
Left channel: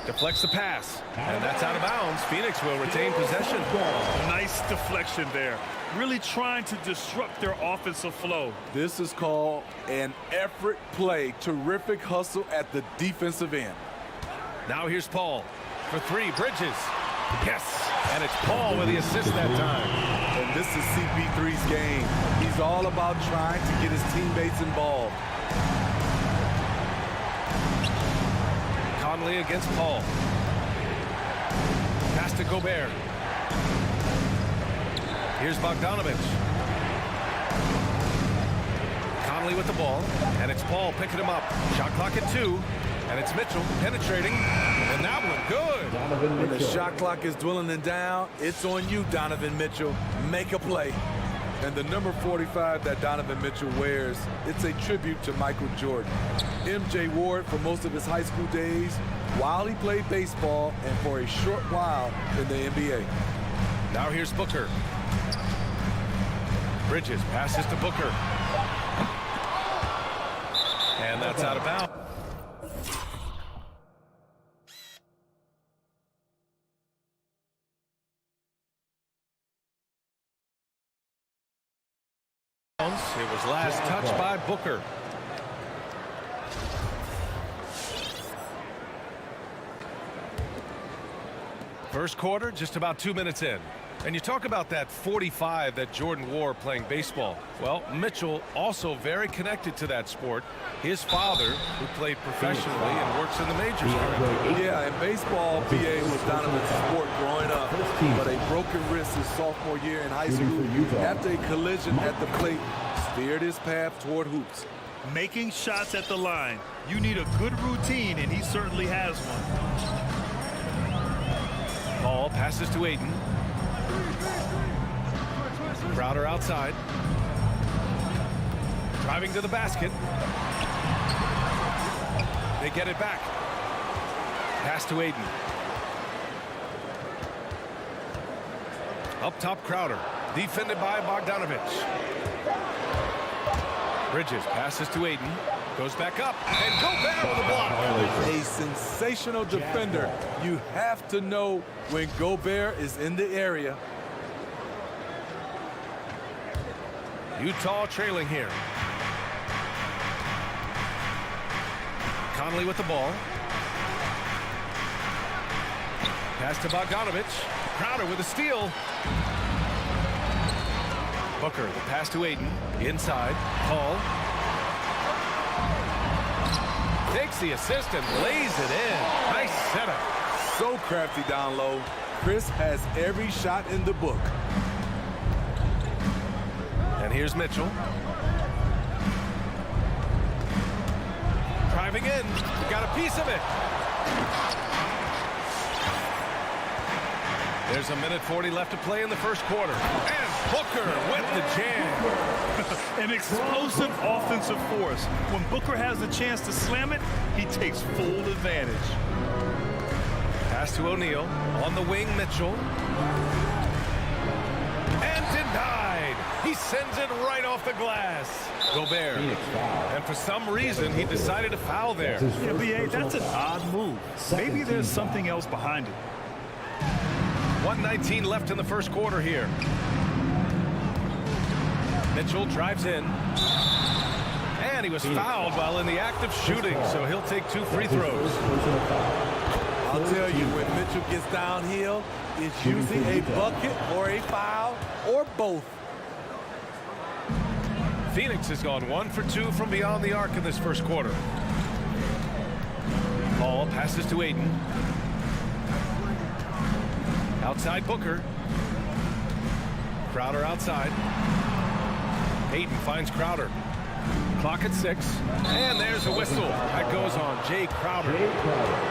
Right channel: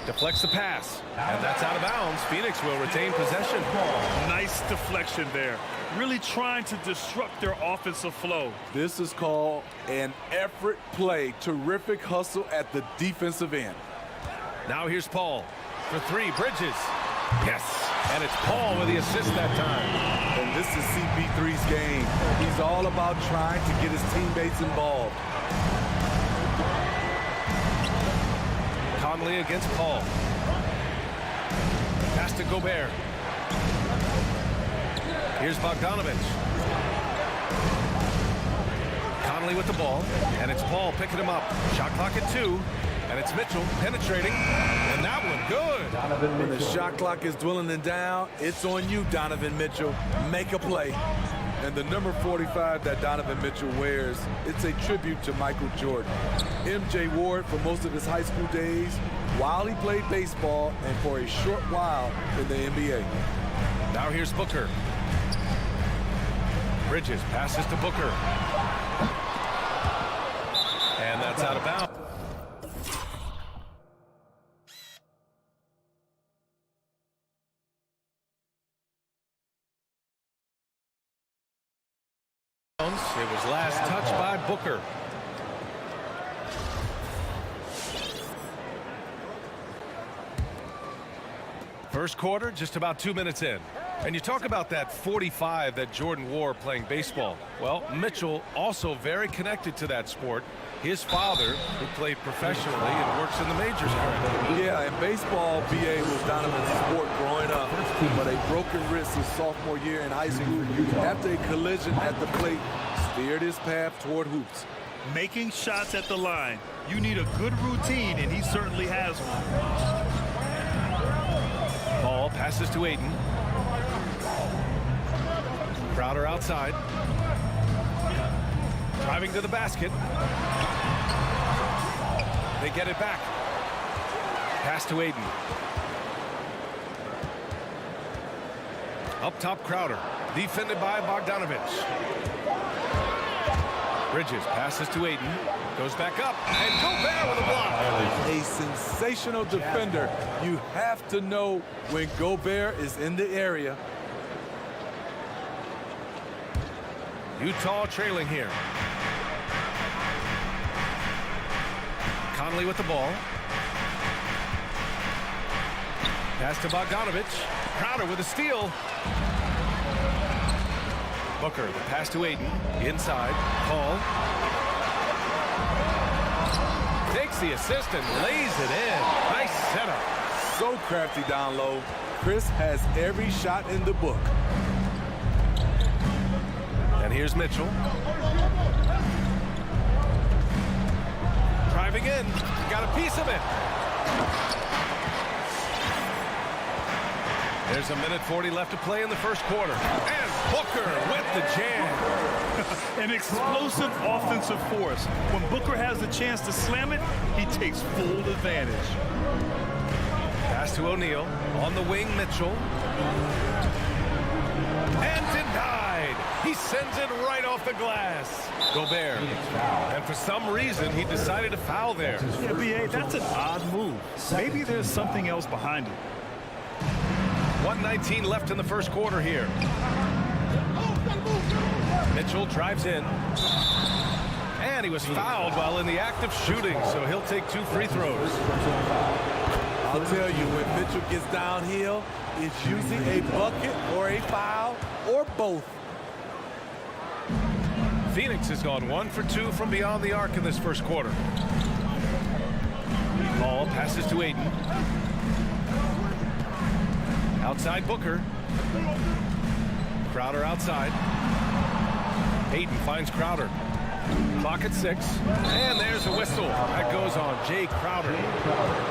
Deflects the pass. And that's out of bounds. Phoenix will retain possession. Nice deflection there. Really trying to disrupt their offensive flow. This is called an effort play. Terrific hustle at the defensive end. Now here's Paul for 3. Bridges. Yes. And it's Paul with the assist that time. And this is CP3's game. He's all about trying to get his teammates involved. Conley against Paul. Pass to Gobert. Here's Bogdanovic. Conley with the ball. And it's Paul picking him up. Shot clock at 2. And it's Mitchell penetrating. And that one good. When the shot clock is dwindling down, it's on you, Donovan Mitchell. Make a play. And the number 45 that Donovan Mitchell wears, it's a tribute to Michael Jordan. MJ wore it for most of his high school days while he played baseball and for a short while in the NBA. Now here's Booker. Bridges passes to Booker. And that's out of bounds. It was last touched by Booker. First quarter, just about 2 minutes in. And you talk about that 45 that Jordan wore playing baseball. Well, Mitchell also very connected to that sport. His father, who played professionally and works in the majors currently. Yeah, and baseball, BA, was Donovan's sport growing up. But a broken wrist his sophomore year in high school after a collision at the plate steered his path toward hoops. Making shots at the line. You need a good routine, and he certainly has one. Paul passes to Ayton. Crowder outside. Driving to the basket. They get it back. Pass to Ayton. Up top, Crowder. Defended by Bogdanovic. Bridges passes to Ayton. Goes back up. And Gobert with a block. A sensational defender. You have to know when Gobert is in the area. Utah trailing here. Conley with the ball. Pass to Bogdanovic. Crowder with a steal. Booker, the pass to Ayton. Inside. Paul. Takes the assist and lays it in. Nice setup. So crafty down low. Chris has every shot in the book. And here's Mitchell. Driving in. Got a piece of it. There's 1:40 left to play in the first quarter. And Booker with the jam. An explosive offensive force. When Booker has the chance to slam it, he takes full advantage. Pass to O'Neal. On the wing, Mitchell. And denied. He sends it right off the glass. Gobert. And for some reason, he decided to foul there. Yeah, B.A., that's an odd move. Maybe there's something else behind it. 1:19 left in the first quarter here. Mitchell drives in. And he was fouled while in the act of shooting, so he'll take 2 free throws. I'll tell you, when Mitchell gets downhill, it's usually a bucket or a foul or both. Phoenix has gone 1 for 2 from beyond the arc in this first quarter. Ball passes to Aiden. Outside Booker. Crowder outside. Aiden finds Crowder. Clock at 6. And there's a whistle. That goes on Jay Crowder.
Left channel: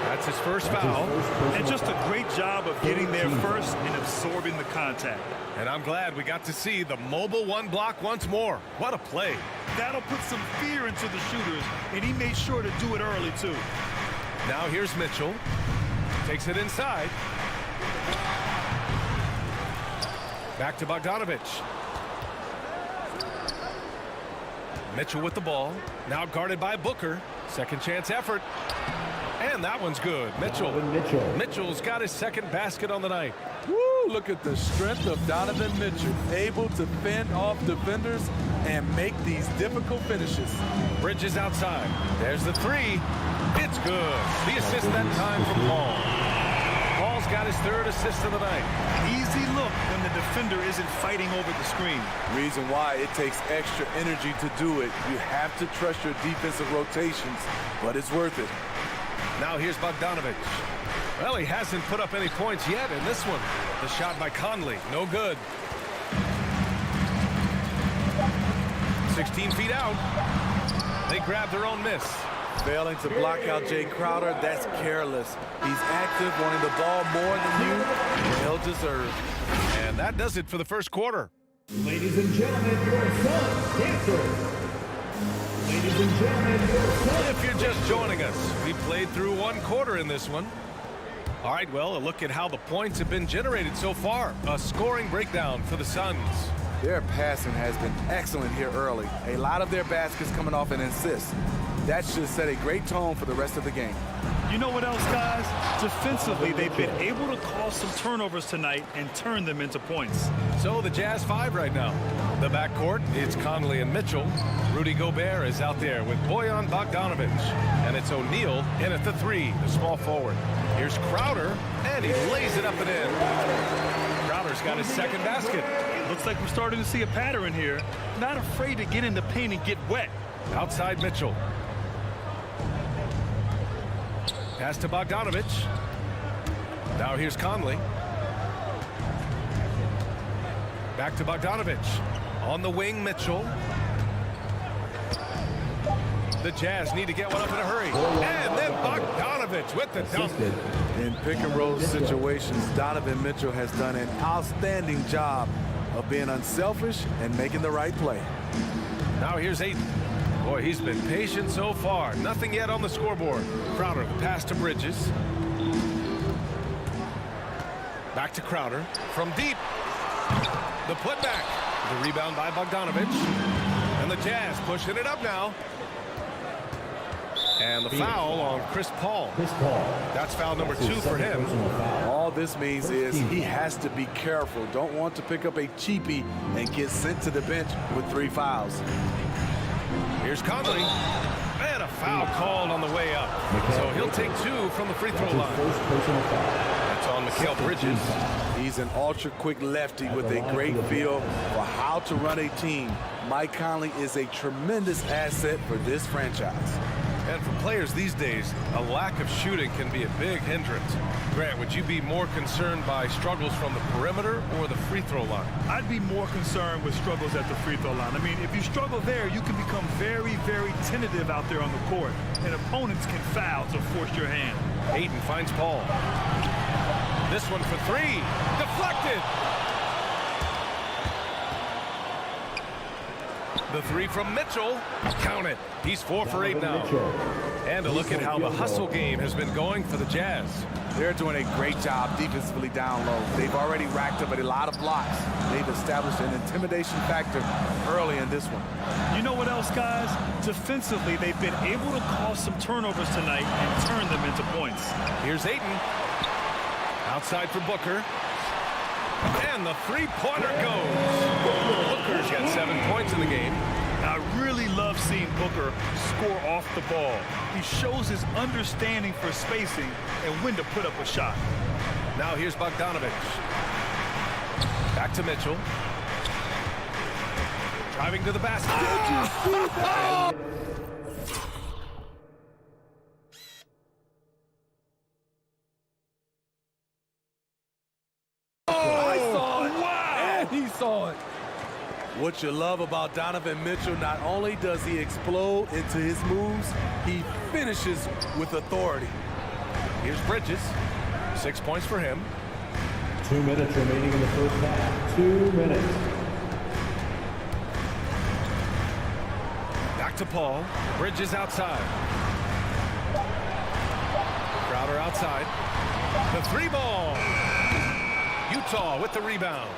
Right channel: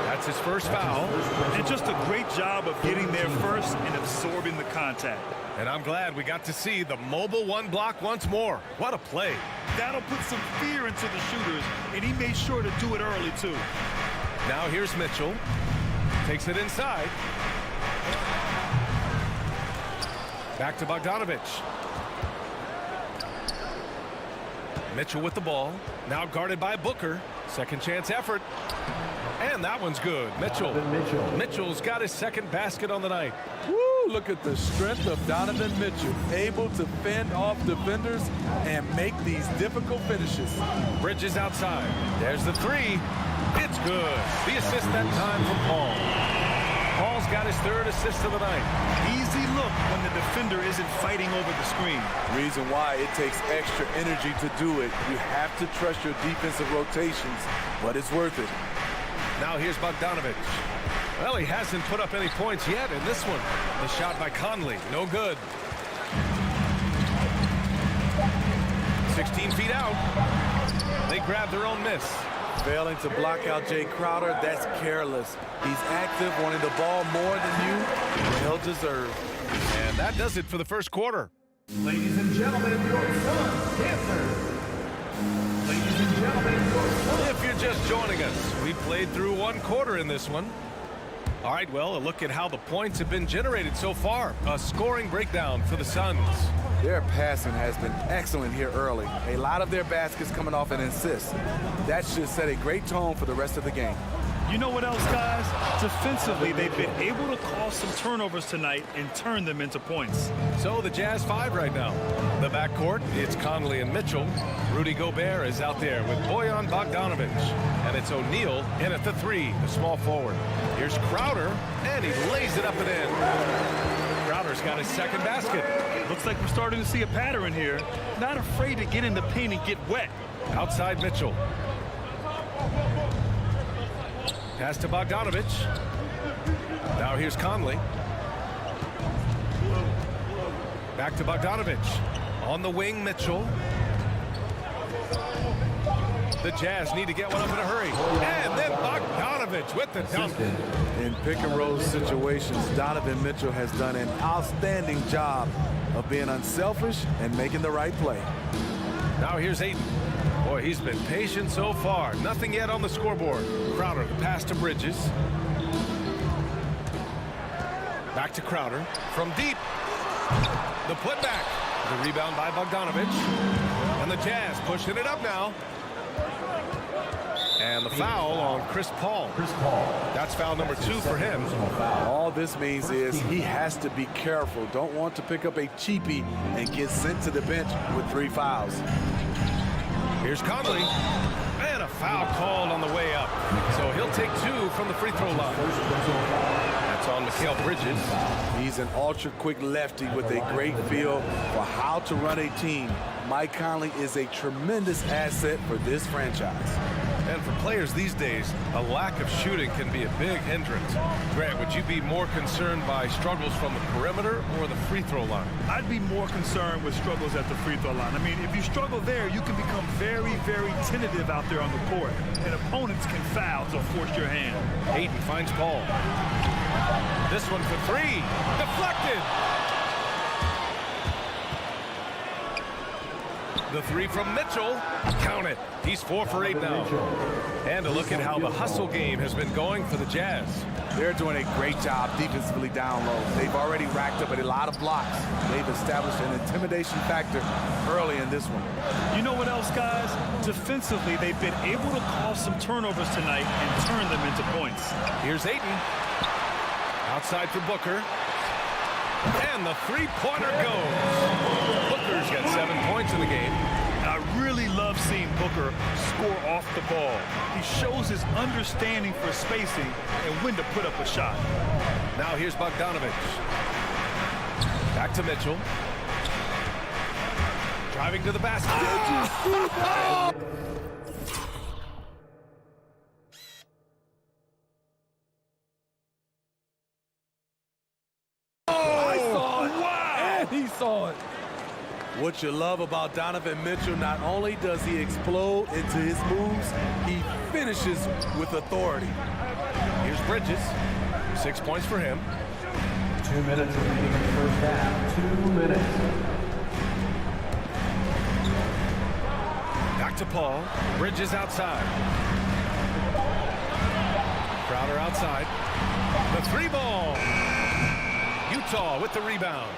That's his first foul. And just a great job of getting there first and absorbing the contact. And I'm glad we got to see the mobile 1 block once more. What a play. That'll put some fear into the shooters, and he made sure to do it early, too. Now here's Mitchell. Takes it inside. Back to Bogdanovich. Mitchell with the ball. Now guarded by Booker. Second chance effort. And that one's good. Mitchell's got his second basket on the night. Woo, look at the strength of Donovan Mitchell. Able to fend off defenders and make these difficult finishes. Bridges outside. There's the 3. It's good. The assist that time from Paul. Paul's got his 3rd assist of the night. Easy look when the defender isn't fighting over the screen. Reason why it takes extra energy to do it. You have to trust your defensive rotations, but it's worth it. Now here's Bogdanovich. Well, he hasn't put up any points yet in this one. The shot by Conley, no good. 16 feet out. They grab their own miss. Failing to block out Jay Crowder, that's careless. He's active, wanting the ball more than you. Well deserved. And that does it for the first quarter. Ladies and gentlemen, your son's dancer. Ladies and gentlemen, your son. If you're just joining us, we played through 1 quarter in this one. All right, well, a look at how the points have been generated so far. A scoring breakdown for the Suns. Their passing has been excellent here early. A lot of their baskets coming off an assist. That should set a great tone for the rest of the game. You know what else, guys? Defensively, they've been able to cause some turnovers tonight and turn them into points. So the Jazz 5 right now. The backcourt, it's Conley and Mitchell. Rudy Gobert is out there with Bojan Bogdanovich. And it's O'Neal in at the 3, the small forward. Here's Crowder, and he lays it up and in. Crowder's got his second basket. Looks like we're starting to see a pattern here. Not afraid to get in the paint and get wet. Outside Mitchell. Pass to Bogdanovich. Now here's Conley. Back to Bogdanovich. On the wing, Mitchell. The Jazz need to get one up in a hurry. And then Bogdanovich with the dunk. In pick and roll situations, Donovan Mitchell has done an outstanding job of being unselfish and making the right play. Now here's Aiden. Boy, he's been patient so far. Nothing yet on the scoreboard. Crowder, the pass to Bridges. Back to Crowder. From deep. The putback. The rebound by Bogdanovich. And the Jazz pushing it up now. And the foul on Chris Paul. That's foul number 2 for him. All this means is he has to be careful. Don't want to pick up a cheapie and get sent to the bench with 3 fouls. Here's Conley. And a foul called on the way up. So he'll take 2 from the free throw line. That's on Mikal Bridges. He's an ultra-quick lefty with a great feel for how to run a team. Mike Conley is a tremendous asset for this franchise. And for players these days, a lack of shooting can be a big hindrance. Grant, would you be more concerned by struggles from the perimeter or the free throw line? I'd be more concerned with struggles at the free throw line. I mean, if you struggle there, you can become very, very tentative out there on the court, and opponents can foul to force your hand. Aiden finds Paul. This one for 3. Deflected. The 3 from Mitchell. Count it. He's 4 for 8 now. And a look at how the hustle game has been going for the Jazz. They're doing a great job defensively down low. They've already racked up a lot of blocks. They've established an intimidation factor early in this one. You know what else, guys? Defensively, they've been able to cause some turnovers tonight and turn them into points. Here's Ayton. Outside for Booker. And the 3-pointer goes. Booker's got 7 points in the game. I really love seeing Booker score off the ball. He shows his understanding for spacing and when to put up a shot. Now here's Bogdanovich. Back to Mitchell. Driving to the basket. I saw it. Wow! And he saw it. What you love about Donovan Mitchell, not only does he explode into his moves, he finishes with authority. Here's Bridges. 6 points for him. 2 minutes remaining in the first half. 2 minutes. Back to Paul. Bridges outside. Crowder outside. The 3-ball. Utah with the rebound.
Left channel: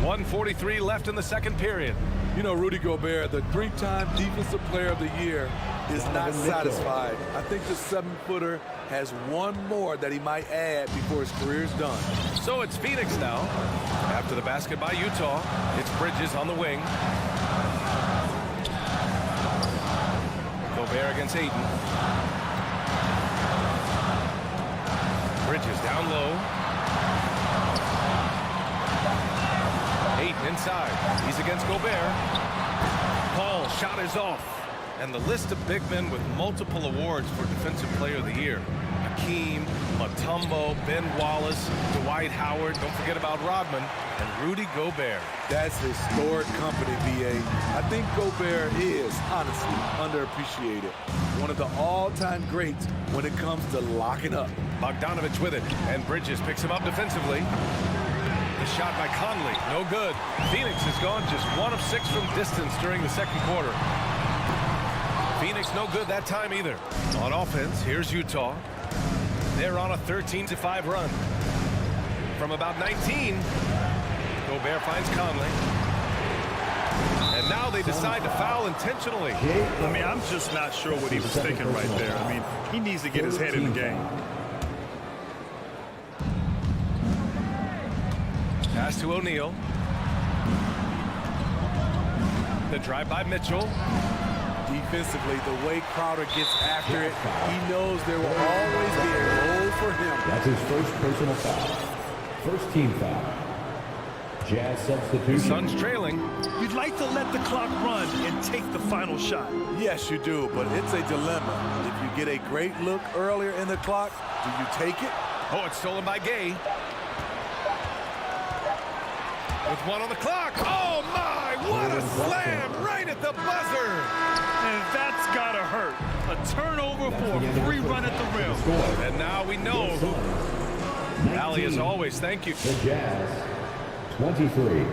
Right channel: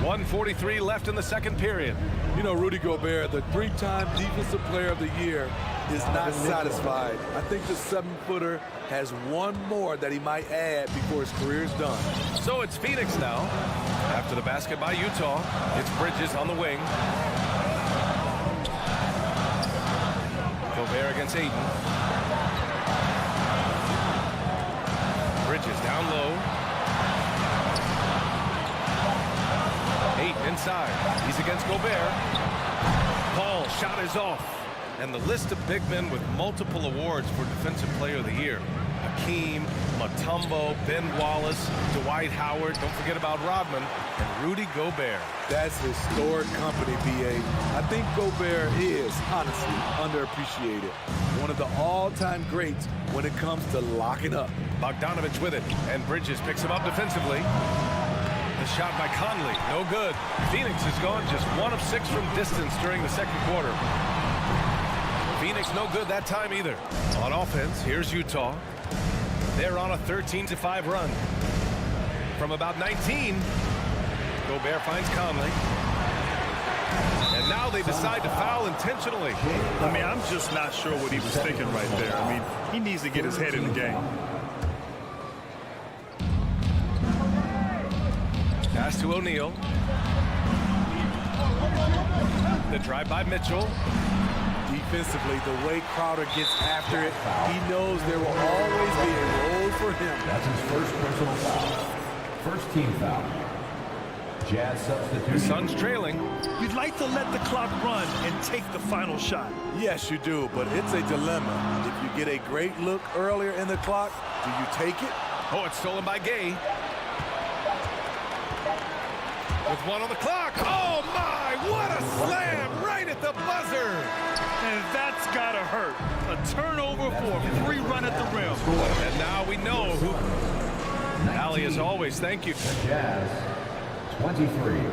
1:43 left in the second period. You know, Rudy Gobert, the 3-time Defensive Player of the Year, is not satisfied. I think the 7-footer has one more that he might add before his career's done. So it's Phoenix now. After the basket by Utah, it's Bridges on the wing. Gobert against Ayton. Bridges down low. Ayton inside. He's against Gobert. Paul shot is off. And the list of big men with multiple awards for Defensive Player of the Year. Hakeem, Mutombo, Ben Wallace, Dwight Howard, don't forget about Rodman, and Rudy Gobert. That's historic company, B.A. I think Gobert is, honestly, underappreciated. One of the all-time greats when it comes to locking up. Bogdanovich with it, and Bridges picks him up defensively. The shot by Conley, no good. Phoenix has gone just 1 of 6 from distance during the second quarter. Phoenix no good that time either. On offense, here's Utah. They're on a 13-5 run. From about 19, Gobert finds Conley. And now they decide to foul intentionally. I mean, I'm just not sure what he was thinking right there. I mean, he needs to get his head in the game. Pass to O'Neal. The drive by Mitchell. Defensively, the way Crowder gets after it, he knows there will always be a role for him. That's his first personal foul. First team foul. Jazz substitution. The Suns trailing. You'd like to let the clock run and take the final shot. Yes, you do, but it's a dilemma. If you get a great look earlier in the clock, do you take it? Oh, it's stolen by Gay. With 1 on the clock. Oh, my! What a slam right at the buzzer! And that's got to hurt. A turnover for a free run at the rim. And now we know who. Allie, as always, thank you. The Jazz, 23.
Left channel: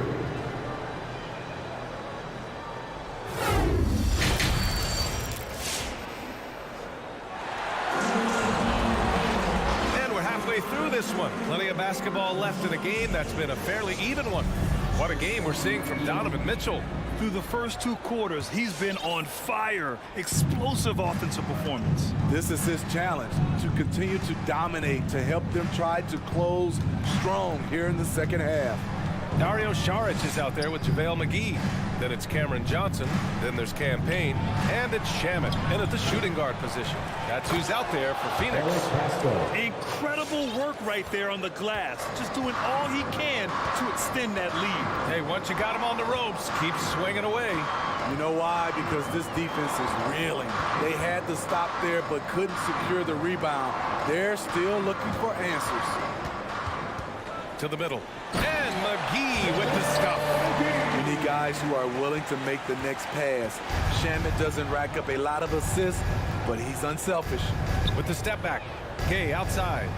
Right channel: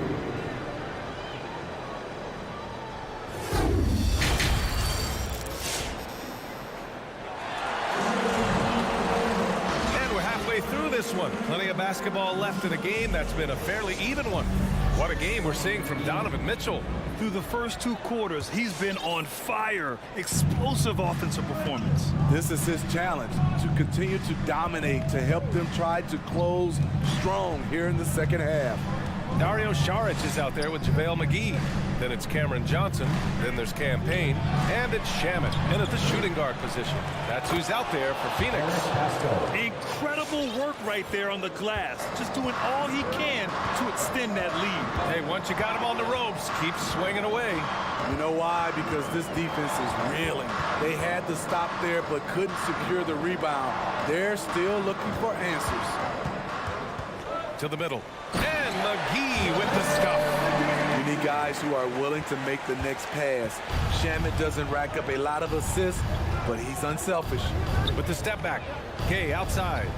And we're halfway through this one. Plenty of basketball left in a game that's been a fairly even one. What a game we're seeing from Donovan Mitchell. Through the first 2 quarters, he's been on fire. Explosive offensive performance. This is his challenge, to continue to dominate, to help them try to close strong here in the second half. Dario Saric is out there with JaVale McGee. Then it's Cameron Johnson. Then there's Cam Payne. And it's Shamet in at the shooting guard position. That's who's out there for Phoenix. Incredible work right there on the glass. Just doing all he can to extend that lead. Hey, once you got him on the ropes, keep swinging away. You know why? Because this defense is reeling. They had to stop there but couldn't secure the rebound. They're still looking for answers. To the middle. And McGee with the stuff. You need guys who are willing to make the next pass. Shamet doesn't rack up a lot of assists, but he's unselfish. With the step back. Gay outside.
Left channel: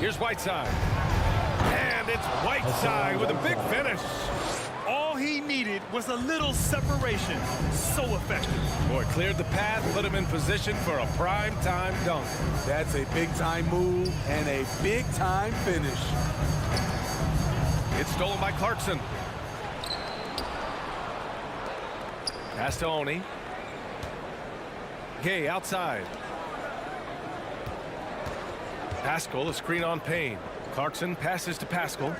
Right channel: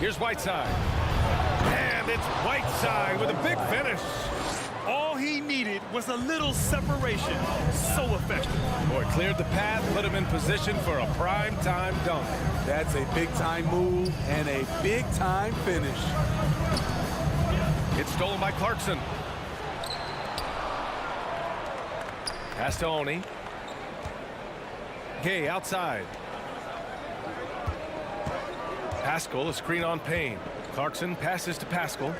Here's Whiteside. And it's Whiteside with a big finish. All he needed was a little separation. So effective. Boy, cleared the path, put him in position for a prime-time dunk. That's a big-time move and a big-time finish. It's stolen by Clarkson. Pass to Oni. Gay outside. Pascal, a screen on Payne. Clarkson passes to Pascal.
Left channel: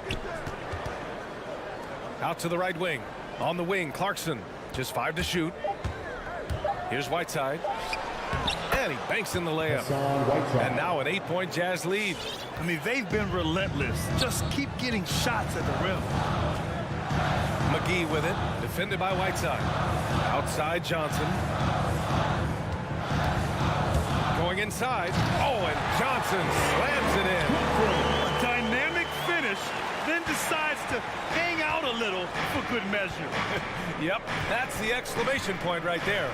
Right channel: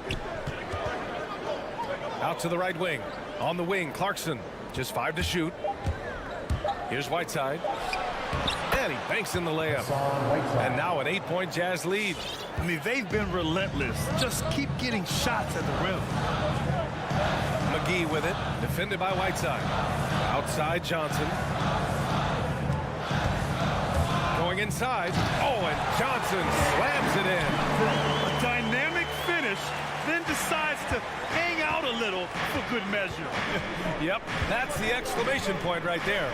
Out to the right wing. On the wing, Clarkson. Just 5 to shoot. Here's Whiteside. And he banks in the layup. And now an 8-point Jazz lead. I mean, they've been relentless. Just keep getting shots at the rim. McGee with it. Defended by Whiteside. Outside Johnson. Going inside. Oh, and Johnson slams it in. A dynamic finish, then decides to hang out a little for good measure. Yep, that's the exclamation point right there.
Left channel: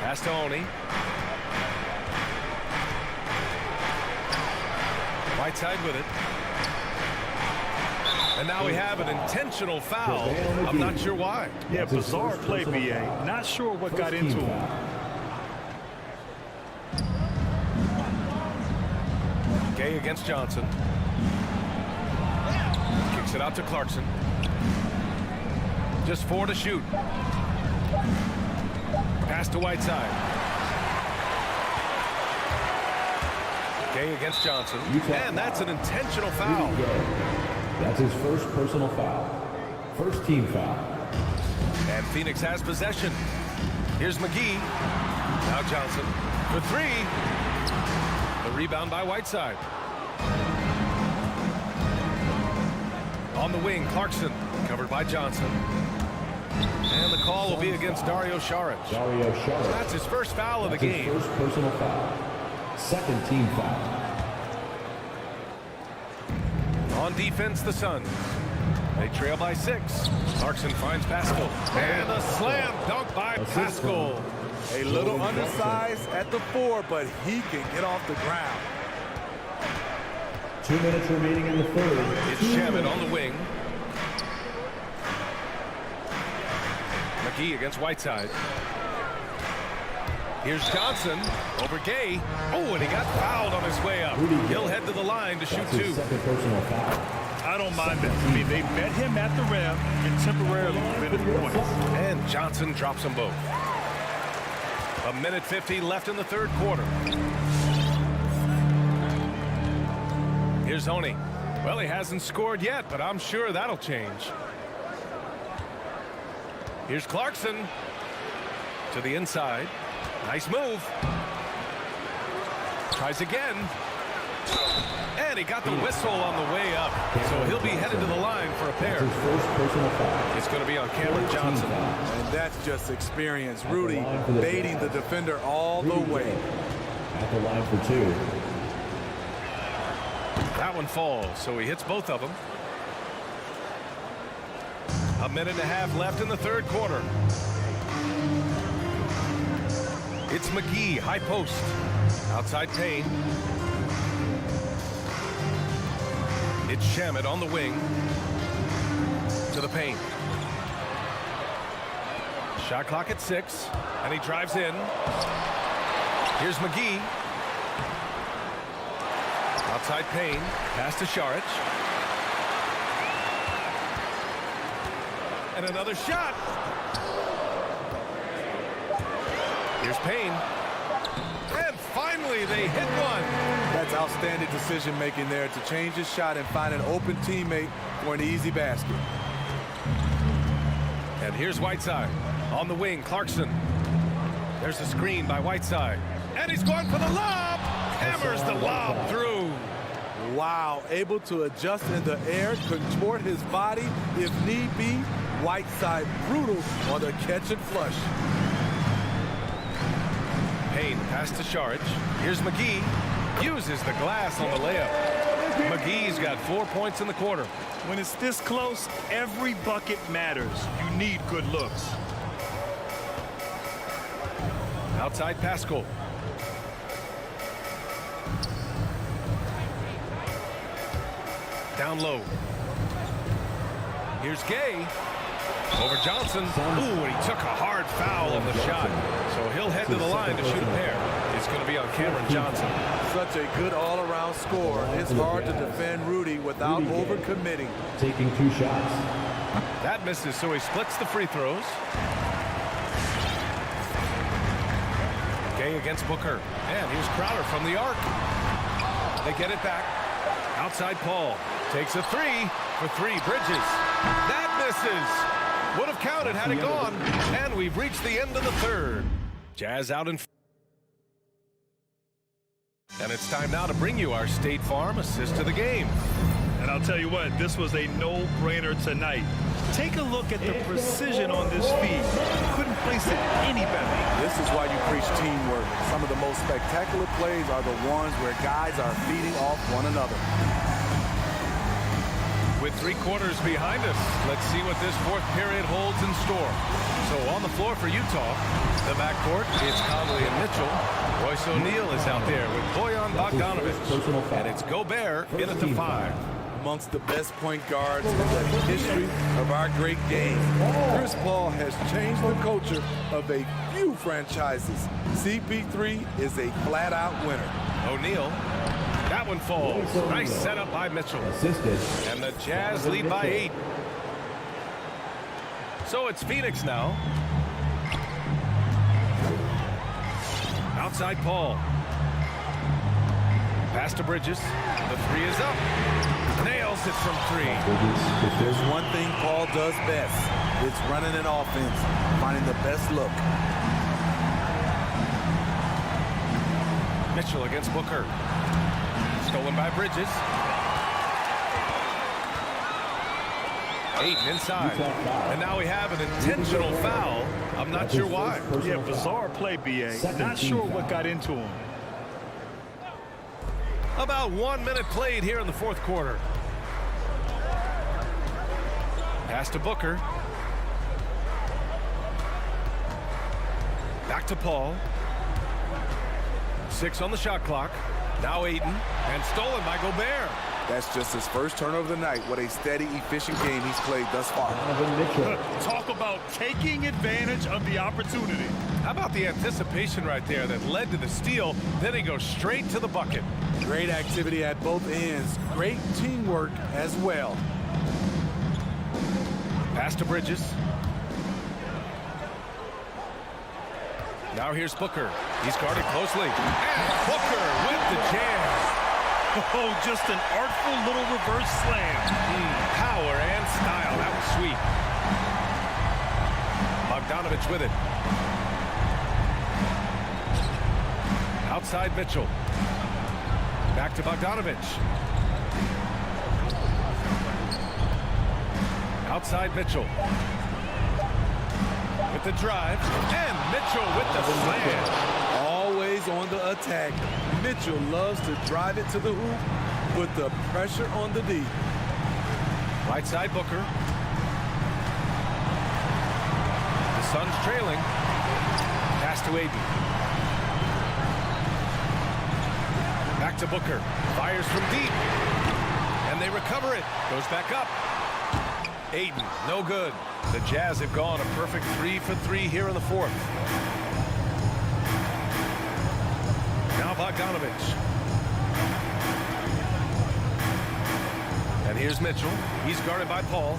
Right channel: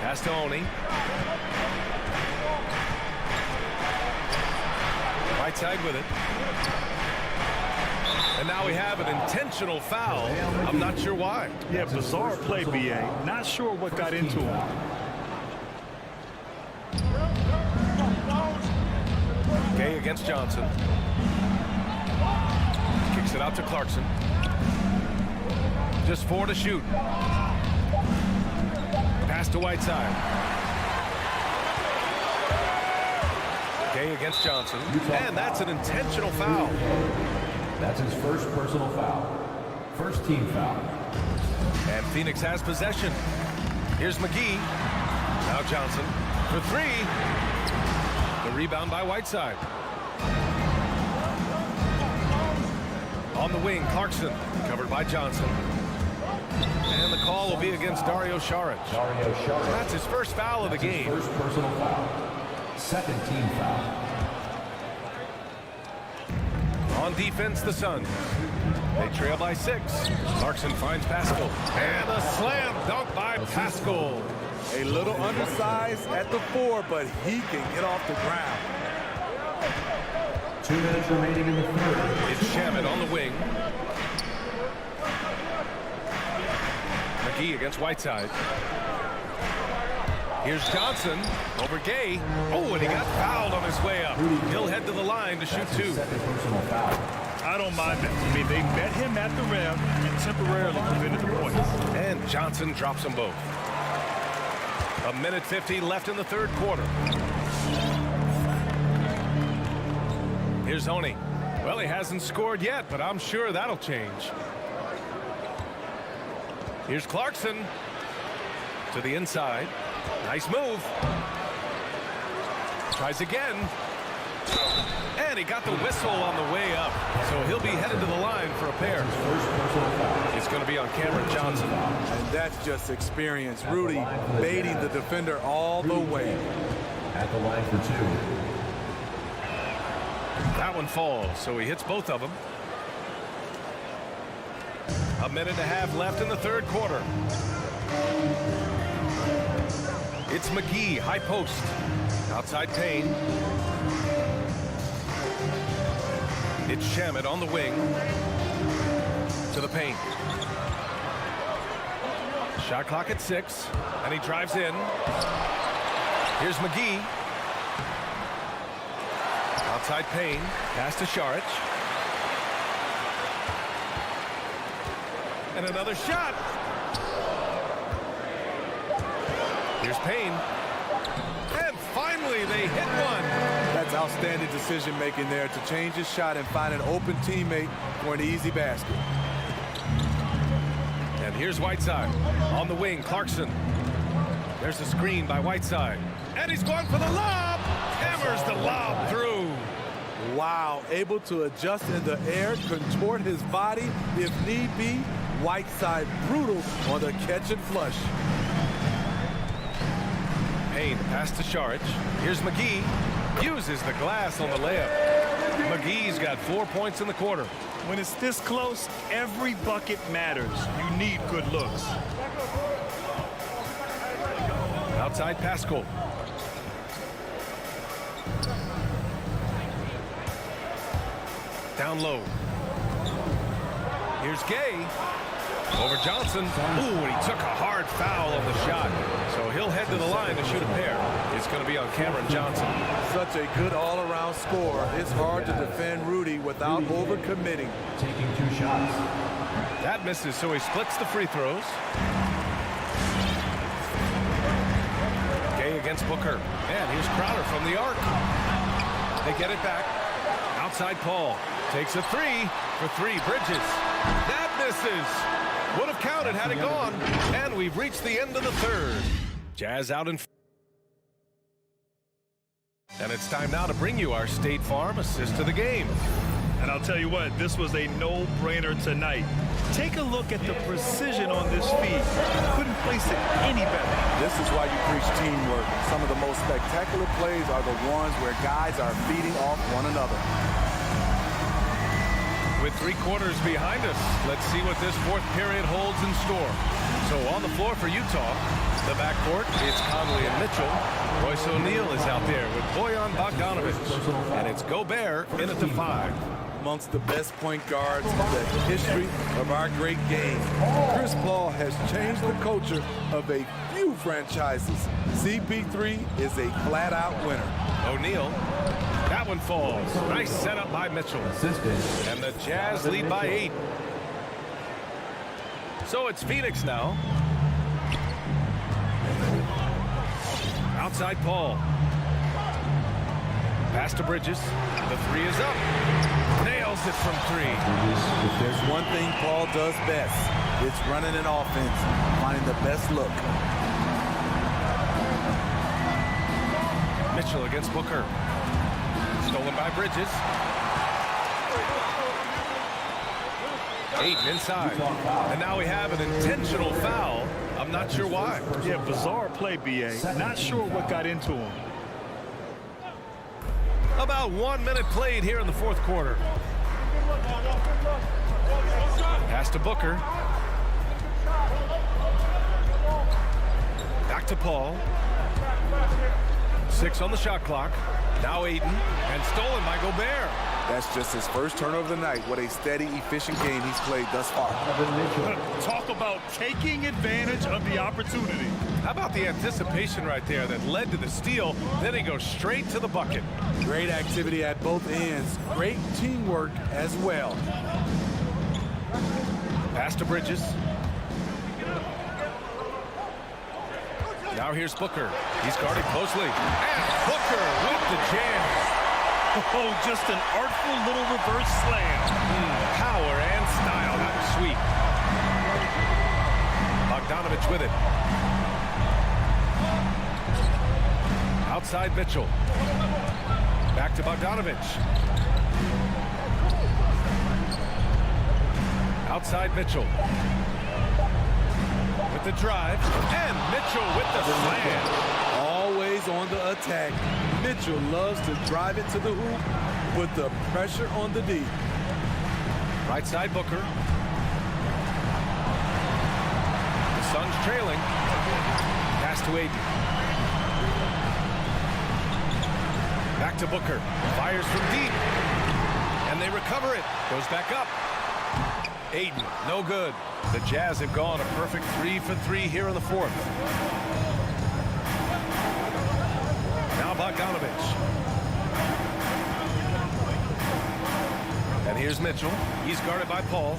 Pass to Oni. Whiteside with it. And now we have an intentional foul. I'm not sure why. Yeah, bizarre play, BA. Not sure what got into him. Gay against Johnson. Kicks it out to Clarkson. Just 4 to shoot. Pass to Whiteside. Gay against Johnson. And that's an intentional foul. That's his first personal foul. First team foul. And Phoenix has possession. Here's McGee. Now Johnson for 3. The rebound by Whiteside. On the wing, Clarkson. Covered by Johnson. And the call will be against Dario Saric. That's his first foul of the game. First personal foul. Second team foul. On defense, the Suns. They trail by 6. Clarkson finds Pascal. And a slam dunk by Pascal. A little undersized at the 4, but he can get off the ground. 2 minutes remaining in the third. It's Shamit on the wing. McGee against Whiteside. Here's Johnson over Gay. Oh, and he got fouled on his way up. He'll head to the line to shoot 2. Second personal foul. I don't mind that. I mean, they met him at the rim and temporarily prevented the points. And Johnson drops them both. 1:50 left in the third quarter. Here's Oni. Well, he hasn't scored yet, but I'm sure that'll change. Here's Clarkson to the inside. Nice move. Tries again. And he got the whistle on the way up. So he'll be headed to the line for a pair. It's going to be on Cameron Johnson. And that's just experience. Rudy baiting the defender all the way. At the line for 2. That one falls, so he hits both of them. 1.5 minutes left in the third quarter. It's McGee, high post. Outside Payne. It's Shamit on the wing. To the paint. Shot clock at 6. And he drives in. Here's McGee. Outside Payne. Pass to Saric. And another shot. Here's Payne. And finally, they hit one. That's outstanding decision making there to change his shot and find an open teammate for an easy basket. And here's Whiteside. On the wing, Clarkson. There's a screen by Whiteside. And he's going for the lob. Hammers the lob through. Wow, able to adjust in the air, contort his body if need be. Whiteside brutal on the catch and flush. Payne, pass to Saric. Here's McGee. Uses the glass on the layup. McGee's got 4 points in the quarter. When it's this close, every bucket matters. You need good looks. Outside Pascal. Down low. Here's Gay. Over Johnson. Ooh, and he took a hard foul on the shot. So he'll head to the line to shoot a pair. It's going to be on Cameron Johnson. Such a good all-around score. It's hard to defend Rudy without overcommitting. Taking 2 shots. That misses, so he splits the free throws. Gay against Booker. And here's Crowder from the arc. They get it back. Outside Paul. Takes a 3 for 3. Bridges. That misses. Would have counted had it gone. And we've reached the end of the third. Jazz out in. And it's time now to bring you our State Farm assist of the game. And I'll tell you what, this was a no-brainer tonight. Take a look at the precision on this feed. Couldn't place it any better. This is why you preach teamwork. Some of the most spectacular plays are the ones where guys are feeding off one another. With 3 quarters behind us, let's see what this fourth period holds in store. So on the floor for Utah, the backcourt, it's Conley and Mitchell. Royce O'Neal is out there with Bojan Bogdanovic. And it's Gobert in at the 5. Amongst the best point guards in the history of our great game. Chris Paul has changed the culture of a few franchises. CP3 is a flat-out winner. O'Neal. That one falls. Nice setup by Mitchell. And the Jazz lead by 8. So it's Phoenix now. Outside Paul. Pass to Bridges. The 3 is up. Nails it from 3. If there's one thing Paul does best, it's running an offense, finding the best look. Mitchell against Booker. Stolen by Bridges. Ayton inside. And now we have an intentional foul. I'm not sure why. Yeah, bizarre play, B.A. Not sure what got into him. About 1 minute played here in the fourth quarter. Pass to Booker. Back to Paul. 6 on the shot clock. Now Ayton, and stolen by Gobert. That's just his first turnover of the night. What a steady, efficient game he's played thus far. Talk about taking advantage of the opportunity. How about the anticipation right there that led to the steal? Then he goes straight to the bucket. Great activity at both ends. Great teamwork as well. Pass to Bridges. Now here's Booker. He's guarded closely. And Booker with the jam. Oh, just an artful little reverse slam. Power and style. That was sweet. Bogdanovic with it. Outside Mitchell. Back to Bogdanovic. Outside Mitchell. With the drive. And Mitchell with the slam. Always on the attack. Mitchell loves to drive it to the hoop, put the pressure on the D. Right side Booker. The Suns trailing. Pass to Ayton. Back to Booker. Fires from deep. And they recover it. Goes back up. Ayton, no good. The Jazz have gone a perfect 3 for 3 here in the fourth. Now Bogdanovic. And here's Mitchell. He's guarded by Paul.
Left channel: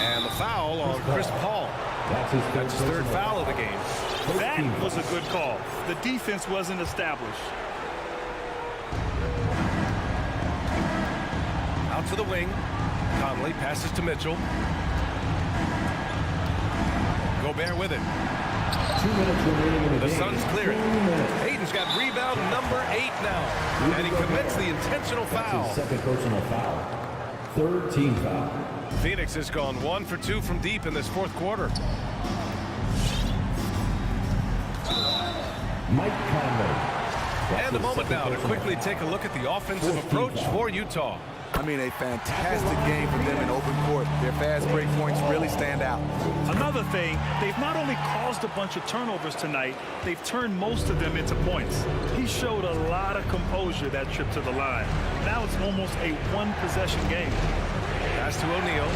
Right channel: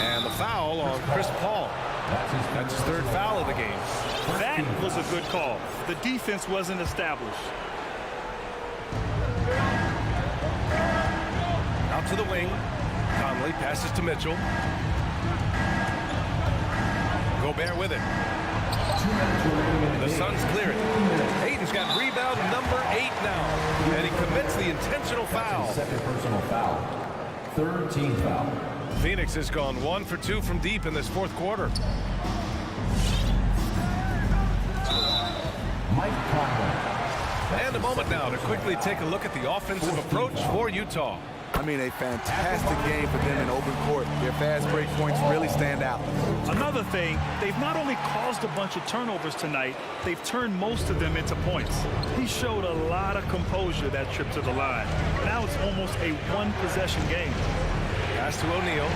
And the foul on Chris Paul. That's his third foul of the game. That was a good call. The defense wasn't established. Out to the wing. Conley passes to Mitchell. Gobert with it. 2 minutes remaining in the game. Suns clear it. Ayton's got rebound number 8 now. And he commits the intentional foul. That's his second personal foul. Third team foul. Phoenix has gone 1 for 2 from deep in this fourth quarter. Mike Conley. And a moment now to quickly take a look at the offensive approach for Utah. I mean, a fantastic game for them in open court. Their fast break points really stand out. Another thing, they've not only caused a bunch of turnovers tonight, they've turned most of them into points. He showed a lot of composure that trip to the line. Now it's almost a one-possession game. Pass to O'Neal.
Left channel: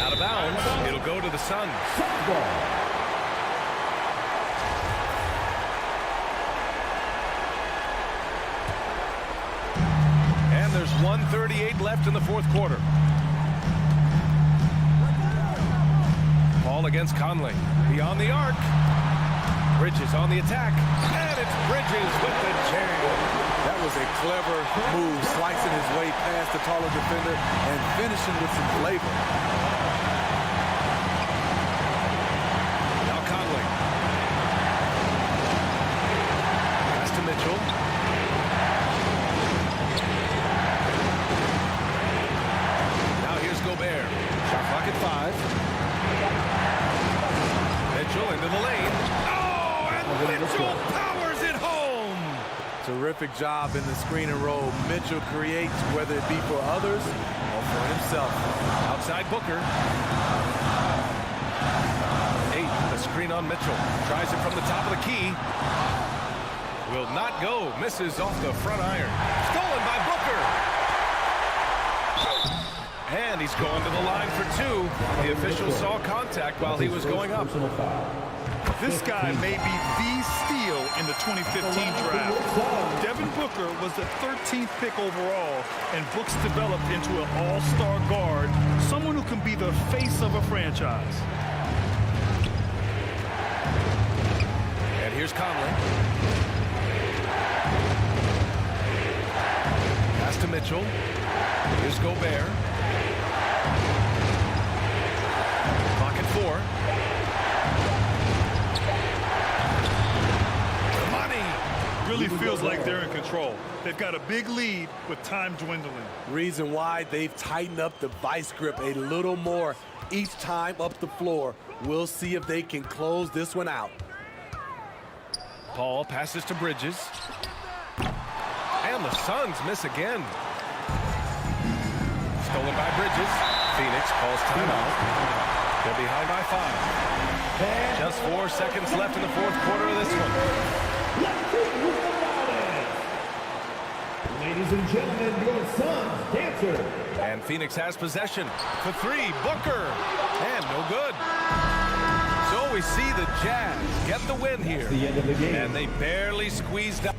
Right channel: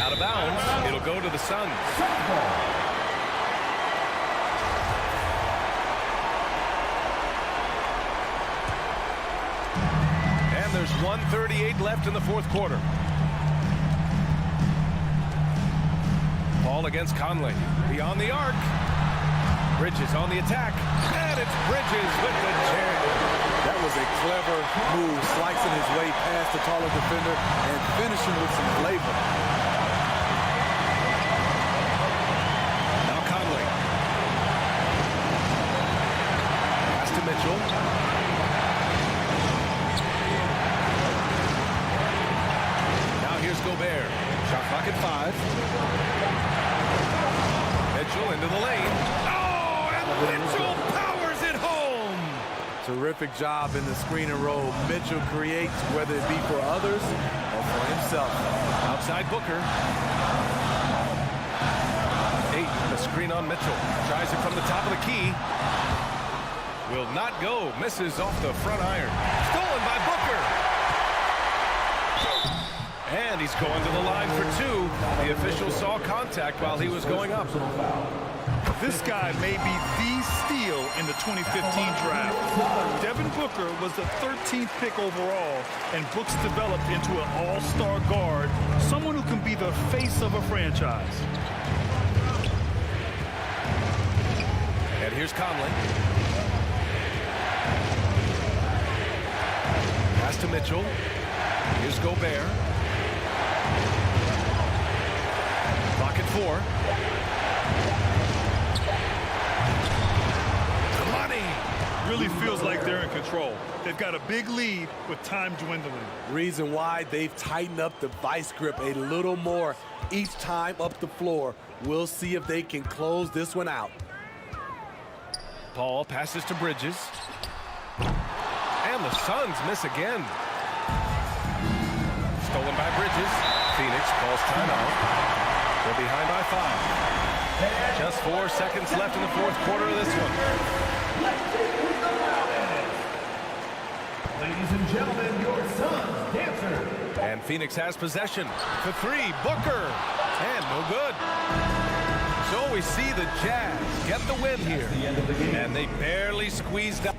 Out of bounds. It'll go to the Suns. And there's 1:38 left in the fourth quarter. Paul against Conley. Beyond the arc. Bridges on the attack, and it's Bridges with the jam. That was a clever move, slicing his way past the taller defender and finishing with some flavor. Now Conley. Pass to Mitchell. Now here's Gobert. Shot clock at 5. Mitchell into the lane. Oh, and Mitchell powers it home. Terrific job in the screen and roll. Mitchell creates, whether it be for others or for himself. Outside Booker. 8, the screen on Mitchell. Tries it from the top of the key. Will not go. Misses off the front iron. Stolen by Booker. And he's going to the line for 2. The official saw contact while he was going up. This guy may be the steal in the 2015 draft. Devin Booker was the 13th pick overall, and Books developed into an all-star guard, someone who can be the face of a franchise. And here's Conley. Pass to Mitchell. Here's Gobert. Clock at 4. The money. Really feels like they're in control. They've got a big lead with time dwindling. Reason why they've tightened up the vice grip a little more each time up the floor. We'll see if they can close this one out. Paul passes to Bridges. And the Suns miss again. Stolen by Bridges. Phoenix calls timeout. They're behind by 5. Just 4 seconds left in the 4th quarter of this one. Let's see who's the loudest. Ladies and gentlemen, your Suns dancer. And Phoenix has possession. For 3, Booker. And no good. So we see the Jazz get the win here. The end of the game. And they barely squeezed out.